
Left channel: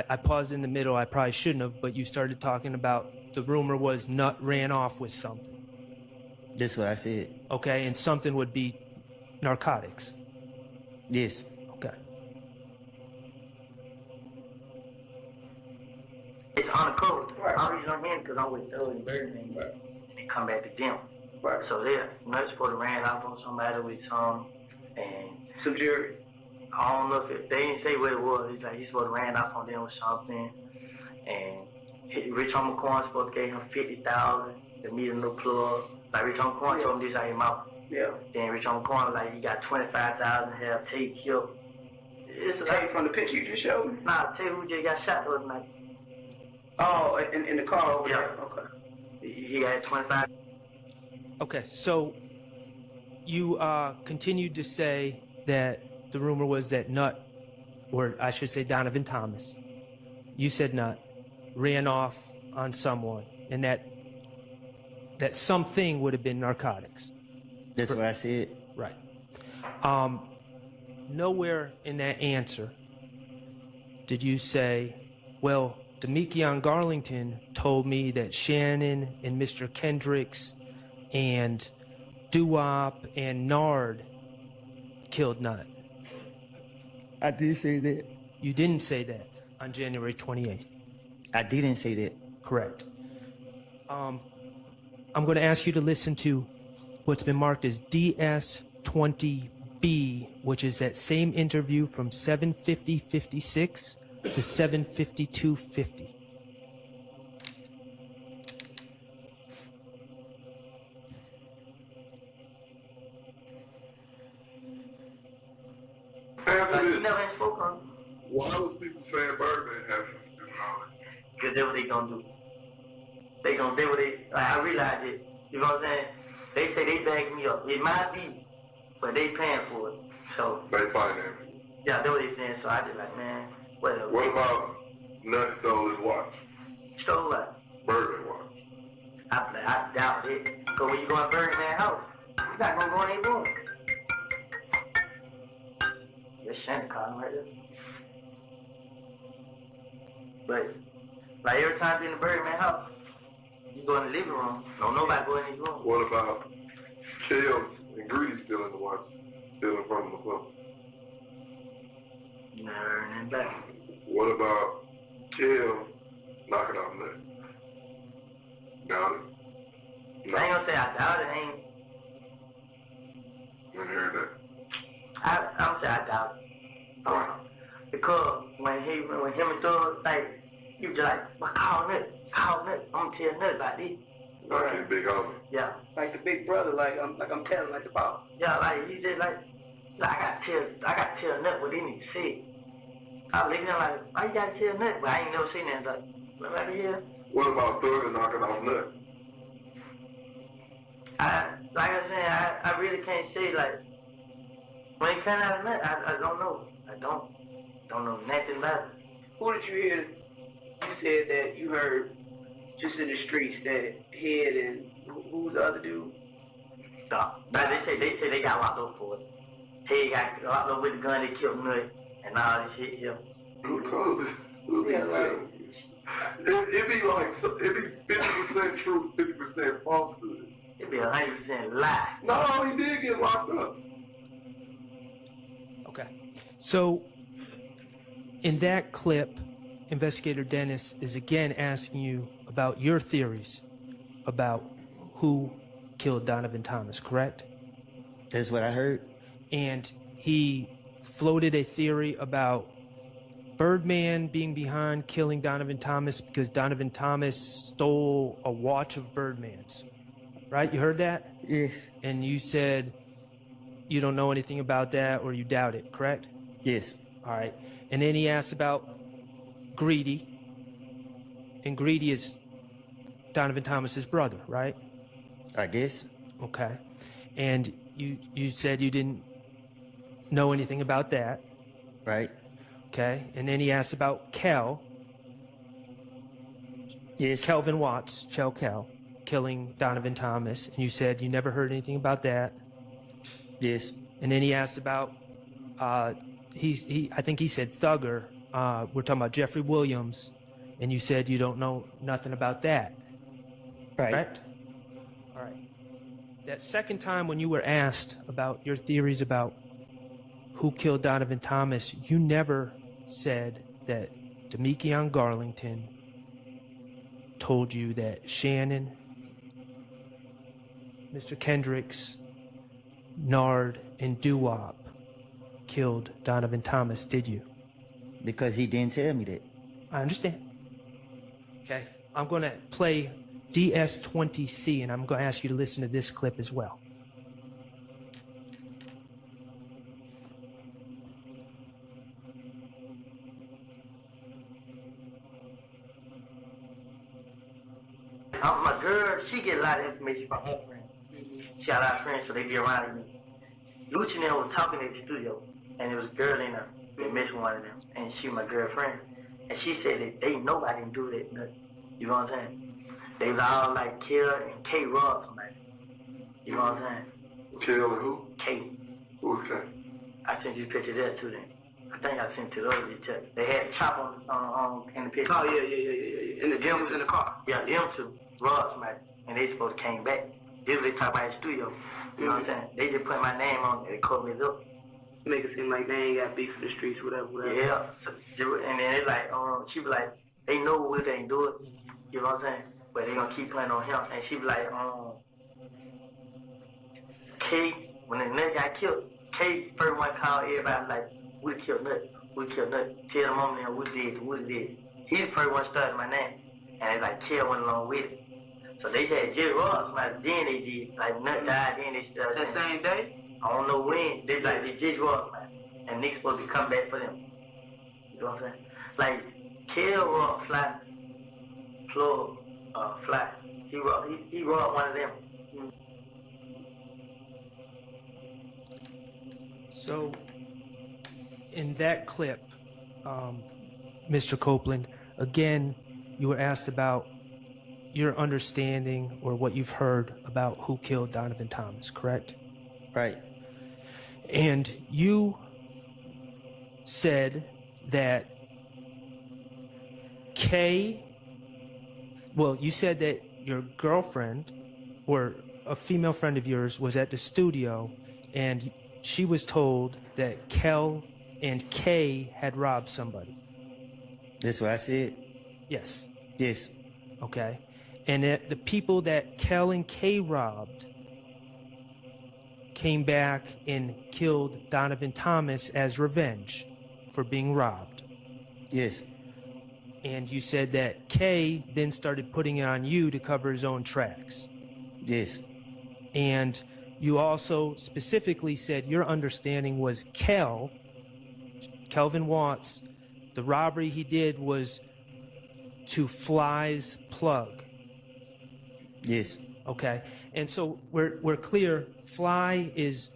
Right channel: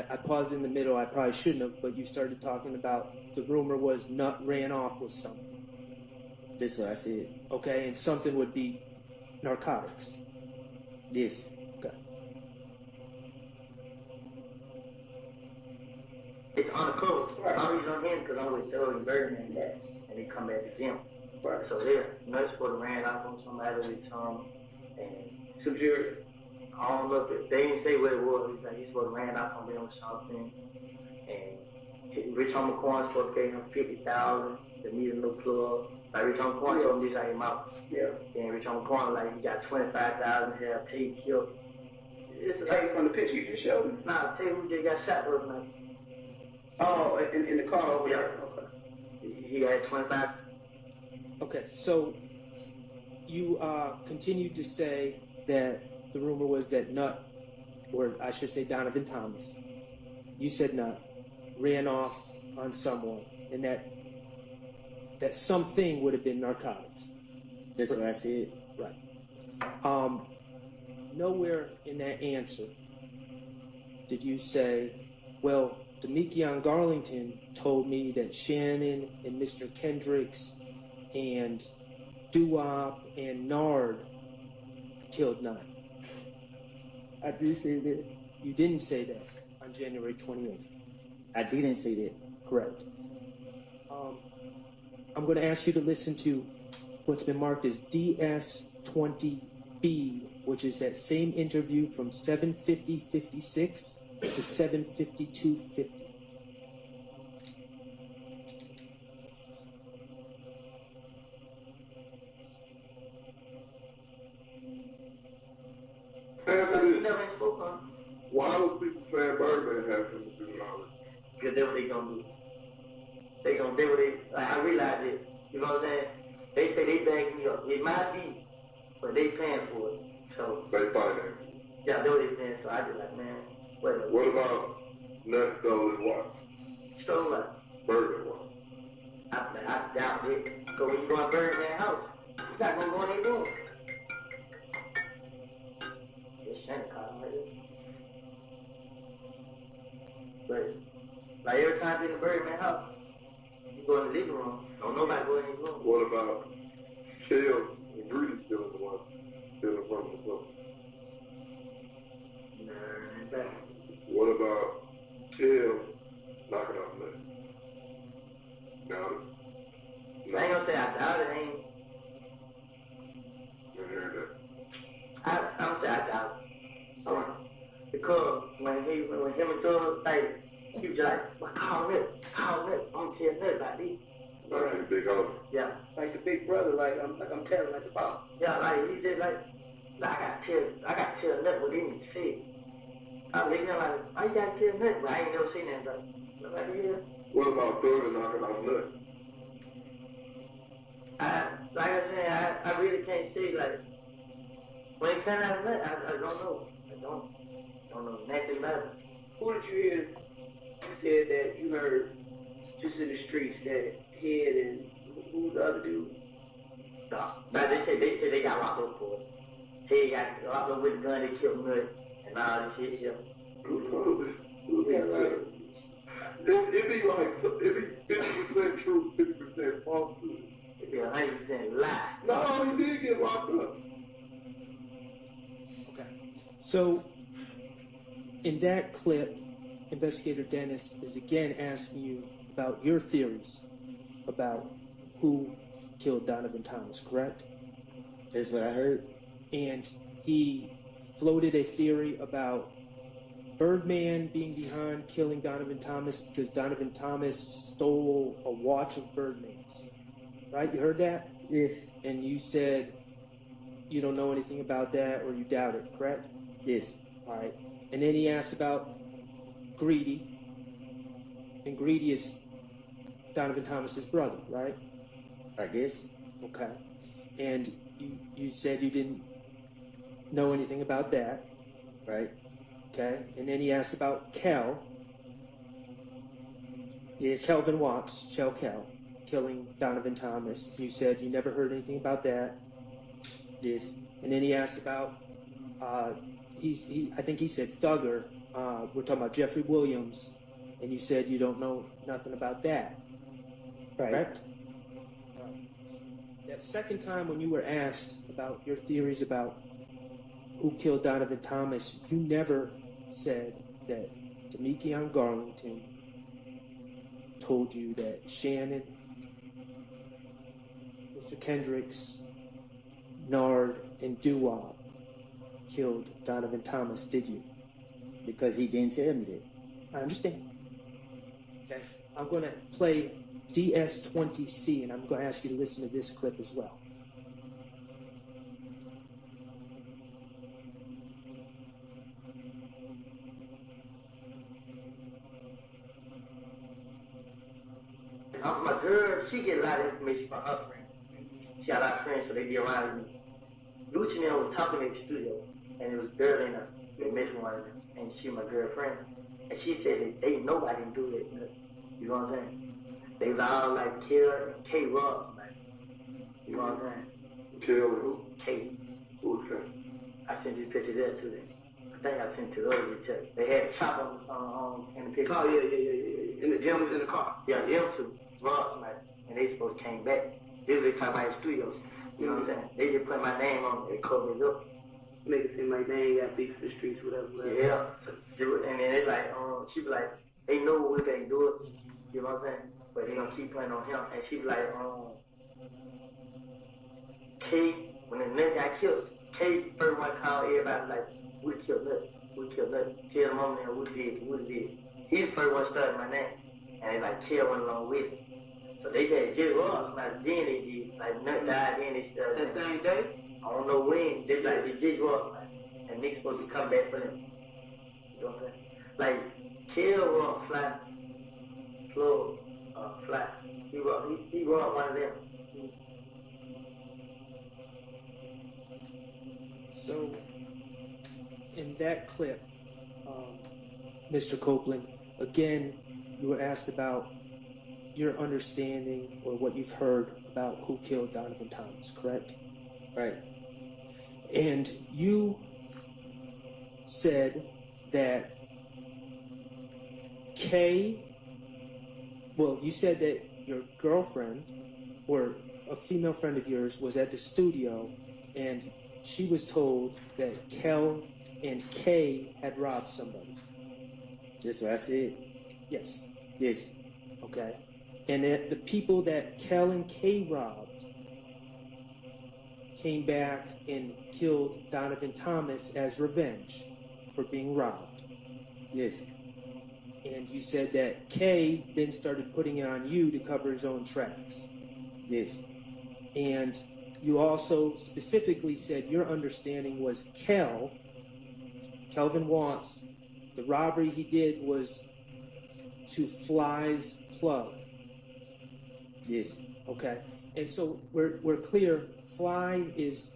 I paused in the middle. I probably shouldn't have, but you started talking about the rumor was Nut ran off with something. That's what I said. Okay, and something would be narcotics. Yes. Okay. It's undercover. Right. I'm reason I'm here because I'm with Doug and Birdman, right? And he come back to them. Right. So Nut's supposed to ran off on somebody with some and some jury. I don't know if they didn't say what it was. He's like he's supposed to ran off on them with something. And Rich Homie Corn supposed to give him $50,000 to meet a new plug. Like Rich Homie Corn told him this out his mouth. Yeah. Then Rich Homie Corn like you got $25,000 to have Tate killed. It's like from the picture you just showed. Nah, Tate who just got shot the other night. Oh, in the car over there. Okay. He got 25. Okay, so you continued to say that the rumor was that Nut, or I should say Donovan Thomas, you said Nut, ran off on someone, and that something would have been narcotics. That's what I said. Right. Nowhere in that answer did you say, well, Demekion Garlington told me that Shannon and Mr. Kendricks and Doo-Wop and Nard killed Nut. I did say that. You didn't say that on January 28th. I didn't say that. Correct. I'm going to ask you to listen to what's been marked as DS20B, which is that same interview from 7:50:56 to 7:52:50. Why was people saying Birdman have something to do with all this? Because that's what they gonna do. They gonna do what they, like, I realize it. You know what I'm saying? They say they back me up. It might be, but they paying for it. So. They finance. Yeah, that's what they saying. So I just like, man, whatever. What about Nut stole his watch? Stole what? Birdman watch. I doubt it. Because when you go in Birdman's house, you're not gonna go in their room. That's Santa Claus right there. But, like every time you in the Birdman house, you go in the living room, don't nobody go in his room. What about Shells and Grease stealing the watch, stealing from the club? Never and back. What about Shells knocking off Nut? Doubt it? No. I ain't gonna say I doubt it, ain't. I heard that. I'm gonna say I doubt it. Because when him and Doug, like, he was just like, well, call Nut. I'm gonna tell Nut about this. Like his big homie. Yeah. Like the big brother, like I'm telling like the boss. Yeah, like he said like I gotta tell Nut what he need to say. I was looking at him like, why you gotta tell Nut? But I ain't never seen that like yeah. What about Thug knocking off Nut? Like I said, I really can't say like when it came out of Nut, I don't know. I don't know nothing about it. Who did you hear? You said that you heard just in the streets that Head and who was the other dude? No, they say they got locked up for it. Head got locked up with the gun. They killed Nut and all this shit. Yeah. Yeah, like it'd be like 50% truth, 50% falsehood. It'd be 100% lie. No, he did get locked up. Okay. So, in that clip, Investigator Dennis is again asking you about your theories about who killed Donovan Thomas, correct? That's what I heard. and he floated a theory about Birdman being behind killing Donovan Thomas because Donovan Thomas stole a watch of Birdman's. Right? You heard that? Yes. And you said you don't know anything about that or you doubt it, correct? Yes. All right. And then he asked about Greedy. And Greedy is Donovan Thomas's brother, right? I guess. Okay. And you said you didn't know anything about that. Right. Okay. And then he asked about Kel. Yes. Kelvin Watts, Kel, killing Donovan Thomas. And you said you never heard anything about that. Yes. And then he asked about, I think he said Thugger. We're talking about Jeffrey Williams. And you said you don't know nothing about that. Right. Correct? All right. That second time when you were asked about your theories about who killed Donovan Thomas, you never said that Demekion Garlington told you that Shannon, Mr. Kendricks, Nard, and Doo-Wop killed Donovan Thomas, did you? Because he didn't tell me that. I understand. Okay, I'm going to play DS20C, and I'm going to ask you to listen to this clip as well. My girl, she get a lot of information from her friends. She got a lot of friends, so they be around me. Lucci and them was talking at the studio, and there was a girl in there, been messing with one of them, and she was my girlfriend. And she said that they know I didn't do that. You know what I'm saying? They was all like Kill and K Ross, man. You know what I'm saying? Kill and who? K. Who's K? I sent you a picture of that to them. I think I sent it to the other picture. They had a chopper in the picture. Oh, yeah. And the gym was in the car. Yeah, them two. Ross, man. And they supposed to came back. This was they talk about in the studio. You know what I'm saying? They just put my name on it. They called me up. Make it seem like they ain't got beef for the streets, whatever. Yeah. So, and then they like, she be like, they know what they do it. You know what I'm saying? But they gonna keep playing on him. And she be like, K, when the nigga got killed, K first one called everybody like, we killed nothing. Tell the mom now we did. He the first one started my name. And they like, Kill went along with it. So they had Jerry Ross, like, then they did. Like, Nut died, then they started. That same day? I don't know when. They like, they Jerry Ross, man. And niggas supposed to come back for them. You know what I'm saying? Like, Kill Rock Fly. Plug, Fly. He robbed one of them. So, in that clip, Mr. Copeland, again, you were asked about your understanding or what you've heard about who killed Donovan Thomas, correct? Right. And you said that you said that your girlfriend or a female friend of yours was at the studio and she was told that Kel and Kay had robbed somebody. That's what I said? Yes. Yes. Okay. And the people that Kel and Kay robbed came back and killed Donovan Thomas as revenge for being robbed. Yes. And you said that Kay then started putting it on you to cover his own tracks. Yes. And you also specifically said your understanding was Kelvin Watts, the robbery he did was to Fly's plug. Yes. Okay. And so we're clear, Fly is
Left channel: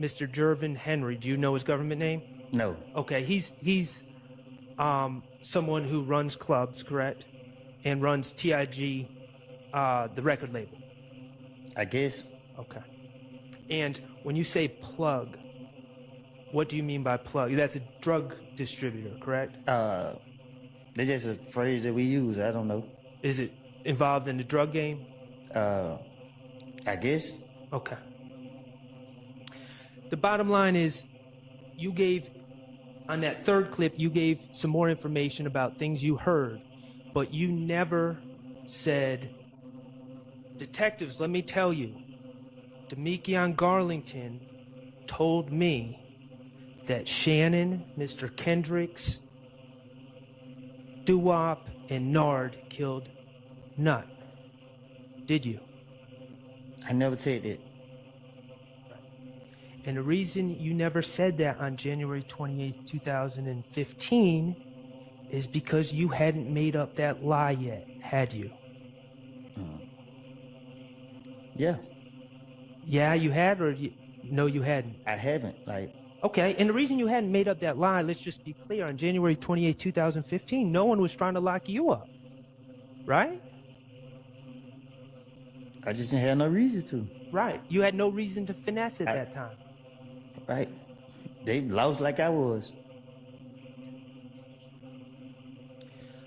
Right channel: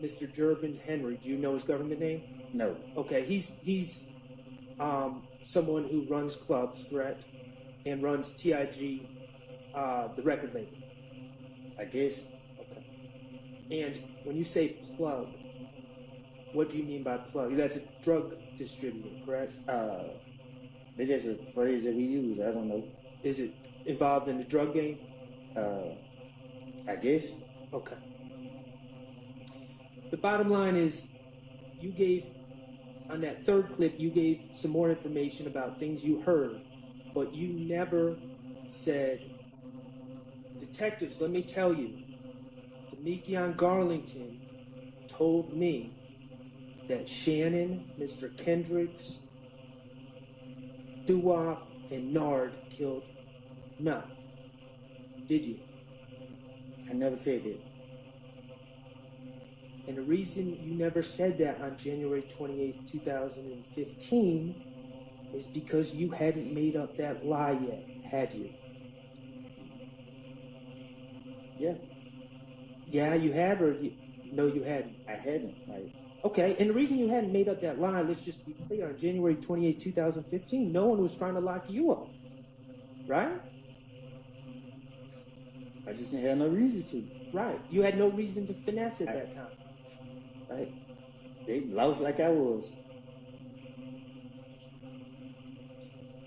Mr. Jervin Henry. Do you know his government name? No. Okay, he's someone who runs clubs, correct? And runs TIG, the record label. I guess. Okay. And when you say plug, what do you mean by plug? That's a drug distributor, correct? That's just a phrase that we use. I don't know. Is it involved in the drug game? I guess. Okay. The bottom line is, you gave, on that third clip, you gave some more information about things you heard, but you never said, detectives, let me tell you, Demekion Garlington told me that Shannon, Mr. Kendricks, Doo-Wop, and Nard killed Nut. Did you? I never said that. And the reason you never said that on January 28th, 2015 is because you hadn't made up that lie yet, had you? Yeah. Yeah, you had, or no, you hadn't? I haven't. Okay, and the reason you hadn't made up that lie, let's just be clear, on January 28th, 2015, no one was trying to lock you up, right? I just didn't have no reason to. Right. You had no reason to finesse at that time. Right. They lost like I was.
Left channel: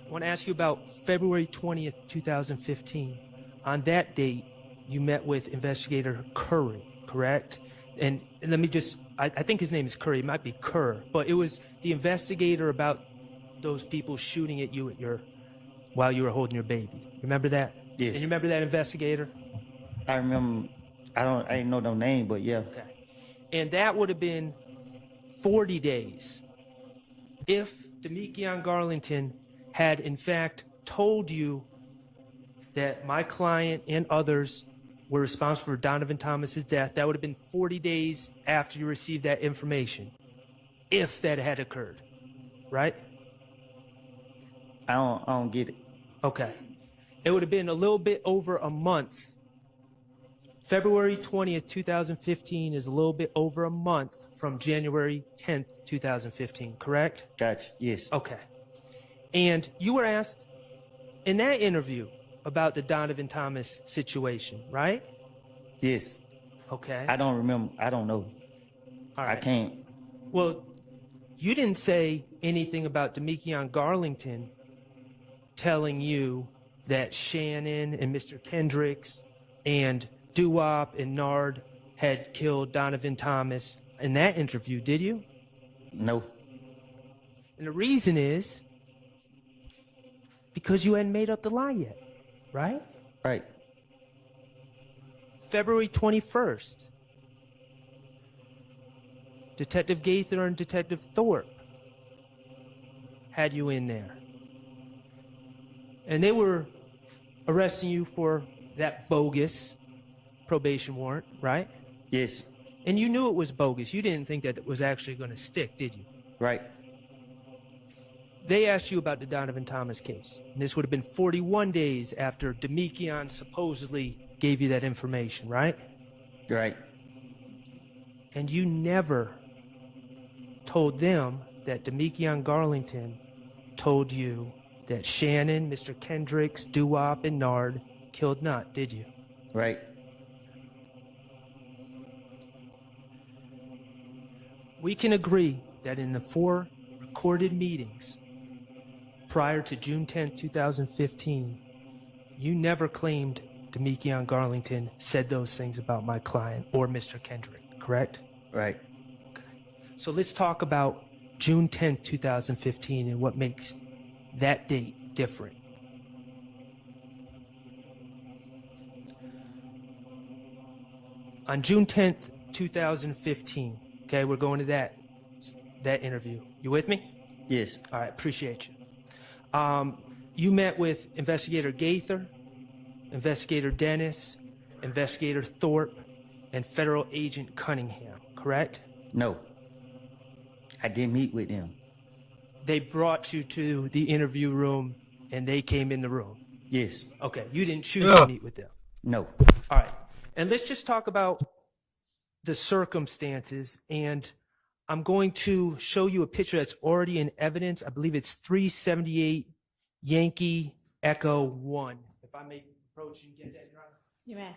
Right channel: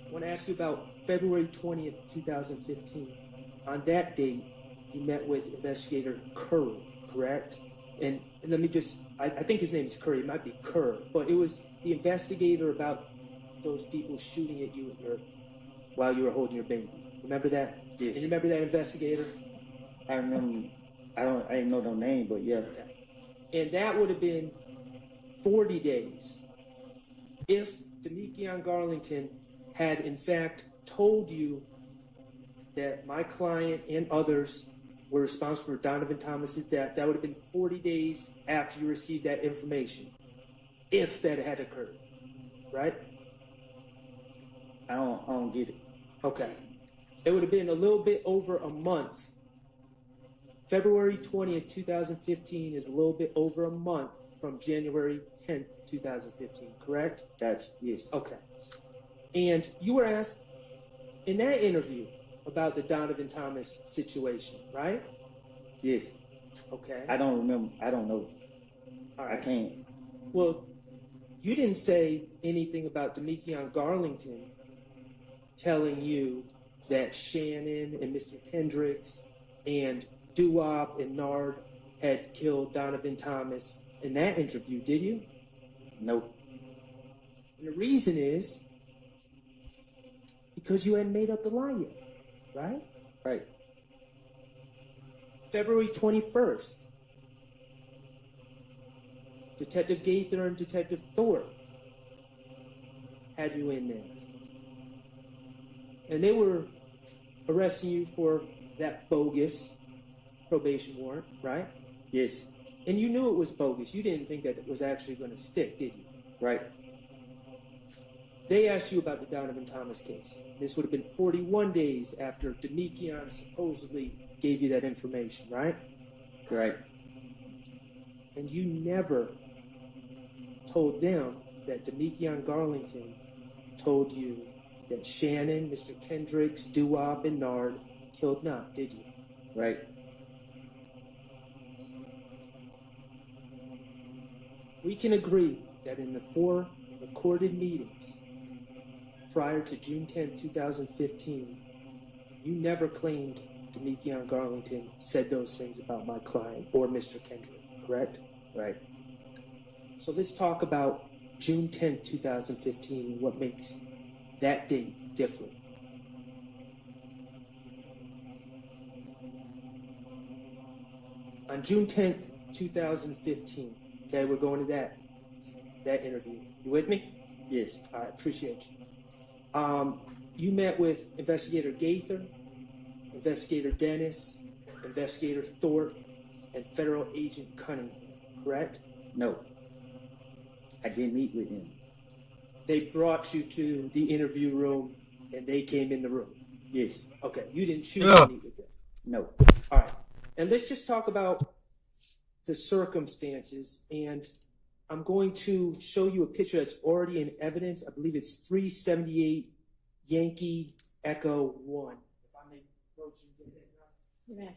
I want to ask you about February 20th, 2015. On that date, you met with Investigator Curry, correct? And let me just, I think his name is Curry, it might be Kerr, but it was the investigator about those people shooting at you while you were holding your baby. Remember that? Yes. And you remember that investigator? I remember, I didn't know no name, but yeah. Okay. And that would have been 40 days if Demekion Garlington had in fact told you that my client and others were responsible for Donovan Thomas's death. That would have been 40 days after you received that information, if that had occurred, right? I don't get it. Okay. It would have been a little bit over a month. February 20th, 2015 is a little bit over a month from January 10th, 2015, correct? Gotcha, yes. Okay. And you were asked in that interview about the Donovan Thomas situation, right? Yes. Okay. I don't remember. I don't know. All right. I can't. Well, you didn't say anything about Demekion Garlington telling you that Shannon and Mr. Kendricks and Doo-Wop and Nard had killed Donovan Thomas in that interview, did you? No. And the reason is because you hadn't made up the lie yet, right? Right. February 21st, Detective Gaither and Detective Thorpe had you in there. And they were arresting you for that bogus probation warrant, right? Yes. And you knew it was bogus. You didn't think that it was actually going to stick, did you? Right. They asked you about the Donovan Thomas case. And this would have been 41 days after Demekion supposedly gave you that information, right? Right. And you never told them that Demekion Garlington told you that Shannon, Mr. Kendricks, Doo-Wop, and Nard killed Nut, did you? Right. We can agree that in the 4 recorded meetings prior to June 10, 2015, you never claimed Demekion Garlington said those things about my client or Mr. Kendrick, correct? Right. Okay. So let's talk about June 10, 2015 and what makes that date different. On June 10th, 2015, okay, we're going to that interview. You with me? Yes. All right, appreciate you. You met with Investigator Gaither, Investigator Dennis, Investigator Thorpe, and Federal Agent Cunningham, correct? No. I didn't meet with them. They brought you to the interview room, and they came in the room? Yes. Okay, you didn't choose to meet with them? No. All right, and let's just talk about the circumstances, and I'm going to show you a picture that's already in evidence. I believe it's 378 Yankee Echo 1. If I may approach and get that, Your Honor. You may.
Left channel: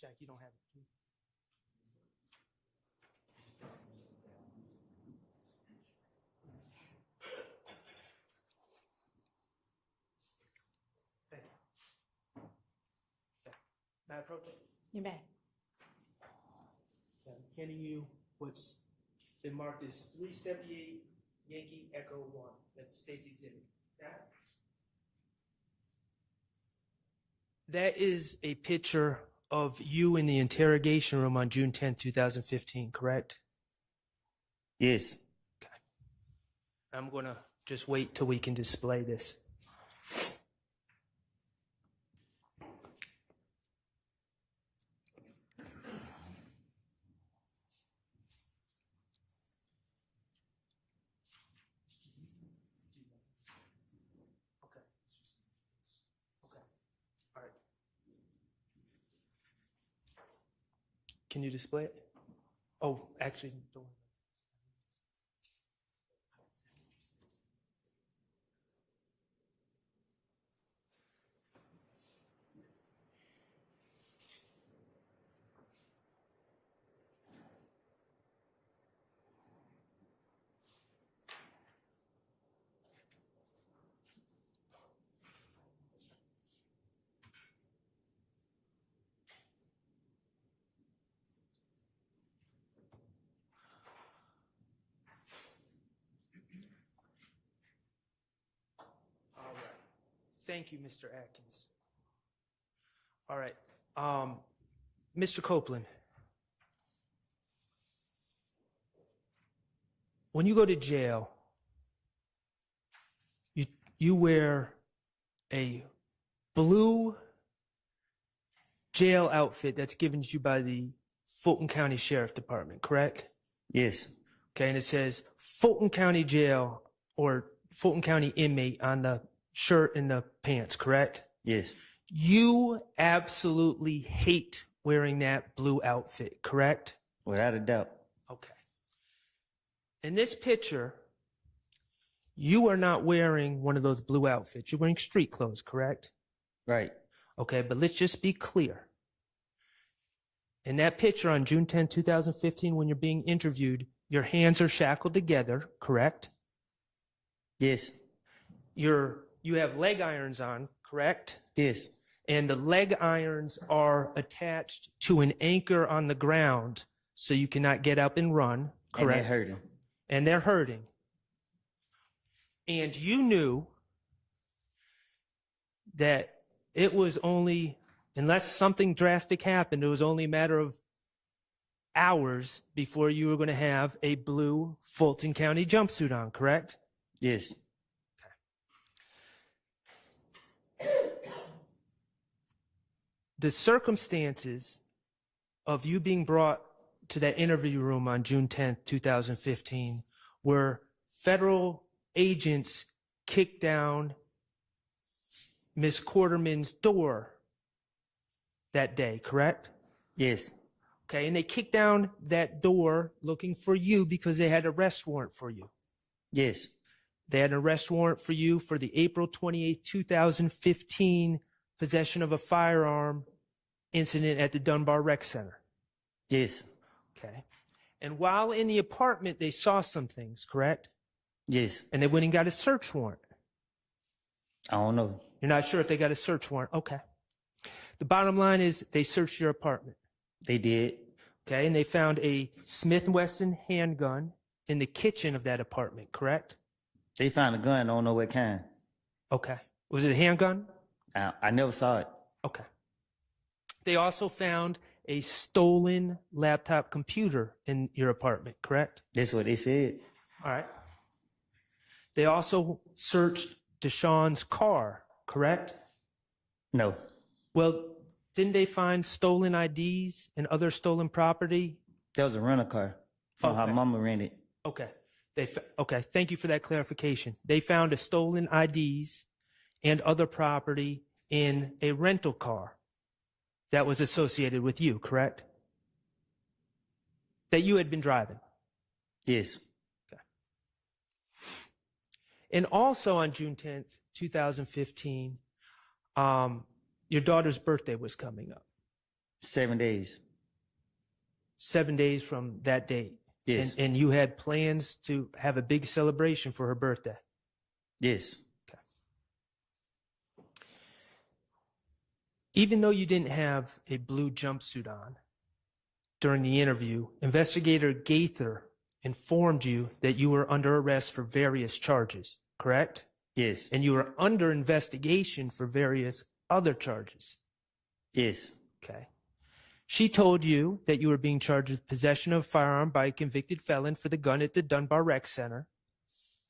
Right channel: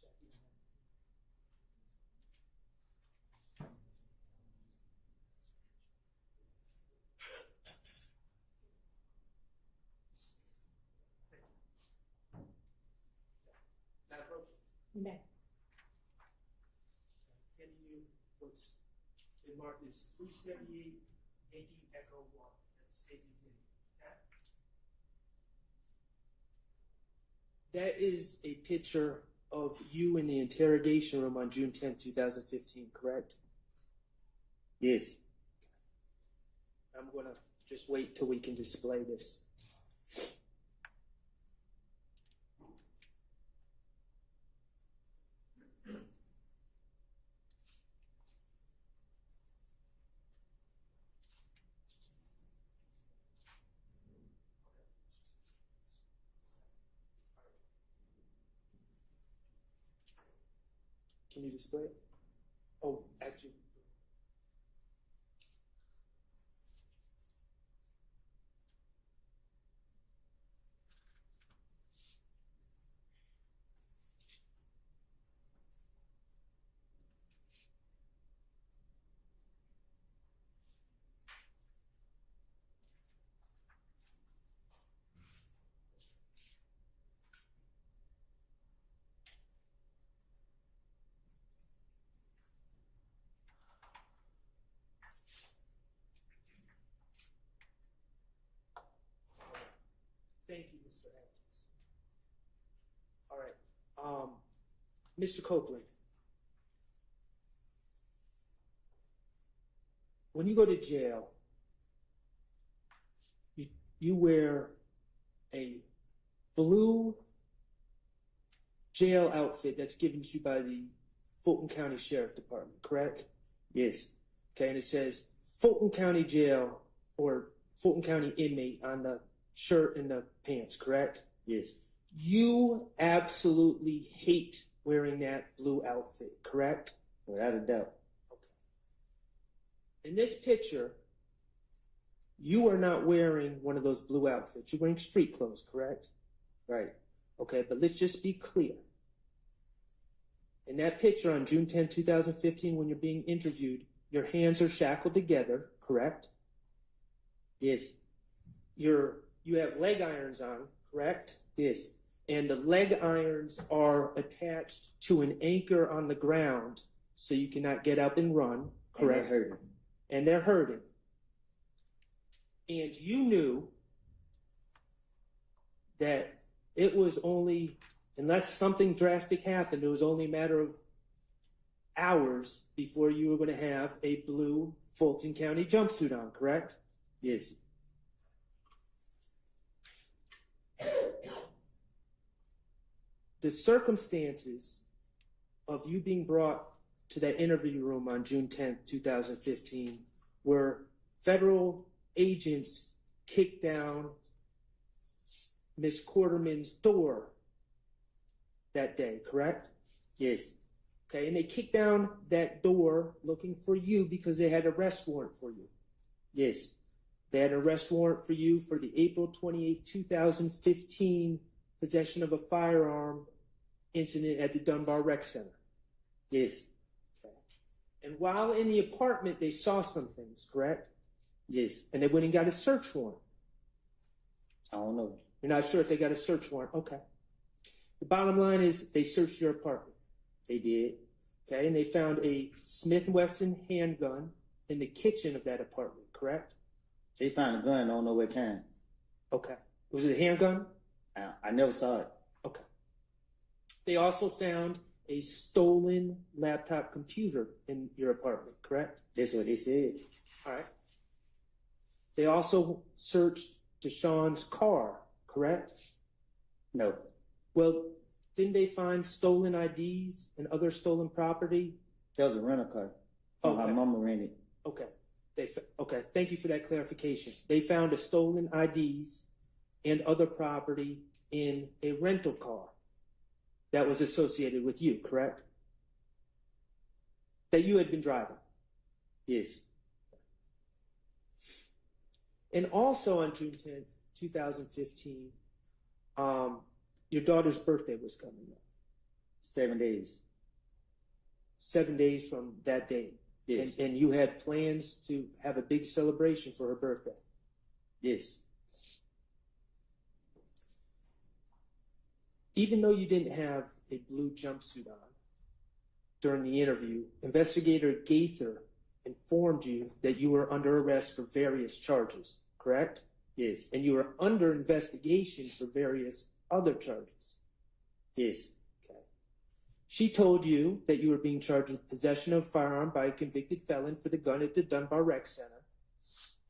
Shaq, you don't have it. You may. I'm handing you what's been marked as 378 Yankee Echo 1. That's the state's exhibit. That is a picture of you in the interrogation room on June 10, 2015, correct? Yes. Okay. I'm going to just wait till we can display this. Can you display it? Oh, actually, don't. All right. Thank you, Mr. Atkins. All right. Mr. Copeland, when you go to jail, you wear a blue jail outfit that's given to you by the Fulton County Sheriff Department, correct? Yes. Okay, and it says Fulton County Jail or Fulton County inmate on the shirt and the pants, correct? Yes. You absolutely hate wearing that blue outfit, correct? Without a doubt. Okay. In this picture, you are not wearing one of those blue outfits. You're wearing street clothes, correct? Right. Okay, but let's just be clear. In that picture on June 10, 2015, when you're being interviewed, your hands are shackled together, correct? Yes. You have leg irons on, correct? Yes. And the leg irons are attached to an anchor on the ground so you cannot get up and run, correct? And they're hurting. And they're hurting. And you knew that it was only, unless something drastic happened, it was only a matter of hours before you were going to have a blue Fulton County jumpsuit on, correct? Yes. The circumstances of you being brought to that interview room on June 10th, 2015, were federal agents kicked down Miss Quarterman's door that day, correct? Yes. Okay, and they kicked down that door looking for you because they had an arrest warrant for you. Yes. They had an arrest warrant for you for the April 28th, 2015 possession of a firearm incident at the Dunbar Rec Center. Yes. Okay. And while in the apartment, they saw some things, correct? Yes. And they went and got a search warrant. I don't know. You're not sure if they got a search warrant? Okay. The bottom line is they searched your apartment. They did. Okay, and they found a Smith & Wesson handgun in the kitchen of that apartment, correct? They found a gun, I don't know what kind. Okay. Was it a handgun? I never saw it. Okay. They also found a stolen laptop computer in your apartment, correct? That's what they said. All right. They also searched Deshaun's car, correct? No. Well, didn't they find stolen IDs and other stolen property? That was a rental car from her mama rented. Okay. Okay, thank you for that clarification. They found a stolen IDs and other property in a rental car that was associated with you, correct? That you had been driving. Yes. Okay. And also on June 10th, 2015, your daughter's birthday was coming up. 7 days. 7 days from that date. Yes. And you had plans to have a big celebration for her birthday. Yes. Even though you didn't have a blue jumpsuit on during the interview, Investigator Gaither informed you that you were under arrest for various charges, correct? Yes. And you were under investigation for various other charges. Yes. Okay. She told you that you were being charged with possession of a firearm by a convicted felon for the gun at the Dunbar Rec Center.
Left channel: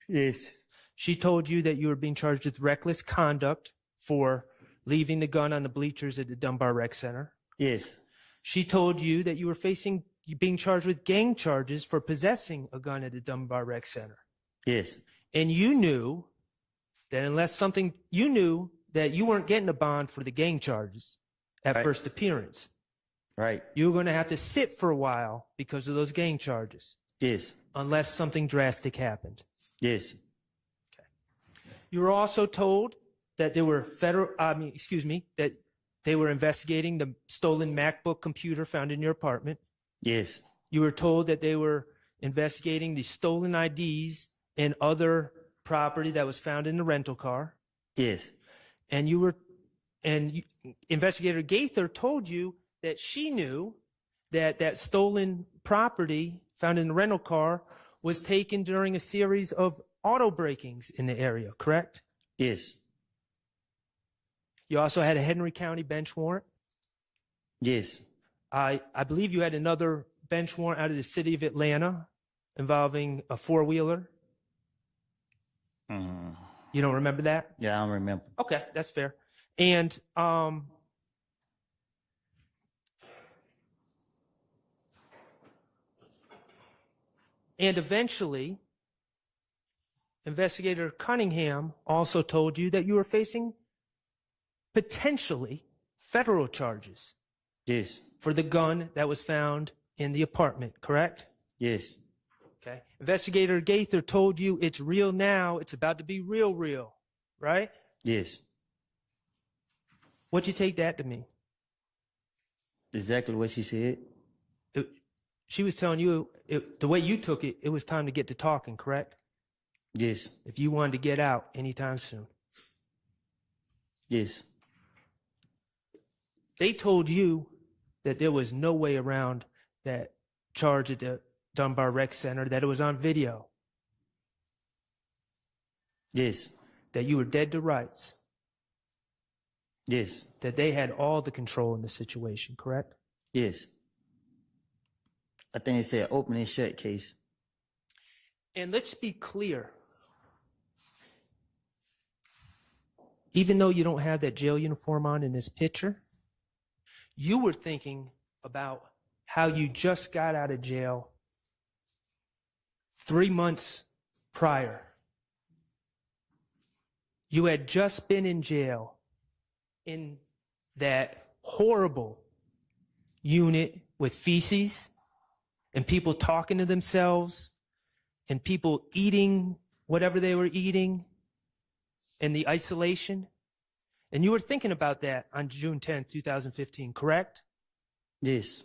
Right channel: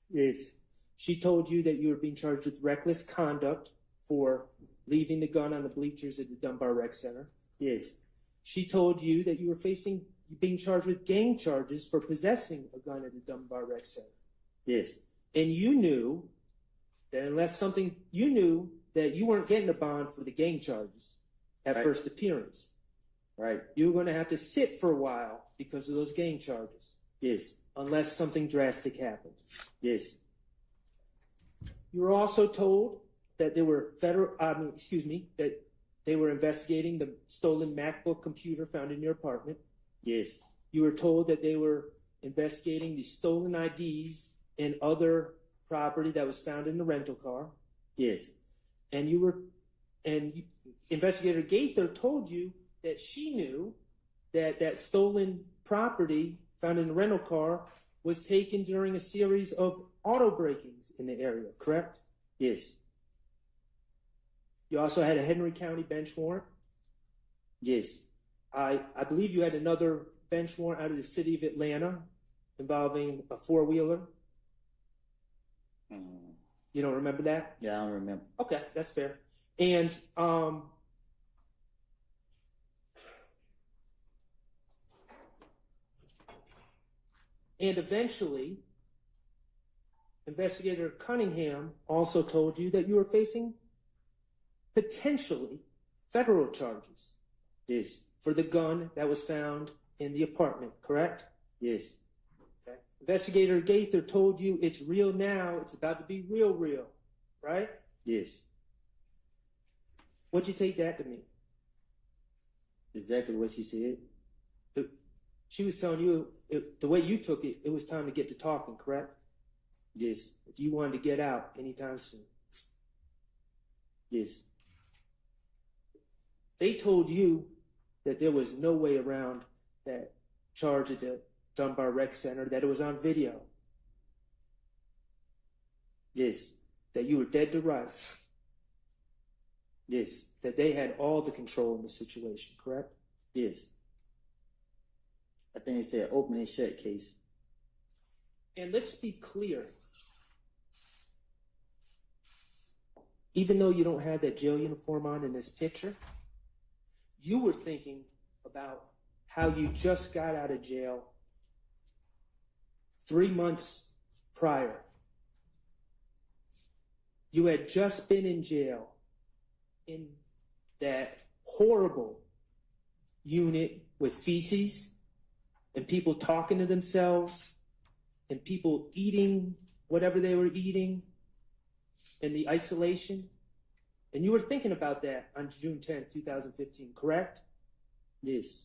Yes. She told you that you were being charged with reckless conduct for leaving the gun on the bleachers at the Dunbar Rec Center. Yes. She told you that you were being charged with gang charges for possessing a gun at the Dunbar Rec Center. Yes. And you knew that you knew that you weren't getting a bond for the gang charges at first appearance. Right. You were going to have to sit for a while because of those gang charges. Yes. Unless something drastic happened. Yes. You were also told that that they were investigating the stolen MacBook computer found in your apartment. Yes. You were told that they were investigating the stolen IDs and other property that was found in the rental car. Yes. And Investigator Gaither told you that she knew that stolen property found in the rental car was taken during a series of auto breakings in the area, correct? Yes. You also had a Henry County bench warrant? Yes. I believe you had another bench warrant out of the city of Atlanta involving a four-wheeler. You don't remember that? Yeah, I don't remember. Okay, that's fair. And eventually, Investigator Cunningham also told you that you were facing potentially federal charges. Yes. For the gun that was found in the apartment, correct? Yes. Okay. Investigator Gaither told you it's real now, it's about to be real, right? Yes. What'd you take that to mean? Exactly what she said. She was telling you, the way you took it, it was time to get to talking, correct? Yes. If you wanted to get out anytime soon. Yes. They told you that there was no way around that charge at the Dunbar Rec Center, that it was on video. Yes. That you were dead to rights. Yes. That they had all the control in the situation, correct? Yes. I think it said open and shut case. And let's be clear. Even though you don't have that jail uniform on in this picture, you were thinking about how you just got out of jail 3 months prior. You had just been in jail in that horrible unit with feces and people talking to themselves and people eating whatever they were eating and the isolation. And you were thinking about that on June 10th, 2015, correct? Yes.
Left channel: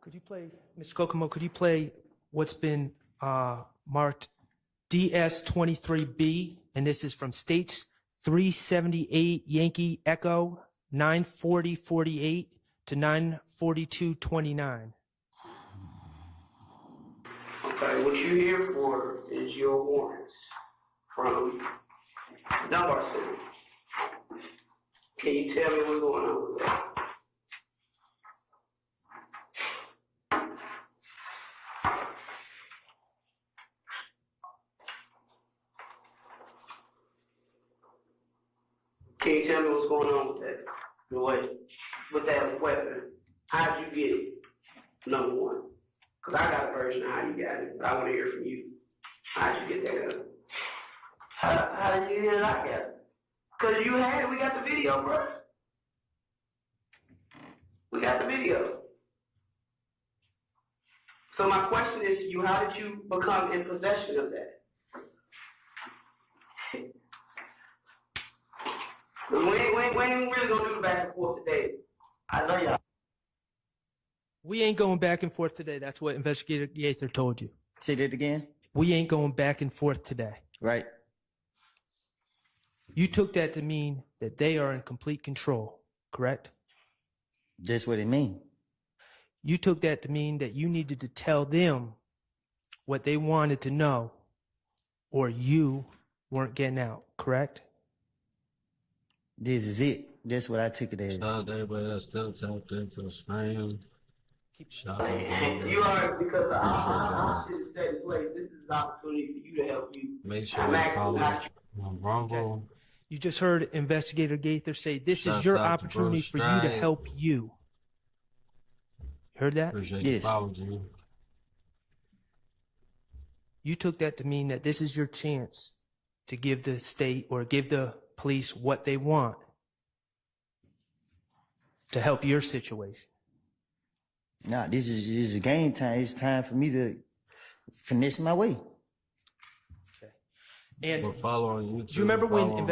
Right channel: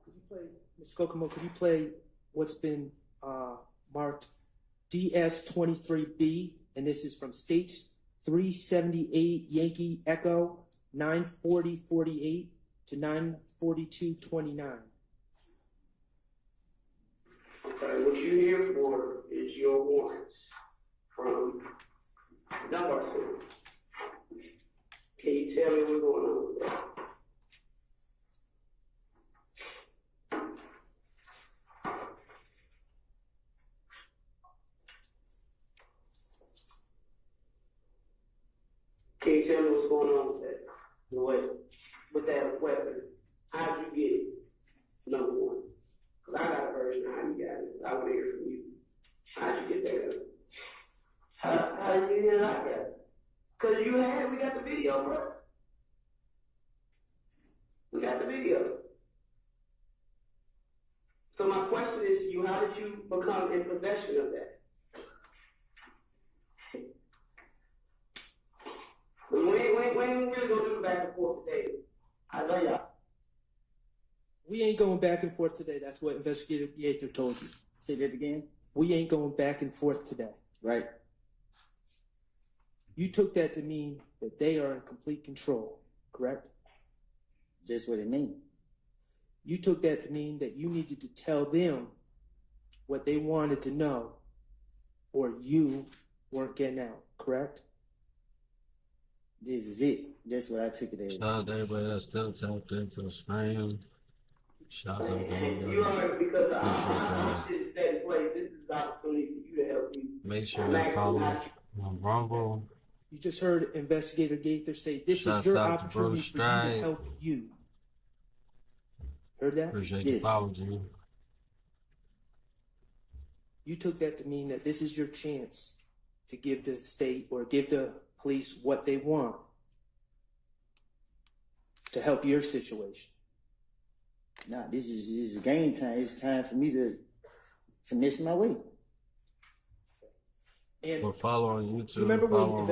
Could you play, Mr. Kokomo, could you play what's been marked DS23B? And this is from States 378 Yankee Echo 94048 to 94229. Okay, what you're here for is your warrants from Dunbar Center. Can you tell me what's going on with that? Can you tell me what's going on with that? With that weapon? How'd you get it? Number one. Because I got a version of how you got it, but I want to hear from you. How'd you get that up? How did you get it? I got it. Because you had it. We got the video, bro. We got the video. So my question is to you, how did you become in possession of that? We ain't really gonna do the back and forth today. I know y'all. We ain't going back and forth today. That's what Investigator Gaither told you. Say that again. We ain't going back and forth today. Right. You took that to mean that they are in complete control, correct? That's what it means. You took that to mean that you needed to tell them what they wanted to know, or you weren't getting out, correct? This is it. That's what I took it as. Shout out to everybody that's still tapped into the stream. Shout out to You are, because appreciate y'all. this is that place. This is an opportunity for you to help you. Make sure you follow on Rumble. You just heard Investigator Gaither say this Shouts is your out to opportunity for you Strike. to help you. Heard that? Appreciate you following you. You took that to mean that this is your chance to give the state or give the police what they want to help your situation. Nah, this is game time. It's time for me to finish my way. And Or follow on YouTube. do you remember follow when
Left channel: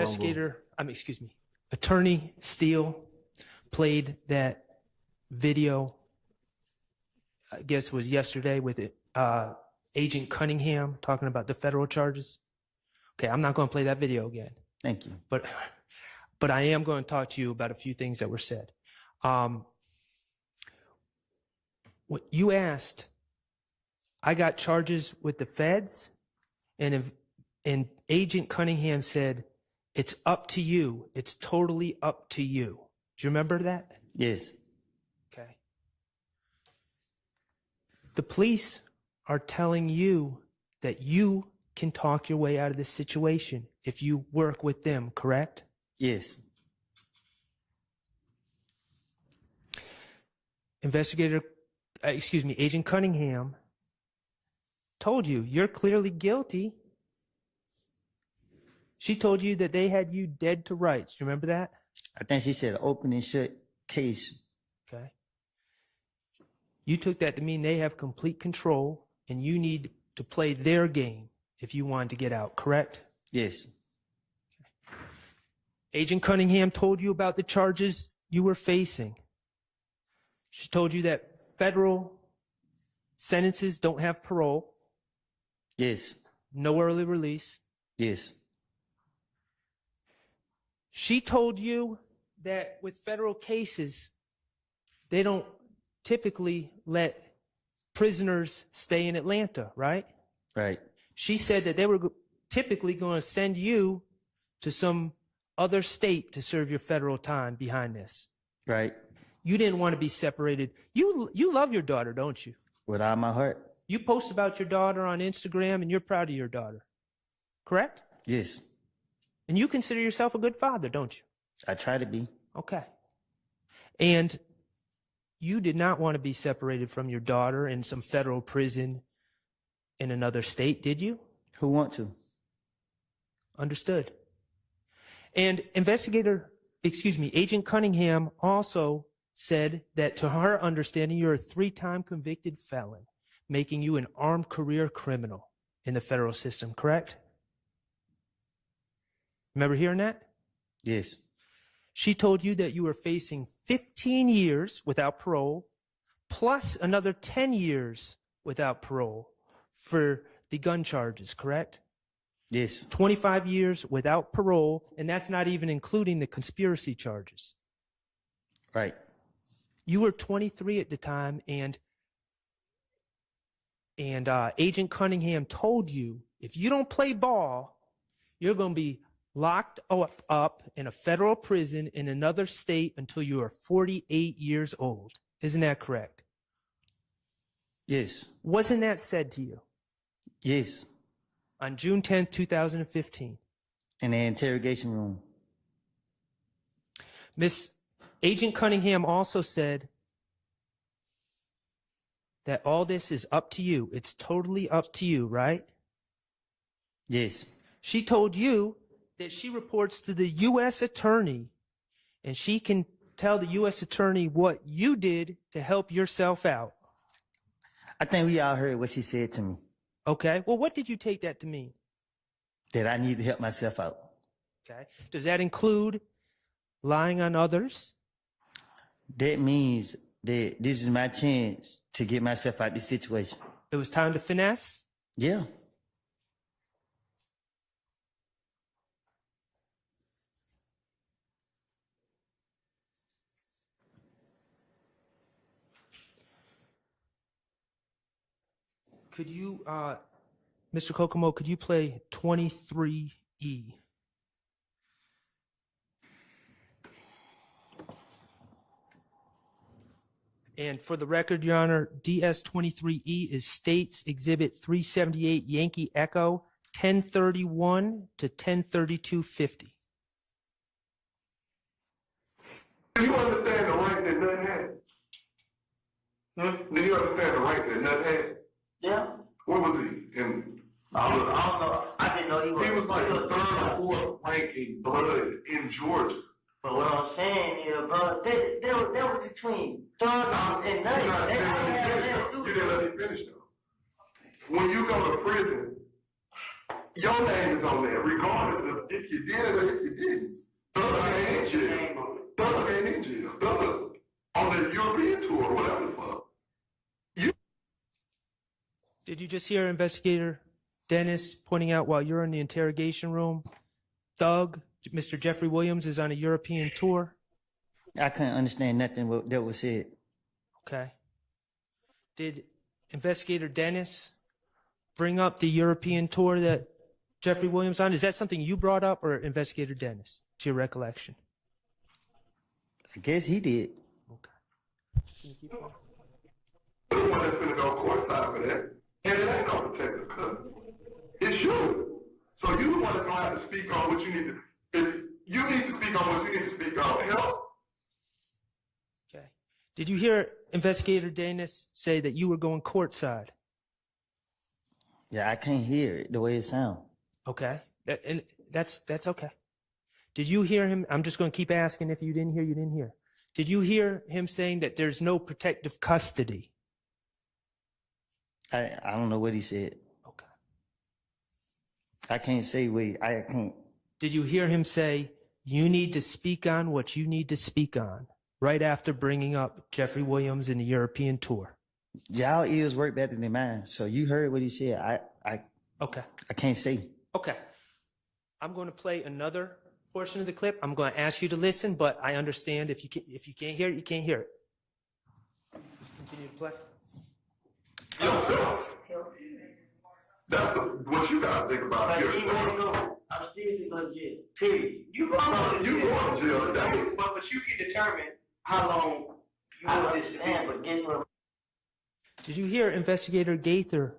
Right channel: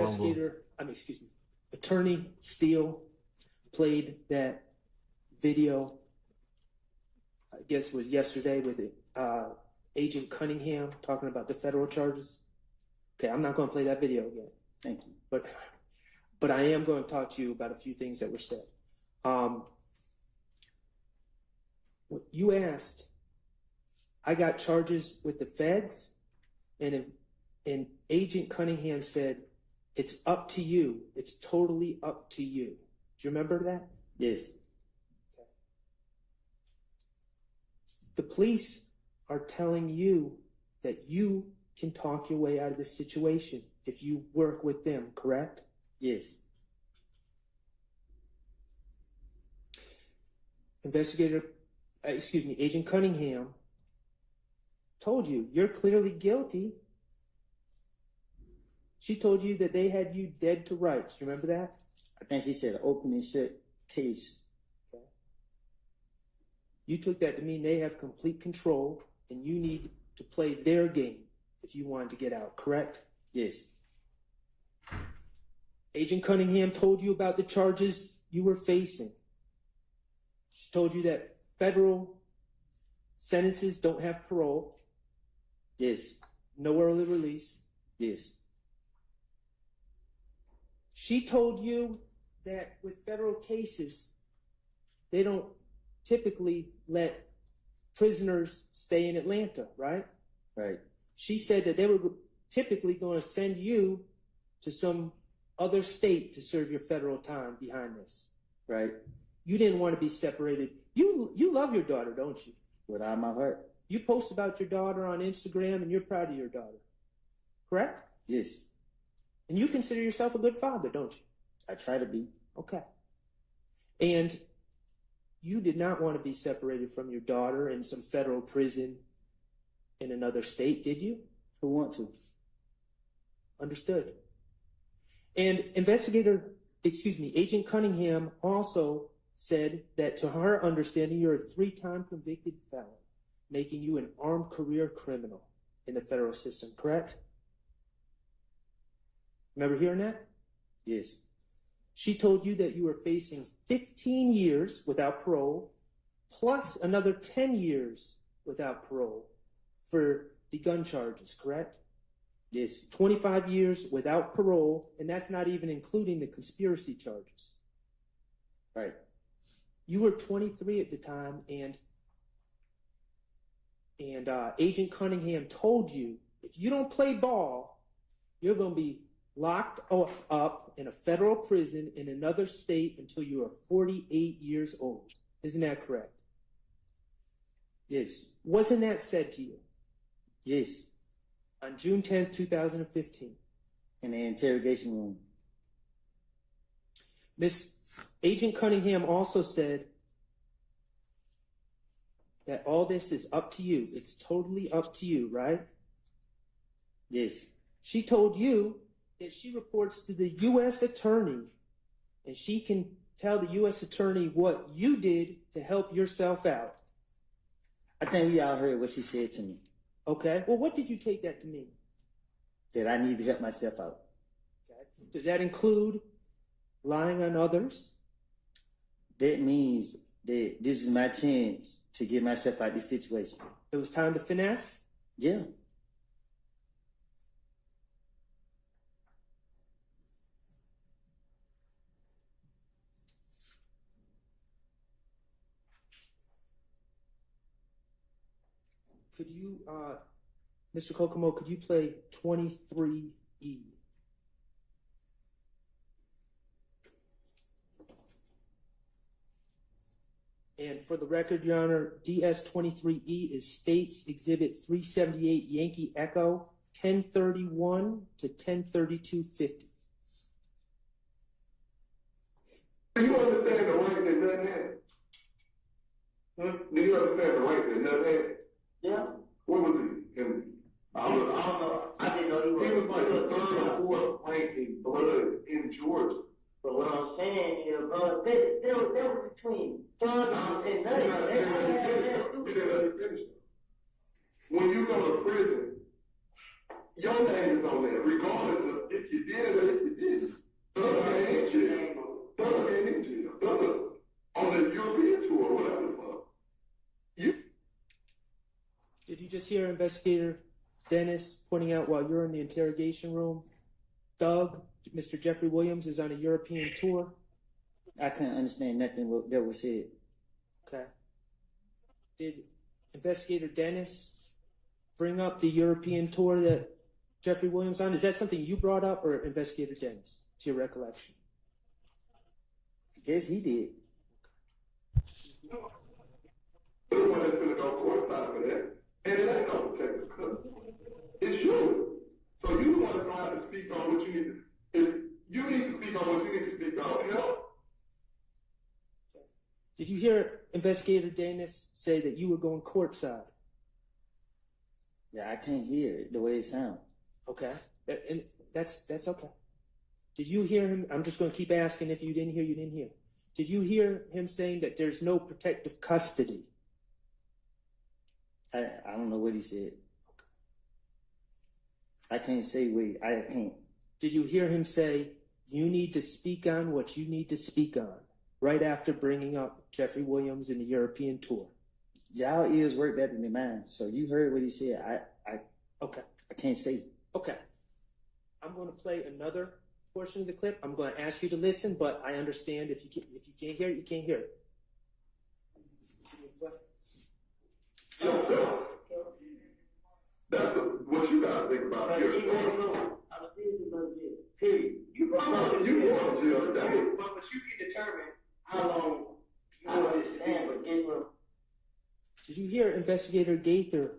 on Attorney Steele played that video, I guess it was yesterday, with Agent Cunningham talking about the federal charges? Okay, I'm not going to play that video again. Thank you. But I am going to talk to you about a few things that were said. What you asked, I got charges with the feds, and Agent Cunningham said, it's up to you. It's totally up to you. Do you remember that? Yes. Okay. The police are telling you that you can talk your way out of this situation if you work with them, correct? Yes. Agent Cunningham told you you're clearly guilty. She told you that they had you dead to rights. Do you remember that? I think she said open and shut case. Okay. You took that to mean they have complete control and you need to play their game if you wanted to get out, correct? Yes. Agent Cunningham told you about the charges you were facing. She told you that federal sentences don't have parole. Yes. No early release. Yes. She told you that with federal cases, they don't typically let prisoners stay in Atlanta, right? Right. She said that they were typically going to send you to some other state to serve your federal time behind this. Right. You didn't want to be separated. You love your daughter, don't you? With all my heart. You post about your daughter on Instagram and you're proud of your daughter, correct? Yes. And you consider yourself a good father, don't you? I try to be. Okay. And you did not want to be separated from your daughter in some federal prison in another state, did you? Who want to? Understood. And Agent Cunningham also said that to her understanding, you're a 3-time convicted felon, making you an armed career criminal in the federal system, correct? Remember hearing that? Yes. She told you that you were facing 15 years without parole, plus another 10 years without parole for the gun charges, correct? Yes. 25 years without parole, and that's not even including the conspiracy charges. Right. You were 23 at the time, and Agent Cunningham told you, if you don't play ball, you're going to be locked up in a federal prison in another state until you are 48 years old. Isn't that correct? Yes. Wasn't that said to you? Yes. On June 10th, 2015. In the interrogation room. Miss Agent Cunningham also said that all this is up to you. It's totally up to you, right? Yes. She told you that she reports to the U.S. attorney, and she can tell the U.S. attorney what you did to help yourself out. I think we all heard what she said to me. Okay. Well, what did you take that to mean? That I need to help myself out. Okay. Does that include lying on others? That means that this is my chance to get myself out of this situation. It was time to finesse? Yeah. Could you, Mr. Kokomo, could you play 23E? And for the record, Your Honor, DS23E is States Exhibit 378 Yankee Echo 1031 to 103250. Do you understand the rank that Nut had? Do you understand the rank that Nut had? Yeah. What was he? I don't know. I didn't know he was. He was like the third or fourth ranking blood in Georgia. But what I'm saying is, bro, they were between third and ninth. You didn't let me finish though. When you go to prison, your name is on there, regardless of if you did or if you didn't. Thug ain't in jail. Thug ain't in jail. Thug on the European tour, whatever the fuck. Did you just hear Investigator Dennis pointing out while you're in the interrogation room, Thug, Mr. Jeffrey Williams, is on a European tour? I couldn't understand nothing that was said. Okay. Did Investigator Dennis bring up the European tour that Jeffrey Williams on? Is that something you brought up, or Investigator Dennis, to your recollection? I guess he did. The one that's gonna go courtside for that. And it ain't no protective cover. It's you. So you the one that's gonna have to speak on what you need to. If you need to speak on what you need to speak on, help. Okay. Did you hear Investigator Dennis say that you were going courtside? Yeah, I can't hear it the way it sounds. Okay. And that's okay. Did you hear him? I'm just going to keep asking. If you didn't hear, you didn't hear. Did you hear him saying that there's no protective custody? I don't know what he said. Okay. I can't say I can't. Did you hear him say, you need to speak on what you need to speak on, right after bringing up Jeffrey Williams in the European tour? Y'all ears work better than mine, so you heard what he said. Okay. I can't say. Okay. I'm going to play another portion of the clip. I'm going to ask you to listen, but I understand if you can't hear it, you can't hear it. Continue to play. That's what you gotta think about. I'm seriously going to jail. Period. You going to jail today. But you can determine how long you want to stand for interim. Did you hear Investigator Gaither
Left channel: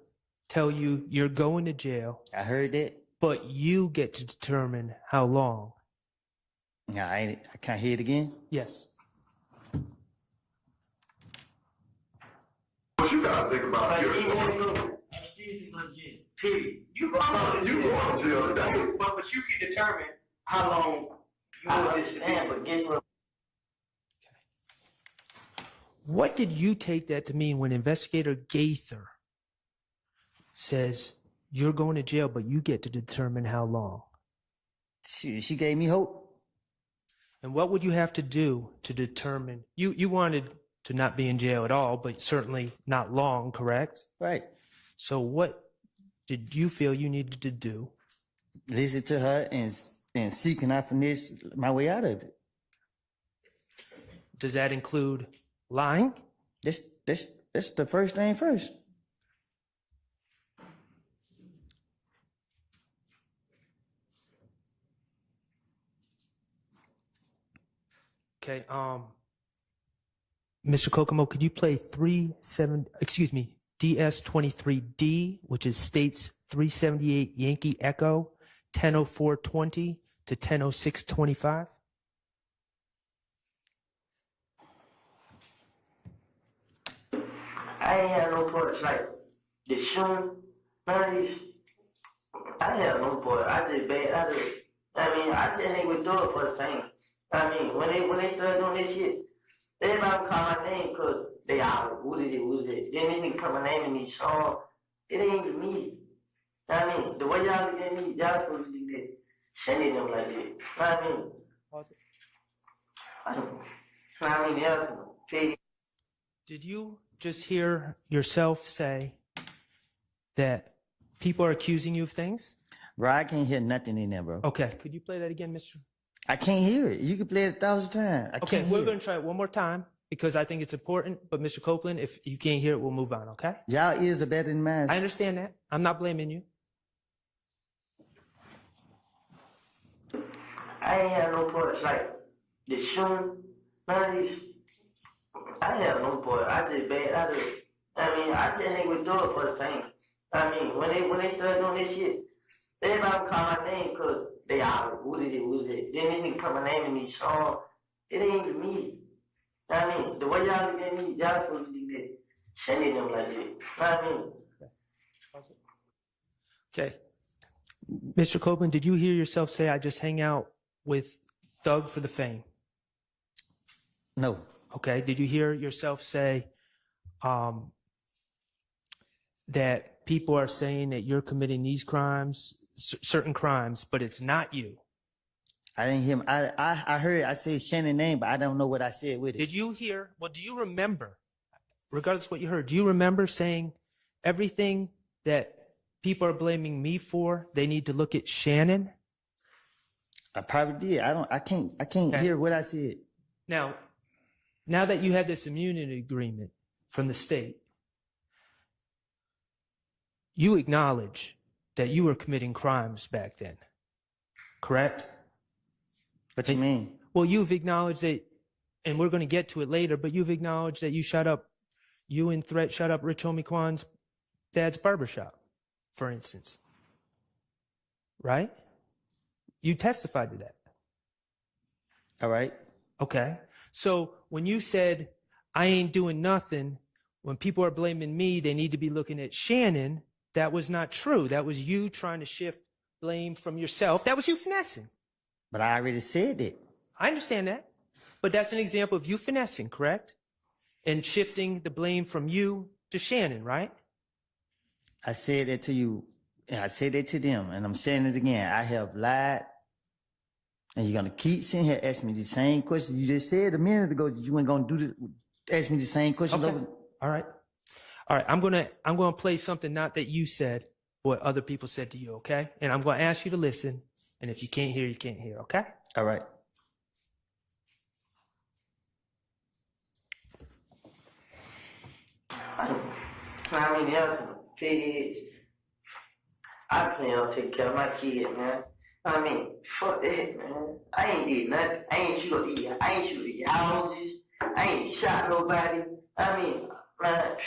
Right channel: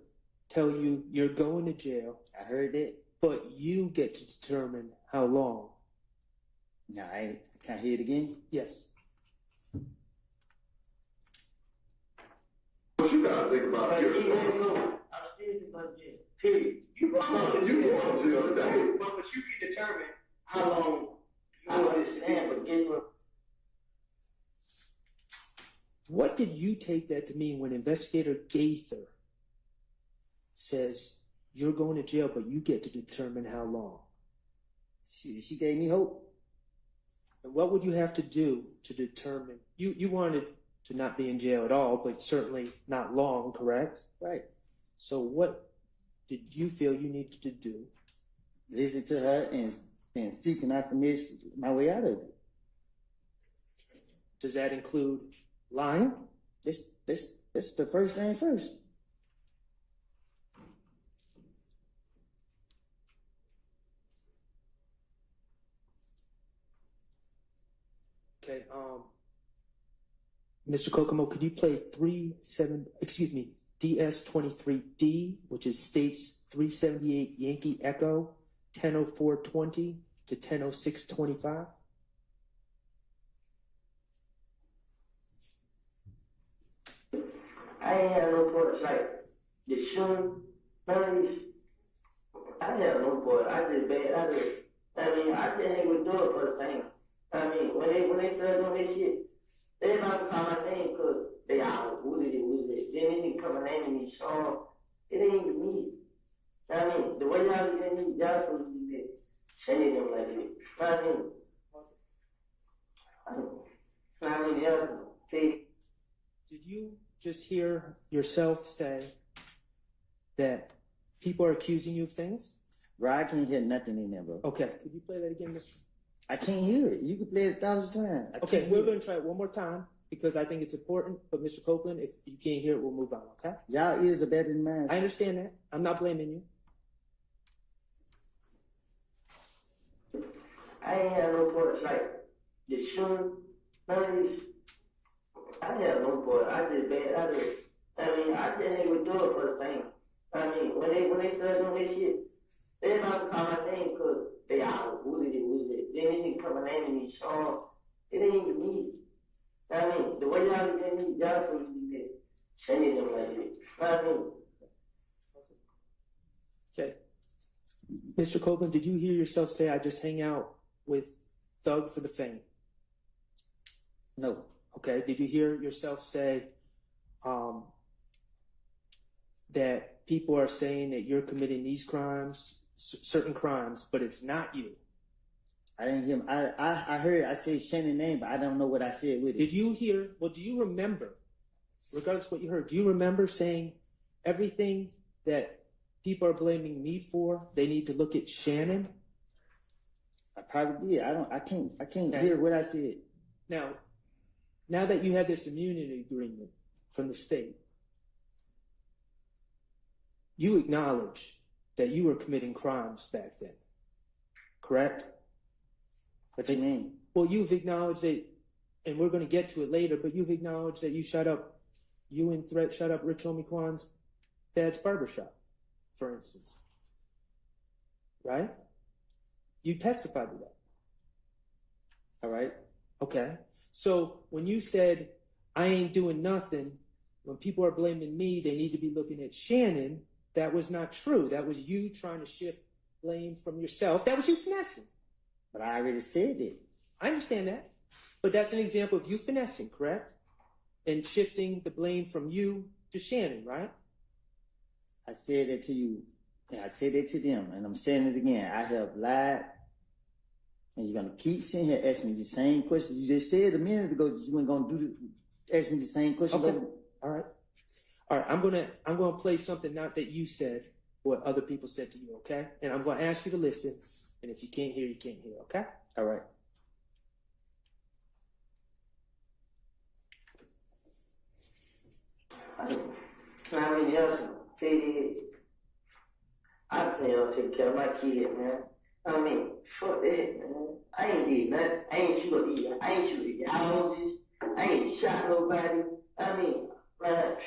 tell you you're going to jail? I heard that. But you get to determine how long. Nah, I can't hear it again. Yes. What you gotta think about. I'm seriously going to jail. Period. You going to jail today. But you can determine how long you want to stand for interim. What did you take that to mean when Investigator Gaither says you're going to jail, but you get to determine how long? She gave me hope. And what would you have to do to determine? You wanted to not be in jail at all, but certainly not long, correct? Right. So what did you feel you needed to do? Listen to her and seek and I finish my way out of it. Does that include lying? That's the first thing first. Okay, Mr. Kokomo, could you play DS23D, which is States 378 Yankee Echo, 10:04:20 to 10:06:25? I ain't had no parts like the shooting, none of these. I didn't have no part. I didn't even do it for the fame. I mean, when they started doing this shit, everybody would call my name because they out. Who did it? Then they put my name in these songs. It ain't even me. I mean, the way y'all look at me, y'all supposed to be sending them like that. I mean, I don't know. I mean, y'all Did you just hear yourself say that People are accusing you of things? Bro, I can't hear nothing in there, bro. Okay, could you play that again, Mr.? I can't hear it. You can play it 1,000 times. Okay, we're going to try it one more time because I think it's important. But Mr. Copeland, if you can't hear it, we'll move on, okay? Y'all ears are better than mine. I understand that. I'm not blaming you. I ain't have no parts like the shooting, none of these. I ain't have no part. I just ain't gonna do it for the fame. I mean, when they started doing this shit, everybody would call my name because they all, who did it? Then they nigga put my name in these songs. It ain't even me. I mean, the way y'all look at me, y'all supposed to do that. Shady them like that. I mean, Okay. Mr. Copeland, did you hear yourself say I just hang out with Thug for the fame? No. Okay. Did you hear yourself say that people are saying that you're committing these crimes, certain crimes, but it's not you? I didn't hear him. I heard I said Shannon's name, but I don't know what I said with it. Did you hear? Well, do you remember, regardless of what you heard, do you remember saying everything that people are blaming me for, they need to look at Shannon? I probably did. I can't hear what I said. Now that you have this immunity agreement from the state, you acknowledge that you were committing crimes back then, correct? What you mean? Well, you've acknowledged that, and we're going to get to it later, but you've acknowledged that you and Threat shut up Rich Homie Quan's dad's barbershop, for instance. Right? You testified to that. All right. Okay. So when you said, I ain't doing nothing, when people are blaming me, they need to be looking at Shannon, that was not true. That was you trying to shift blame from yourself. That was you finessing. But I already said it. I understand that. But that's an example of you finessing, correct? And shifting the blame from you to Shannon, right? I said that to you, and I said that to them, and I'm saying it again. I have lied, and you're gonna keep sitting here asking me the same question. You just said a minute ago that you weren't gonna ask me the same question. Okay. All right. I'm gonna play something not that you said, but what other people said to you, okay? And I'm gonna ask you to listen. And if you can't hear, you can't hear, okay? All right. I mean, the other thing is, I plan on taking care of my kids, man. I mean, fuck that, man. I ain't did nothing. I ain't shoot the houses. I ain't shot nobody. I mean, man,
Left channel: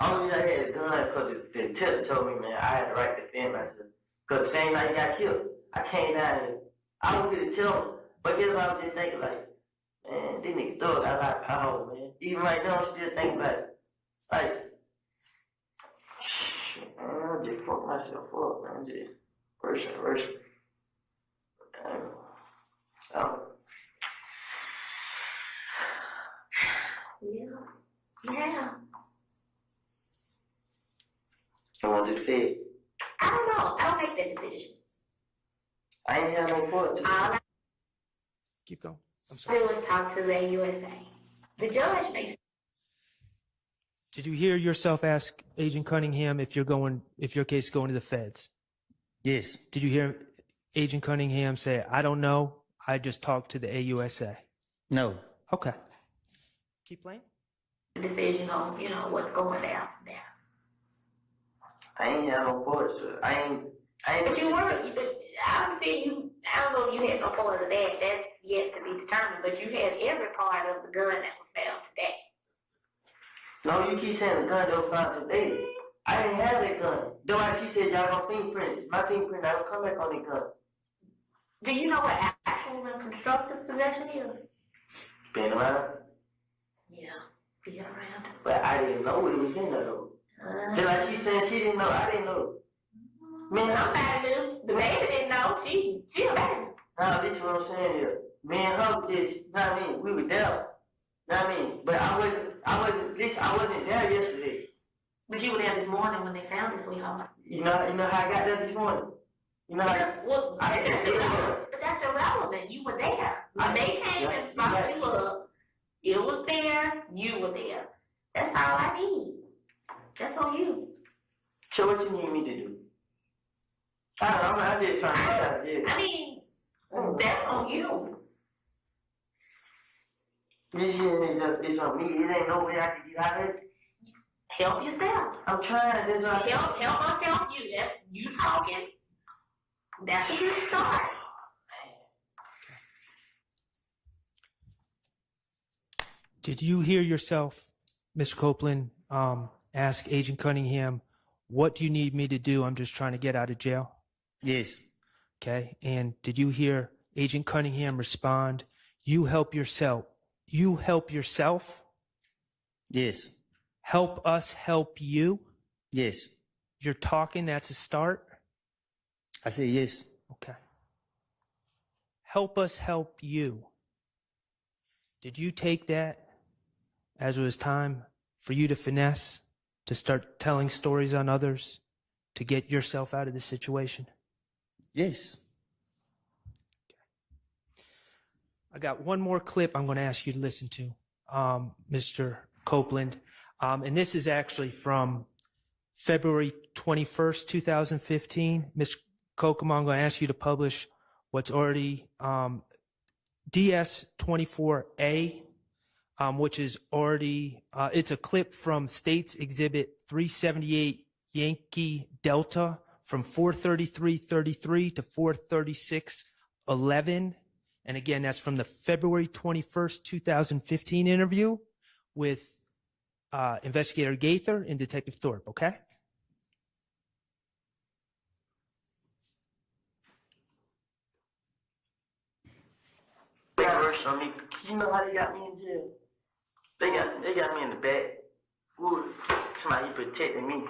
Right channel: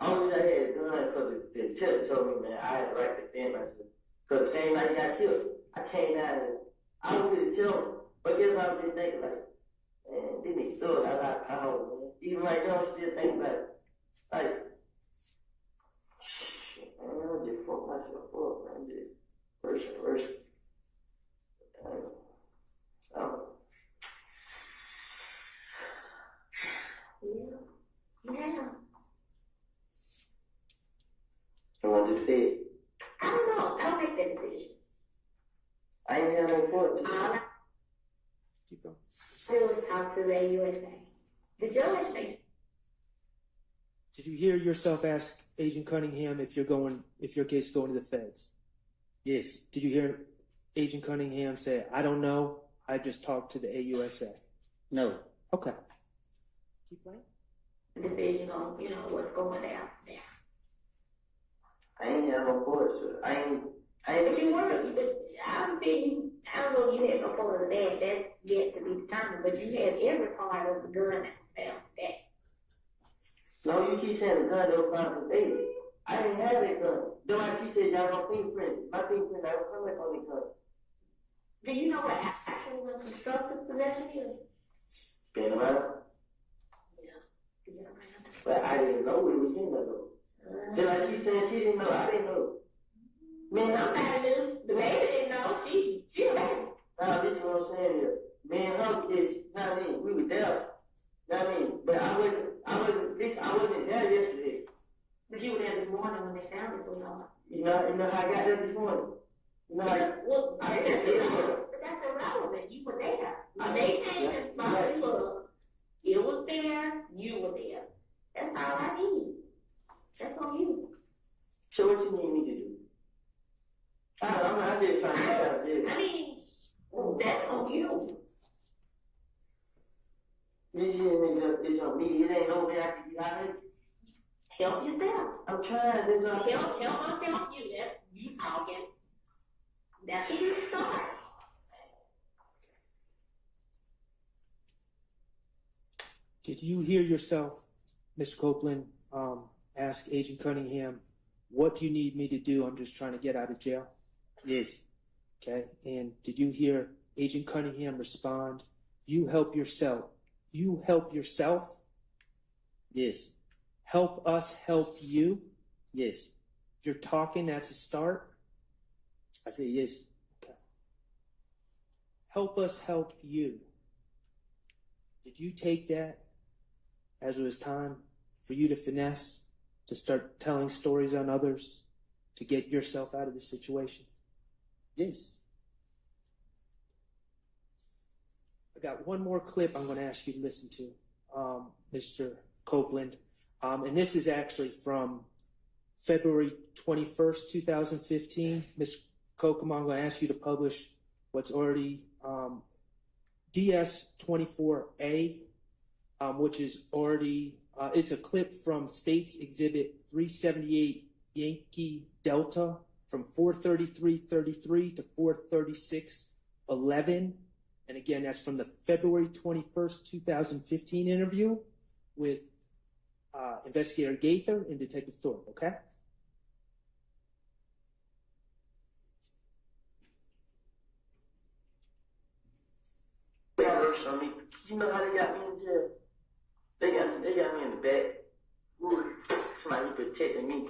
only I had a gun because the tester told me, man, I had the right to defend myself. Because the same night he got killed, I came down and I don't really tell him. But guess what I was just thinking, like, man, this nigga thug got a lot of power, man. Even right now, I'm still thinking about it. Like, shit, man, I just fucked myself up, man. Just worse and worse. Yeah. You want to say it? I don't know. I'll make that decision. I ain't had no foot. Keep going. I'm I sorry. will talk to the USA. The judge makes. Did you hear yourself ask Agent Cunningham if your case is going to the feds? Yes. Did you hear Agent Cunningham say, I don't know, I just talked to the AUSA? No. Okay. Keep playing. Decision on, what's going down there. I ain't had no foot, so I ain't. But you were, I don't know if you had no part of that. That's yet to be determined. But you had every part of the gun that was found today. No, you keep saying the gun that was found today. I didn't have that gun. Though she said y'all no fingerprints. My fingerprint never come back on that gun. Do you know what actual and constructive possession is? Been around. Yeah, be around. But I didn't know it was in there though. Just like she said she didn't know, I didn't know. Man, somebody knew. The baby didn't know. She a baby. Nah, this is what I'm saying here. Me and her just, we were there. But I wasn't there yesterday. But you were there this morning when they found it, sweetheart. You know how I got there this morning? You know how I didn't get there. But that's irrelevant. You were there. When they came and brought you up, it was there, you were there. That's all I need. That's on you. on you. This is on me. It ain't no way I can get out of it. Help yourself. I'm trying. Help myself. You talking. That's a good start. Did you hear yourself, Mr. Copeland, ask Agent Cunningham, what do you need me to do? I'm just trying to get out of jail. Yes. Okay. And did you hear Agent Cunningham respond, you help yourself? You help yourself? Yes. Help us help you? Yes. You're talking, that's a start? I said yes. Okay. Help us help you. Did you take that as it was time for you to finesse, to start telling stories on others, to get yourself out of the situation? Yes. I got one more clip I'm going to ask you to listen to, Mr. Copeland. And this is actually from February 21st, 2015. Ms. Kokomo, I'm going to ask you to publish what's already DS24A, which is already, it's a clip from States Exhibit 378 Yankee Delta from 433.33 to 436.11. And again, that's from the February 21st, 2015 interview with Investigator Gaither and Detective Thorpe, okay? On me. You know how they got me in jail? They got me in the back. Somebody protecting me.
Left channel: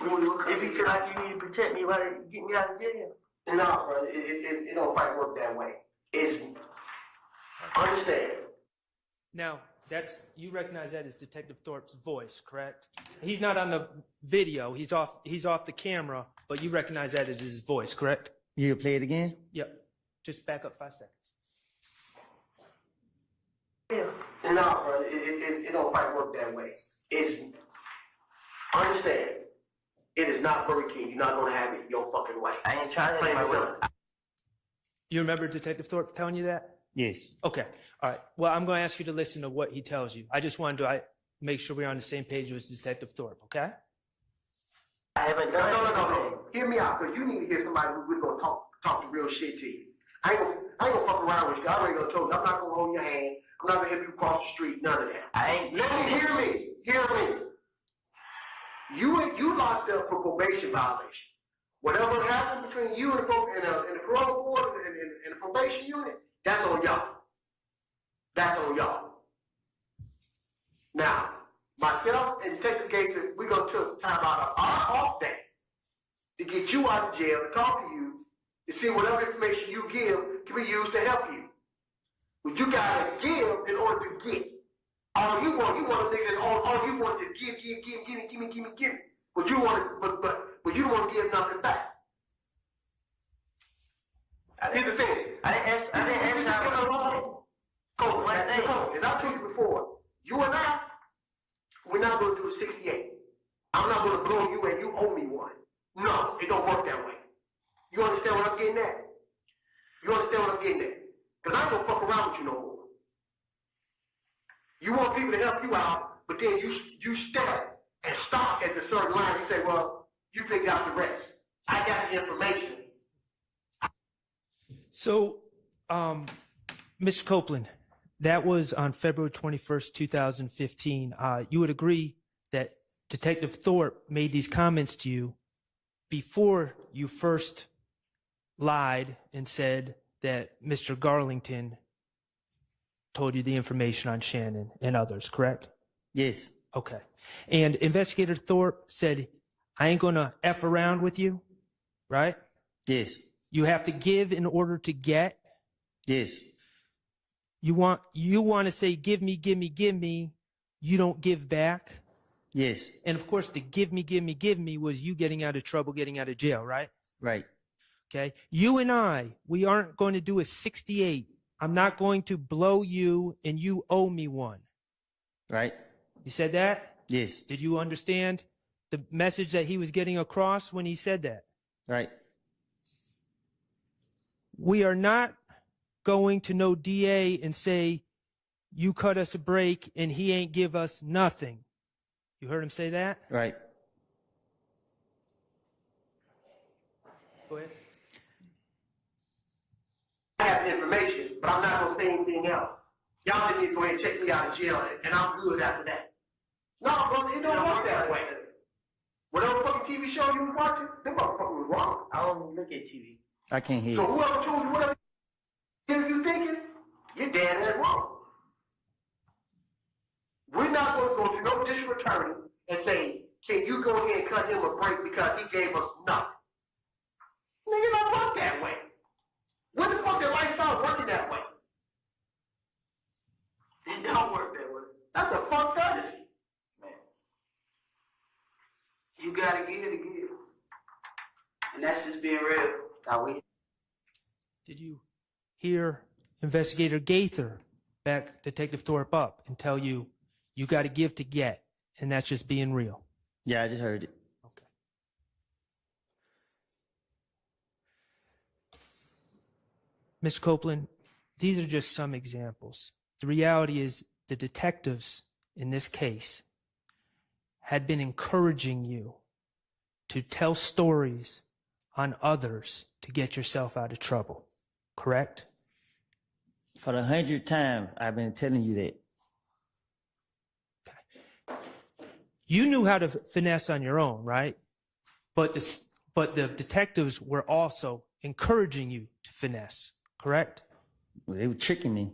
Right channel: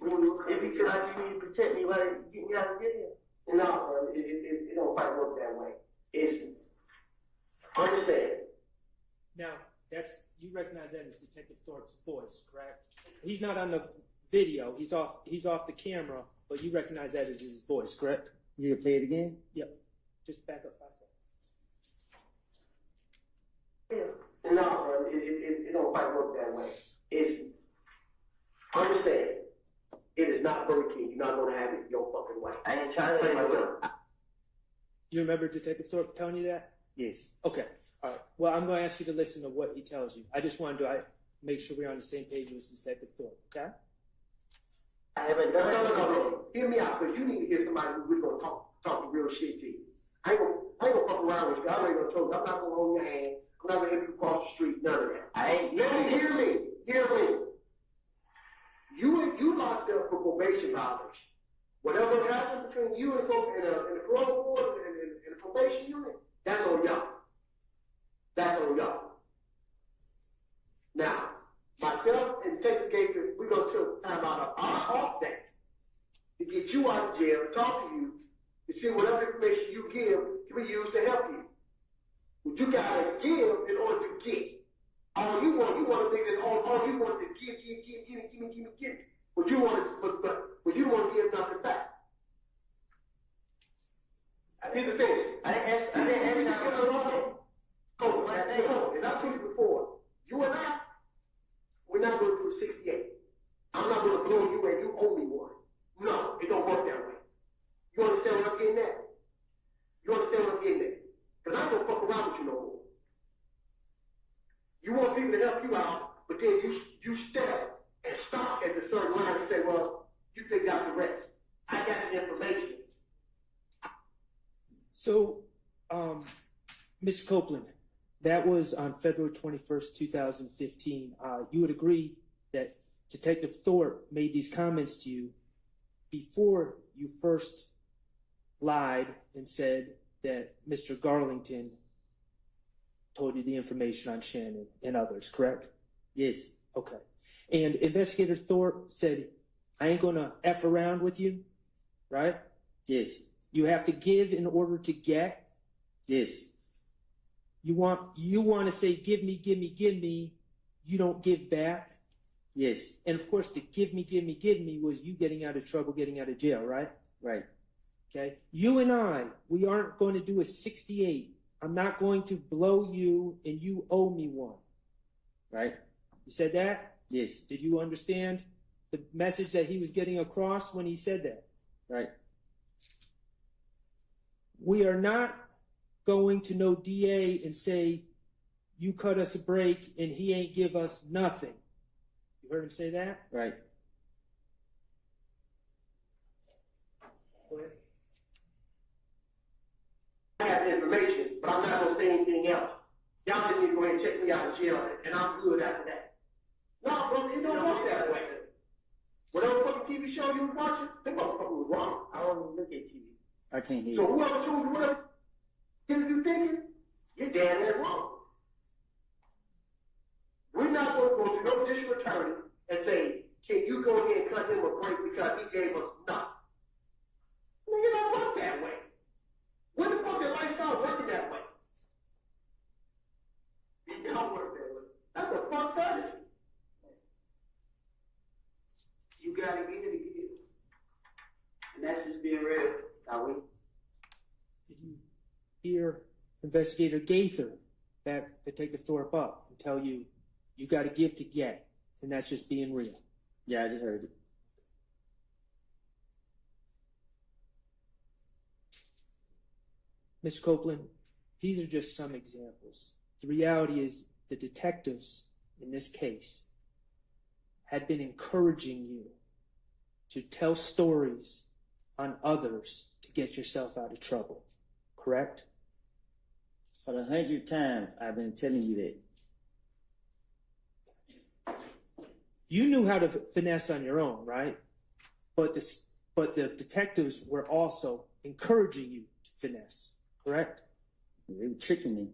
If you feel like you need to protect me, why they get me out of jail? No, bro, it don't quite work that way. It's understand. Now, you recognize that as Detective Thorpe's voice, correct? He's not on the video. He's off the camera, but you recognize that as his voice, correct? You play it again? Yep. Just back up 5 seconds. No, bro, it don't quite work that way. It's understand. It is not Burger King. You're not gonna have it your fucking way. I ain't trying to play my will. You remember Detective Thorpe telling you that? Yes. Okay. All right. Well, I'm going to ask you to listen to what he tells you. I just wanted to make sure we're on the same page with Detective Thorpe, okay? I haven't done no. Hear me out, because you need to hear somebody who's going to talk the real shit to you. I ain't gonna fuck around with you. I already gonna told you. I'm not gonna hold your hand. I'm not gonna help you cross the street. None of that. Let me hear me. Hear me. You locked up for probation violation. Whatever happened between you and the parole board and the probation unit, that's on y'all. That's on y'all. Now, myself and Detective Gaither, we're gonna take time out of our off day to get you out of jail and talk to you to see whatever information you give can be used to help you. What you gotta give in order to get. All you want to think that all you want is give me. But you want to, but you don't want to give nothing back. Here's the thing. I didn't ask Coach, and I told you before, you and I, we're not going to do a 68. I'm not going to blow you and you owe me one. No, it don't work that way. You understand what I'm getting at? Because I ain't going to fuck around with you no more. You want people to help you out, but then you step and stop at the certain line and say, well, you figure out the rest. I got the information. So, Mr. Copeland, that was on February 21st, 2015. You would agree that Detective Thorpe made these comments to you before you first lied and said that Mr. Garlington told you the information on Shannon and others, correct? Yes. Okay. And Investigator Thorpe said, I ain't going to F around with you, right? Yes. You have to give in order to get? Yes. You want to say, give me, you don't give back? Yes. And of course, the give me was you getting out of trouble, getting out of jail, right? Right. Okay. You and I, we aren't going to do a 68. I'm not going to blow you and you owe me one. Right. You said that? Yes. Did you understand the message that he was getting across when he said that? Right. We are not going to no DA and say, you cut us a break and he ain't give us nothing. You heard him say that? Right. Go ahead. I have the information, but I'm not going to say anything else. Y'all just need to go ahead and check me out of jail, and I'm good after that. No, bro, it don't work that way. Whatever fucking TV show you was watching, them motherfuckers was wrong. I don't even look at TV. I can't hear So you. whoever told you whatever you thinking, you're dead ass wrong. We're not going to go to no district attorney and say, can you go ahead and cut him a break because he gave us nothing? Nigga, don't work that way. When the fuck did life start working that way? It don't work that way. That's a fucked fantasy. Man. You gotta give to give. And that's just being real. Now we. Did you hear Investigator Gaither back Detective Thorpe up and tell you, you got to give to get, and that's just being real? Yeah, I just heard it. Mr. Copeland, these are just some examples. The reality is the detectives in this case had been encouraging you to tell stories on others to get yourself out of trouble, correct? For the 100th time, I've been telling you that. You knew how to finesse on your own, right? But the detectives were also encouraging you to finesse, correct? They were tricking me.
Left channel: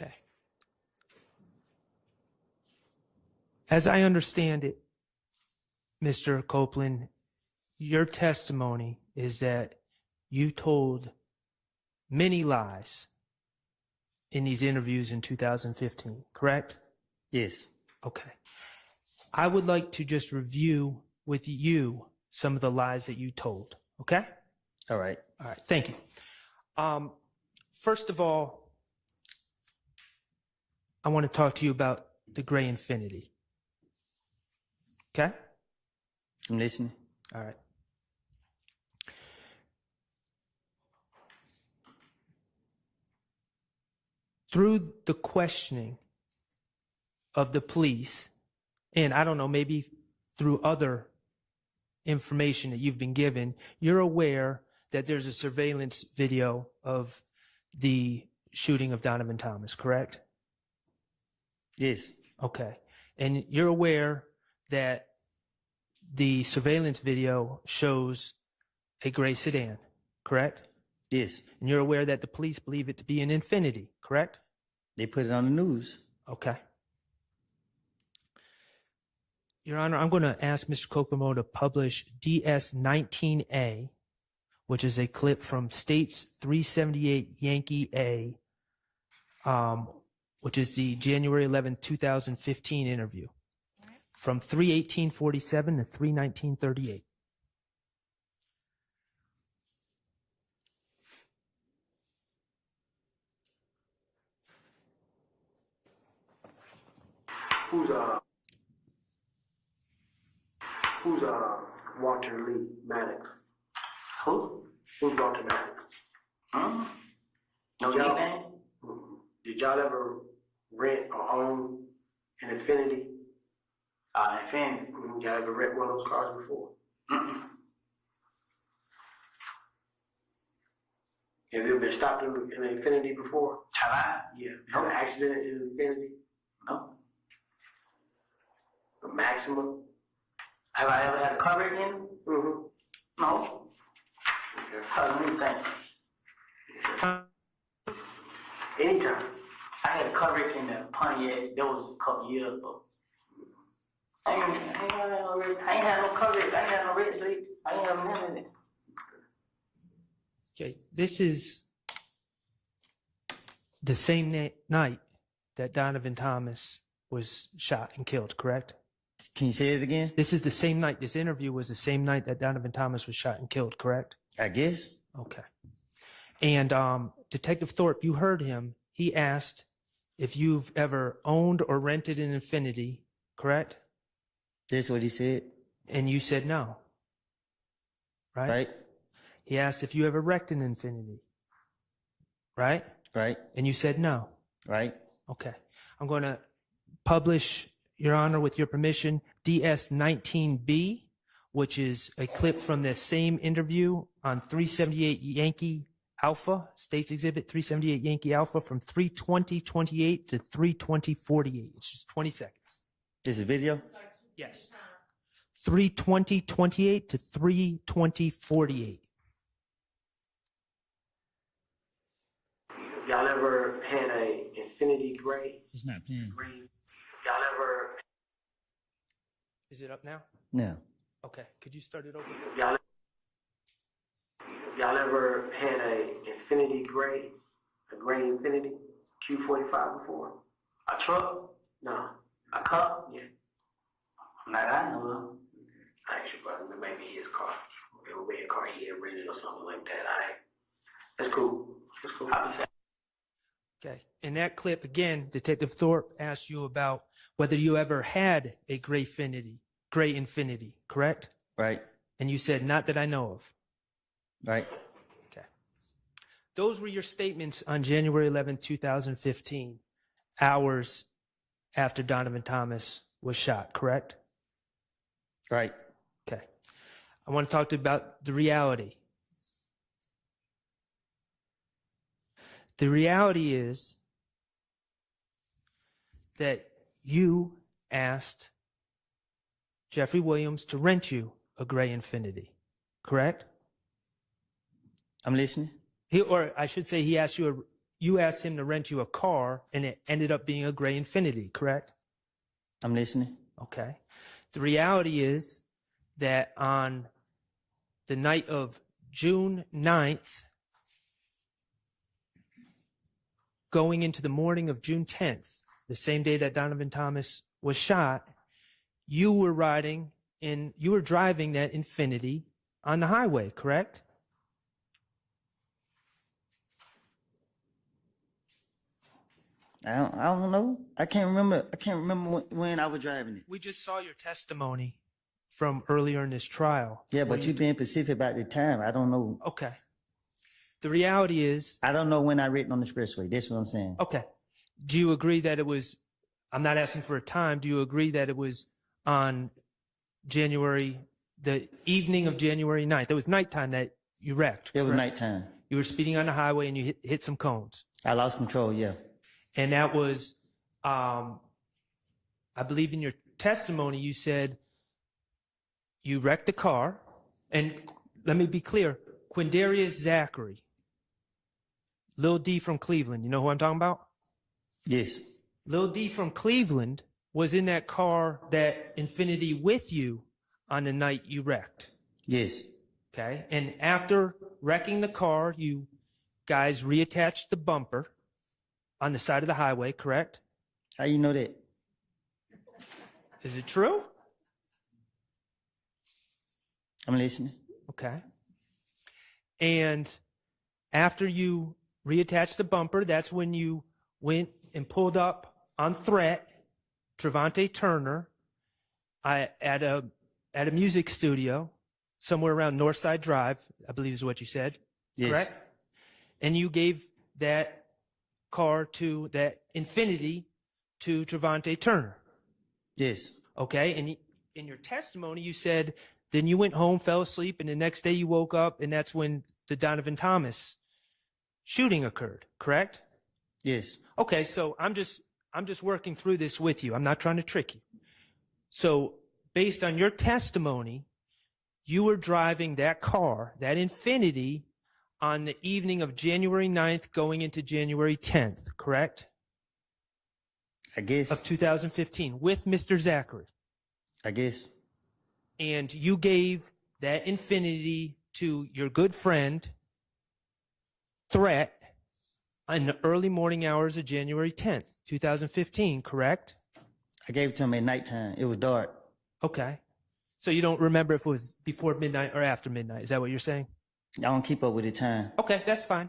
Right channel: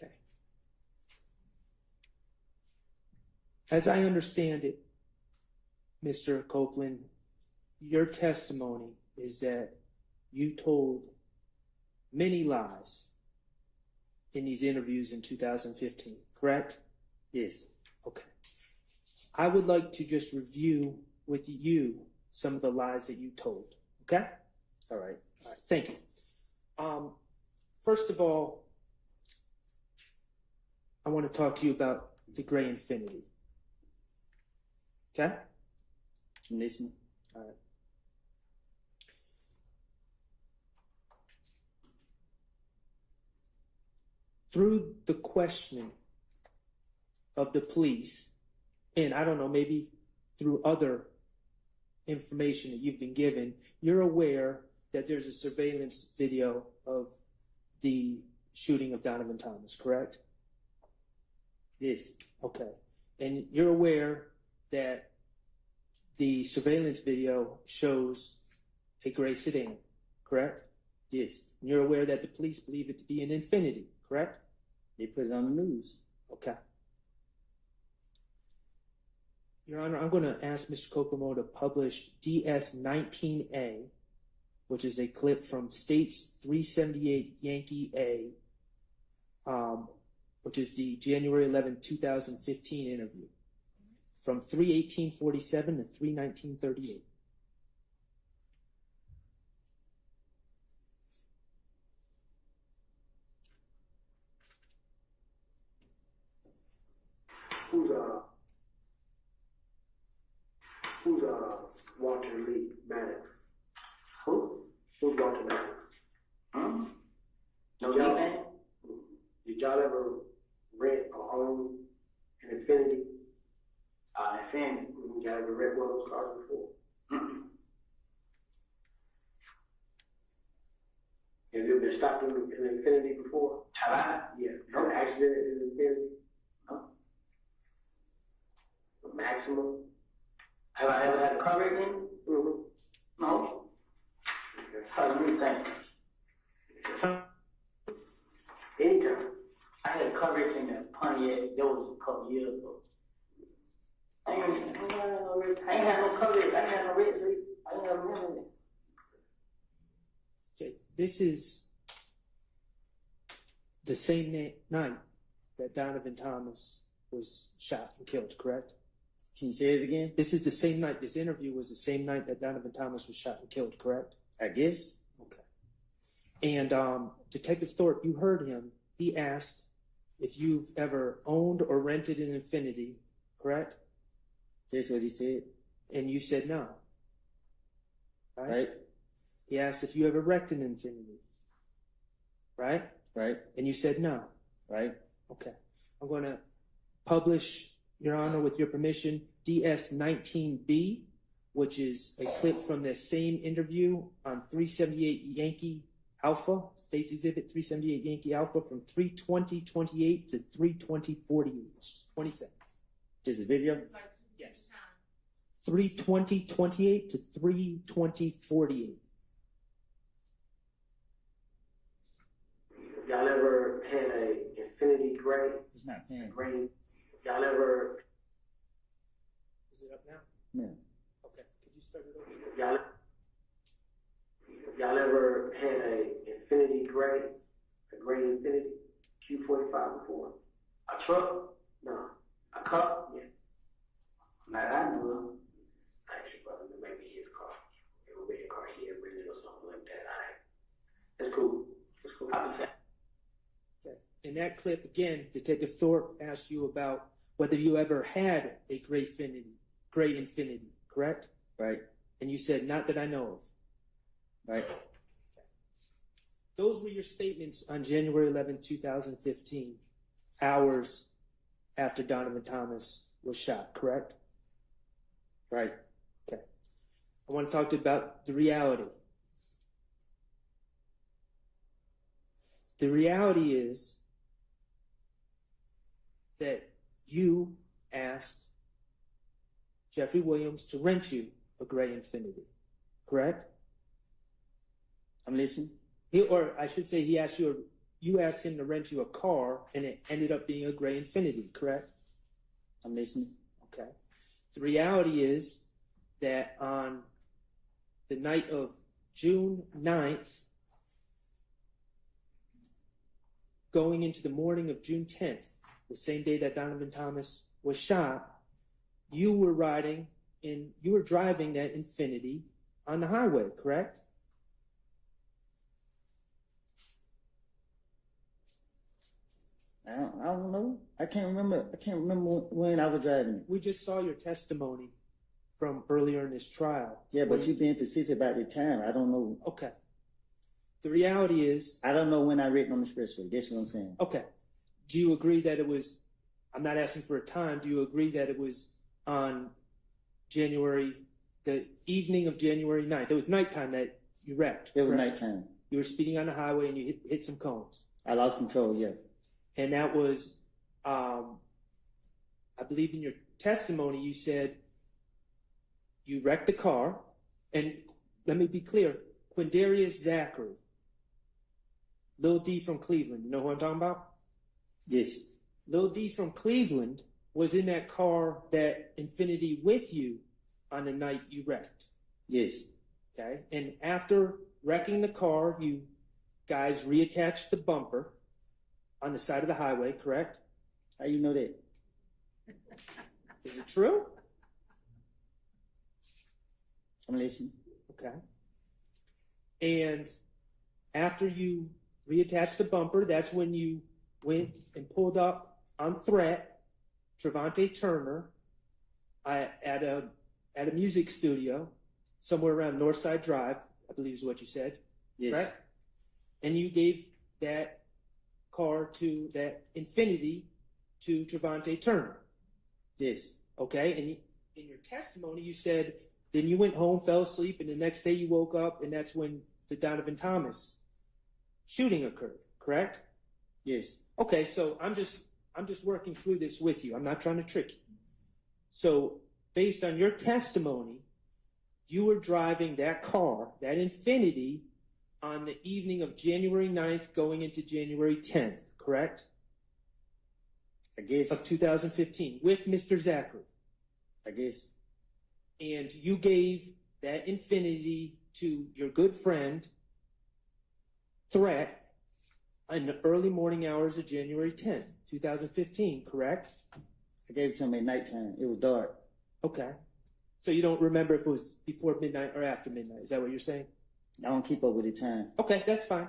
Okay. As I understand it, Mr. Copeland, your testimony is that you told many lies in these interviews in 2015, correct? Yes. Okay. I would like to just review with you some of the lies that you told, okay? All right. All right, thank you. First of all, I want to talk to you about the gray infinity. Okay? I'm listening. All right. Through the questioning of the police, and I don't know, maybe through other information that you've been given, you're aware that there's a surveillance video of the shooting of Donovan Thomas, correct? Yes. Okay. And you're aware that the surveillance video shows a gray sedan, correct? Yes. And you're aware that the police believe it to be an Infinity, correct? They put it on the news. Okay. Your Honor, I'm going to ask Mr. Kokomo to publish DS-19A, which is a clip from States 378 Yankee A, which is the January 11, 2015 interview, from 3/18/47 to 3/19/38. Who's Walter Lee Maddox? Who? Who's Walter Maddox? Huh? No, y'all. Did y'all ever rent or own an Infinity? Infinity. Y'all ever rent one of those cars before? Have you ever been stopped in an Infinity before? Yeah. Had an accident in an Infinity? No. A Maxima? Have I ever had a car wreck in? No. Let me think. Anytime. I had a car wreck in Pontiac. That was a couple years ago. I ain't had no car wreck. Okay, this is the same night that Donovan Thomas was shot and killed, correct? Can you say it again? This is the same night. This interview was the same night that Donovan Thomas was shot and killed, correct? I guess. Okay. And Detective Thorpe, you heard him. He asked if you've ever owned or rented an Infinity, correct? That's what he said. And you said no. Right? Right. He asked if you ever wrecked an Infinity. Right? Right. And you said no. Right. Okay. I'm going to publish, Your Honor, with your permission, DS-19B, which is a clip from the same interview on 378 Yankee Alpha, States Exhibit 378 Yankee Alpha, from 3:20:28 to 3:20:48. It's just 20 seconds. This is video? Yes. 3:20:28 to 3:20:48. Y'all ever had a Infinity Gray? It's not playing. Gray. Y'all ever? Is it up now? No. Okay. Could you start it over? Y'all ever had a Infinity Gray? A gray Infinity Q45 before? A truck? No. A cup? Yeah. Not I know of. Actually, but maybe his car. A red car he had rented or something like that. That's cool. That's cool. I'll be sad. Okay. In that clip, again, Detective Thorpe asked you about whether you ever had a gray Infinity, correct? Right. And you said, not that I know of. Right. Okay. Those were your statements on January 11, 2015, hours after Donovan Thomas was shot, correct? Right. Okay. I want to talk to you about the reality. The reality is that you asked Jeffrey Williams to rent you a gray Infinity, correct? I'm listening. Or I should say, you asked him to rent you a car, and it ended up being a gray Infinity, correct? I'm listening. Okay. The reality is that on the night of June 9th, going into the morning of June 10th, the same day that Donovan Thomas was shot, you were driving that Infinity on the highway, correct? I don't know. I can't remember when I was driving it. We just saw your testimony from earlier in this trial. Yeah, but you being specific about the time. I don't know. Okay. The reality is, I don't know when I written on the expressway. That's what I'm saying. Okay. Do you agree that it was, I'm not asking for a time, do you agree that it was on the evening of January 9th? It was nighttime that you wrecked. It was correct? nighttime. You were speeding on the highway and you hit some cones. I lost control, yeah. And that was, I believe in your testimony, you said you wrecked the car. And let me be clear, Quindarius Zachary, Lil D from Cleveland, you know who I'm talking about? Yes. Lil D from Cleveland was in that car, that Infinity, with you on the night you wrecked. Yes. Okay. And after wrecking the car, you guys reattached the bumper on the side of the highway, correct? How you know that? Is it true? I'm listening. Okay. And after you reattached the bumper, that's when you went and pulled up on threat Trevante Turner at a music studio somewhere around Northside Drive, I believe is what you said. Yes. Correct? And you gave that that Infinity to Trevante Turner. Yes. Okay. And in your testimony, you said then you went home, fell asleep, and the next day you woke up, and that's when the Donovan Thomas shooting occurred, correct? Yes. Okay, so I'm just working through this with you. I'm not trying to trick you. So based on your testimony, you were driving that car, that Infinity, on the evening of January 9th going into January 10th, correct? I guess. Of 2015 with Mr. Zachary. I guess. And you gave that Infinity to your good friend, threat in the early morning hours of January 10th, 2015, correct? I gave it to him at nighttime. It was dark. Okay. So you don't remember if it was before midnight or after midnight. Is that what you're saying? I don't keep up with the time. Okay, that's fine.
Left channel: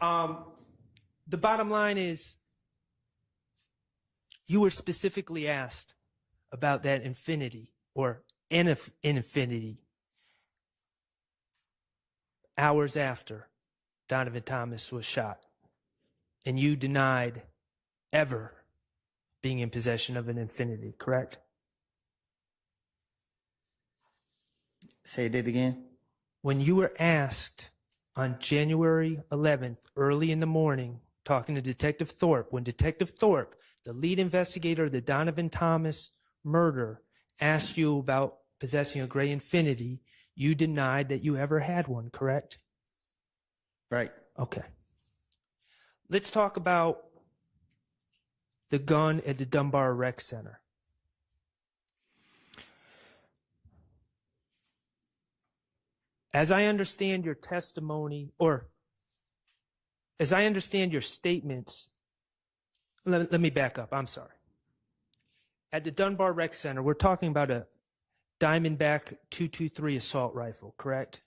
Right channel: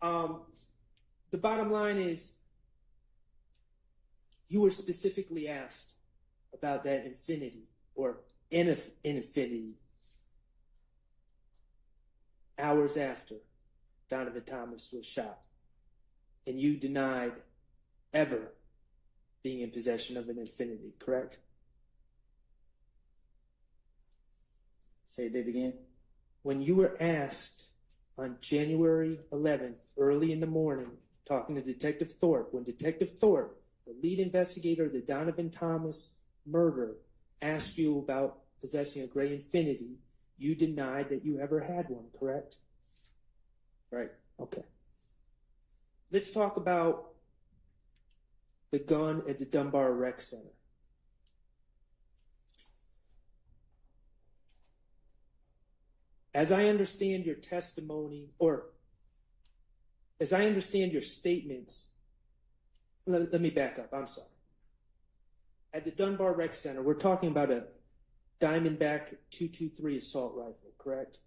The bottom line is you were specifically asked about that infinity or in infinity hours after Donovan Thomas was shot. And you denied ever being in possession of an infinity, correct? Say that again. When you were asked on January 11th, early in the morning, talking to Detective Thorpe, when Detective Thorpe, the lead investigator of the Donovan Thomas murder, asked you about possessing a gray infinity, you denied that you ever had one, correct? Right. Okay. Let's talk about the gun at the Dunbar Rec Center. As I understand your testimony, or as I understand your statements, let me back up. I'm sorry. At the Dunbar Rec Center, we're talking about a Diamondback .223 assault rifle, correct?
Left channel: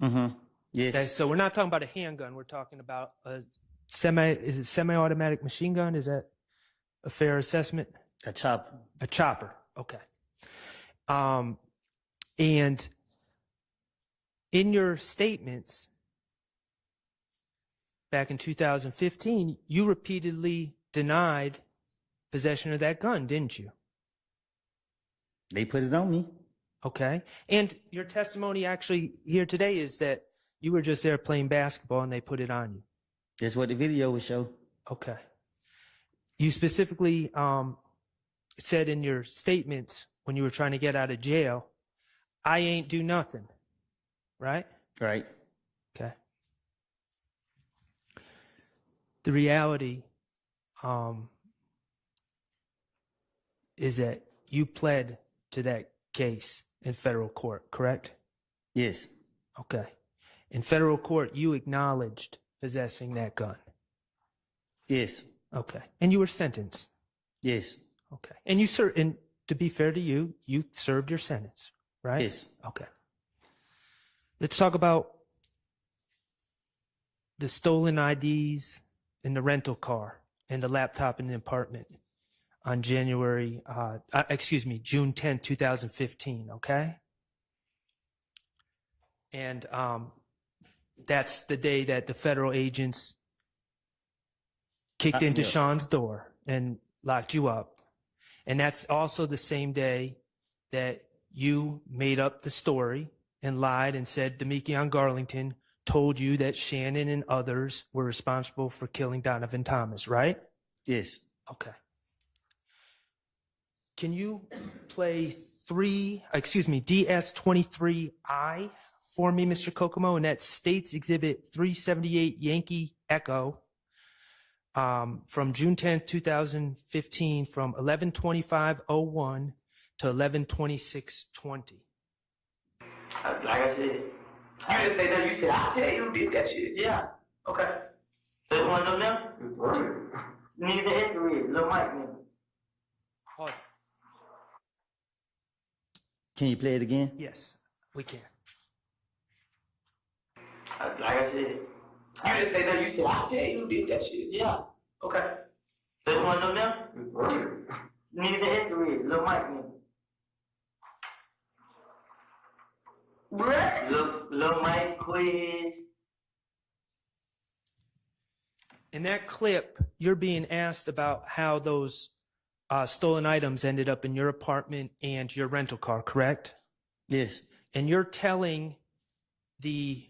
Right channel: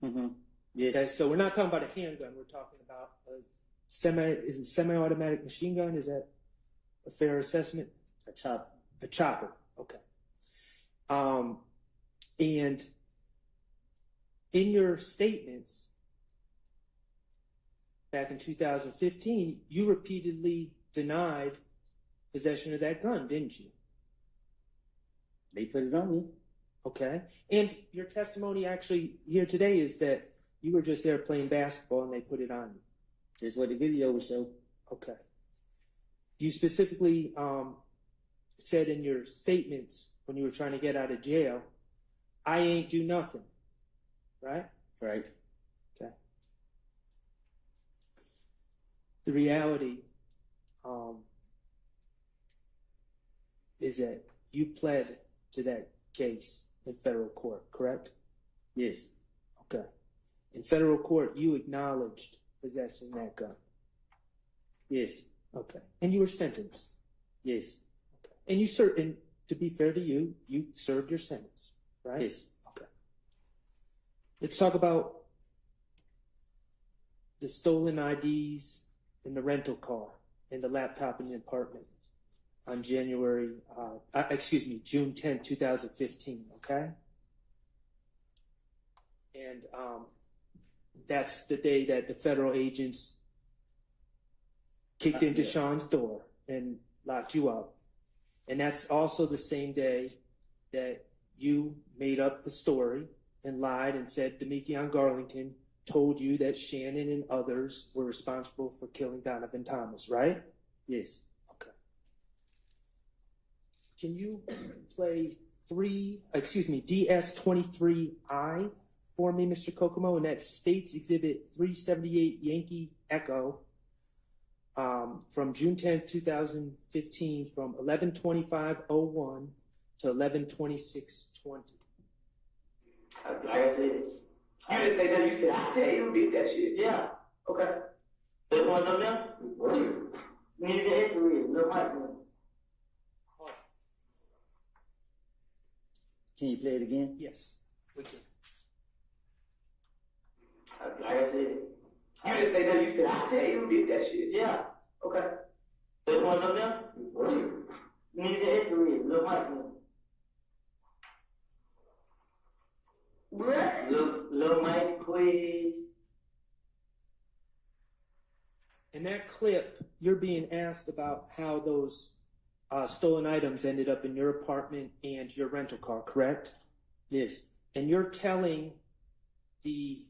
Mm-hmm. Yes. Okay, so we're not talking about a handgun. We're talking about a semi-automatic machine gun? Is that a fair assessment? A chopper. A chopper. Okay. And in your statements back in 2015, you repeatedly denied possession of that gun, didn't you? They put it on me. Okay. And your testimony actually here today is that you were just there playing basketball and they put it on you. That's what the video would show. Okay. You specifically said in your statements when you were trying to get out of jail, I ain't do nothing. Right? Right. Okay. The reality is that you pled to that case in federal court, correct? Yes. Okay. In federal court, you acknowledged possessing that gun. Yes. Okay. And you were sentenced. Yes. Okay. And and to be fair to you, you served your sentence, right? Yes. Okay. Let's talk about the stolen IDs in the rental car and the laptop in the apartment on June 10th, 2015, okay? And that's the day that the federal agents kicked into Sean's door and locked you up. And that's also the same day that you made up the story and lied and said Demekion Garlington told you that Shannon and others were responsible for killing Donovan Thomas, right? Yes. Okay. Can you play DS23I for me, Mr. Kokomo? And that's States Exhibit 378 Yankee Echo from June 10th, 2015 from 11:25:01 to 11:26:20. Like I said, I didn't say that. You said, I'll tell you, beat that shit. Yeah. Okay. So you want to know now? Need the history, little Mike. Pause. Can you play it again? Yes, we can. Like I said, you didn't say that. You said, I'll tell you, beat that shit. Yeah. Okay. So you want to know now? Need the history, little Mike. Little Mike quiz. In that clip, you're being asked about how those stolen items ended up in your apartment and your rental car, correct? Yes. And you're telling the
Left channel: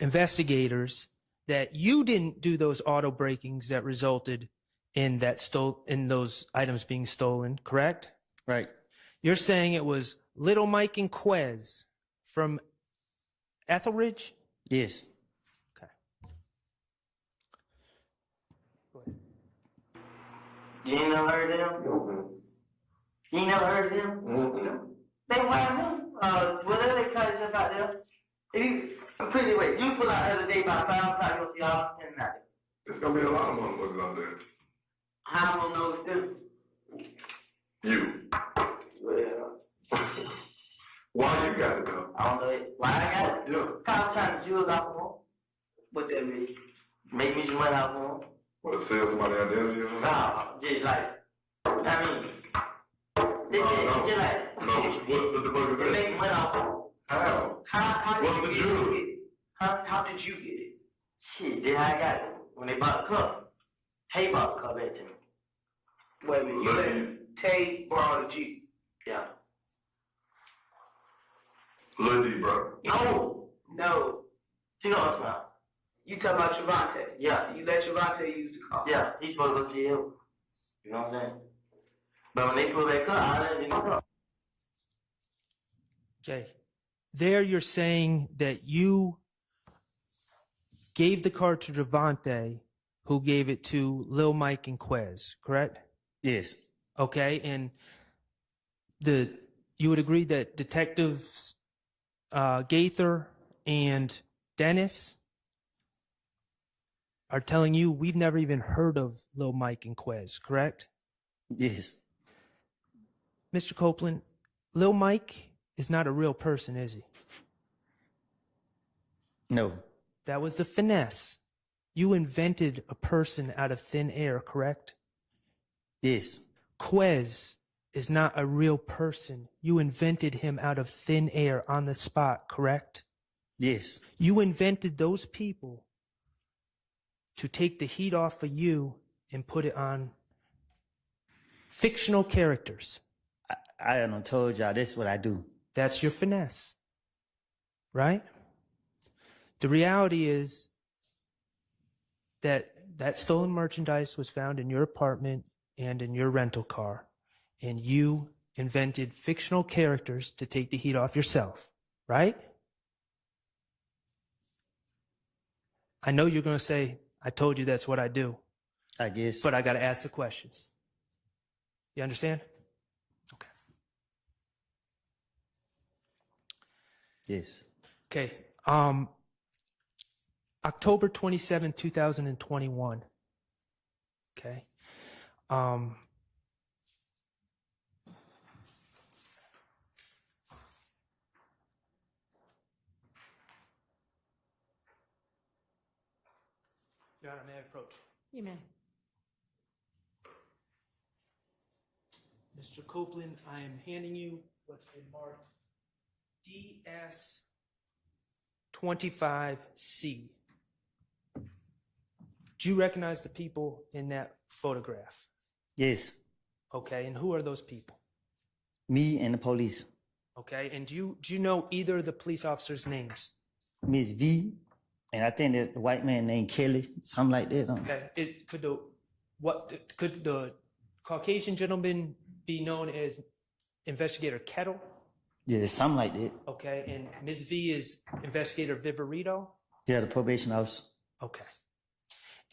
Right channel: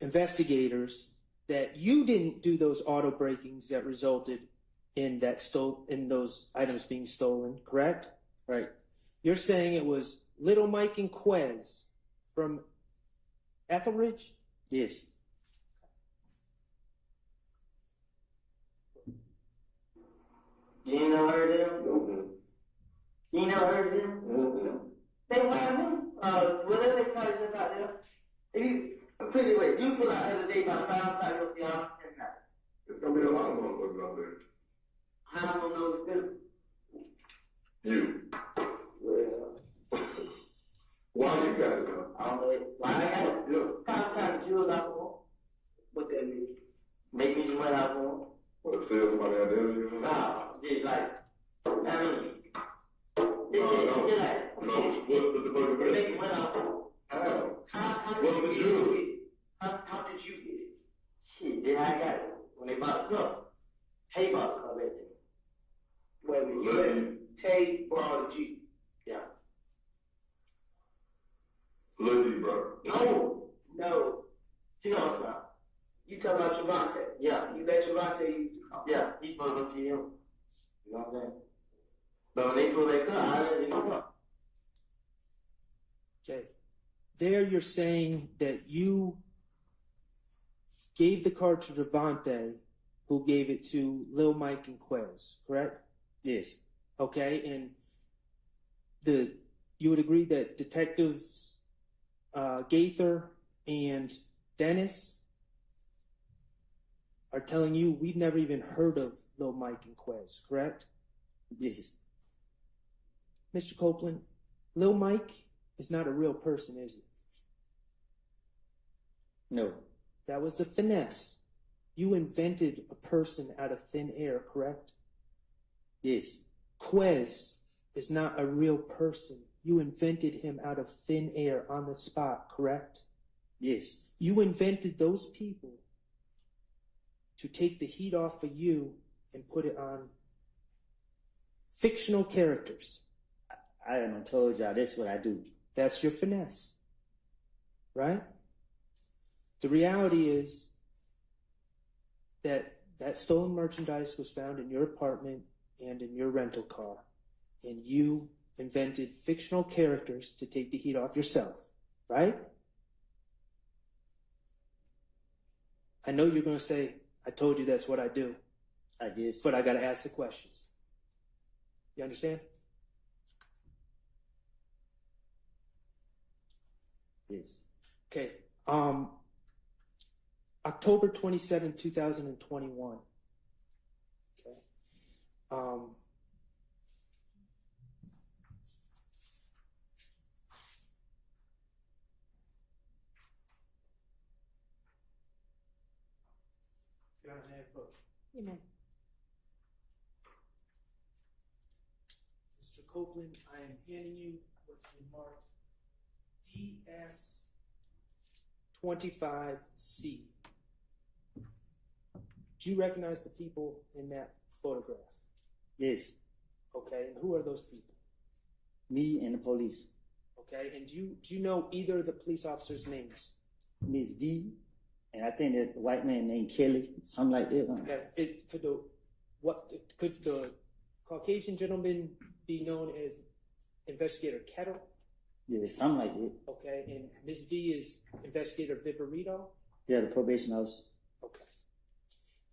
investigators that you didn't do those auto breakings that resulted in those items being stolen, correct? Right. You're saying it was Little Mike and Quez from Etheridge? Yes. Okay. You ain't never heard of them? You ain't never heard of them? They wild them. Whatever they call it about them. I'm pretty wait. You pull out the other day pay about $5,000 for y'all and nothing. There's gonna be a lot of motherfuckers out there. How am I gonna know it's them? You. Well, Why you got to go? I don't know it. Why I got it? Yeah. Probably trying to jewels out for them. What that mean? Make me some money out for them. What, sell somebody out there? No, just like, I mean, What's the burger make money out for them. How? How did you get it? How did you get it? Shit, then I got it. When they bought the cup, Tay bought the cup back to me. Wait a minute, you let Tay borrow the Jeep. Yeah. Lil D, bro. No. You know what I'm about. You talking about Trevante. Yeah, you let Trevante use the car. Yeah, he's supposed to go to him. You know what I'm saying? But when they pull that car, I let it go. Okay. There you're saying that you gave the car to Trevante, who gave it to Lil Mike and Quez, correct? Yes. Okay, and you would agree that Detectives Gaither and Dennis are telling you we've never even heard of Lil Mike and Quez, correct? Yes. Mr. Copeland, Lil Mike is not a real person, is he? No. That was the finesse. You invented a person out of thin air, correct? Yes. Quez is not a real person. You invented him out of thin air on the spot, correct? Yes. You invented those people to take the heat off of you and put it on fictional characters. I done told y'all that's what I do. That's your finesse, right? The reality is that stolen merchandise was found in your apartment and in your rental car, and you invented fictional characters to take the heat off yourself, right? I know you're going to say, I told you that's what I do. I guess. But I got to ask the questions. You understand? Okay. Yes. Okay. October 27, 2021. Okay. Your Honor, may I approach? You may. Mr. Copeland, I am handing you what's been marked DS25C. Do you recognize the people in that photograph? Yes. Okay, and who are those people? Me and the police. Okay, and do you know either of the police officers' names? Miss V, and I think that the white man named Kelly, something like that. Okay, could the Caucasian gentleman be known as Investigator Kettle? Yeah, something like that. Okay, and Ms. V is Investigator Viverito? Yeah, the probation officer. Okay.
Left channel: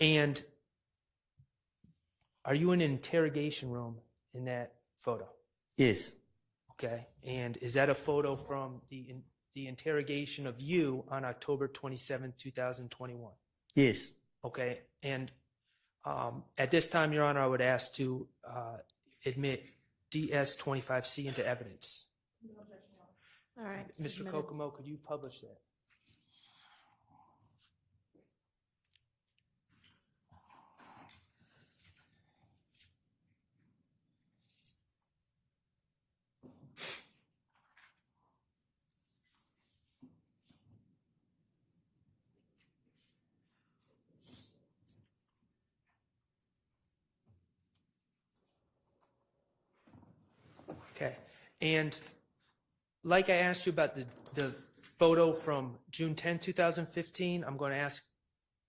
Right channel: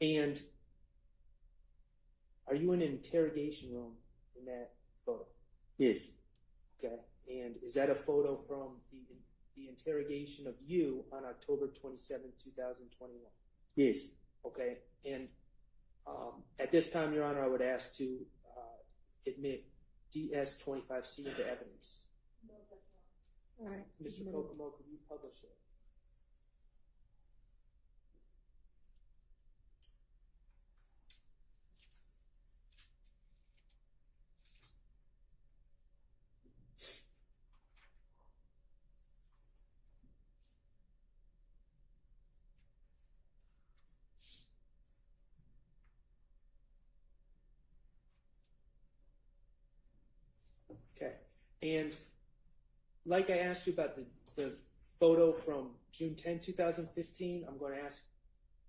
And are you in an interrogation room in that photo? Yes. Okay, and is that a photo from the interrogation of you on October 27, 2021? Yes. Okay, and at this time, Your Honor, I would ask to admit DS25C into evidence. All right. Mr. Kokomo, could you publish that? Okay, and like I asked you about the photo from June 10, 2015, I'm going to ask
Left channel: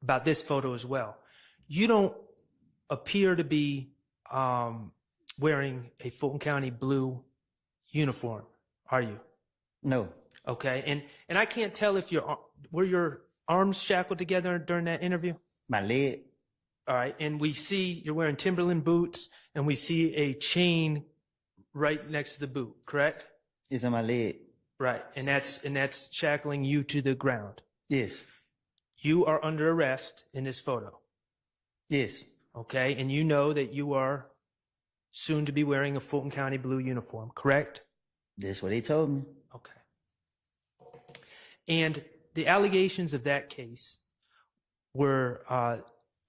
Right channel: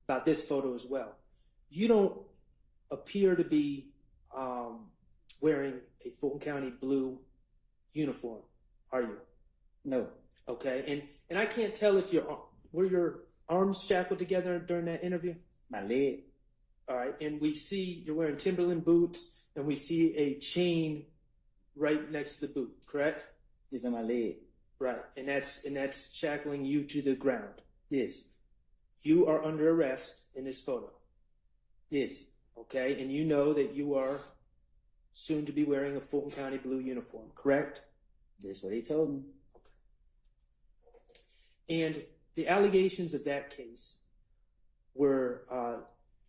about this photo as well. You don't appear to be wearing a Fulton County blue uniform, are you? No. Okay, and I can't tell if were your arms shackled together during that interview? My leg. All right, and we see you're wearing Timberland boots, and we see a chain right next to the boot, correct? It's on my leg. Right, and that's shackling you to the ground. Yes. you are under arrest in this photo. Yes. Okay, and you know that you are soon to be wearing a Fulton County blue uniform, correct? That's what they told me. Okay. And the allegations of that case were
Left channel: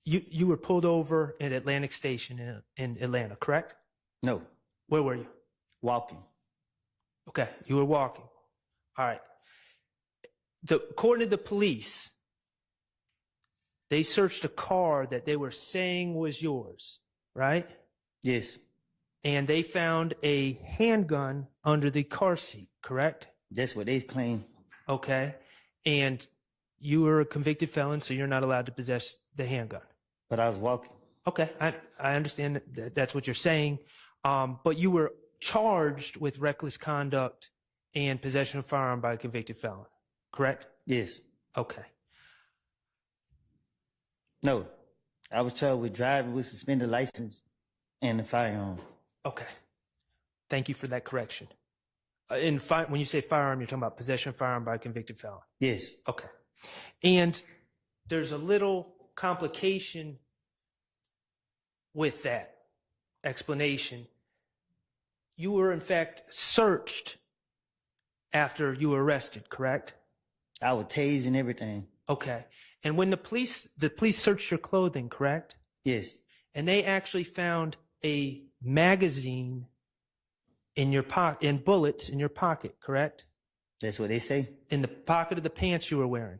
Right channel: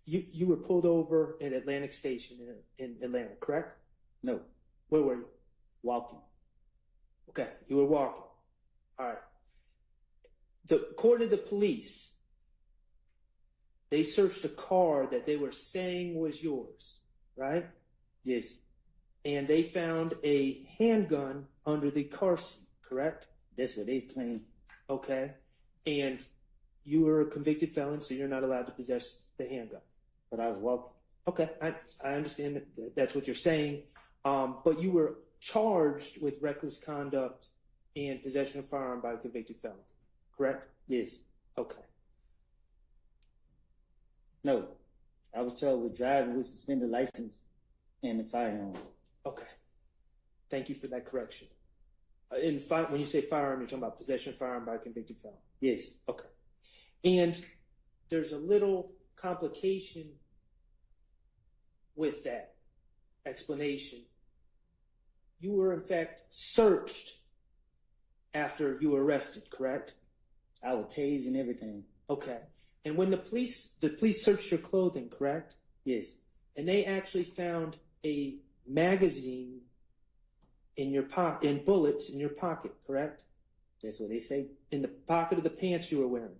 you were pulled over at Atlantic Station in Atlanta, correct? No. Where were you? Walking. Okay, you were walking. All right. According to the police, they searched a car that they were saying was yours, right? Yes. And they found a handgun under the car seat, correct? That's what they claim. Okay. And you were a convicted felon, so you're not allowed to possess the handgun. But I was walking. Okay, I understand that's what you're saying. But you were charged with reckless conduct and possession of firearm by a convicted felon, correct? Yes. Okay. No. I was charged with driving with suspended license and a firearm. Okay. Thank you for that correction. When you say firearm, you're talking about possession of firearm by a convicted felon? Yes. Okay. And there's a little complication with that explanation. You were, in fact, searched after you were arrested, correct? I was tased and everything. Okay. And when the police searched your clothing, correct? Yes. And they actually found a magazine in your pocket, and bullets in your pocket, correct? That's what they say. In the pocket of the pants you were wearing,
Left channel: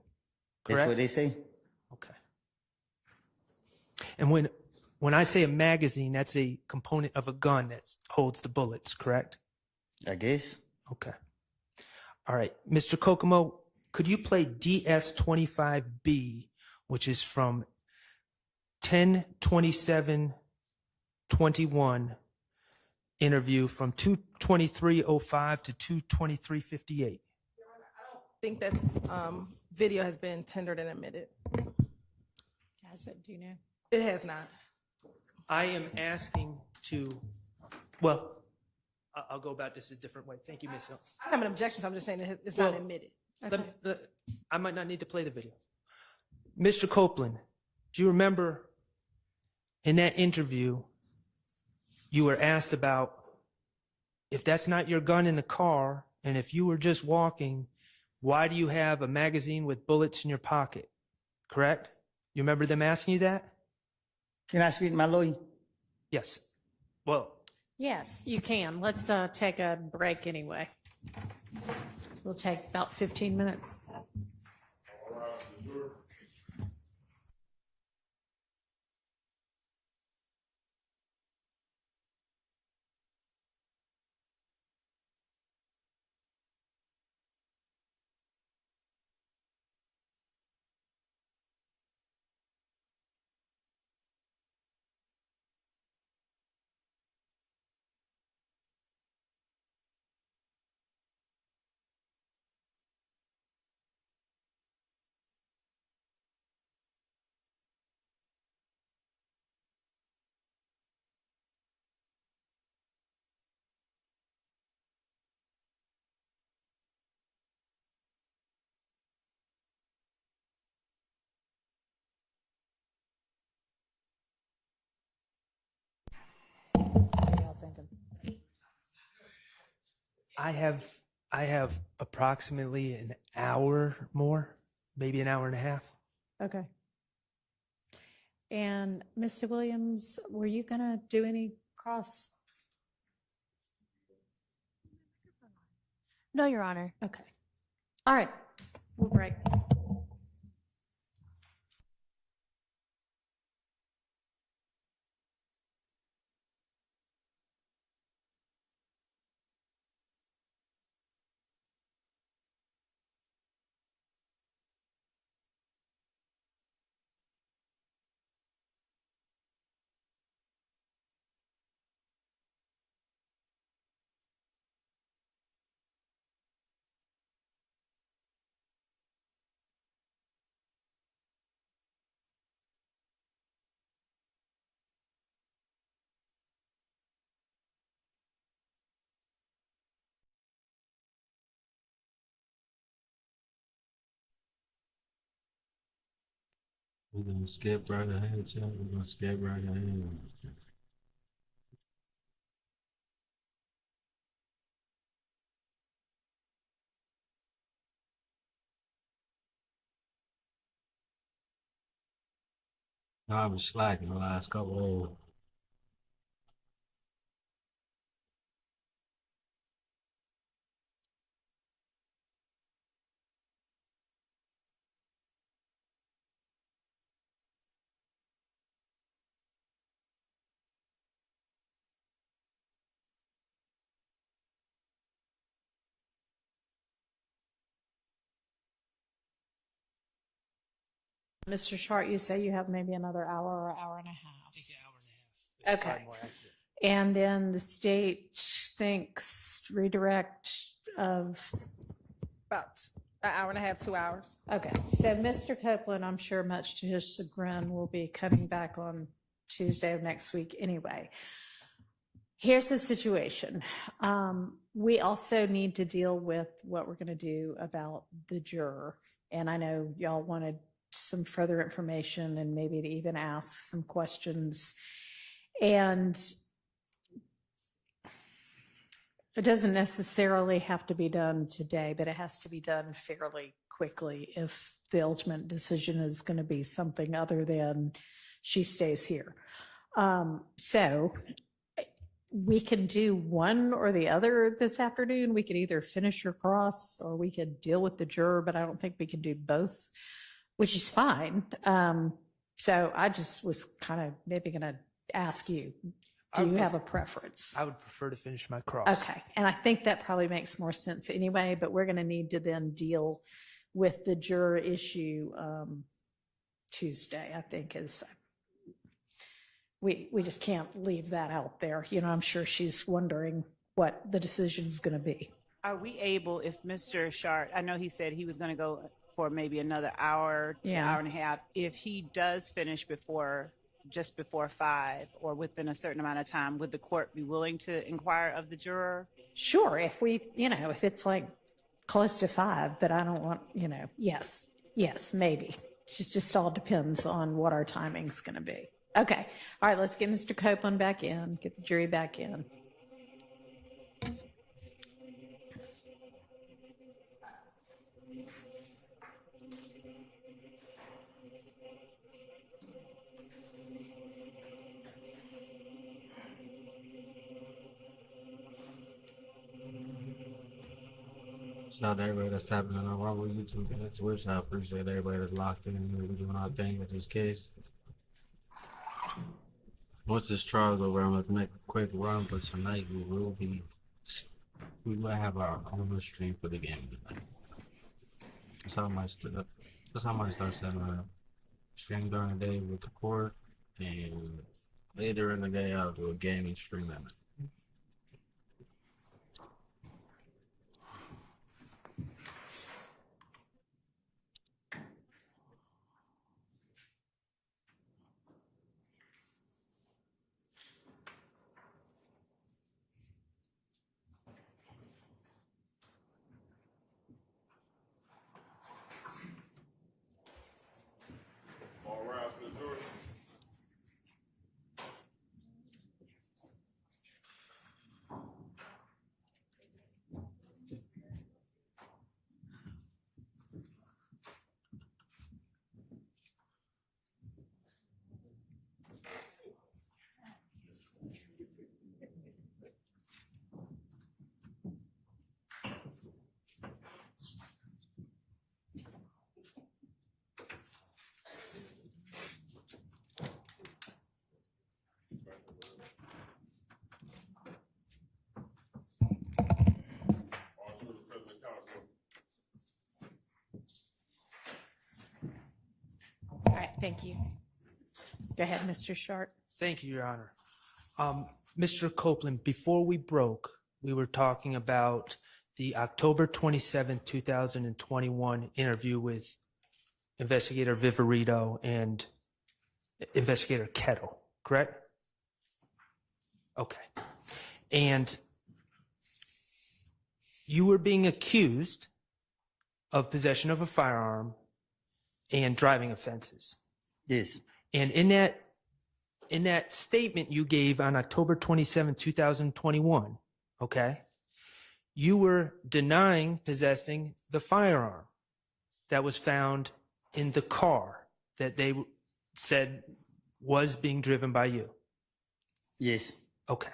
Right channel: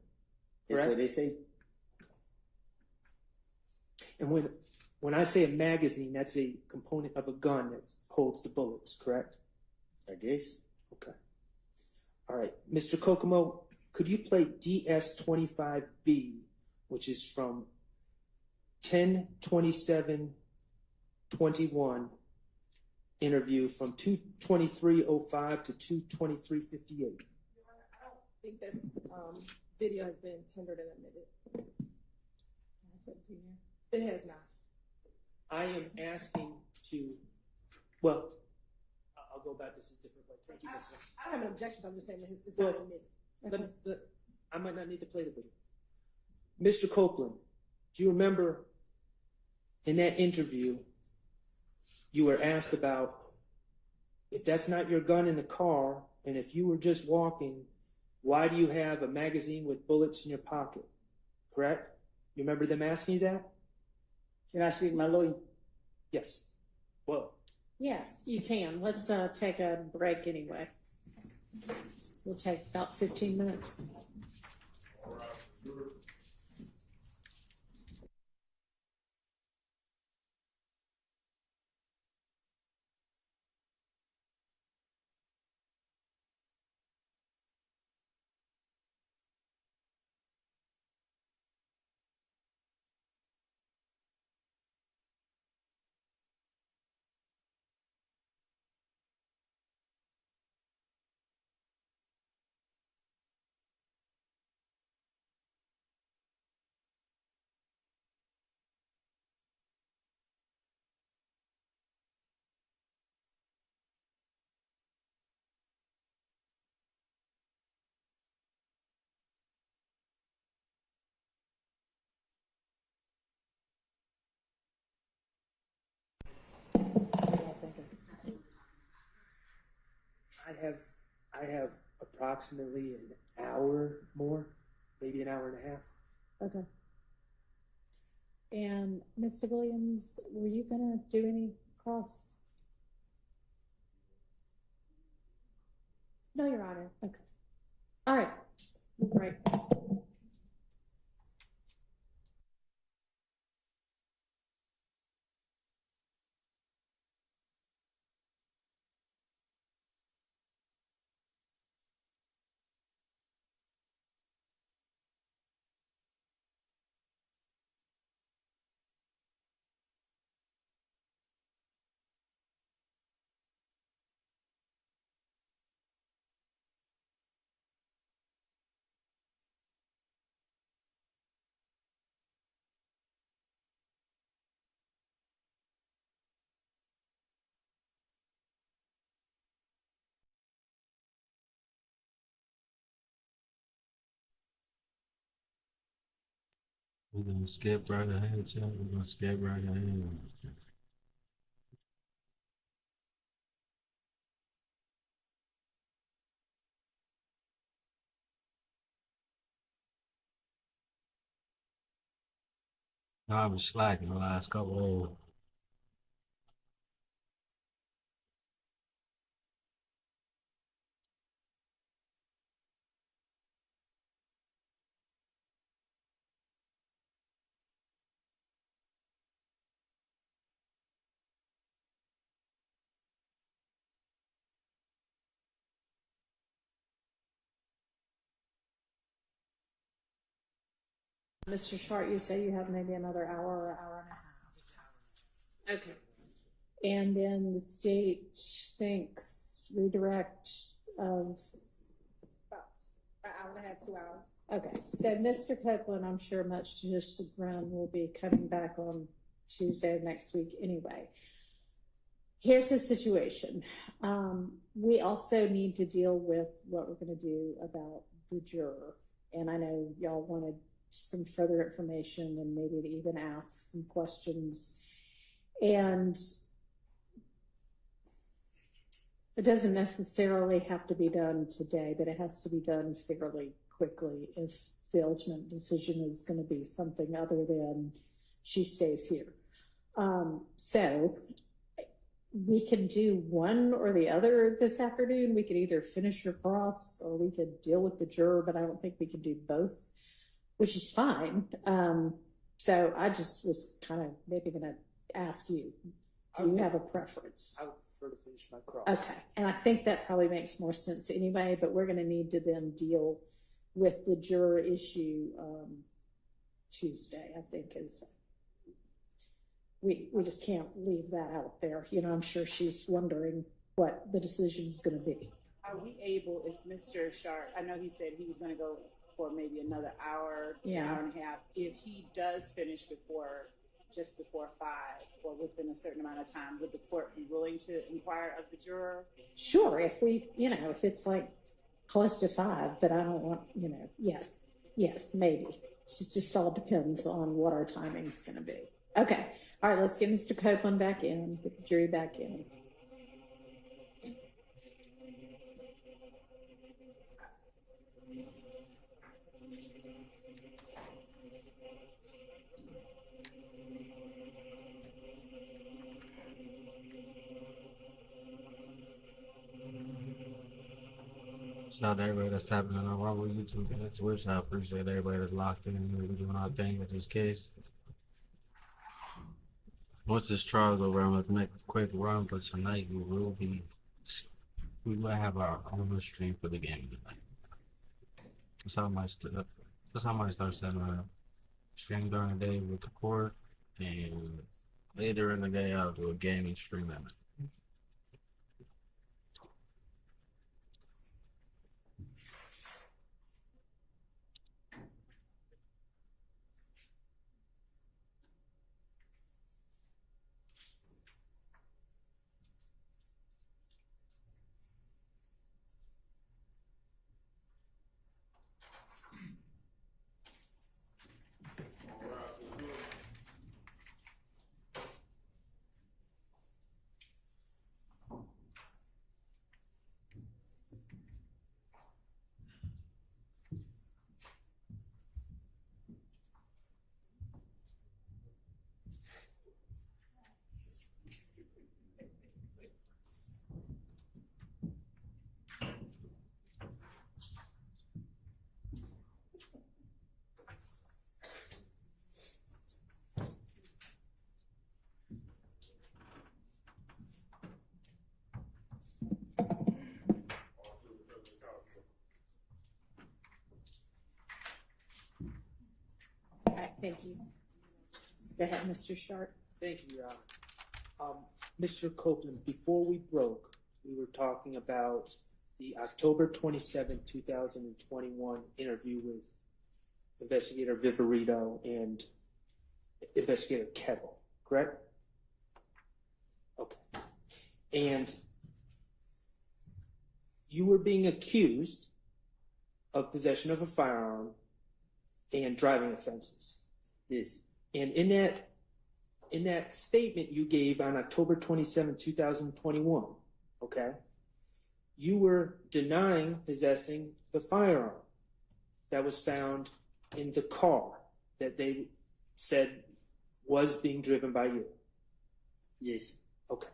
correct? That's what they say. Okay. And when I say a magazine, that's a component of a gun that holds the bullets, correct? I guess. Okay. All right. Mr. Kokomo, could you play DS25B, which is from 10/27/21 interview from 2/23/05 to 2/23/58? I think that video has been tendered and admitted. Has it? Do you know? It has not. I am asking to, well, I'll go about this a different way. Thank you, Ms. Hill. I don't have an objection, so I'm just saying it's not admitted. I might not need to play the video. Mr. Copeland, do you remember in that interview, you were asked about if that's not your gun in the car, and if you were just walking, why do you have a magazine with bullets in your pocket? Correct? You remember them asking you that? Can I speak to my lawyer? Yes. Well, Yes, you can. Let's take a break anyway. We'll take about 15 minutes. I have approximately an hour more, maybe an hour and a half. Okay. And Mr. Williams, were you gonna do any cross? No, Your Honor. Okay. All right. We'll break. We're gonna skip right ahead, chat. We're gonna skip right ahead. No, I was slacking the last couple of. Mr. Short, you say you have maybe another hour or hour and a half. Okay. And then the state thinks redirect of About an hour and a half, 2 hours. Okay, so Mr. Copeland, I'm sure much to his chagrin, will be coming back on Tuesday of next week anyway. Here's the situation. We also need to deal with what we're going to do about the juror. And I know y'all wanted some further information and maybe to even ask some questions. And it doesn't necessarily have to be done today, but it has to be done fairly quickly if the ultimate decision is going to be something other than she stays here. So we can do one or the other this afternoon. We could either finish your cross or we could deal with the juror, but I don't think we can do both, which is fine. So I just was kind of maybe going to ask you, do you have a preference? I would prefer to finish my cross. Okay, and I think that probably makes more sense anyway, but we're going to need to then deal with the juror issue Tuesday, I think is, we just can't leave that out there. You know, I'm sure she's wondering what the decision is going to be. Are we able, if Mr. Sharp, I know he said he was going to go for maybe another hour to hour and a half, if he does finish just before 5 or within a certain amount of time, would the court be willing to inquire of the juror? Sure, if we, if it's like close to 5, but I don't want, yes, maybe. It just all depends on what our timing's going to be. Okay, all right, let's get Mr. Copeland back in, get the jury back in. Shout out to everybody that's tapping in on Rumble, YouTube, and Twitch. I appreciate everybody that's locked in and we're doing our thing with this case. Once this trial's over, I'm going to make a quick run, but tonight we will have our own stream for the game tonight. That's how I might start setting up. Stream during the day with the court, and later in the day I'll do a gaming stream at night. All right, thank you. Go ahead, Mr. Sharp. Thank you, Your Honor. Mr. Copeland, before we broke, we were talking about the October 27, 2021 interview with Investigator Viverito and Investigator Kettle, correct? Okay. And you were being accused of possession of a firearm and driving offenses. Yes. And in that statement you gave on October 27, 2021, okay, you were denying possessing the firearm that was found in the car that they said was being driven by you. Yes. Okay.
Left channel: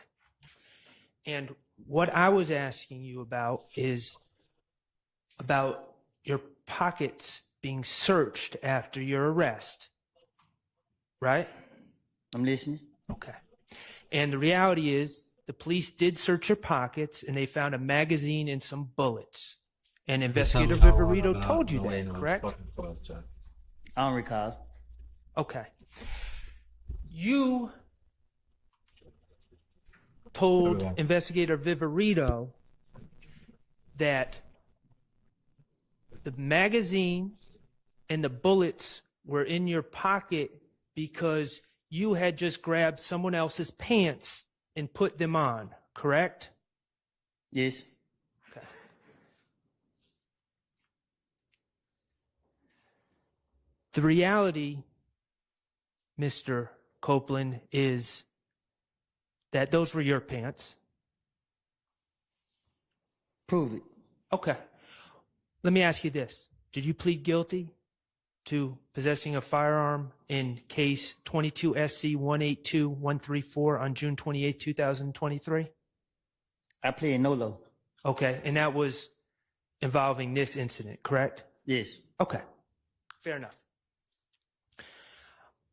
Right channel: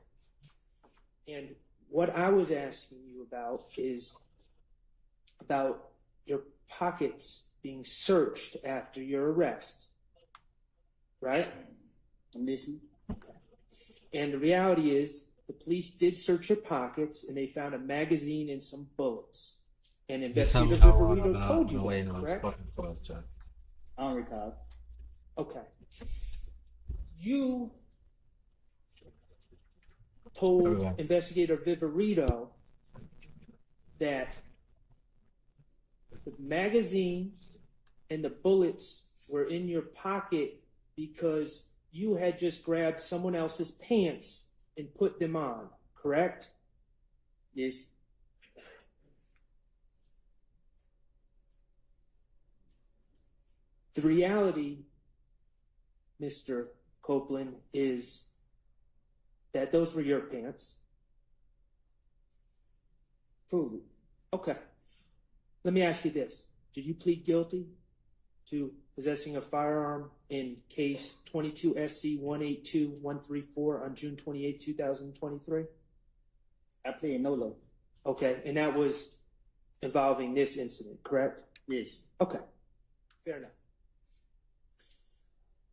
And what I was asking you about is about your pockets being searched after your arrest, right? I'm listening. Okay. And the reality is the police did search your pockets and they found a magazine and some bullets. And Investigator Viverito told you that, correct? I don't recall. Okay. You told Investigator Viverito that the magazine and the bullets were in your pocket because you had just grabbed someone else's pants and put them on, correct? Yes. Okay. The reality, Mr. Copeland, is that those were your pants. Prove it. Okay. Let me ask you this. Did you plead guilty to possessing a firearm in case 22 SC 182134 on June 28, 2023? I pled NOLO. Okay. And that was involving this incident, correct? Yes. Okay. Fair enough.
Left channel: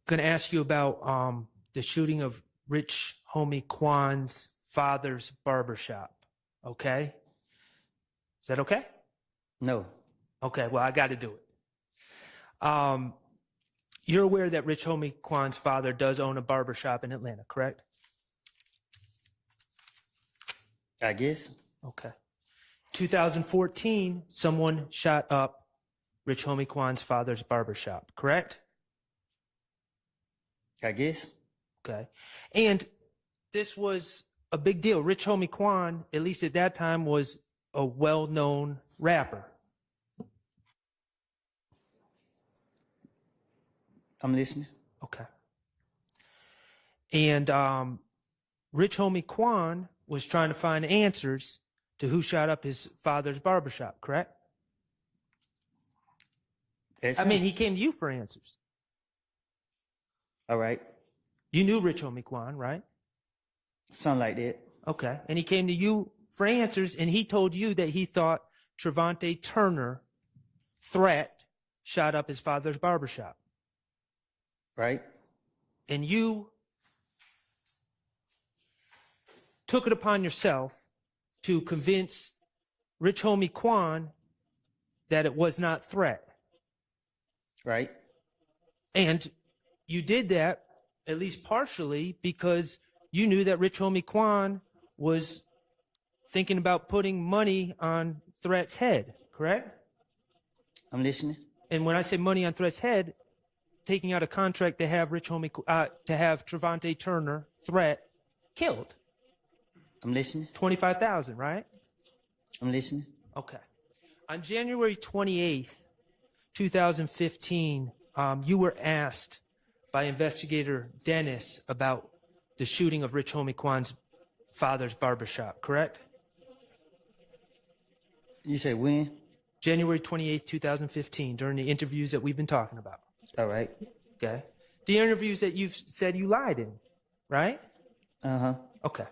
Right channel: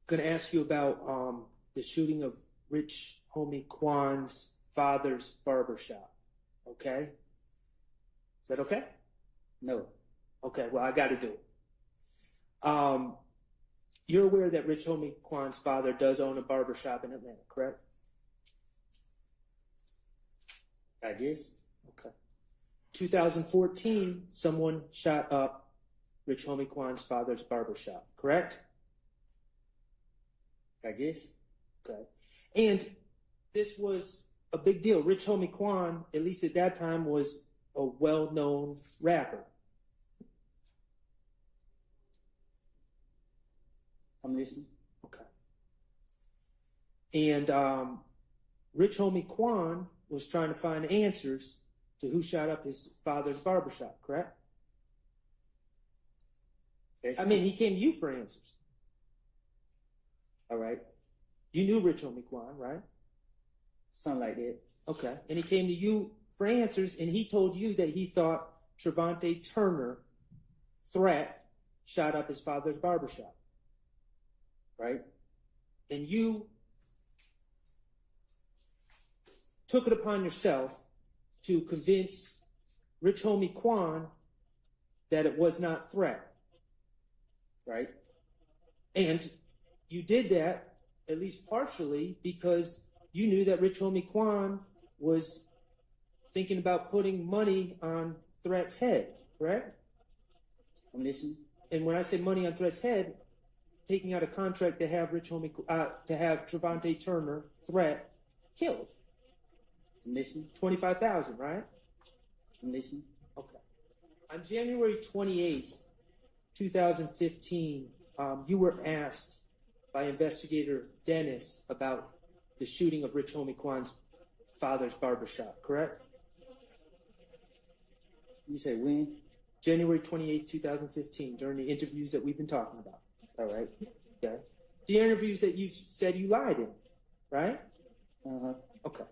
Going to ask you about the shooting of Rich Homie Kwan's father's barbershop. Okay? Is that okay? No. Okay, well, I got to do it. You're aware that Rich Homie Kwan's father does own a barbershop in Atlanta, correct? I guess. Okay. 2014, someone shot up Rich Homie Kwan's father's barbershop, correct? I guess. Okay. And this was a big deal. Rich Homie Kwan, at least at that time, was a well-known rapper. I'm listening. Okay. And Rich Homie Kwan was trying to find answers to who shot up his father's barbershop, correct? That's I mean, he came to you for answers. All right. You knew Rich Homie Kwan, right? Something like that. Okay. And he came to you for answers, and he told you that he thought Trevante Turner, threat, shot up his father's barbershop. Right. And you took it upon yourself to convince Rich Homie Kwan that it was not threat. Right. And you did that, at least partially, because you knew that Rich Homie Kwan was thinking about putting money on Threat's head, correct? I'm listening. And when I say money on Threat's head, taking out a contract to have to have Trevante Turner, Threat, killed. I'm listening. 25,000, right? I'm listening. Okay. On January 28th, 2015, you were asked by investigator Dennis about the shooting of Rich Homie Kwan's father's barbershop, correct? You say when? January 28th, 2015, during the interviews that we've been talking about. All right. Okay. The interviews that you've said you lied in, right? Uh-huh. Okay.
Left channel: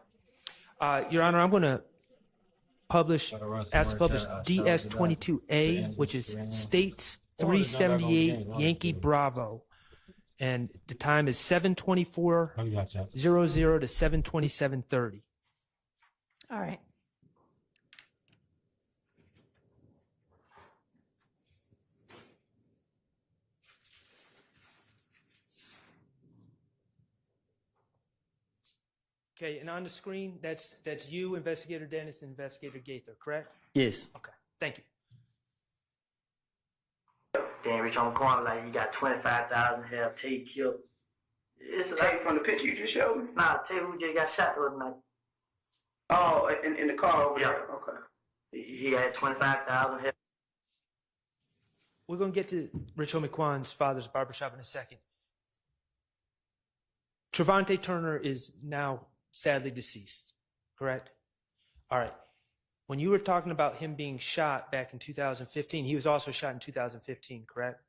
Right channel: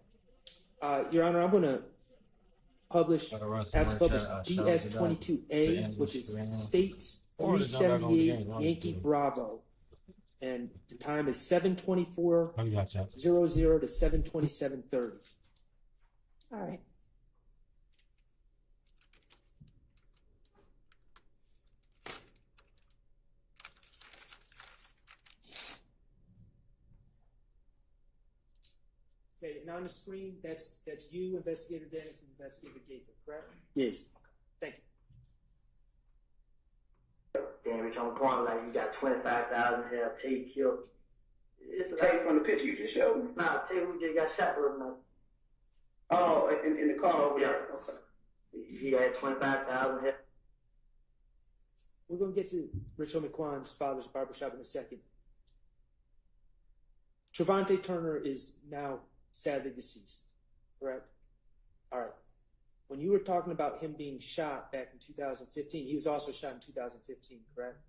Your Honor, I'm going to ask to publish DS22A, which is States 378 Yankee Bravo. And the time is 7:24:00 to 7:27:30. All right. Okay, and on the screen, that's you, Investigator Dennis, and Investigator Gaither, correct? Yes. Okay, thank you. Damn, Rich Homie Kwan, like, you got 25,000 have Tate killed. It's like from the picture you just showed me? Nah, Tate who just got shot the other night. Oh, in the car over there? Okay. He had 25,000 have. We're going to get to Rich Homie Kwan's father's barbershop in a second. Trevante Turner is now sadly deceased, correct? All right. When you were talking about him being shot back in 2015, he was also shot in 2015, correct?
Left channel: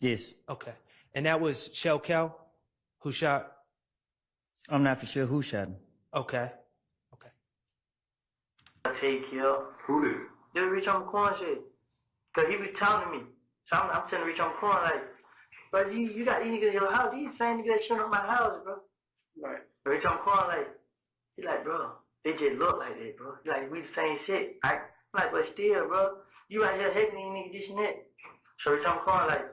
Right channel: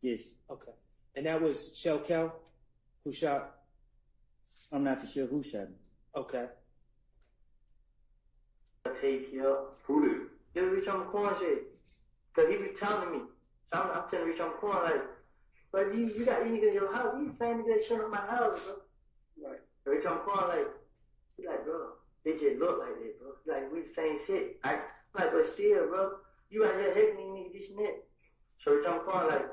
Yes. Okay. And that was Shell Kel who shot? I'm not for sure who shot him. Okay. Take you. Who did? Just reach on the corner shit. Cause he was telling me. So I'm telling Rich on the corner like, bro, you got these niggas in your house. These same niggas that shut up my house, bro. Right. Rich on the corner like, he like, bro, they just look like that, bro. He like, we the same shit. I'm like, but still, bro, you out here hating these niggas this and that. So Rich on the corner like,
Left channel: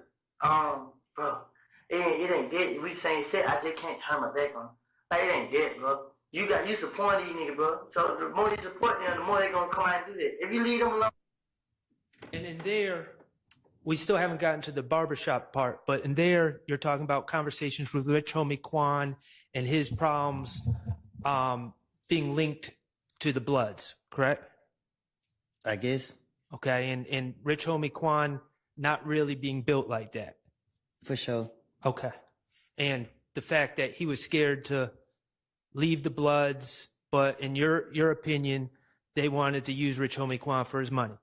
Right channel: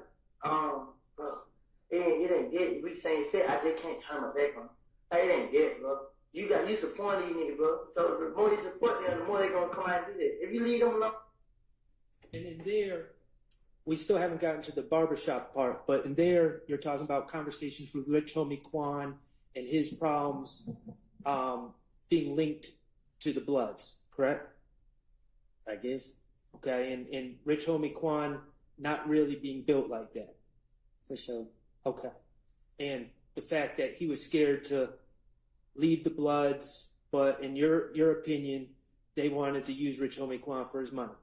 bro, it ain't dead. We the same shit. I just can't turn my back on. Like, it ain't dead, bro. You supporting these niggas, bro. So the more you support them, the more they gonna come out and do that. If you leave them alone. And in there, we still haven't gotten to the barbershop part, but in there, you're talking about conversations with Rich Homie Quan and his problems being linked to the Bloods, correct? I guess. Okay, and Rich Homie Quan not really being built like that. For sure. Okay. And the fact that he was scared to leave the Bloods, but in your opinion, they wanted to use Rich Homie Quan for his money.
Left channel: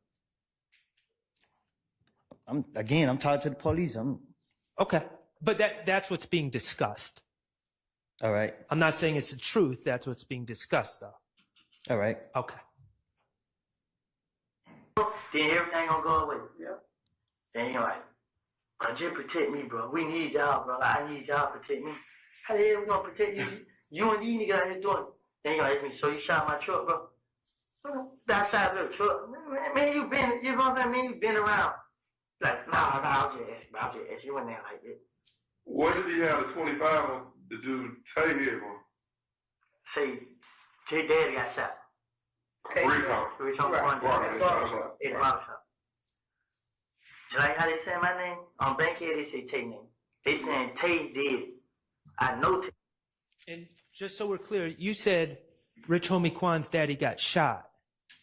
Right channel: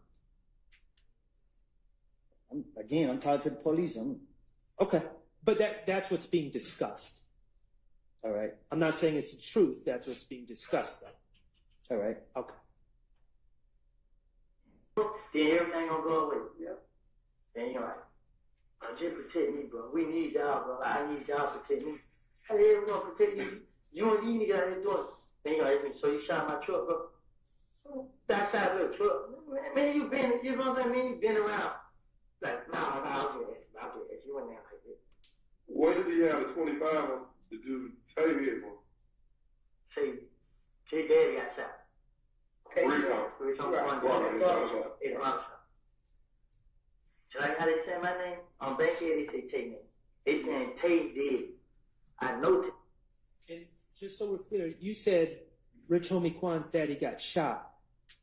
I'm talking to the police. Okay. But that's what's being discussed. All right. I'm not saying it's the truth. That's what's being discussed, though. All right. Okay. Then everything gonna go away. Yeah. Then you're like, bro, just protect me, bro. We need y'all, bro. I need y'all to protect me. How the hell we gonna protect you? You and these niggas out here doing it. Then you're like, so you shot my truck, bro. That side of the truck. Man, you been, you know what I'm saying? Man, you been around. Like, nah, I'll just ask. You went there like this. What did he have a 25 to do Tay here for? Say, his daddy got shot. Rico. Rico. It's barbershop. Just like how they say my name, on Bankhead they say Tay name. They saying Tay did. I know Tay. And just so we're clear, you said Rich Homie Quan's daddy got shot.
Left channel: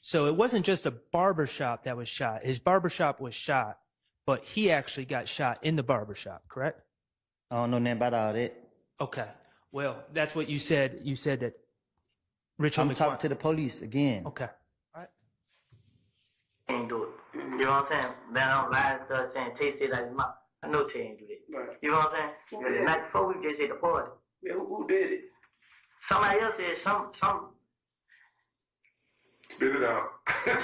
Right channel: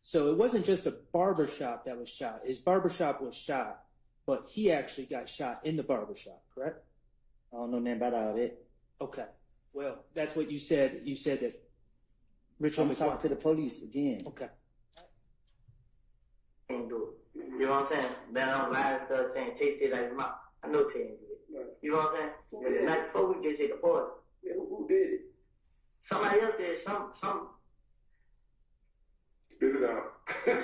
So it wasn't just a barbershop that was shot. His barbershop was shot, but he actually got shot in the barbershop, correct? I don't know nothing about all that. Okay. Well, that's what you said. You said that Rich Homie Quan. Talk to the police again. Okay. Ain't do it. You know what I'm saying? Then I don't lie and stuff saying Tay said like his mouth. I know Tay ain't do that. Right. You know what I'm saying? Because the night before we just hit the party. Yeah, who did it? Somebody else did. Some. Spit it out. You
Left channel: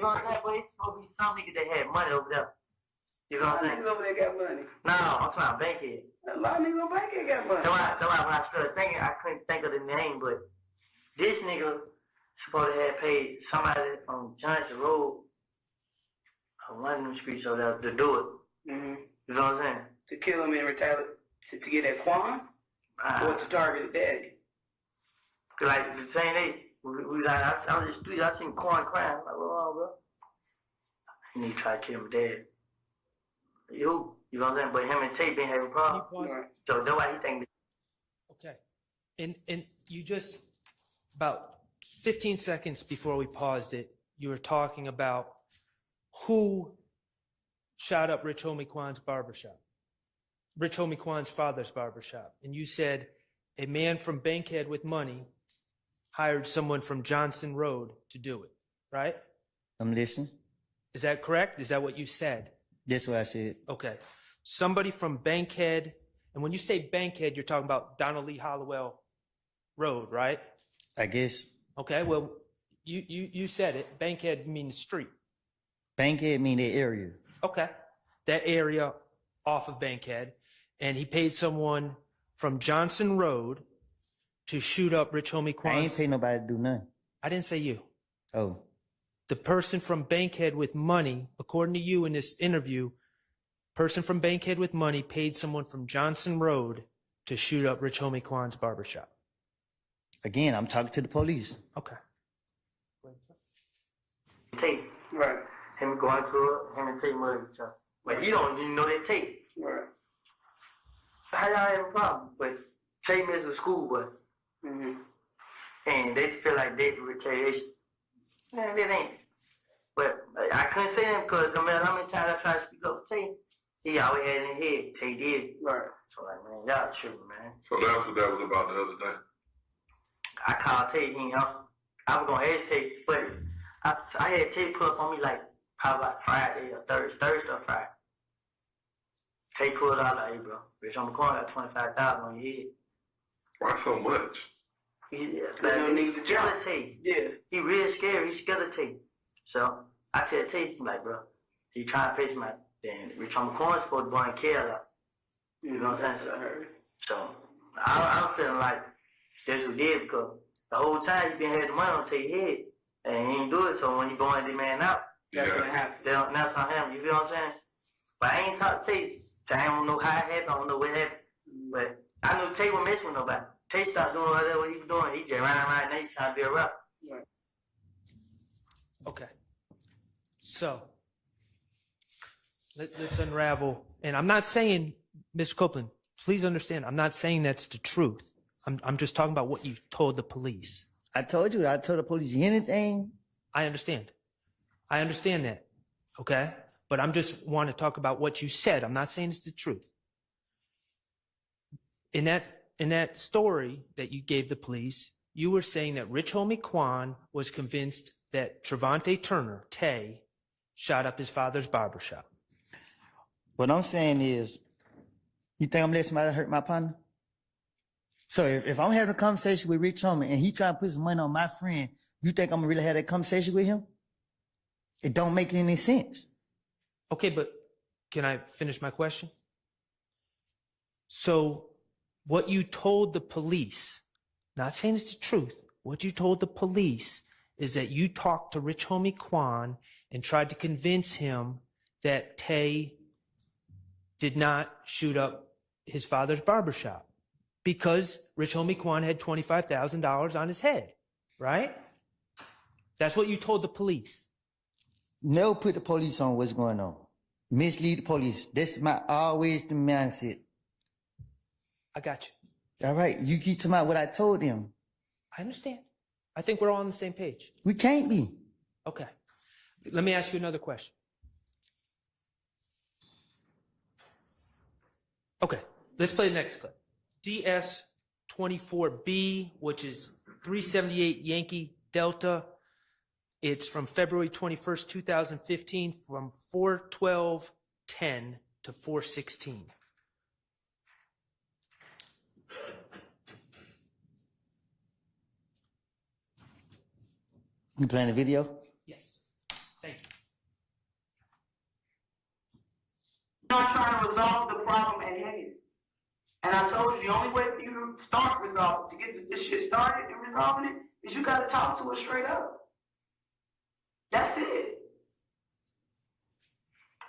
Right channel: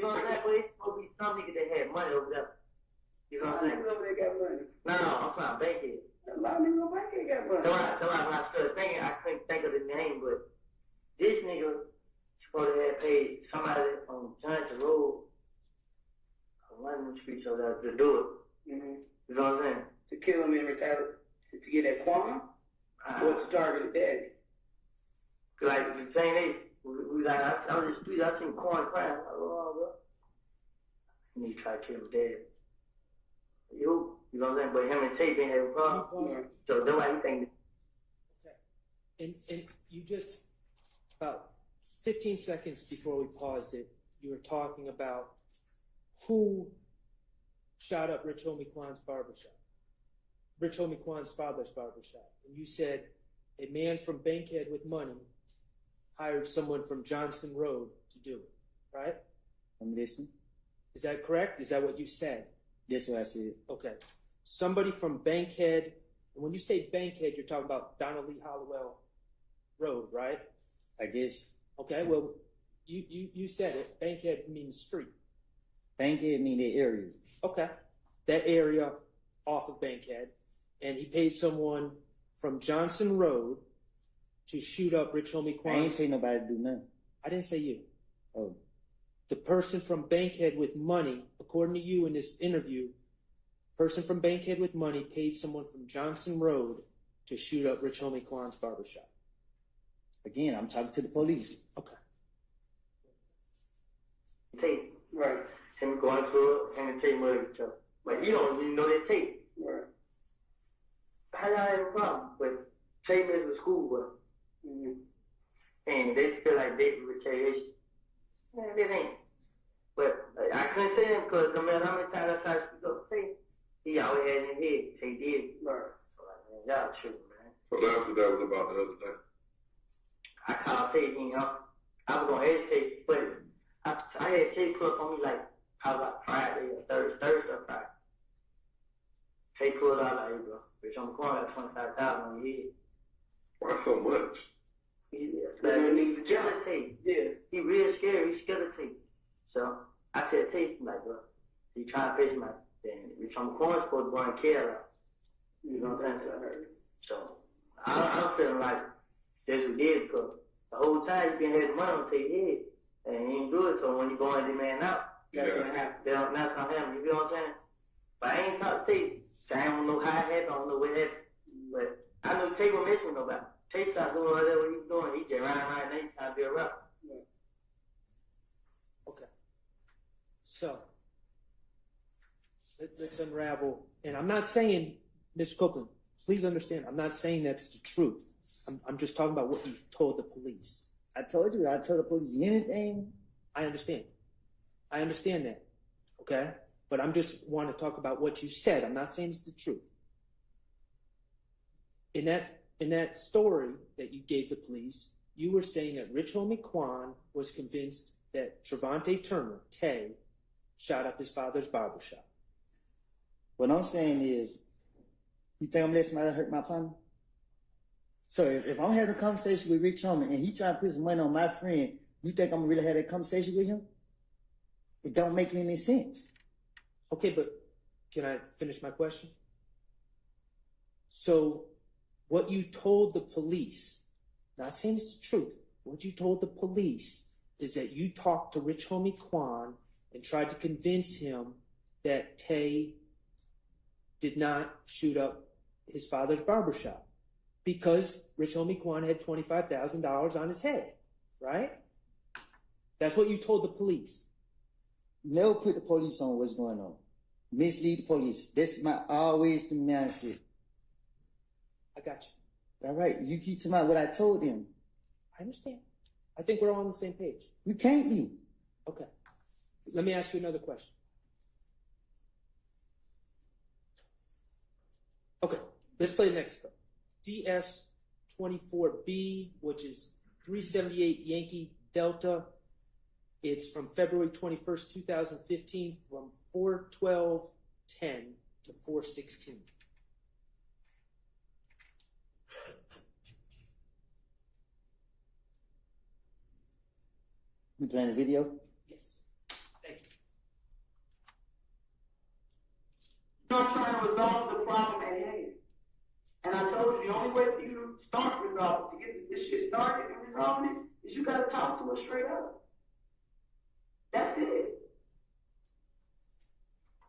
know what I'm saying? But it's supposed to be some niggas that had money over there. You know what I'm saying? Over there got money. No, I'm talking about Bankhead. A lot of niggas on Bankhead got money. So when I started thinking, I couldn't think of the name, but this nigga supposed to have paid somebody on Johnson Road on one of them streets over there to do it. Mm-hmm. You know what I'm saying? To kill him and retaliate, to get that Quan? Or to target his daddy? Like the same day, we like, I was in the street, I seen Quan crying. I'm like, oh, bro. And he tried to kill my dad. You know what I'm saying? But him and Tay been having problems. So that's why he think. Okay. And you just, about 15 seconds before we paused it, you were talking about who shot up Rich Homie Quan's barbershop. Rich Homie Quan's father's barbershop. And you said a man from Bankhead with money hired someone from Johnson Road to do it, right? I'm listening. Is that correct? Is that what you said? That's what I said. Okay. Somebody from Bankhead, and when you say Bankhead, you're talking about Donald Lee Hollowell Road, right? I guess. Okay, well, you said it. Bankhead means street. Bankhead mean that area. Okay. That area off of Bankhead. And he paid someone from Johnson Road to shoot up Rich Homie Quan's. I ain't pay nobody to do nothing. I didn't say you. Oh. The person from Bankhead with money, according to you in this interview, person from Bankhead with money paid someone from Johnson Road to shoot up Rich Homie Quan's barbershop. Again, I'm talking to the police. Okay. Tay. Right. Him going through it, him and Tay murder each other. But he don't even know that Tay. Right. How y'all have a problem with Tay missed with school, but and they feel like they retaliation. Man, it ain't. But I couldn't say him because no matter how many times I tried to speak up to Tay, he always had in his head, Tay the other day? I called Tay, I was gonna ask Tay, but I had Tay pull up on me like probably like Friday or Thursday or Friday. Tay pulled out like, hey bro, bitch on the corner got 25,000 on your head. Why so much? Yeah, he real scary. He's scared of Tay. So I said, Tay, like, bro, he trying to face me like, damn, Rich on the corner supposed to go and kill her. You know what I'm saying? So I'm feeling like that's what he did because the whole time he been having the money on Tay's head and he ain't do it. So when he going the man out, that's what happened. That's on him. You feel what I'm saying? But I ain't talked to Tay. So I don't know how it happened. I don't know what happened. But I knew Tay wasn't messing with nobody. Tay stopped doing whatever he was doing. He just ran right now. He trying to be a rapper. Okay. So let's unravel. And I'm not saying, Mr. Copeland, please understand, I'm not saying that's the truth. I'm just talking about what you told the police. I told you, I told the police anything. I understand. I understand that. Okay? But I'm just want to talk about what you said. I'm not saying it's the truth. In that story that you gave the police, you were saying that Rich Homie Quan was convinced that Trevante Turner, Tay, shot up his father's barbershop. What I'm saying is, you think I'm letting somebody hurt my partner? So if I'm having a conversation with Rich Homie and he trying to put some money on my friend, you think I'm gonna really have that conversation with him? It don't make any sense. Okay, but can I finish my question? So what you told the police, not saying it's the truth, what you told the police is that you talked to Rich Homie Quan and tried to convince him that Tay did not shoot up his father's barbershop because Rich Homie Quan had $25,000 on his head, right? That's what you told the police. Never put the police on what's going on. Mislead the police. That's always the mindset. I got you. All right, you keep talking about what I told them. I understand. I think we're all on the same page. We can't be. Okay. Let me ask you another question. Okay, let's play the next clip. DS24B, which is 378 Yankee Delta. It's from February 21st, 2015, from 4/12/10 to 4/16. You playing the video? Yes. Thank you. I'm trying to resolve the problem at hand. And I told you the only way for you to start resolving, to get this shit started and resolving it, is you gotta talk to her straight up. That's it.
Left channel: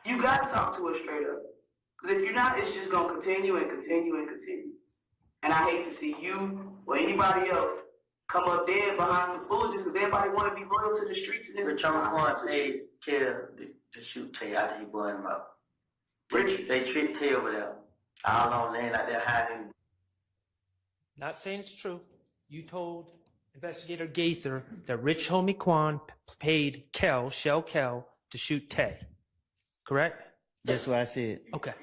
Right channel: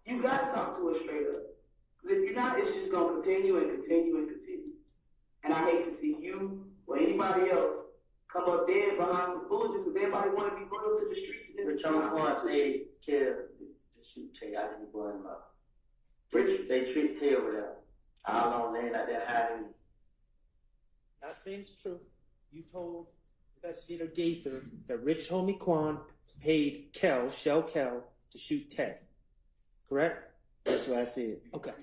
You gotta talk to her straight up. Because if you're not, it's just gonna continue and continue and continue. And I hate to see you or anybody else come up dead behind the foolishness because everybody want to be loyal to the streets. And Rich Homie Quan said, kill to shoot Tay after he blew him up. Rich, they tricked Tay over there. All on land like that hiding. Not saying it's true. You told Investigator Gaither that Rich Homie Quan paid Shell Kel, to shoot Tay. Correct? That's what I said. Okay.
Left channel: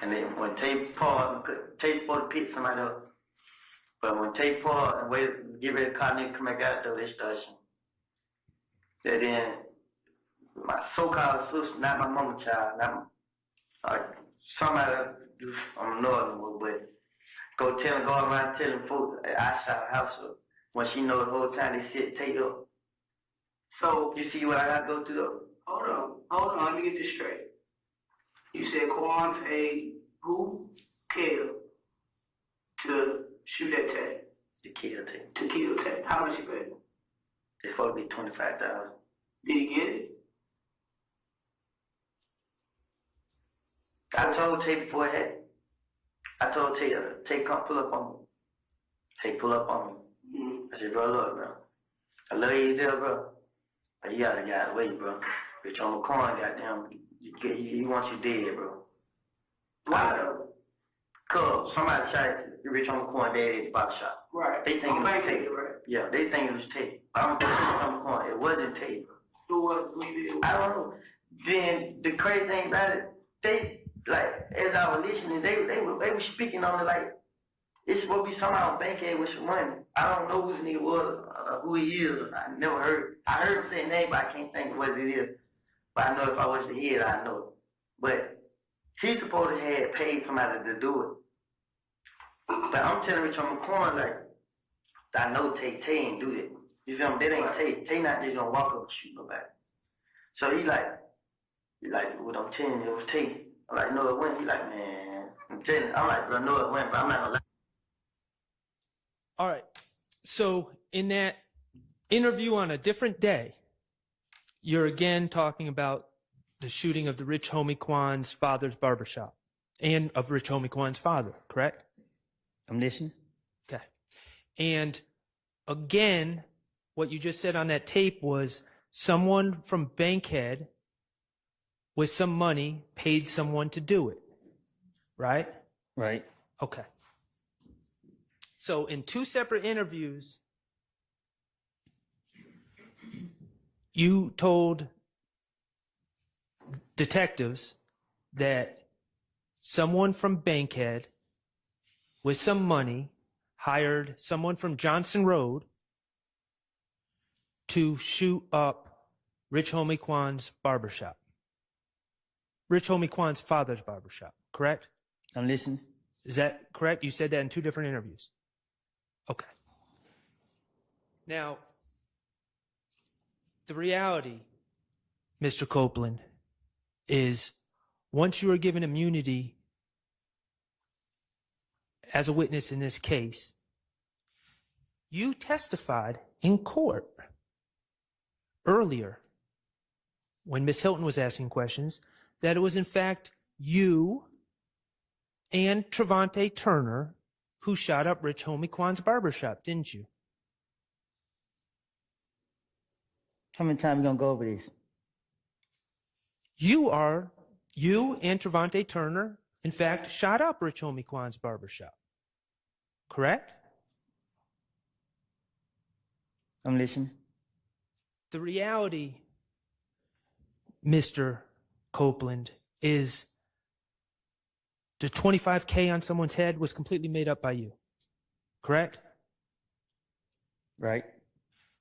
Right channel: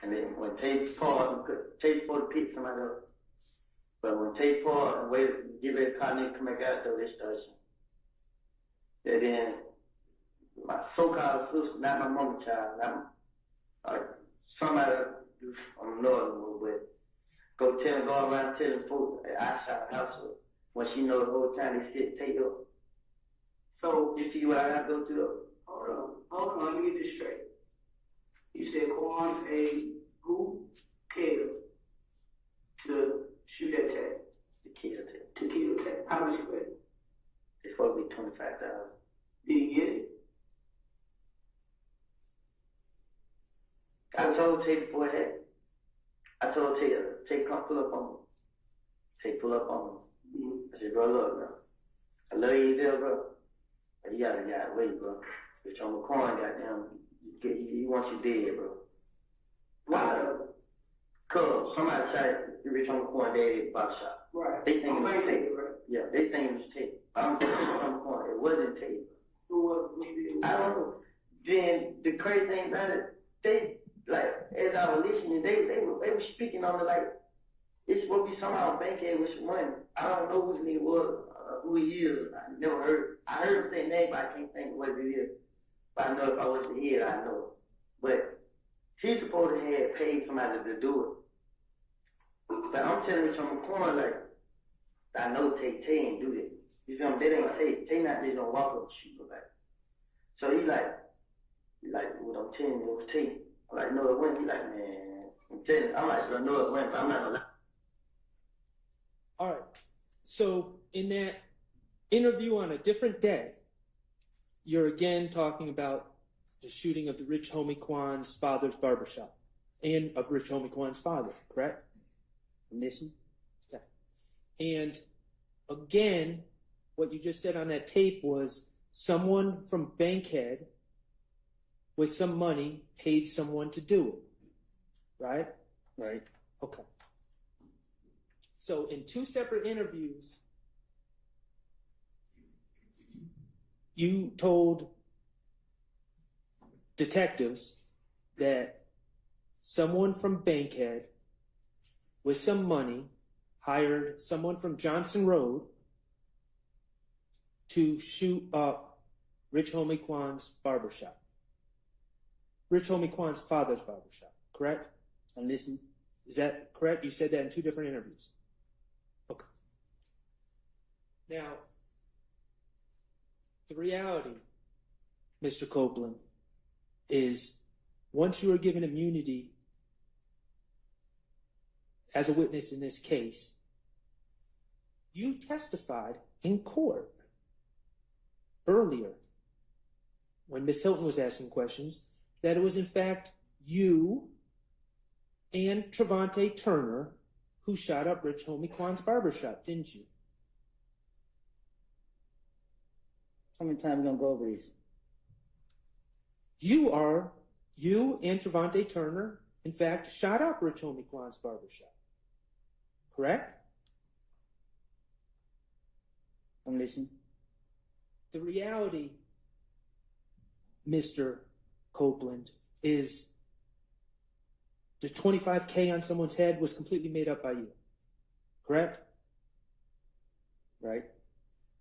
And then when Tay pulled, Tay supposed to pick somebody up. But when Tay pulled and get ready to call nigga come back out there, they started shooting. Then my so-called sister, not my mama child, not somebody I'm annoyed with, but go around telling folks I shot her house up when she know the whole time they shit Tay up. So you see what I gotta go through? Hold on, let me get this straight. You said Quan paid who? Kill to shoot at Tay. To kill Tay. To kill Tay. How much you paid? It's supposed to be $25,000. Did he get it? I told Tay before that. I told Tay, come pull up on me. Tay pull up on me. I said, bro, look, bro. I love you there, bro. But you gotta wait, bro. Rich Homie Quan, goddamn, he wants you dead, bro. Why though? Cause somebody shot Rich Homie Quan dead at the box shop. Right. They think it was Tay, right? Yeah, they think it was Tay. I'm just Rich Homie Quan. It wasn't Tay, bro. Who was it? I don't know. Then the crazy thing about it, they, like, as I was listening, they were speaking on it like It's supposed to be somebody on Bankhead with some money. I don't know who this nigga was, who he is. I never heard. I heard him say his name, but I can't think of what it is. But I know if I was to hear it, I know it. But he supposed to have paid somebody to do it. But I'm telling Rich on the corner, like, I know Tay ain't do that. You feel me? That ain't Tay. Tay not just gonna walk up and shoot nobody. So he like, what I'm telling you, it was Tay. I'm like, no, it wasn't. He like, man, I'm telling you. I'm like, I know it went, but I'm not gonna lie. All right. So in that interview on a different day, you're again talking about the shooting of the Rich Homie Quan's father's barbershop and of Rich Homie Quan's father, correct? I'm listening. Okay. And again, what you just said on that tape was someone from Bankhead with some money paid someone to do it, right? Right. Okay. So in two separate interviews, you told detectives that someone from Bankhead with some money hired someone from Johnson Road to shoot up Rich Homie Quan's barbershop. Rich Homie Quan's father's barbershop, correct? I'm listening. Is that correct? You said that in two different interviews. Okay. Now, the reality, Mr. Copeland, is once you are given immunity as a witness in this case, you testified in court earlier when Ms. Hilton was asking questions that it was in fact you and Trevante Turner who shot up Rich Homie Quan's barbershop, didn't you? How many times are we gonna go over this? You and Trevante Turner, in fact, shot up Rich Homie Quan's barbershop. Correct? I'm listening. The reality, Mr. Copeland, is the $25K on someone's head was completely made up by you. Correct? Right.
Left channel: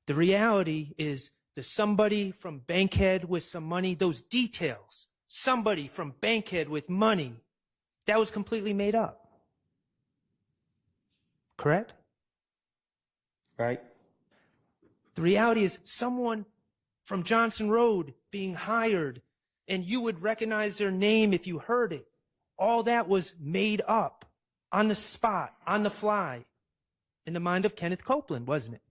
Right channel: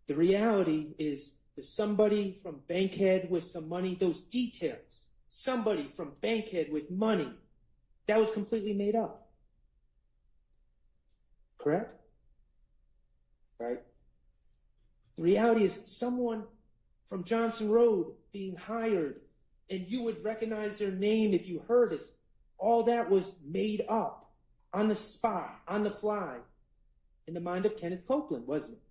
The reality is that somebody from Bankhead with some money, those details, somebody from Bankhead with money, that was completely made up. Correct? Right. The reality is someone from Johnson Road being hired, and you would recognize their name if you heard it. All that was made up on the spot, on the fly, in the mind of Kenneth Copeland, wasn't it?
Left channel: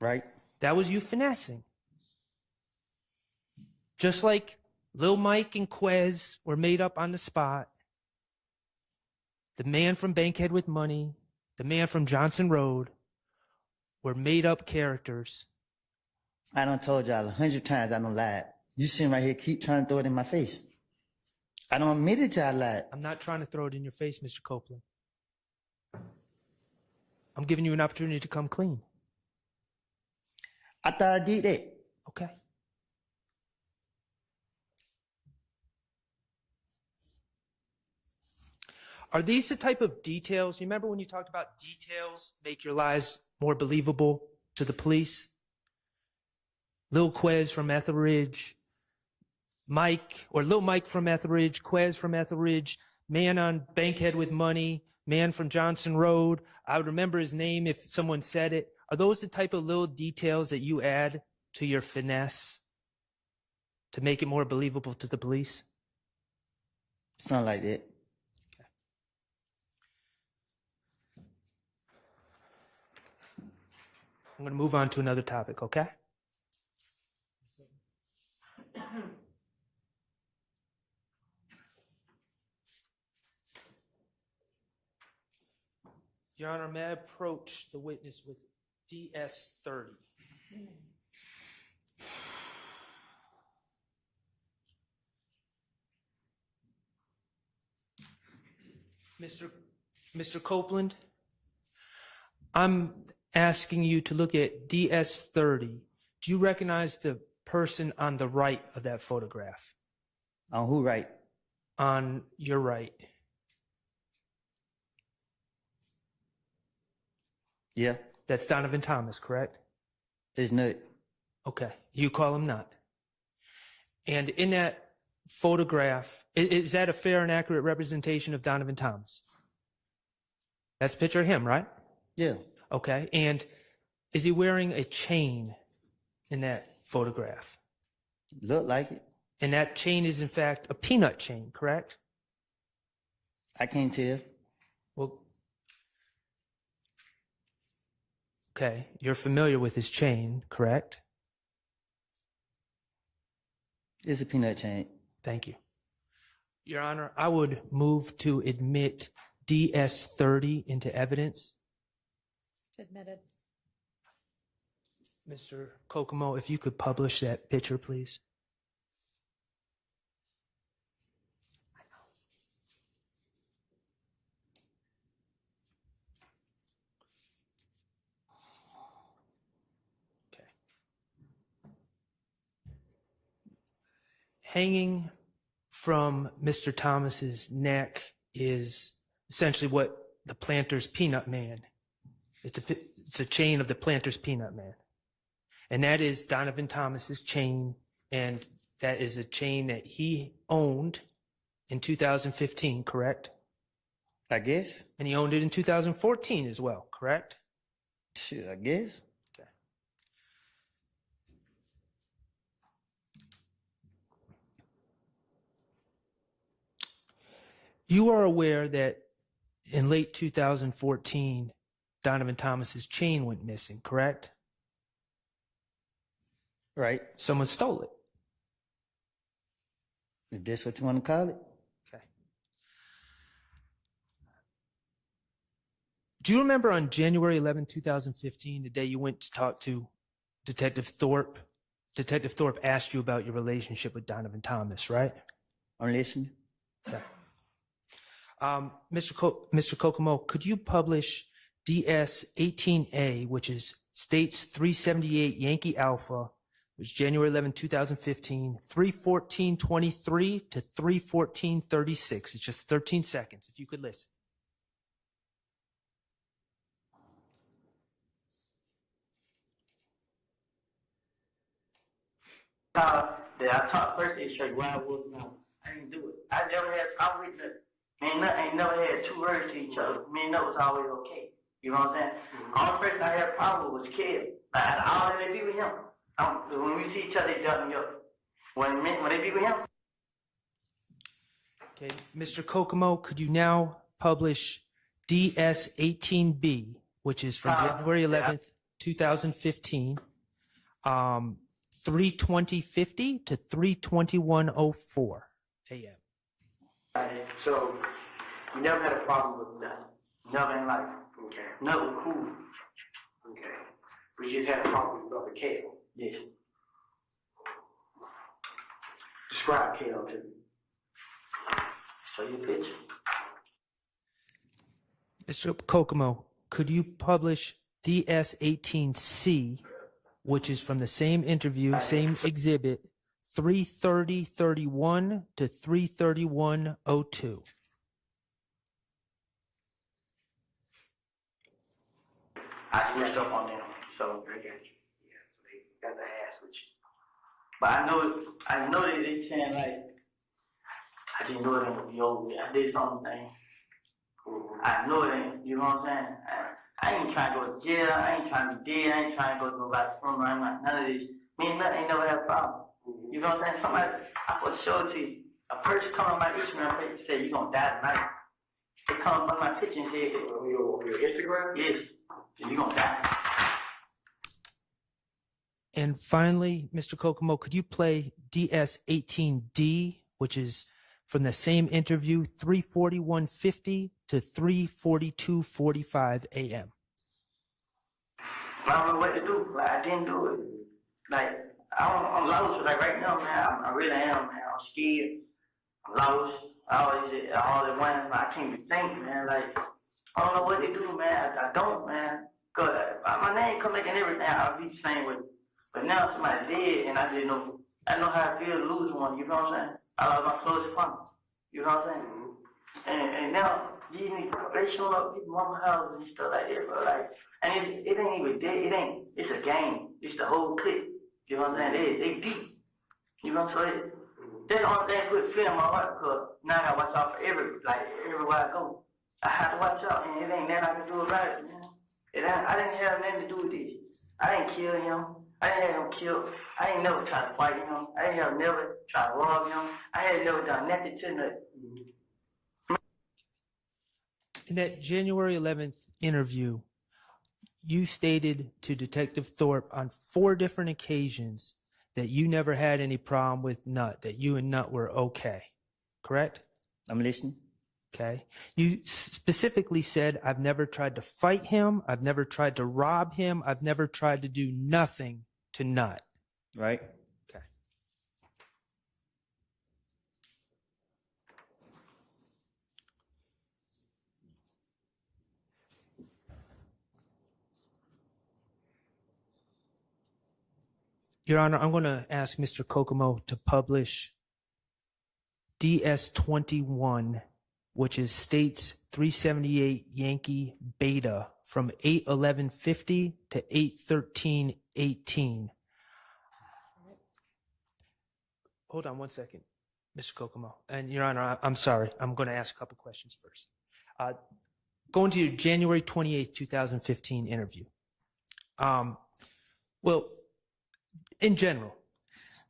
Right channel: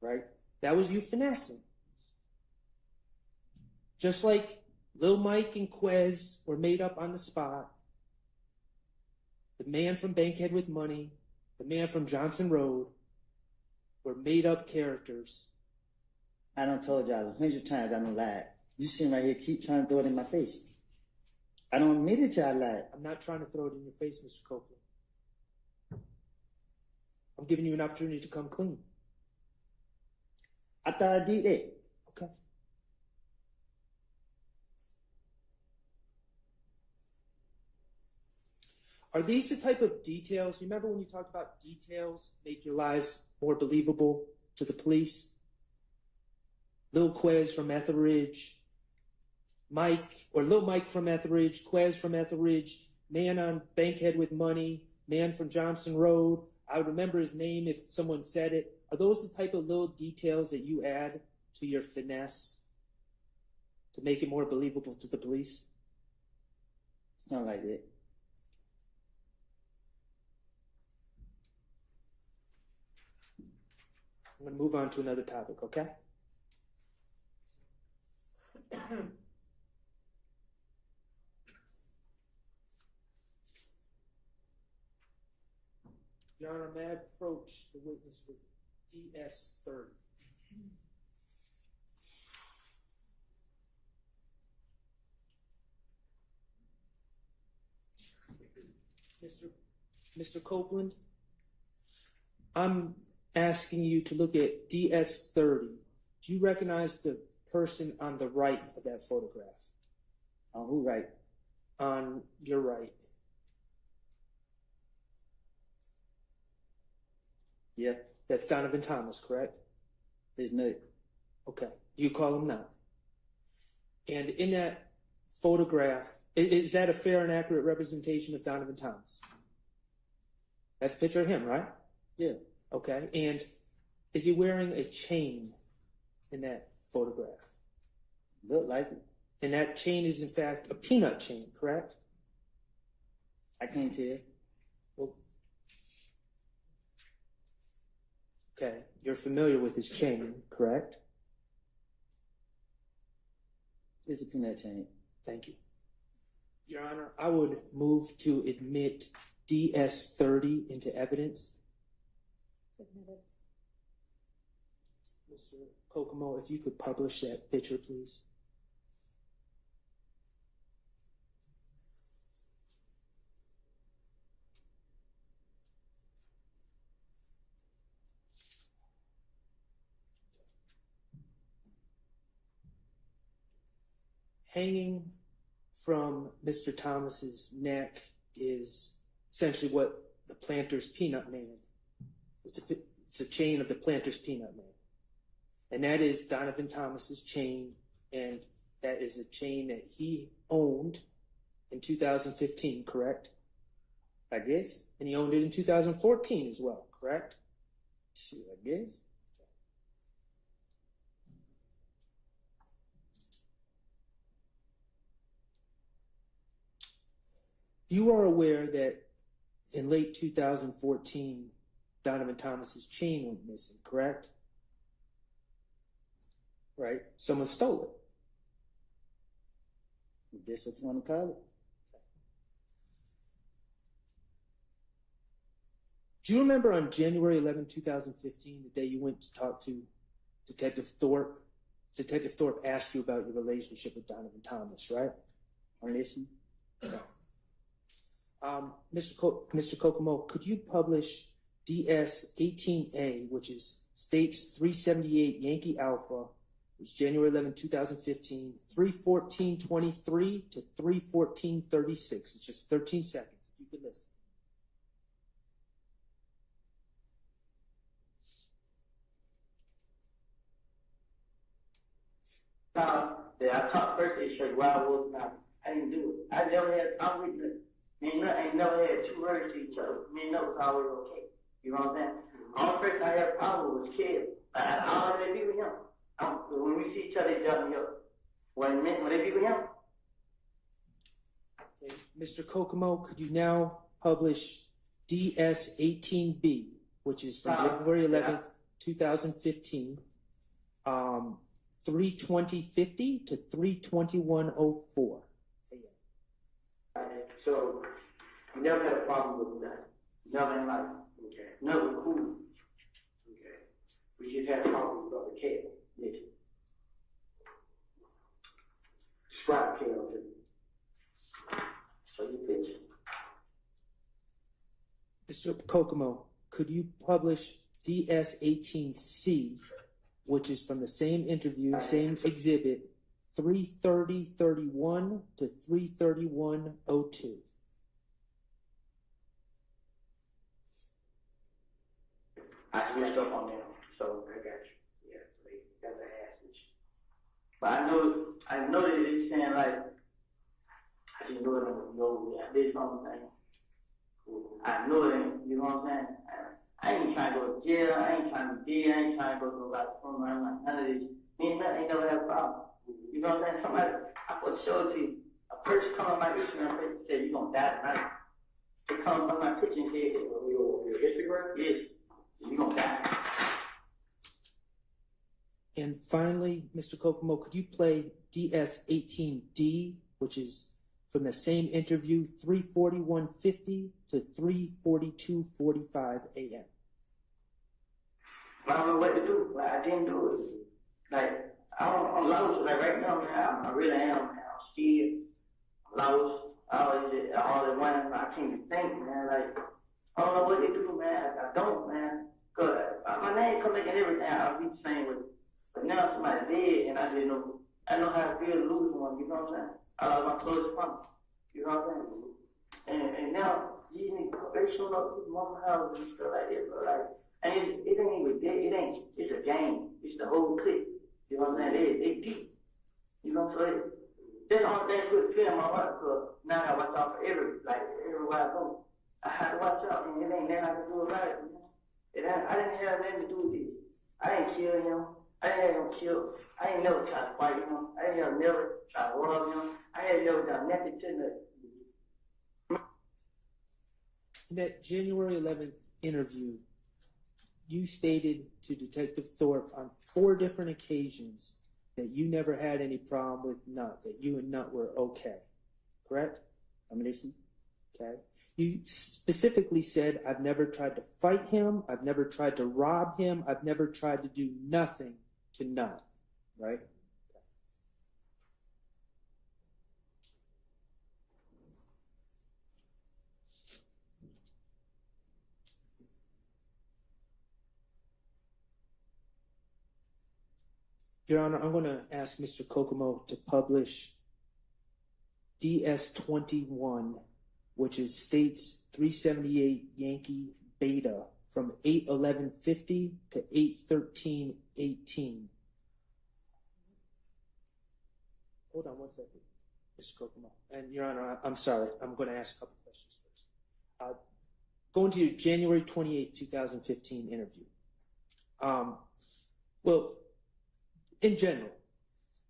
Right. That was you finessing. Just like Lil Mike and Quez were made up on the spot. The man from Bankhead with money, the man from Johnson Road were made up characters. I done told y'all 100 times I done lied. You sitting right here keep trying to throw it in my face. I don't admit it till I lied. I'm not trying to throw it in your face, Mr. Copeland. I'm giving you an opportunity to come clean. I thought I did that. Okay. Are these the type of details? You remember when you talked about details make your lies more believable to the police? Lil Quez from Etheridge, Mike, or Lil Mike from Etheridge, Quez from Etheridge, man on Bankhead with money, man from Johnson Road. I would remember his name if someone said it. Are those the type of little details that you add to your finesse to make it more believable to the police? Sound like that. I'm going to move on to another topic, okay? Your Honor, may I approach the witness with DS-30? Mr. Copeland, I'm asking you to look at DS-30. Do you recognize the person on the right of that photograph? On who right? On your right. Yeah. That's Donovan Thomas, correct? He's not. Okay. You call him not. And in that photograph, is that a fair and accurate representation of Donovan Thomas? That's a picture of him, right? Yeah. Okay. And is he wearing a chain in that photograph? Look like it. And that chain is, in fact, a peanut chain, correct? I can't tell. Well, okay. You're familiar with his chain, correct? It's a peanut chain. Thank you. Your Honor, I would move to admit DS-30 into evidence. Admitted. Mr. Kokomo, if you could publish that picture, please. Okay. Hanging from Mr. Thomas's neck is essentially what the Planter's Peanut Man. It's a chain of the Planter's Peanut Man. And that is Donovan Thomas's chain, and that is a chain that he owned in 2015, correct? I guess. And he owned it in 2014 as well, correct? Shit, I guess. Okay. You are aware that in late 2014, Donovan Thomas's chain went missing, correct? Right. Someone stole it. If that's what you want to call it. Okay. Do you remember on January 11, 2015, the day you went to talk to Detective Thorpe? Detective Thorpe asked you about your relationship with Donovan Thomas, right? I'm listening. Okay. Mr. Kokomo, could you publish DS-18A, which is States 378 Yankee Alpha, which is January 11, 2015, 3:14:23 to 3:14:36. It's just 13 seconds, if you could listen. That I talked first, they said, why was I didn't do it. I never had a problem with it. Ain't never had two words to each other. Me and that was always okay. You know what I'm saying? Only person I had a problem with was Kev. I already be with him. When we see each other, they jump me up. When they be with him. Okay, Mr. Kokomo, could you now publish DS-18B, which is from January 11th, 2015, 3:20:50 to 3:21:04 a.m. So, we never had a problem with that. Never in life. Okay. Never cool. Okay. We just had a problem with Brother Kev. Yes. Describe Kev to me. Show you a picture. Mr. Kokomo, could you publish DS-18C, which is from the same interview, same exhibit, 3:30:31 to 3:31:02? I switched up on them, so I got you. Yeah, so they got the ass with you. But I know they saying like, I didn't know it ain't gonna be over with. I did something. I know it ain't, you know what I'm saying? I ain't trying to go to jail, I ain't trying to deal, I ain't trying to go to nobody's funeral, I'm not none of this. Me and nothing ain't never had a problem. You know what I'm saying? Somebody, I put a show to you. A person come on my Instagram page and say, you gonna die tonight. They come on my picture and say, your Instagram? Yes. You gonna die. And finally, Mr. Kokomo, could you play DS-18D, which is from the same interview, 3:41:50 to 3:42:45 a.m.? I don't know what to do. Like, I didn't do it. Like, I'm lost. Like, right now, man, I really am, man. I'm scared. I'm lost. I always say, all at once, I can't even think, man. Like, I don't know what to do, man. I don't, man. Because my name come back and everything, I'll be the same with it. But now somebody's dead, and I didn't know. I know how it feels to lose one, you know what I'm saying? I lost my closest friend. You know what I'm saying? And now, they showing up people's mama houses and stuff like that, bro. Like, And it ain't even dead. It's a game. It's the whole clip. You know what I'm saying? They deep. You know what I'm saying? That's the only thing put fear in my heart, because now I gotta watch out for everywhere I go. I have to watch out, and it ain't nothing I can do about it, man. I didn't have nothing to do with this. I didn't kill him. I didn't have him killed. I ain't never tried to fight him. I ain't never tried to rob him. I ain't never done nothing to nothing. In that January 11th interview, you stated to Detective Thorpe on 4 different occasions that you never had any problem with Nut, that you and Nut were okay, correct? I'm listening. Okay. You specifically said, I've never tried to fight him, I've never tried to rob him, I've never tried to do nothing to Nut. Right. Okay. Your Honor, I'm going to ask Mr. Kokomo to publish DS21, which is States 378 Yankee Beta from 8/11/50 to 8/13/18. Hold on one second, Mr. Kokomo. And Your Honor, I'm sorry. I'm going to ask a couple questions first. Going to your January 28th, 2015 interview. Well, in general.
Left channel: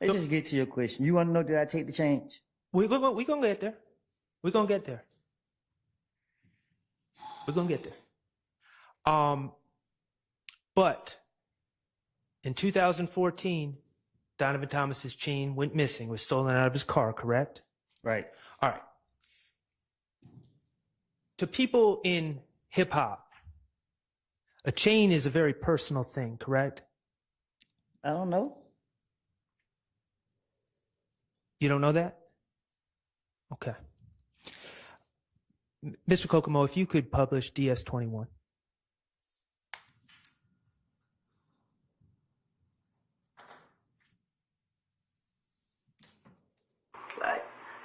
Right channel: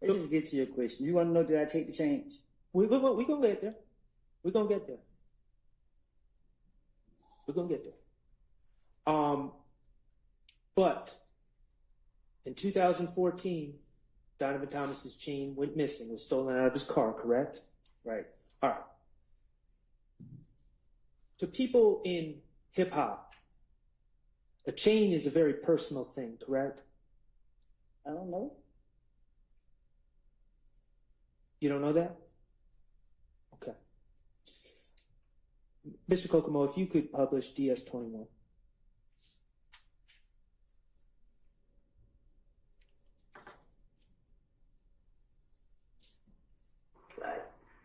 Let's just get to your question. You want to know, did I take the change? We're going to get there. We're going to get there. We're going to get there. But in 2014, Donovan Thomas's chain went missing, was stolen out of his car, correct? Right. All right. To people in hip hop, a chain is a very personal thing, correct? I don't know. You don't know that? Okay. Mr. Kokomo, if you could publish DS21.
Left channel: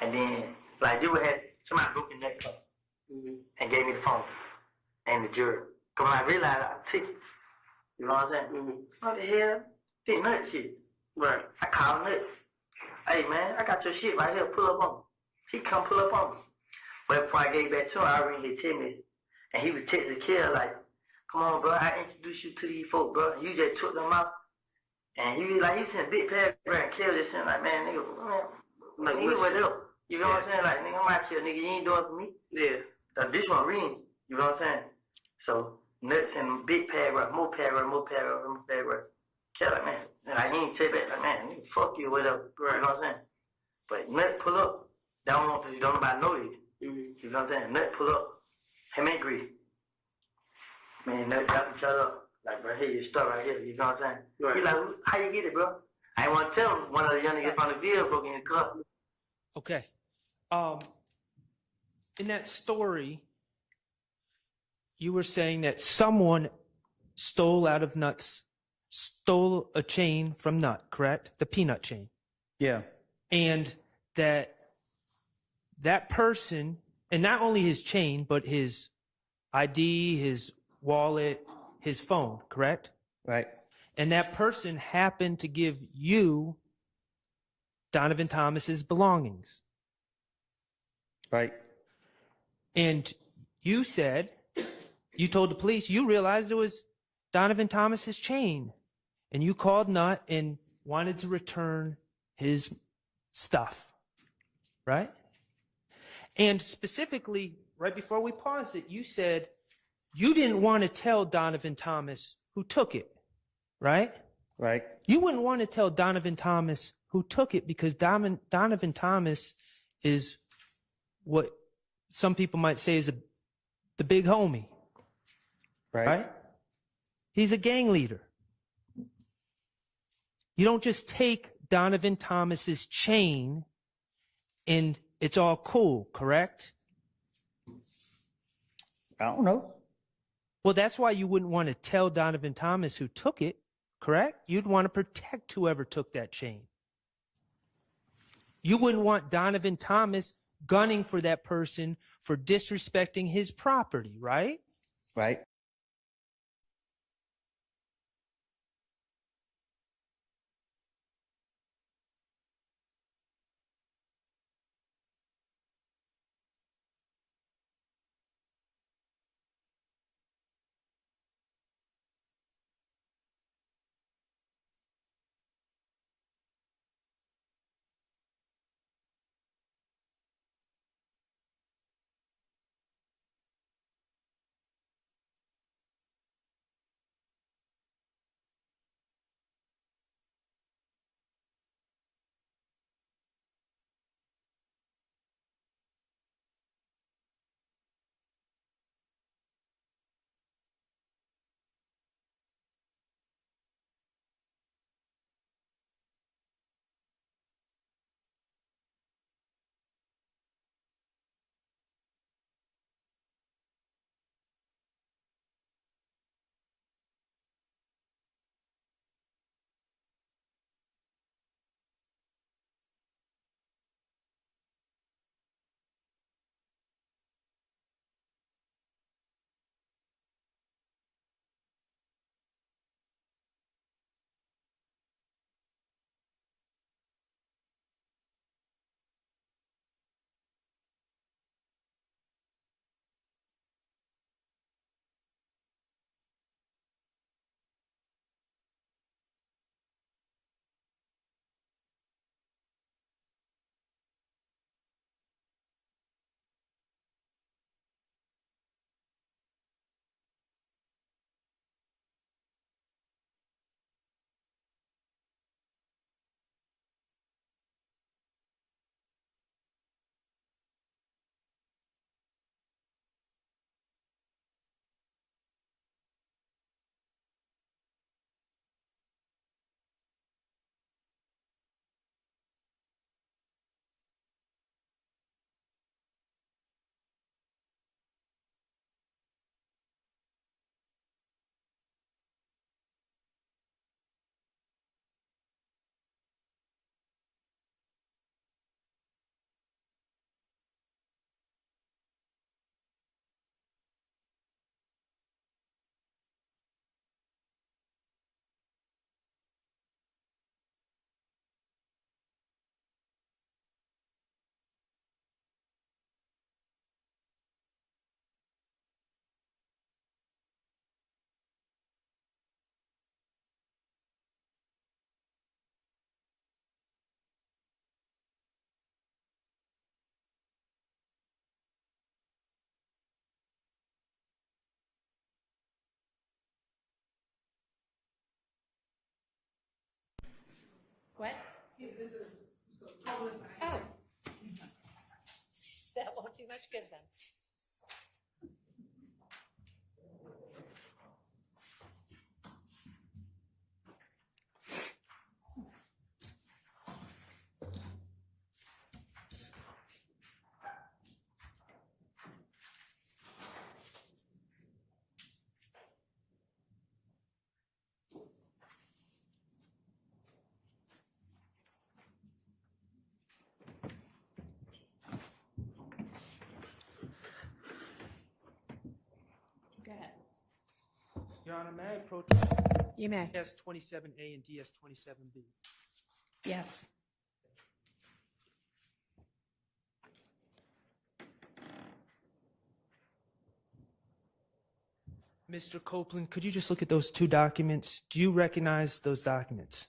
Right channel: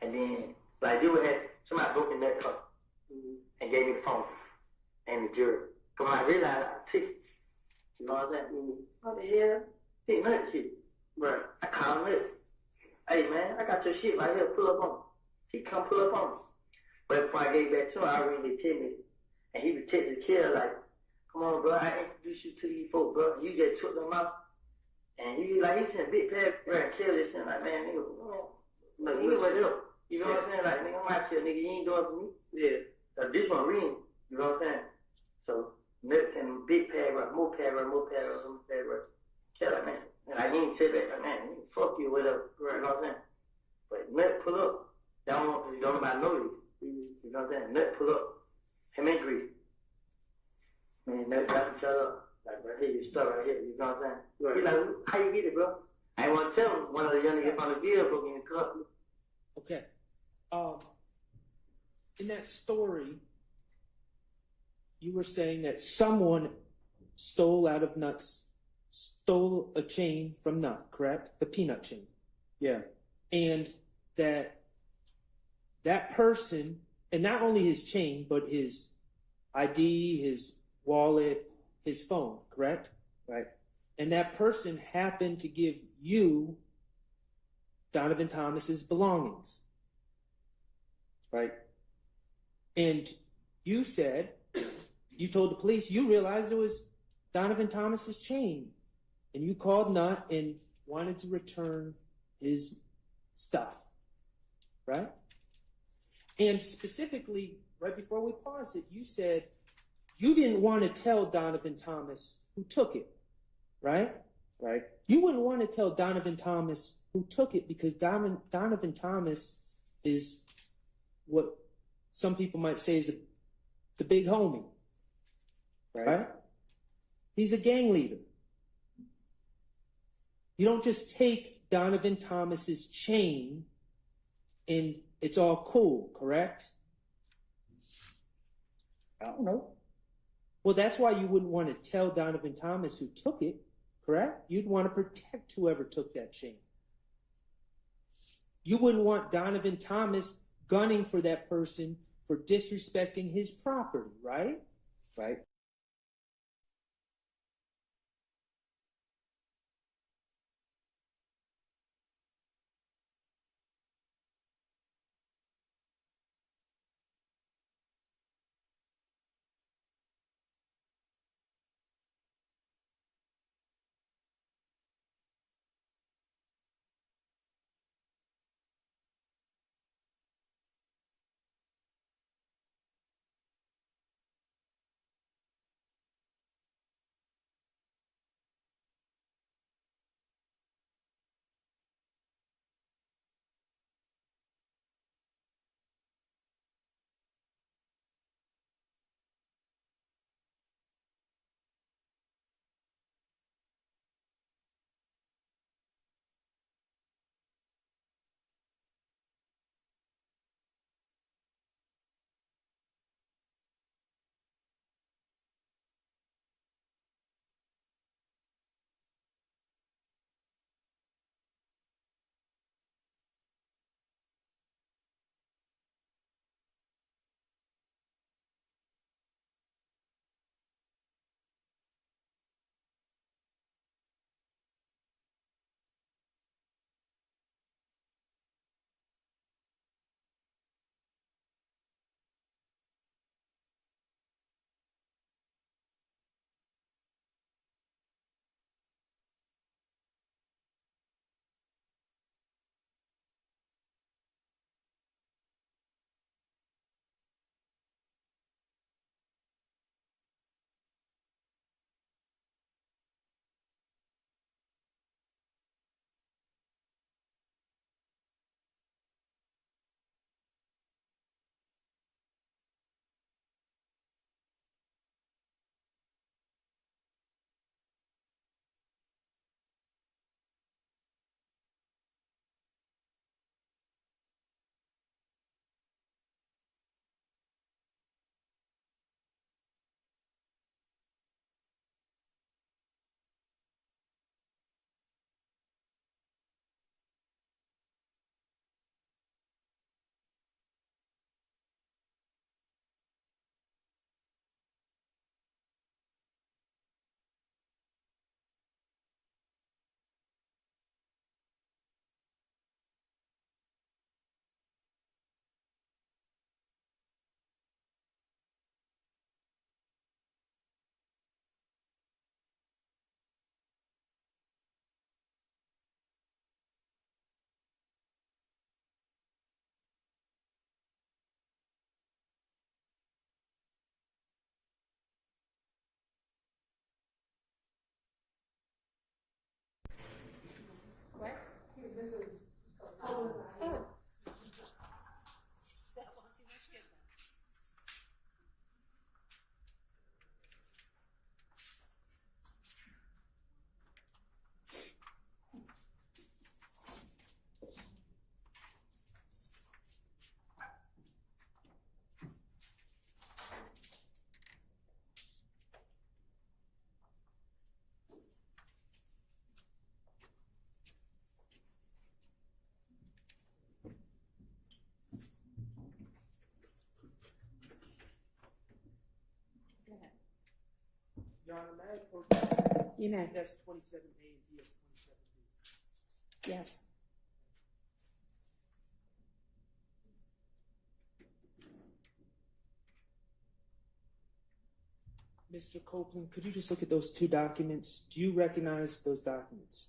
And then, you would have somebody broke in that car and gave me the phone and the jury. Because when I realized I took it, you know what I'm saying? What the hell? Did nut shit. But I called nut. Hey man, I got your shit right here. Pull up on me. He come pull up on me. But before I gave back to him, I already hit 10 minutes. And he was texting the kid like, come on, bro, I introduced you to these folks, bro. You just took them out. And he was like, he sent big paragraph and killed this shit. Like, man, nigga, like, nigga, what else? You know what I'm saying? Like, nigga, I'm out here, nigga, you ain't doing it for me. Yeah. This one reading. You know what I'm saying? So, nuts and big paragraph, more paragraph, more paragraph, more paragraph. Kill it, man. And like, you ain't say back, like, man, nigga, fuck you, whatever. You know what I'm saying? But nut pull up. Don't nobody know you. You know what I'm saying? Nut pull up. Him and Grease. Man, nut got each other up. Like, bro, here, your stuff right here. You know what I'm saying? Right. He like, how you get it, bro? I ain't want to tell him. One of the young niggas on the video broke in his car. Okay. In that story, you were saying that someone stole a chain from Nut, correct? The peanut chain. Yeah. And that person, and not only his chain, but his ID, his wallet, his phone, correct? Right. And that person happened to give you Donovan Thomas's belongings. Right. And you said, you told the police, you realized it was Donovan Thomas's chain. And you called Nut and wanted to return his stuff. Right? And specifically, right before we paused it, you said you didn't want to tell Donovan Thomas who took it. Right? Right. You wouldn't want to tell Donovan Thomas who took it because Donovan Thomas is what some people might say is the big homie. Right? He's a gang leader. You don't just take Donovan Thomas's chain and it's all cool, correct? I don't know. Well, that's why you wouldn't want to tell Donovan Thomas who took it, correct? You'd want to protect whoever took that chain. You wouldn't want Donovan Thomas gunning for that person for disrespecting his property, right? Right. Honor, may I approach You may. DS27A and DS27B? Yes. Mr. Copeland, could you just look at those two documents? Do you recognize those documents?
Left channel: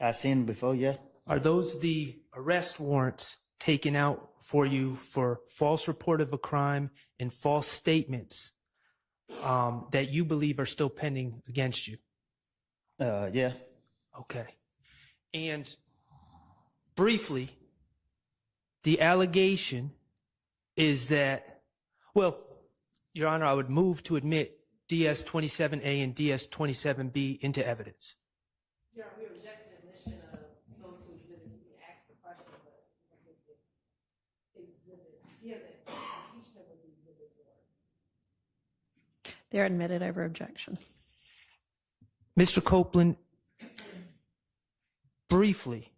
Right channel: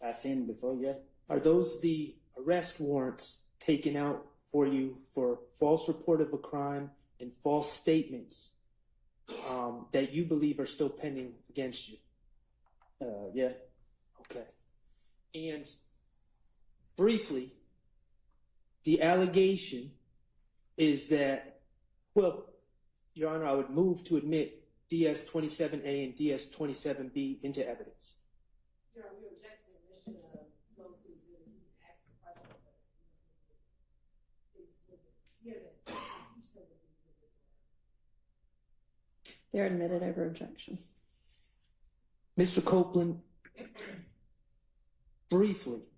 I seen them before, yeah. Are those the arrest warrants taken out for you for false report of a crime and false statements that you believe are still pending against you? Yeah. Okay. And briefly, the allegation is that, well, Your Honor, I would move to admit DS27A and DS27B into evidence. Your Honor, we object to the admission of those two exhibits. You can ask the question, but he hasn't impeached them with the exhibits. They're admitted over objection. Mr. Copeland, briefly,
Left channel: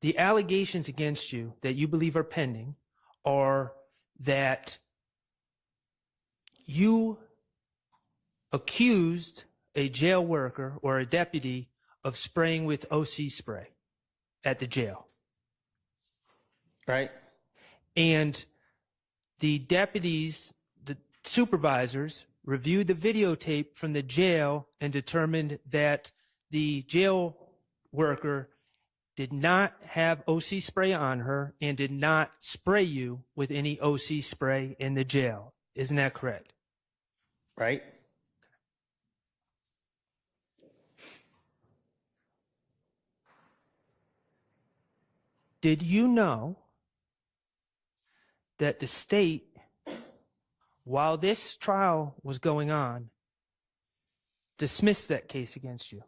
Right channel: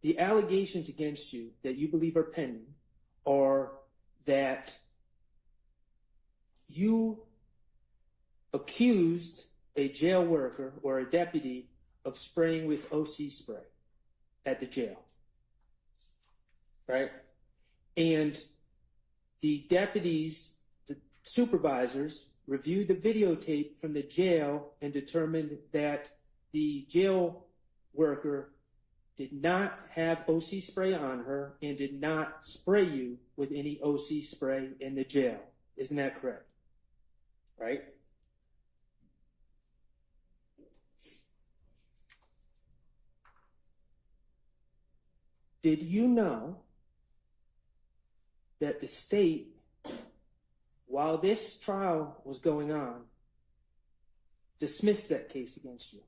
the allegations against you that you believe are pending are that you accused a jail worker or a deputy of spraying with OC spray at the jail. Right. And the deputies, the supervisors, reviewed the videotape from the jail and determined that the jail worker did not have OC spray on her and did not spray you with any OC spray in the jail. Isn't that correct? Right. Did you know that the state, while this trial was going on, dismissed that case against you?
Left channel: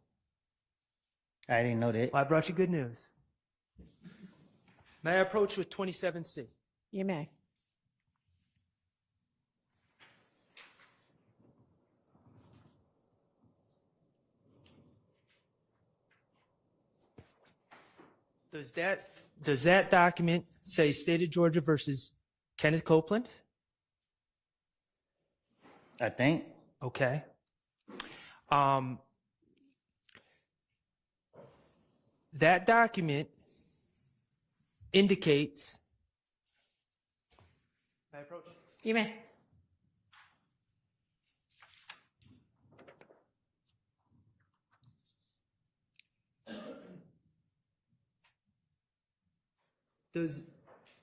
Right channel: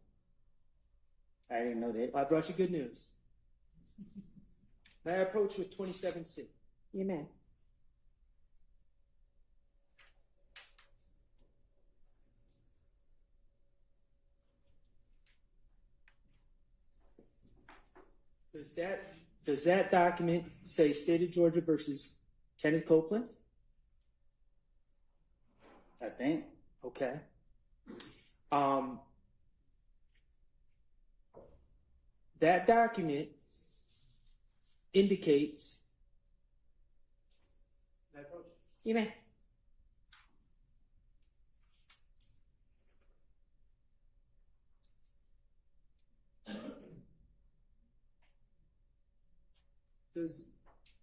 I didn't know that. Well, I brought you good news. May I approach with 27C? You may. Does that document say State of Georgia versus Kenneth Copeland? I think. Okay. That document indicates. Can I approach? You may.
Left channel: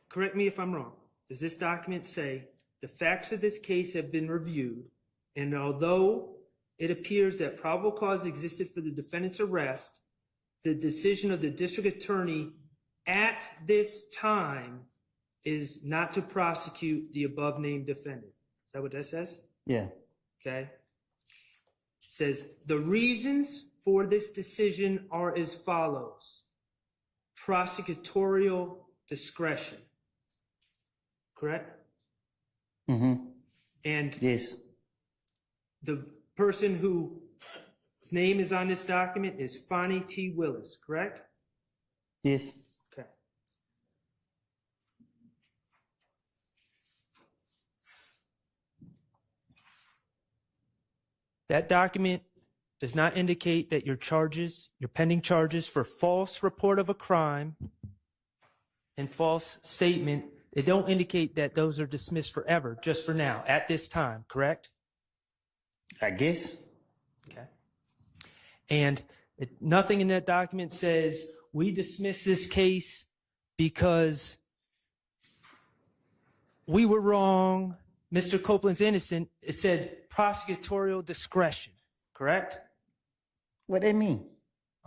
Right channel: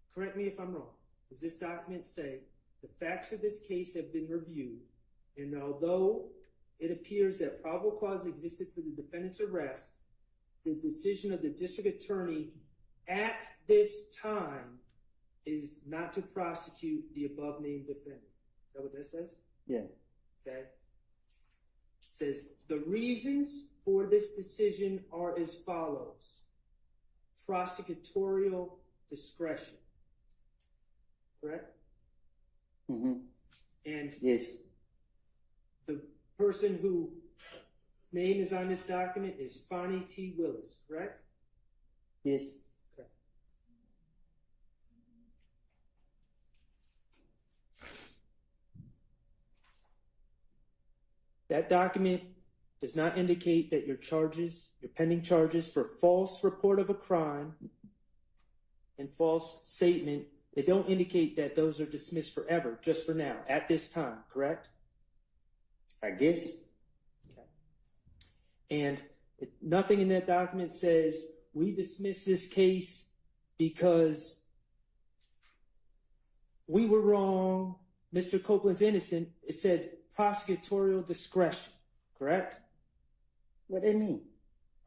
Correct me if I'm wrong, does this document say the facts of this case have been reviewed, and although it appears that probable cause existed for the defendant's arrest, the decision of the district attorney at this time is not to prosecute the above named defendant? Is that what that says? Yeah. Okay. It says the reasons for this decision are as follows: prosecutorial discretion. Correct? Mm-hmm. And yes, the person whose name is on this document is Fonnie T. Willis, correct? yes. Okay. That document does not indicate that your pending charges for false report of a crime and false statement, they don't indicate that those are dismissed forever, just for now, at this time, correct? I guess. Okay. And nothing in that document says we dismiss this case because we were wrong, Mr. Copeland's innocent. It said prosecutorial discretion, correct? What they mean?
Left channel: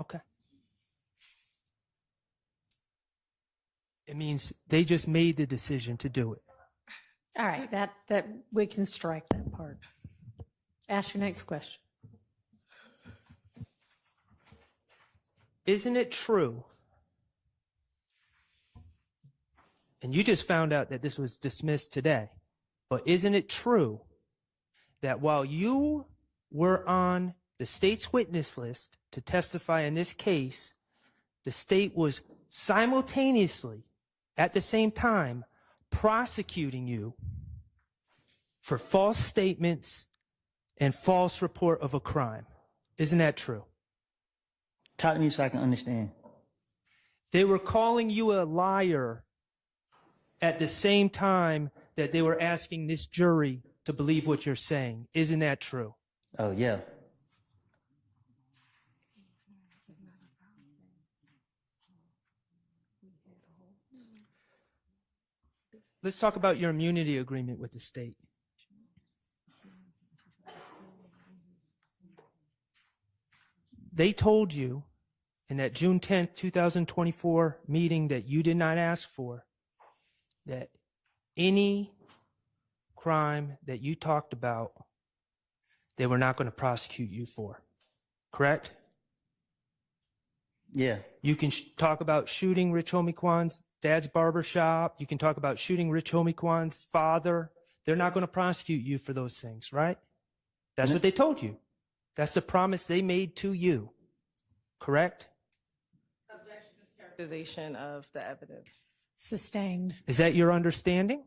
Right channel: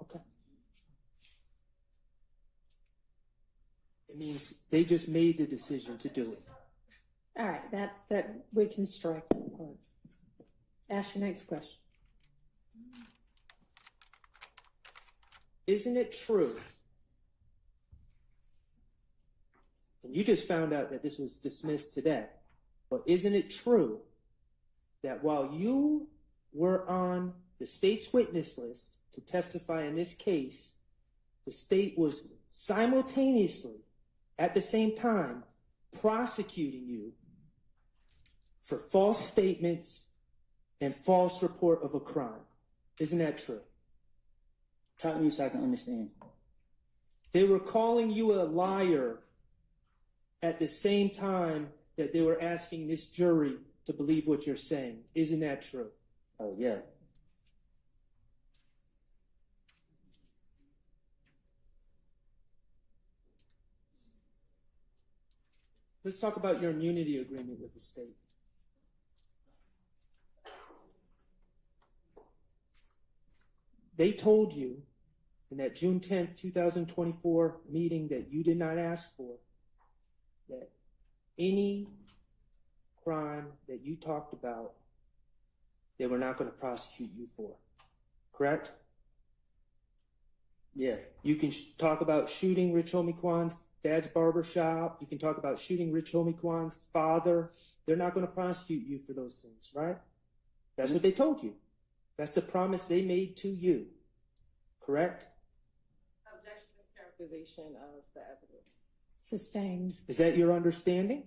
Okay. It means they just made the decision to do it. All right, that we can strike that part. Ask your next question. Isn't it true? And you just found out that this was dismissed today, but isn't it true that while you were on the state's witness list to testify in this case, the state was simultaneously, at the same time, prosecuting you for false statements and false report of a crime. Isn't that true? Talk to me so I can understand. They were calling you a liar at the same time that they were asking this jury to believe what you're saying. Isn't that true? Oh, yeah. Let's talk about your immunity agreement with the state. They told you in that June 10th, 2024 meeting that you did not ask for, that any crime that you talked about, they were not going to prosecute you for. Correct? Yeah. You can talk about shooting Rich Homie Kwan's dad's barber shop. You can talk about shooting Rich Homie Kwan's father. They're not going to prosecute you for those things, right? That's what they told you. That's the promise they made to you. Correct? Characterization of the evidence. Sustained. Is that your understanding?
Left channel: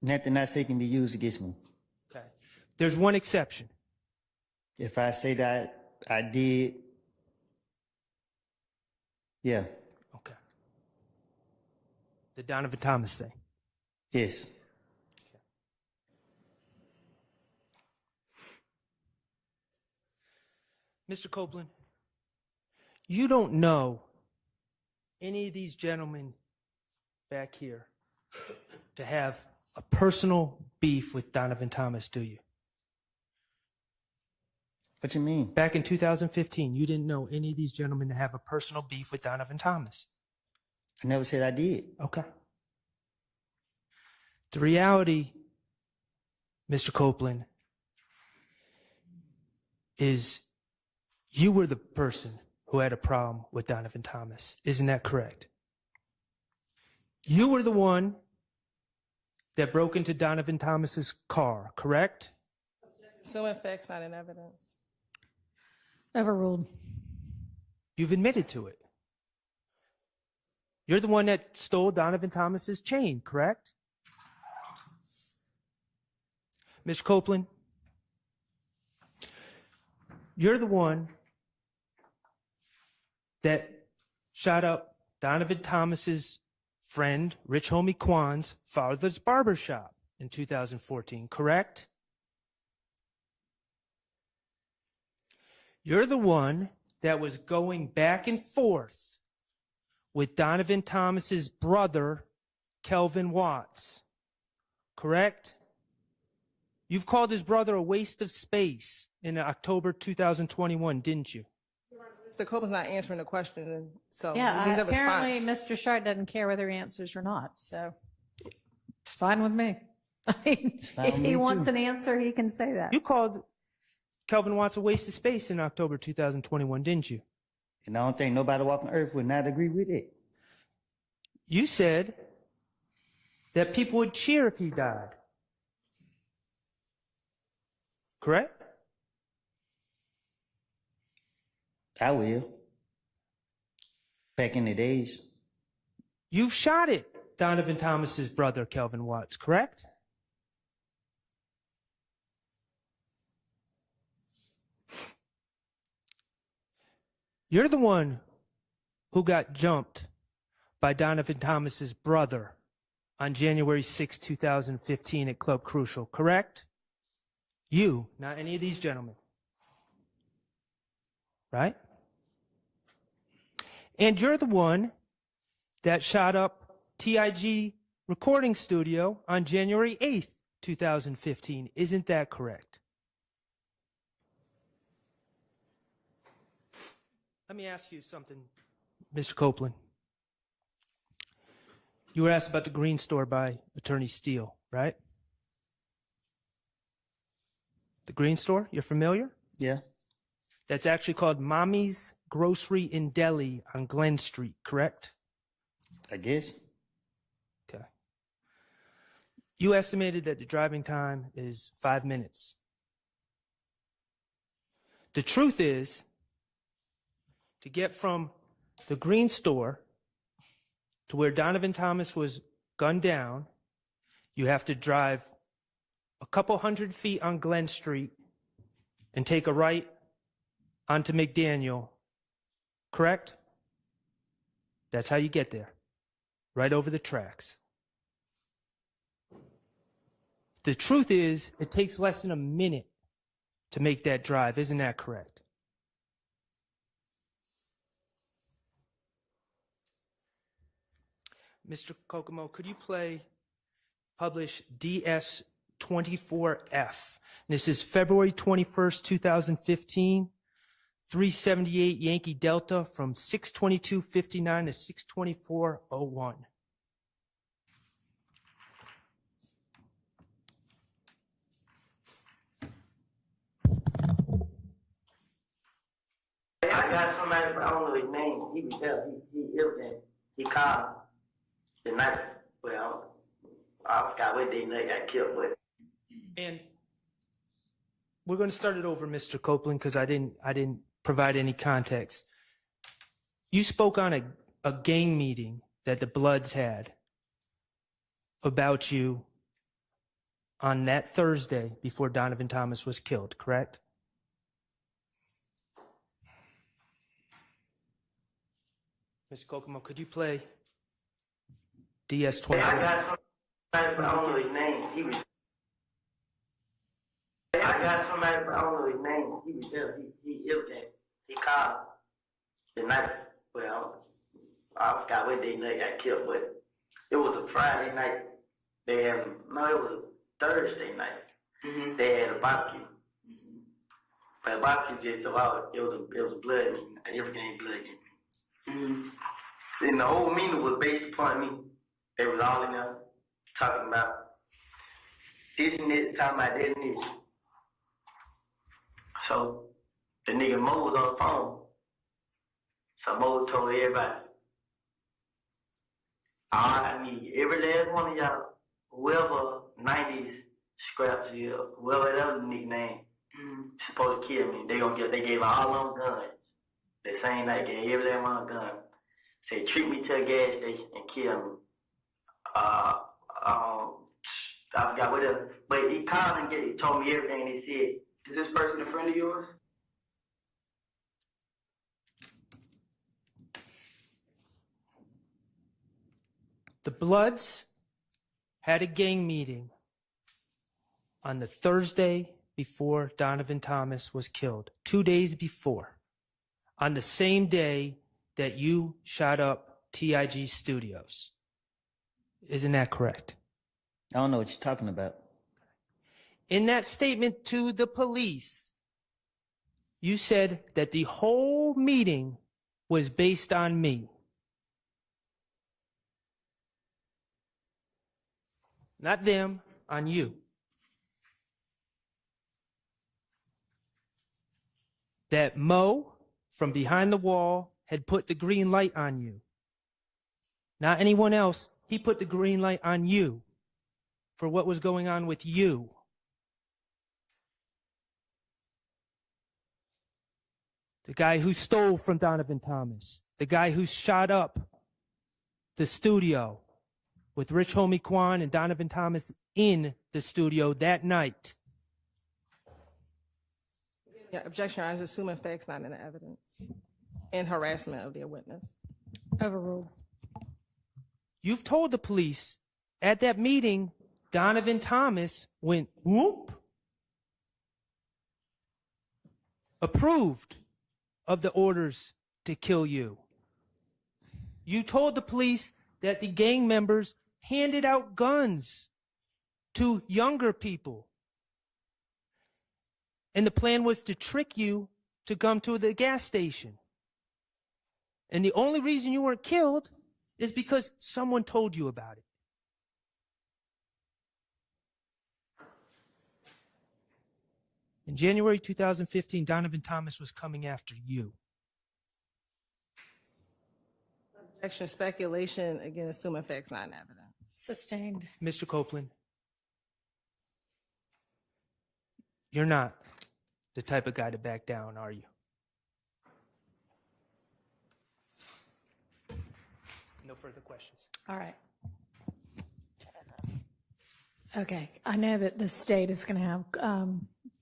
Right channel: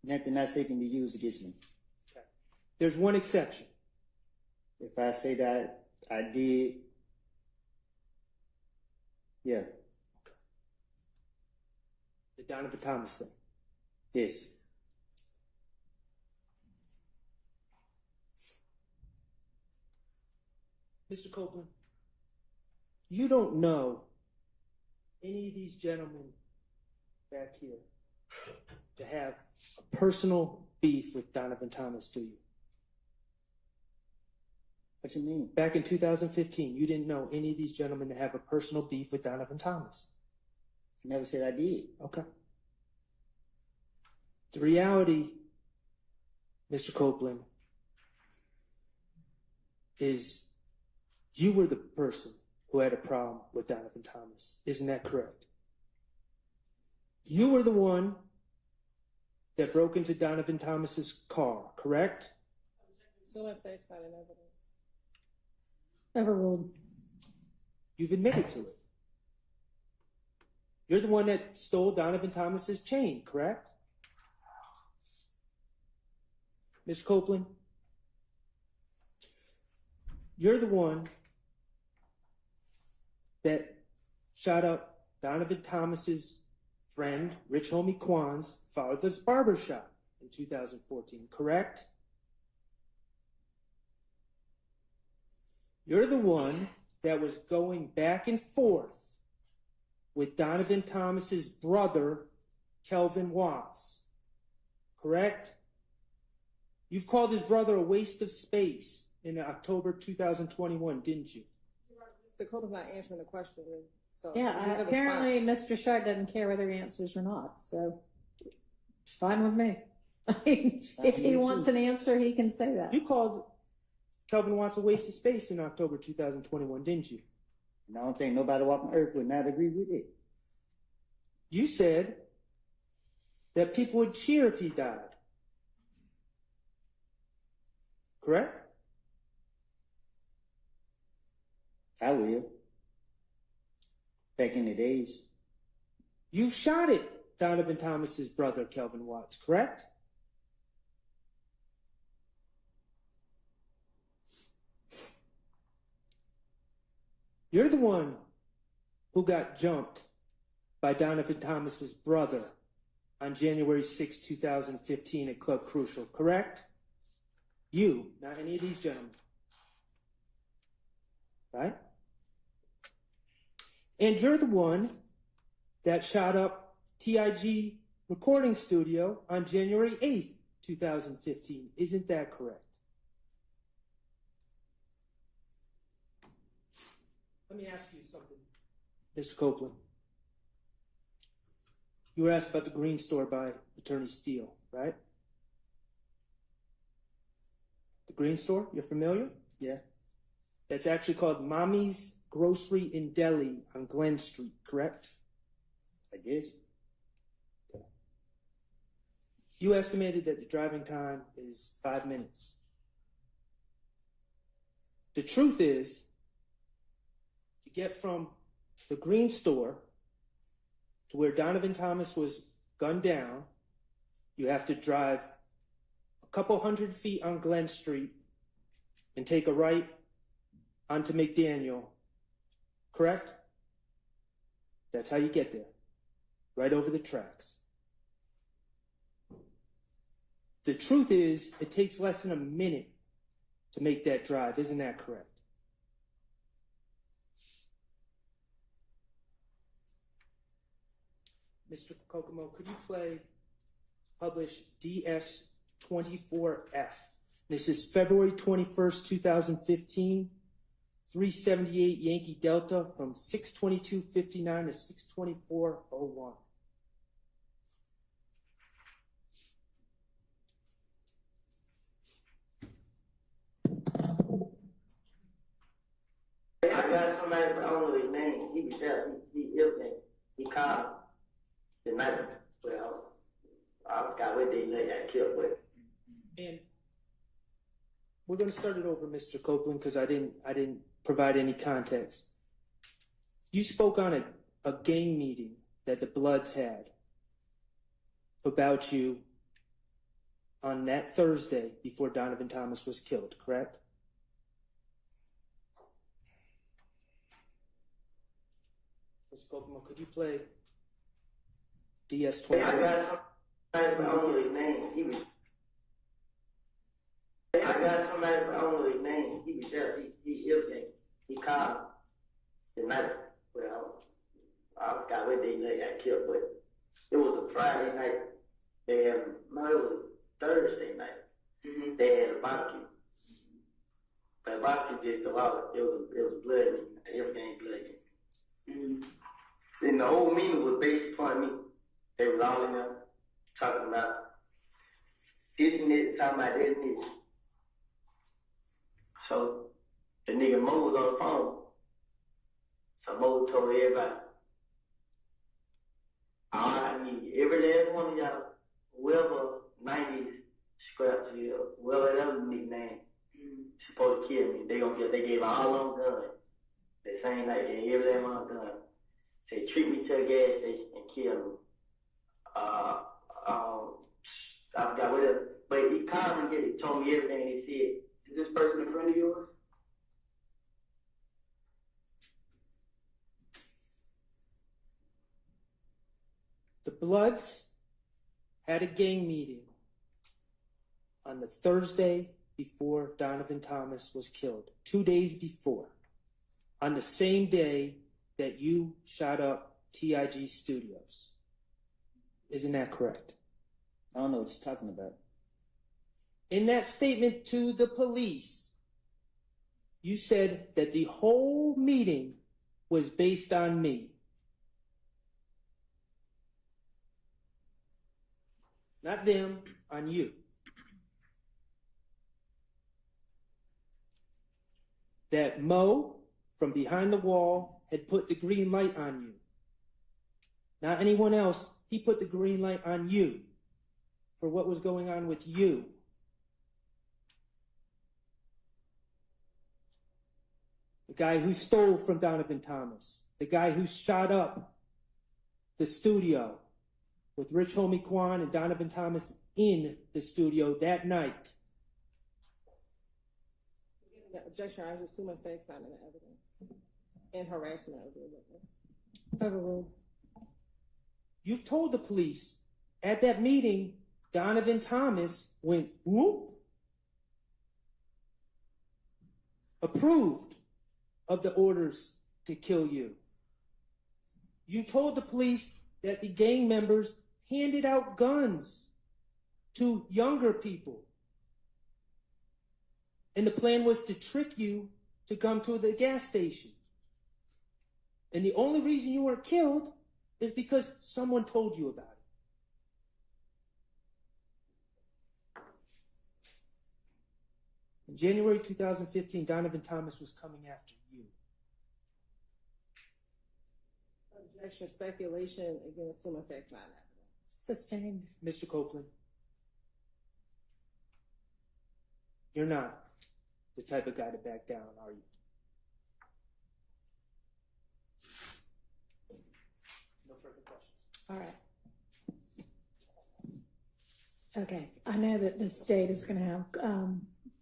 Nothing I say can be used against me. Okay. There's one exception. If I say that I did, yeah. Okay. The Donovan Thomas thing. Yes. Mr. Copeland, you don't know any of these gentlemen back here to have a personal beef with Donovan Thomas, do you? What you mean? Back in 2015, you didn't know any of these gentlemen to have a personal beef with Donovan Thomas. I never said I did. Okay. The reality, Mr. Copeland, is you were the person who had a problem with Donovan Thomas. Isn't that correct? You were the one that broke into Donovan Thomas's car, correct? So in facts, not in evidence. Overruled. You've admitted to it. You're the one that stole Donovan Thomas's chain, correct? Ms. Copeland, you're the one that shot up Donovan Thomas's friend, Rich Homie Kwan's father's barbershop in 2014, correct? You're the one that was going back and forth with Donovan Thomas's brother, Kelvin Watts, correct? You've called his brother a waste of space in October 2021, didn't you? Mr. Copeland's not answering the question, and so Yeah, he needs a apparently response. Mr. Shard doesn't care whether he answers or not, so it's fine with me. I mean, if he wants an answer, he can say that. You called Kelvin Watts a waste of space in October 2021, didn't you? And I don't think nobody walking earth would not agree with it. You said that people would cheer if he died. Correct? I will. Back in the days. You've shot at Donovan Thomas's brother, Kelvin Watts, correct? You're the one who got jumped by Donovan Thomas's brother on January 6, 2015 at Club Crucial, correct? You, not any of these gentlemen. Right? And you're the one that shot up TIG Recording Studio on January 8th, 2015. Isn't that correct? Let me ask you something, Mr. Copeland. You were asked about the Green Store by Attorney Steele, right? The Green Store, you're familiar? Yeah. That's actually called Mommy's Grocery in Delhi on Glen Street, correct? I guess. Okay. You estimated that the driving time is 5 minutes. The truth is, to get from the Green Store to where Donovan Thomas was gunned down, you have to drive a couple 100 feet on Glen Street and take a right onto McDaniel, correct? That's how you get there, right over the tracks. The truth is, it takes less than a minute to make that drive. Isn't that correct? Mr. Kokomo, could you publish DS24F? This is February 21st, 2015, 378 Yankee Delta from 622.59 to 624.01. I got somebody, but I don't know his name. He was there. He everything. He called the night. Well, I forgot what day they got killed with. And we're going to start it over, Mr. Copeland, because I didn't provide any context. You spoke on a gang meeting that the Bloods had about you on that Thursday before Donovan Thomas was killed, correct? Mr. Kokomo, could you play DS24? I got somebody, but I don't know his name. He was. I got somebody, but I don't know his name. He was there. He everything. He called the night. Well, I forgot what day they got killed, but it was a Friday night. It was a Thursday night. They had a barbecue. But the barbecue just about it was a blood meeting. Everything ain't blood meeting. Then the whole meeting was based upon me. They was all in there talking about this and this, talking about this and this. So the nigga Mo was on the phone. So Mo told everybody, all I need, every last one of y'all, whoever 90s scraps here, whoever that other nigga name, supposed to kill me. They gave all them guns. The same night, gave every last one a gun. Say, treat me to a gas station and kill me. I forgot what else. But he called and told me everything, and he said, is this person a friend of yours? The Bloods had a gang meeting on the Thursday before Donovan Thomas was killed, 2 days before, on the same day that you shot up TIG Studios. Isn't that correct? I don't know what you're talking about. In that statement to the police, you said that the whole meeting was based on me. Not them, on you. That Mo, from behind the wall, had put the green light on you. Not anyone else. He put the green light on you for what was going on with you. The guy who stole from Donovan Thomas. The guy who shot up the studio with Rich Homie Quan and Donovan Thomas in the studio that night. Yeah, objection, Your Honor, is assuming facts not in the evidence and harassment of their witness. Overruled. You've told the police at that meeting, Donovan Thomas went whoop, approved of the orders to kill you. You told the police that the gang members handed out guns to younger people. And the plan was to trick you to come to the gas station. And the only reason you weren't killed is because someone told you about it. In January 2015, Donovan Thomas was coming after you. Objection, speculation, again, assuming facts not in evidence. Sustained. Mr. Copeland, you're not the type of guy to back down, are you? No further questions. All right. Okay, I know that the state is going to have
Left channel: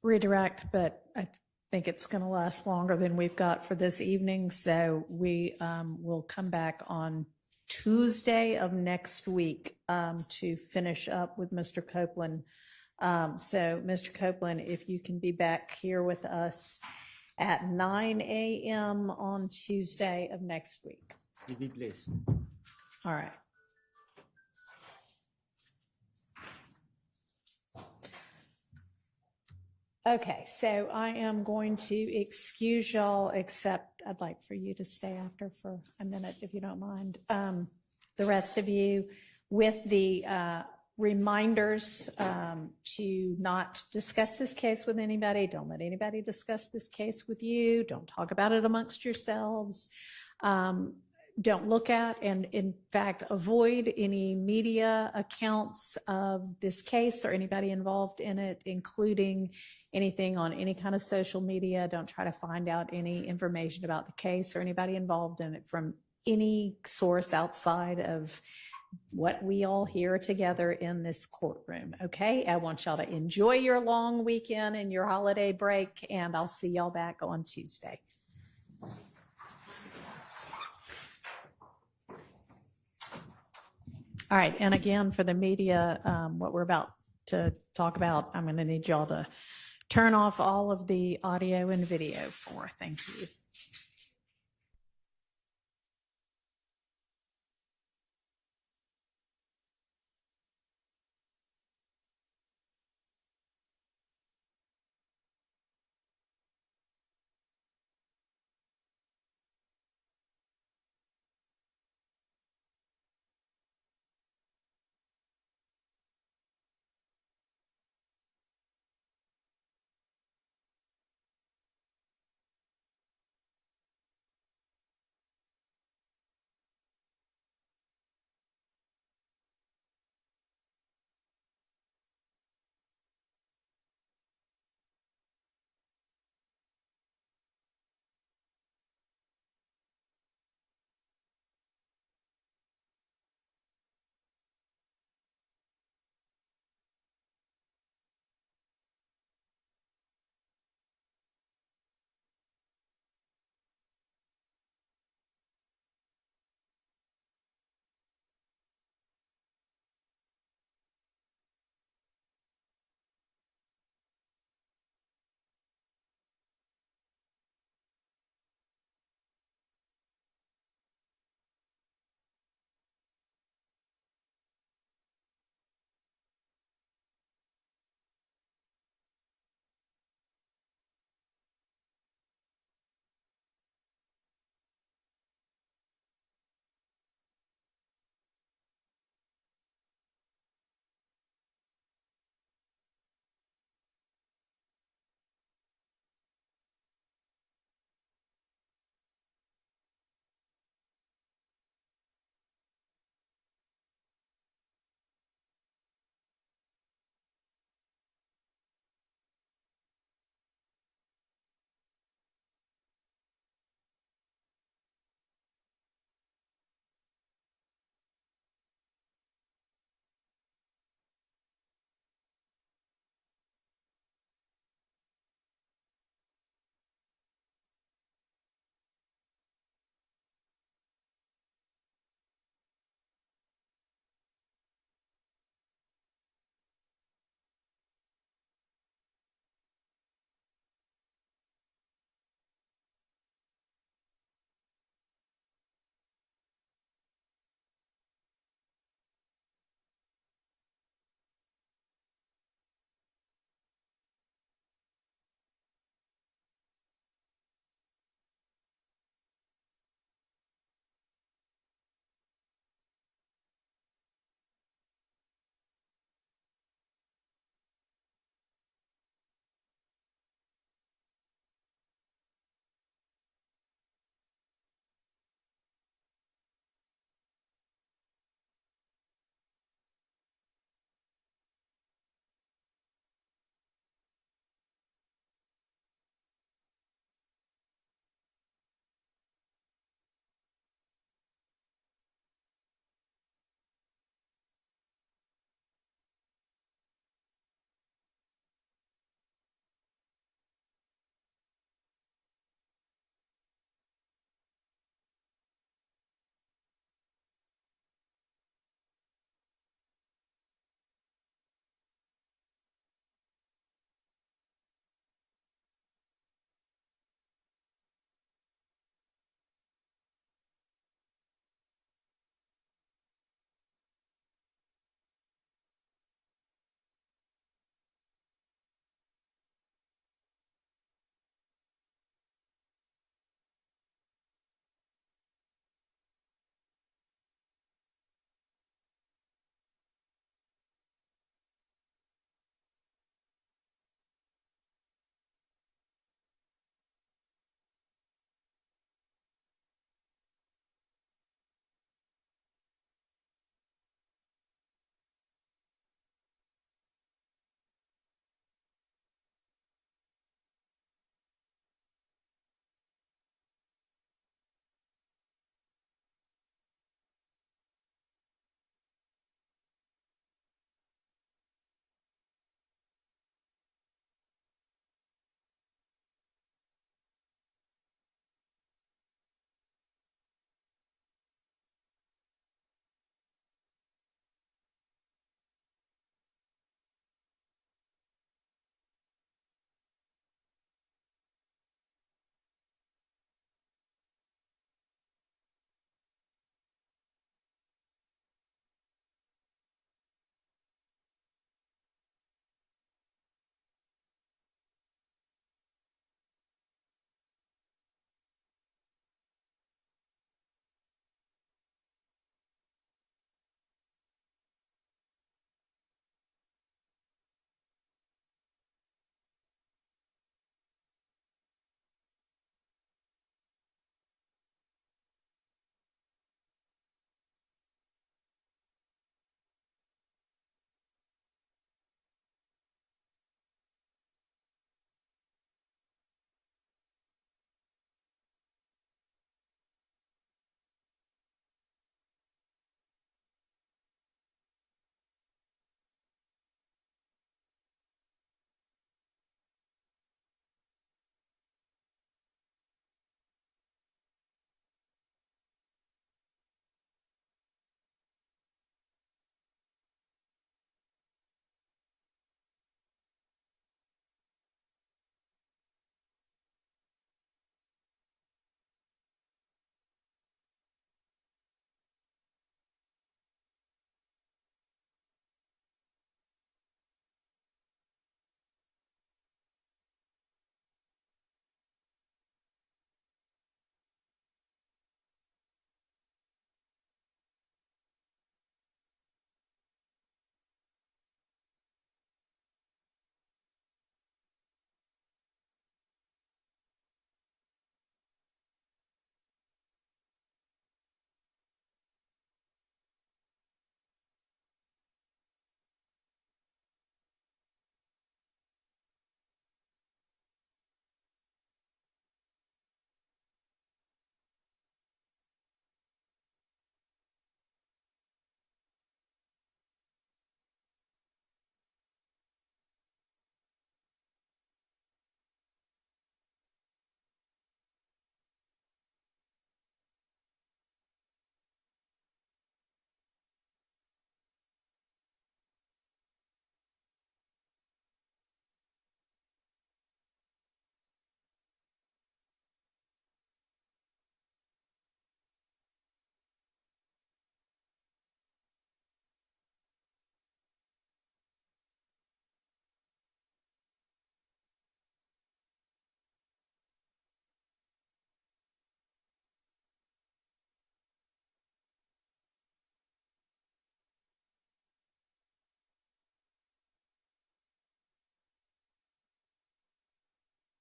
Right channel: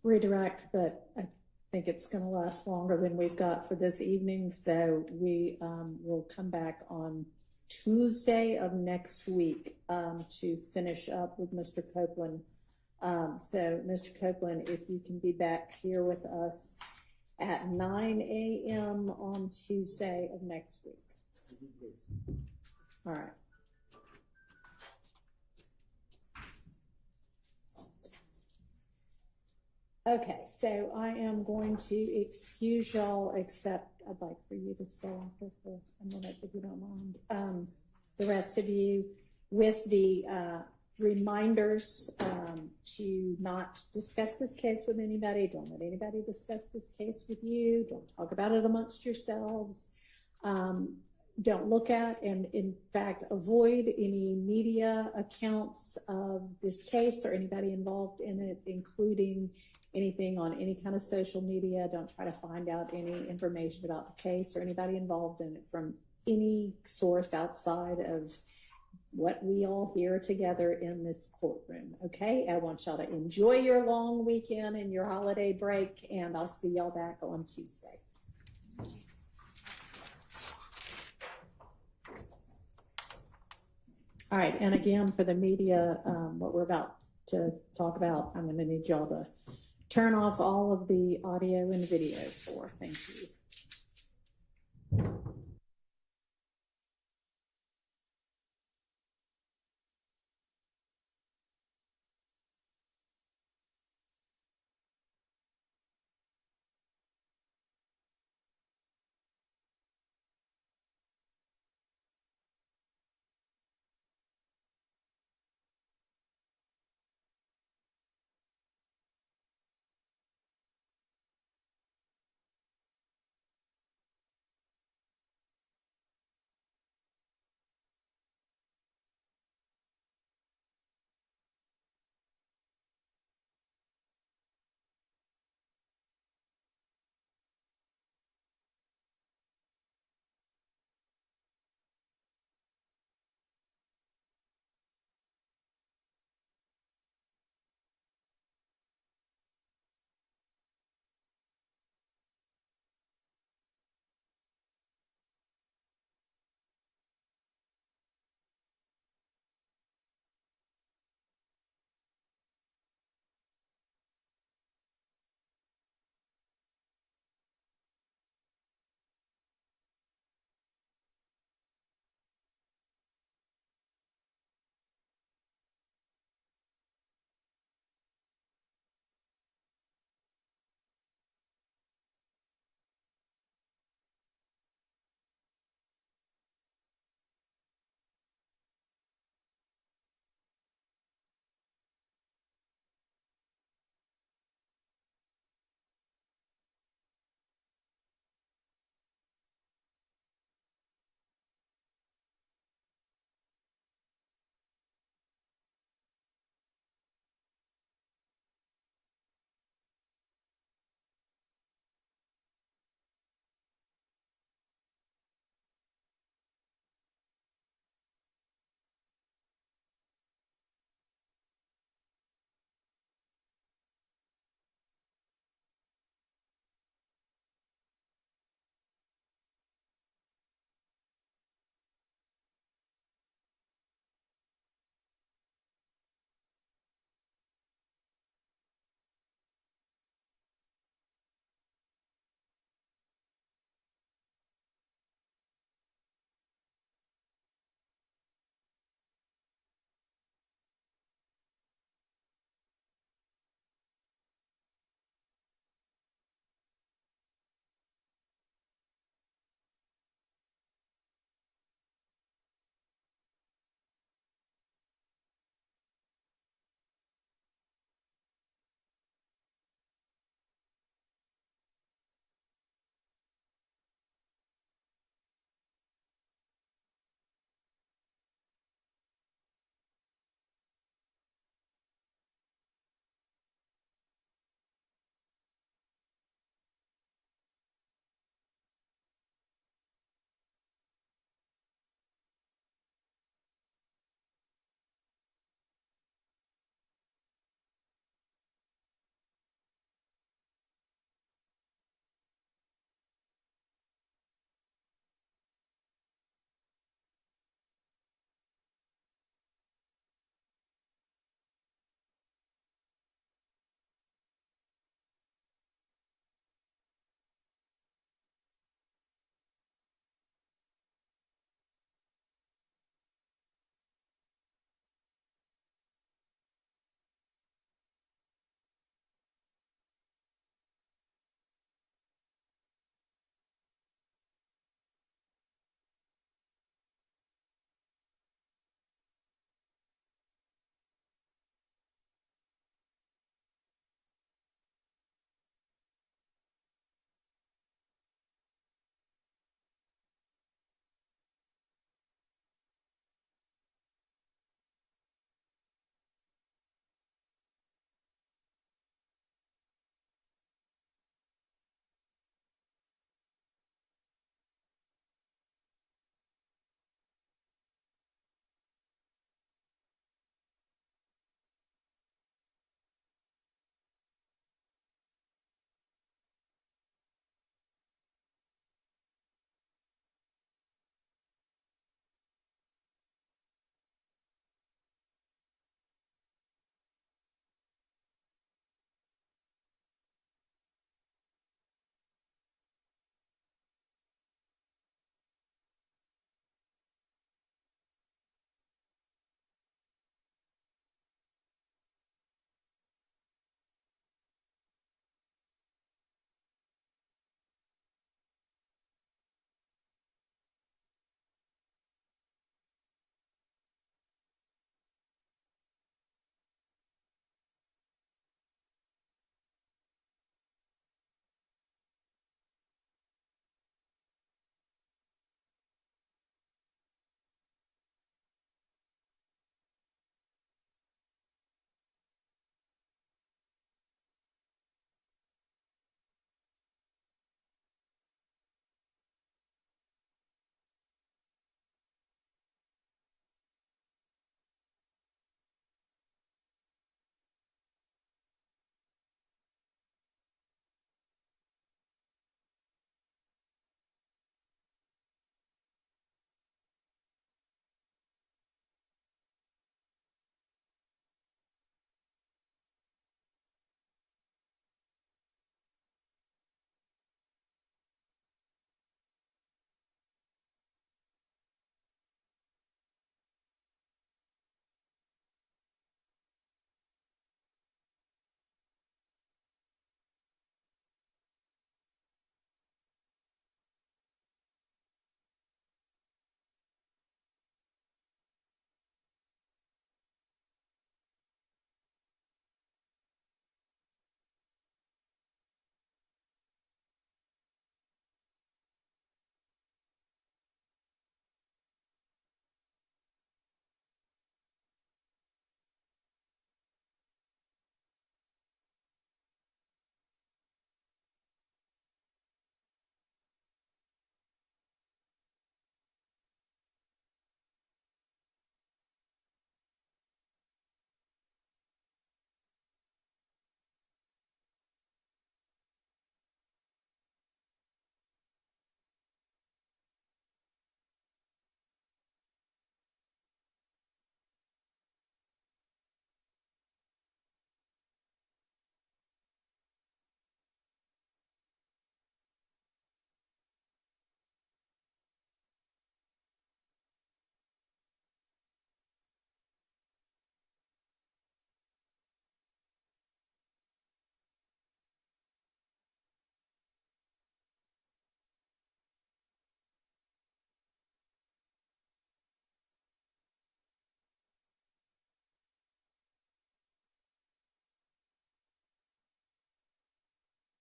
redirect, but I think it's going to last longer than we've got for this evening. So we will come back on Tuesday of next week to finish up with Mr. Copeland. So Mr. Copeland, if you can be back here with us at 9 a.m. on Tuesday of next week. If you please. All right. Okay, so I am going to excuse y'all, except I'd like for you to stay after for a minute, if you don't mind. The rest of you, with the reminders to not discuss this case with anybody. Don't let anybody discuss this case with you. Don't talk about it amongst yourselves. Don't look at and, in fact, avoid any media accounts of this case or anybody involved in it, including anything on any kind of social media. Don't try to find out any information about the case or anybody involved in it from any source outside of what we all hear together in this courtroom. Okay, I want y'all to enjoy your long weekend and your holiday break, and I'll see y'all back on Tuesday. All right, and again, for the media, what we're about to talk about, I'm going to need y'all to turn off all of the audio and video for. Thank you.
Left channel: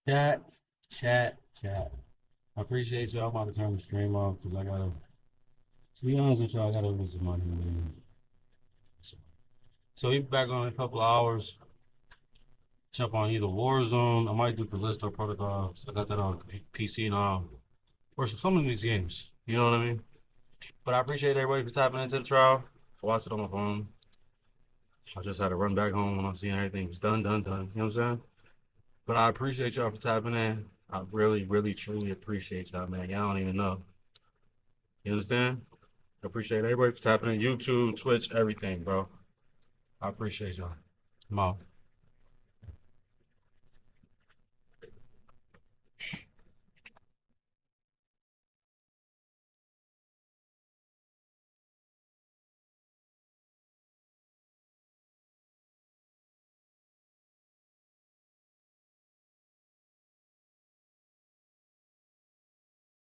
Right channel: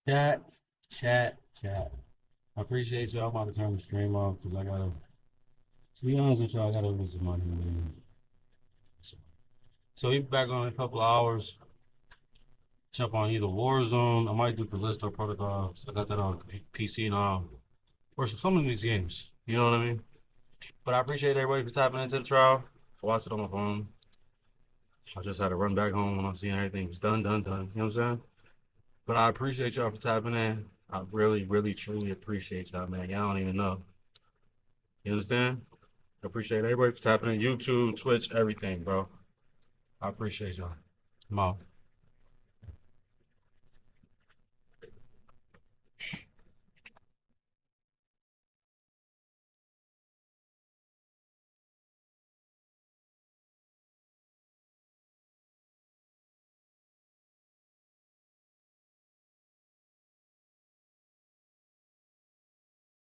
Chat, chat. I appreciate y'all. I'm about to turn the stream off because to be honest with y'all, I gotta lose some money. So we back on in a couple of hours. Jump on either Warzone. I might do Callisto Protocol. So I got that on PC now. Or some of these games. You know what I mean? But I appreciate everybody for tapping into the trial. I watched it on my phone. I just had to run back home when I seen everything was done. You know what I'm saying? But I appreciate y'all for tapping in. I really, truly appreciate y'all, man. Y'all don't even know. You understand? I appreciate everybody for tapping in. YouTube, Twitch, everything, bro. I appreciate y'all. I'm out.